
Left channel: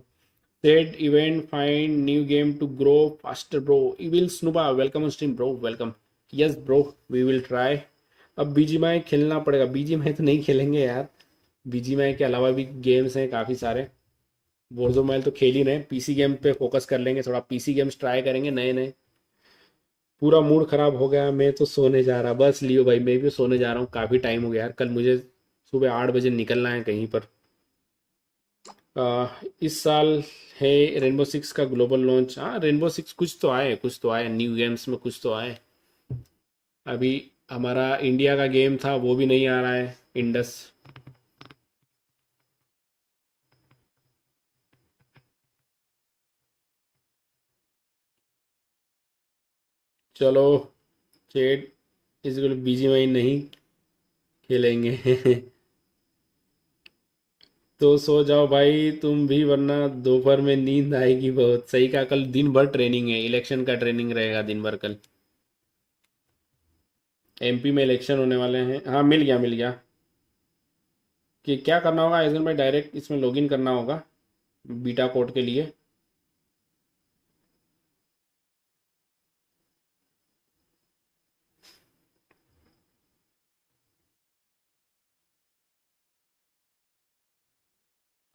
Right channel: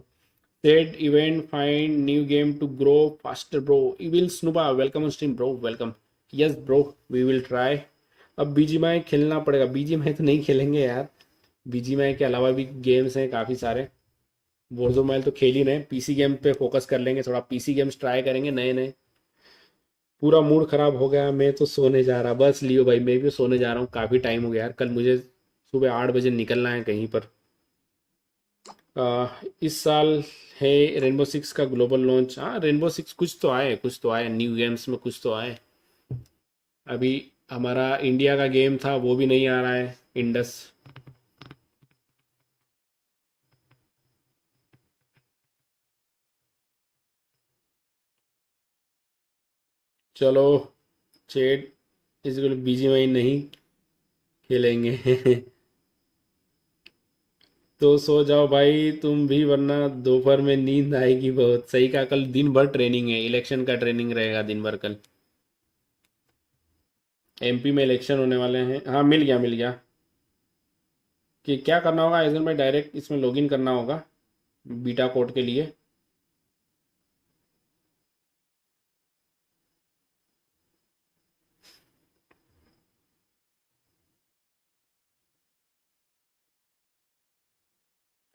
Set event find new game to grow faster bro. Evil snooba welcome on stream bro, welcome. Yes bro we will try. अब बीजीएमआई खेलना पड़ेगा, बीजीएमआई तो नहीं खेलेंगे यार, बीजीएमआई के अलावा भी गेम्स हैं काफ़ी सारे। वॉरज़ोन मोबाइल तो खेल ही रहे हैं, पीसी गेम पे फोकस कर लेंगे, थोड़ा पीसी गेम्स ट्राई करेंगे नए नए। पूरा मूड खराब हो गया, मैं तो सोने जा रहा, बस लियो भाई मैं भी सोने जा रहा हूँ, काफ़ी टाइम हो गया यार, कल मुझे सुबह 8 बजे निकलना है कहीं पर। इस साल है रेनबो सिक्स का ग्लोबल लॉन्च। हाँ रेनबो सिक्स कुछ तो आए, कुछ तो आए न्यू गेम्स में, कुछ तो आए। अभी हमारा इंडिया का गेम था वो भी नहीं आ रहा है, इंडस। चलो चेट इस बीजीएमआई नहीं खेलेंगे। तो सो जाओ भाई तुम भी, वरना दोपहर में नींद आएगी बहुत। सही कहा, कल दिन भर ट्रेनिंग है, इलेक्शन का ट्रेनिंग रहेगा दिन भर कल। एमपी में इलेक्शन होने वाले हैं। हाँ मिल गया मिल गया। कि क्या करना होगा आइजन भाई, डायरेक्ट इसमें लॉगिन करना होगा बीटा कोड के लिए।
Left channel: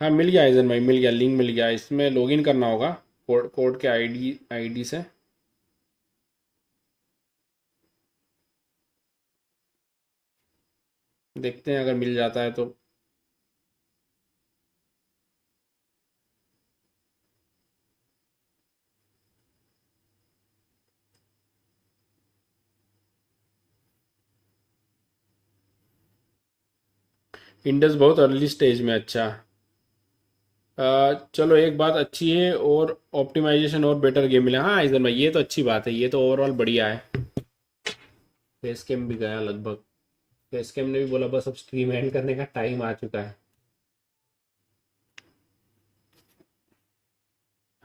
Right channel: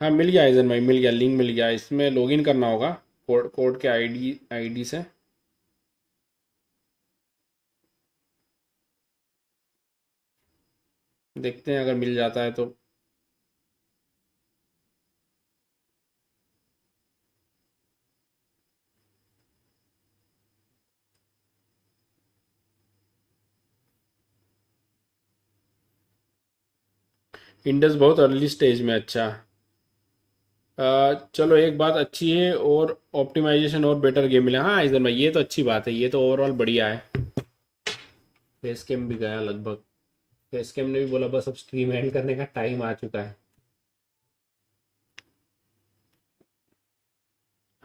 हाँ मिल गया आइजन भाई, मिल गया, लिंक मिल गया, इसमें लॉगिन करना होगा कोड कोड के आईडी से। देखते हैं अगर मिल जाता है तो। इंडस बहुत अर्ली स्टेज में, अच्छा। चलो एक बात अच्छी है, और ऑप्टिमाइजेशन और बेटर गेम मिला। हाँ आइजन भाई ये तो अच्छी बात है, ये तो ओवरऑल बढ़िया है। फेस कैम भी गया लगभग, फेस कैम ने भी बोला बस अब स्ट्रीम एंड करने का टाइम आ चुका है।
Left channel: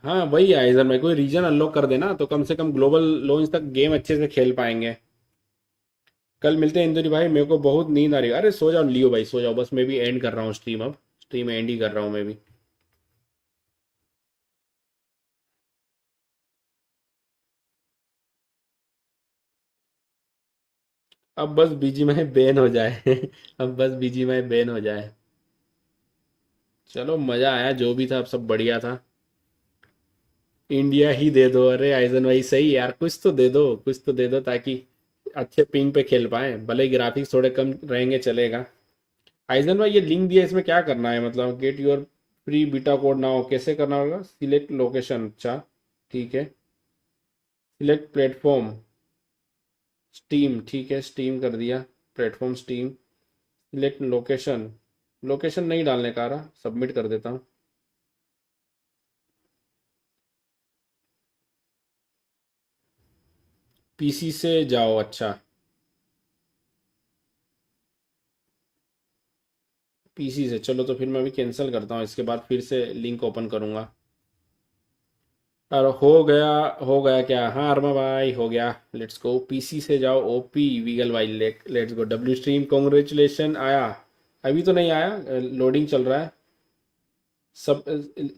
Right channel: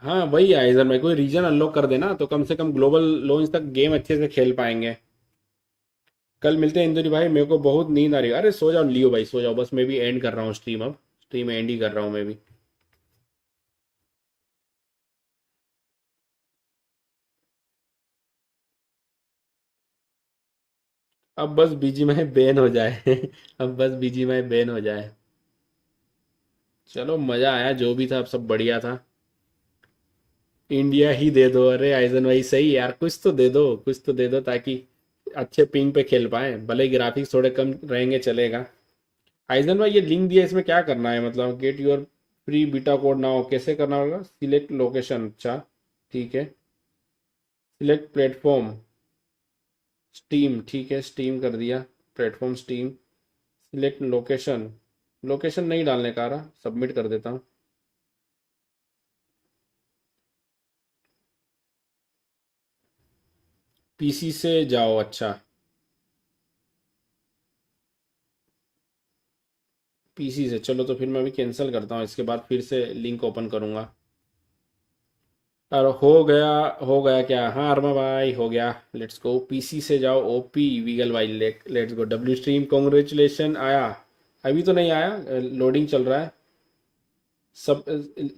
हाँ वही आइजन भाई, कोई रीजन अनलॉक कर देना तो कम से कम ग्लोबल लॉन्च तक गेम अच्छे से खेल पाएंगे। कल मिलते हैं इंदुरी भाई, मेरे को बहुत नींद आ रही है। अरे सो जाओ लियो भाई, सो जाओ, बस मैं भी एंड कर रहा हूँ स्ट्रीम, अब स्ट्रीम एंड ही कर रहा हूँ मैं भी। अब बस बीजीएमआई बैन हो जाए। अब बस बीजीएमआई बैन हो जाए। चलो मजा आया जो भी था, अब सब बढ़िया था। इंडिया ही दे दो। अरे आइजन भाई सही यार, कुछ तो दे दो, कुछ तो दे दो ताकि अच्छे पिंग पे खेल पाए, भले ही ग्राफिक्स थोड़े कम रहेंगे चलेगा। आइजन भाई ये लिंक दिया, इसमें क्या करना है, मतलब get your free beta code now कैसे करना होगा? सिलेक्ट लोकेशन, अच्छा ठीक है। सिलेक्ट प्लेटफॉर्म स्टीम, ठीक है स्टीम कर दिया, platform steam. Select location, location नहीं डालने का रहा, सबमिट कर देता हूँ। पीसी से जाओ, अच्छा पीसी से, चलो तो फिर मैं अभी कैंसिल करता हूँ, इसके बाद फिर से लिंक ओपन करूँगा। और हो गया क्या? हाँ अरमा भाई हो गया, लेट्स गो। पीसी से जाओ, ओपी वीगल भाई, let's go. W stream congratulation आया? अभी तो नहीं आया, लोडिंग चल रहा है। सब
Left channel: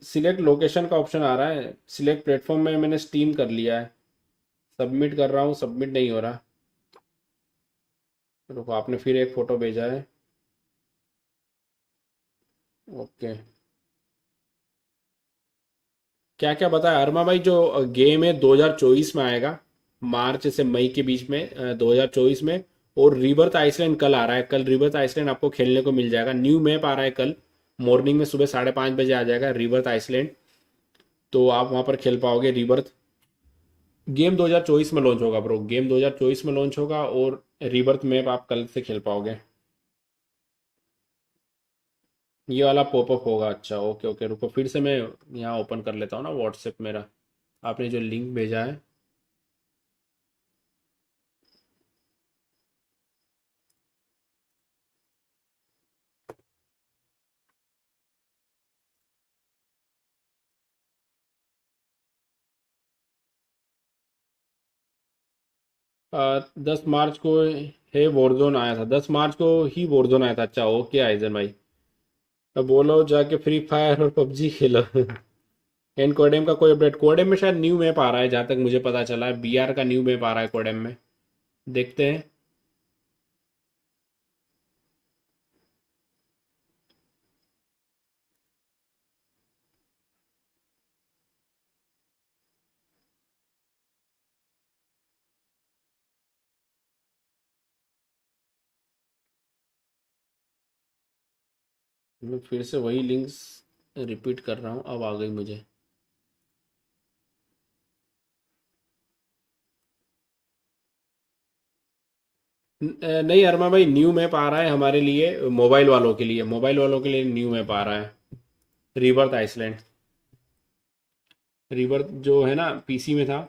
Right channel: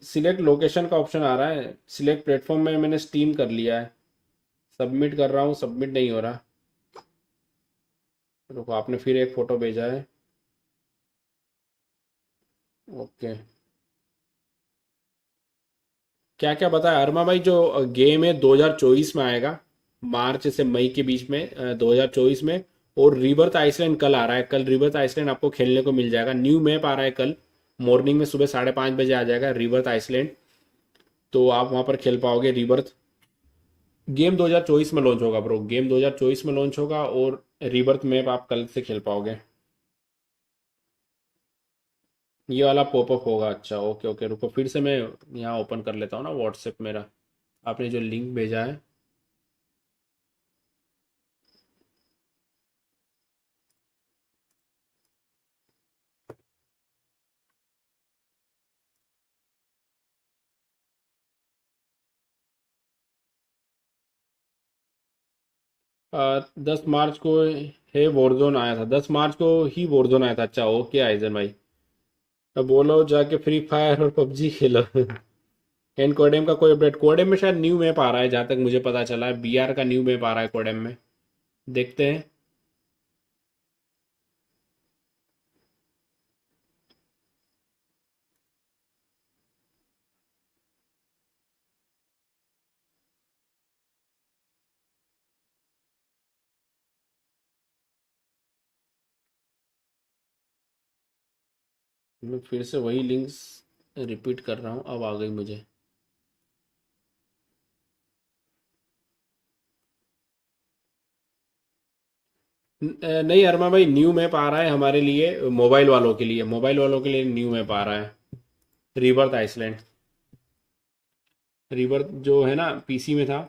सिलेक्ट लोकेशन का ऑप्शन आ रहा है, सिलेक्ट प्लेटफॉर्म में मैंने स्टीम कर लिया है, सबमिट कर रहा हूँ, सबमिट नहीं हो रहा। रुको आपने फिर एक फ़ोटो भेजा है, ओके। क्या क्या बताया अरमा भाई? जो गेम है 2024 में आएगा, मार्च से मई के बीच में, 2024 में। और रिबर्थ आइसलैंड कल आ रहा है, कल रिबर्थ आइसलैंड आपको खेलने को मिल जाएगा। न्यू मैप आ रहा है कल मॉर्निंग में, सुबह 5:30 बजे आ जाएगा रिबर्थ आइसलैंड, तो आप वहाँ पर खेल पाओगे रिबर्थ। गेम 2024 में लॉन्च होगा ब्रो, गेम 2024 में लॉन्च होगा, और रिबर्थ मैप आप कल से खेल पाओगे। ये वाला पॉपअप होगा, अच्छा ओके ओके। रुको फिर से मैं यहाँ ओपन कर लेता हूँ ना व्हाट्सएप मेरा। आपने जो लिंक भेजा है। आ, 10 मार्च को है वॉरजोन आया था, 10 मार्च को ही वॉरजोन आया था। अच्छा ओके आइजन भाई, तो बोलो जाके फ्री फायर और पबजी खेलो। एन कोडेम का कोई अपडेट? कोडेम में शायद न्यू मैप आ रहा है, जहाँ तक मुझे पता चला है बीआर का न्यू मैप आ रहा है कोडेम में, देखते हैं। मैं फिर से वही लिंक्स रिपीट कर रहा हूँ, अब आ गई मुझे। नहीं अरमा भाई, न्यू मैप आ रहा है हमारे लिए, मोबाइल वालों के लिए, मोबाइल वालों के लिए न्यू मैप आ रहा है, रिबर्थ आइसलैंड। रिबर्थ जो है ना पीसी में था।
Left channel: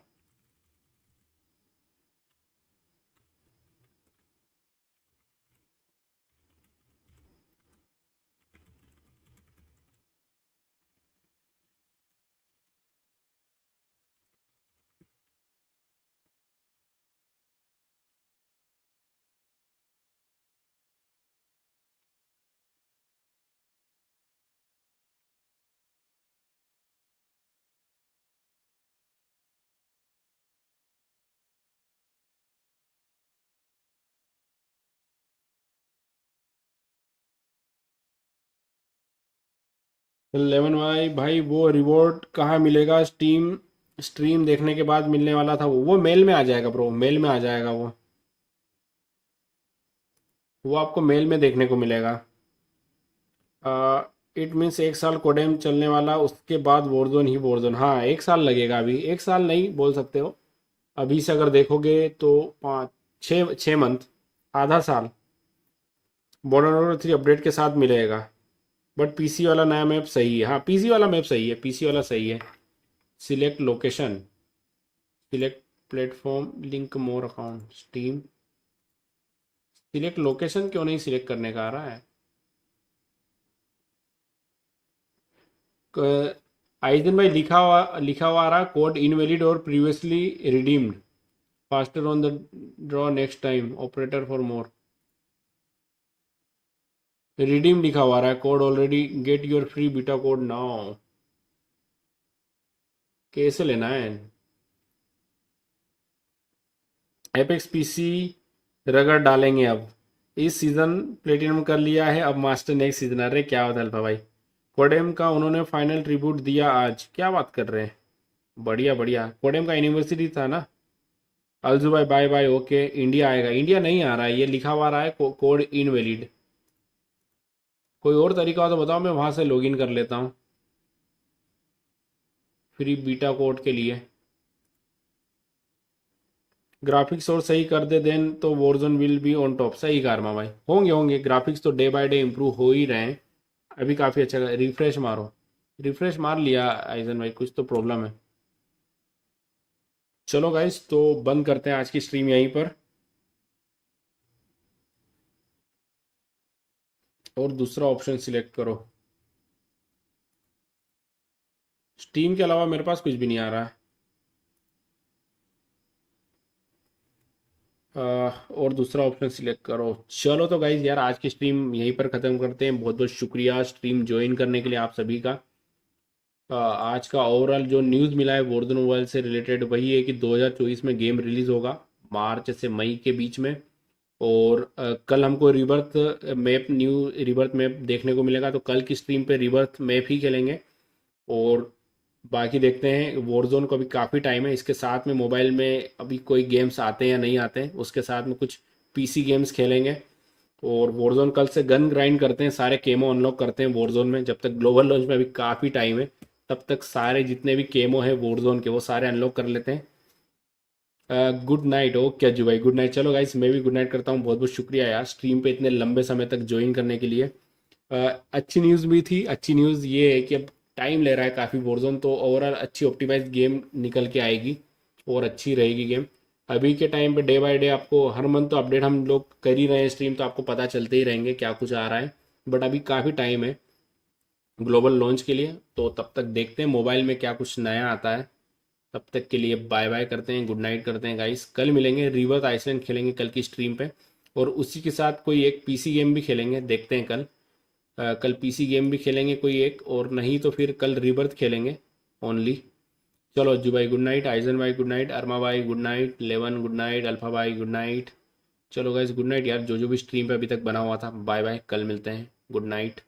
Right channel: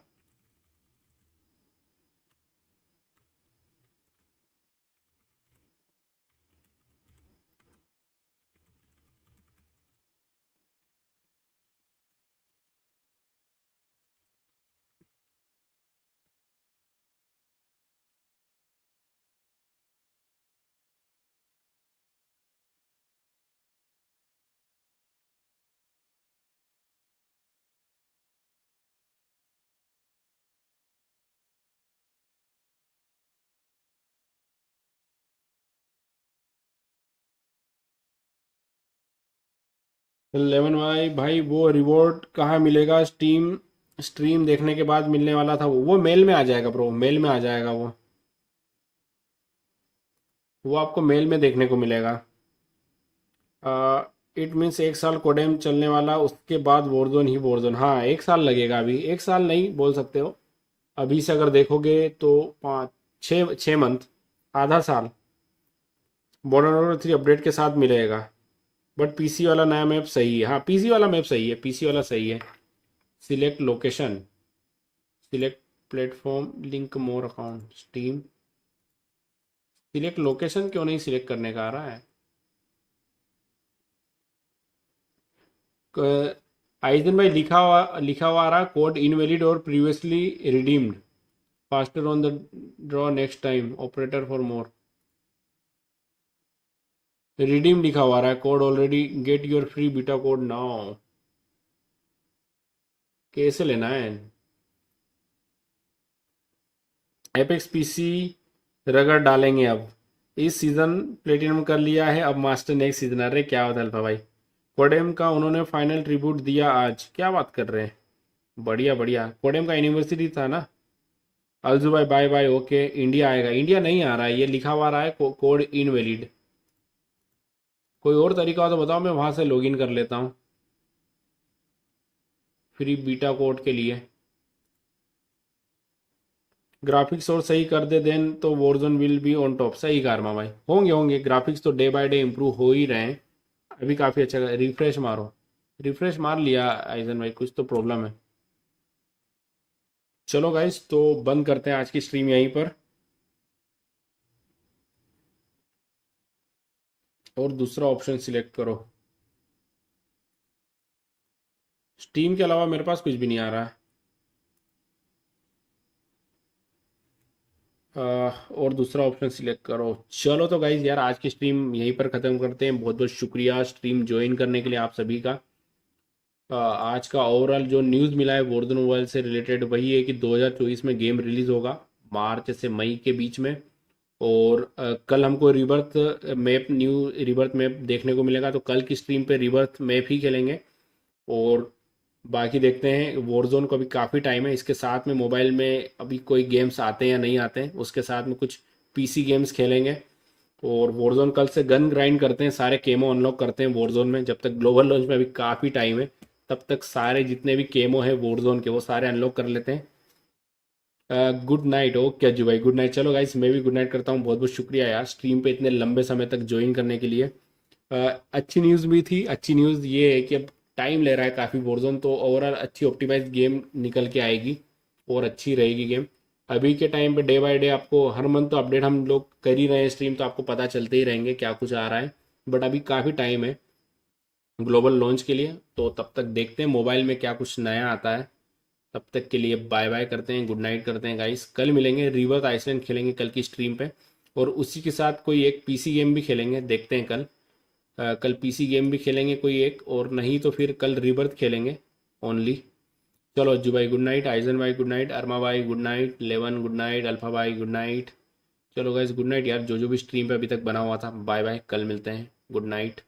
11 भाई, भाई वो रिवॉर्ड कहाँ मिलेगा? स्ट्रीम देखने के बाद मिलने वाला था, वो मेल में आ जाएगा ब्रो, मेल में आ जाएगा वो आपको मेल में देखने को मिलेगा। इट मीन्स 1 साल कोडेम चलने वाला, उसके बाद वॉरजोन ही वॉरजोन। हाँ 1 साल लगेगा, अभी 1 साल नहीं बोल सकते हो, अभी से अगर देखोगे तो 5 6 6 मंथ, आधा साल मॉडर्न वॉरफेयर 3 अपडेट के साथ मिलेगा। बट पीसी वाला नया मैप सही है, हाँ पीसी वाला मैप सही है, पीसी वाला सही है। Select location, select platform, link more account, steam. Select location क्यों नहीं सिलेक्ट करने का आ रहा है? आइजन भाई लिखा हुआ आ रहा, कोड इनवैलिड और previously redeemed, faster on the draw next time, operator for more. Redeem लिखा हुआ रहा है, code already, get your free beta code now. कैसे लेना है? एपेक्स पीसी रगड़ डालेंगे अब, इस सीजन प्लेटिनम कर लिया है, अब मास्टर नेक्स्ट सीजन। अरे क्या होता है भाई, कोडेम का उन्होंने फाइनल ट्रिब्यूट दिया आज, क्या बात कर रहे हैं? बढ़िया बढ़िया, कोडेम का यूनिवर्सिटी था ना। अलजू भाई बाय बाय, ओके। इंडिया आएगा? इंडिया नहीं आ रहा है, ये लिखा हुआ रहा है कोड इनवैलिड। कोई और तरीका हो तो बताओ, मैं वहां से लॉगिन कर लेता हूँ फ्री बीटा कोड के लिए। ग्राफिक्स और सही कर दे देन तो Warzone will be on top. सही कारमा भाई, होंगे होंगे ग्राफिक्स तो डे बाय डे इम्प्रूव हो ही रहे हैं, अभी काफ़ी अच्छा। रिफ्रेश मारो, रिफ्रेश मार लिया आइजन भाई, कुछ तो प्रॉब्लम है। चलो गाइस, तो बंद करते हैं आज की स्ट्रीम यहीं पर, और दूसरा ऑप्शन सिलेक्ट करो। स्टीम के अलावा मेरे पास कुछ भी नहीं आ रहा है। और दूसरा ऑप्शन सिलेक्ट करो। चलो तो गाइज यार, आज की स्ट्रीम यहीं पर ख़त्म करते हैं। बहुत बहुत शुक्रिया स्ट्रीम ज्वाइन करने के लिए आप सभी का। आज का ओवरऑल जो न्यूज़ मिला है वॉरजोन मोबाइल से रिलेटेड, वही है कि 2024 में गेम रिलीज़ होगा, मार्च से मई के बीच में। और कल हमको rebirth map, new rebirth map देखने को मिलेगा, तो कल की स्ट्रीम पे रिबर्थ मैप ही खेलेंगे। और बाकी देखते हैं, वॉरजोन को अभी काफ़ी टाइम है, इसके साथ में मोबाइल में अभी कोई गेम्स आते हैं या नहीं आते हैं, उसके साथ में कुछ पीसी गेम्स खेलेंगे। और वॉरजोन कल से गन ग्राइंड करते हैं, सारे केमो अनलॉक करते हैं वॉरजोन में, जब तक ग्लोबल लॉन्च में अभी काफ़ी टाइम है, तब तक सारे जितने भी केमो है वॉरजोन के वो सारे अनलॉक कर लेते हैं। Good night. ओके अज्जू भाई, गुड नाइट। चलो गाइस, मैं भी गुड नाइट करता हूँ। बहुत बहुत शुक्रिया यार स्ट्रीम पे इतने लंबे समय तक ज्वाइन करने के लिए। अच्छी न्यूज़ भी थी, अच्छी न्यूज़ ये है कि अब टाइम ले रहा है काफ़ी वॉरजोन, तो ओवरऑल अच्छी ऑप्टिमाइज गेम निकल के आएगी और अच्छी रहेगी गेम। अभी के टाइम पे डे बाय डे आपको हर मंथ तो अपडेट हम लोग कर ही रहे हैं स्ट्रीम, तो आपको पता चलते ही रहेंगे क्या कुछ आ रहा है, बट अभी काफ़ी टाइम है ग्लोबल लॉन्च के लिए, तो तब तक देखते हैं मोबाइल में क्या कुछ नया आता है। तब तक के लिए बाय बाय करते हैं, गुड नाइट करते हैं गाइस। कल मिलेंगे, रिवर्स आइसलैंड खेलेंगे कल की स्ट्रीम पे, और उसी के साथ कोई एक पीसी गेम भी खेलेंगे, देखते हैं कल। कल पीसी गेम भी खेलेंगे कोई एक, और नहीं तो फिर कल रिबर्थ खेलेंगे ओनली। चलो अज्जू भाई गुड नाइट, आइजन भाई गुड नाइट, अरमा भाई गुड नाइट, लेवन गुड नाइट, अल्फा भाई गुड नाइट। चलो गाइस गुड नाइट यार, जो भी स्ट्रीम पे अभी तक बना हुआ था, बाय बाय, कल मिलते हैं, गुड नाइट।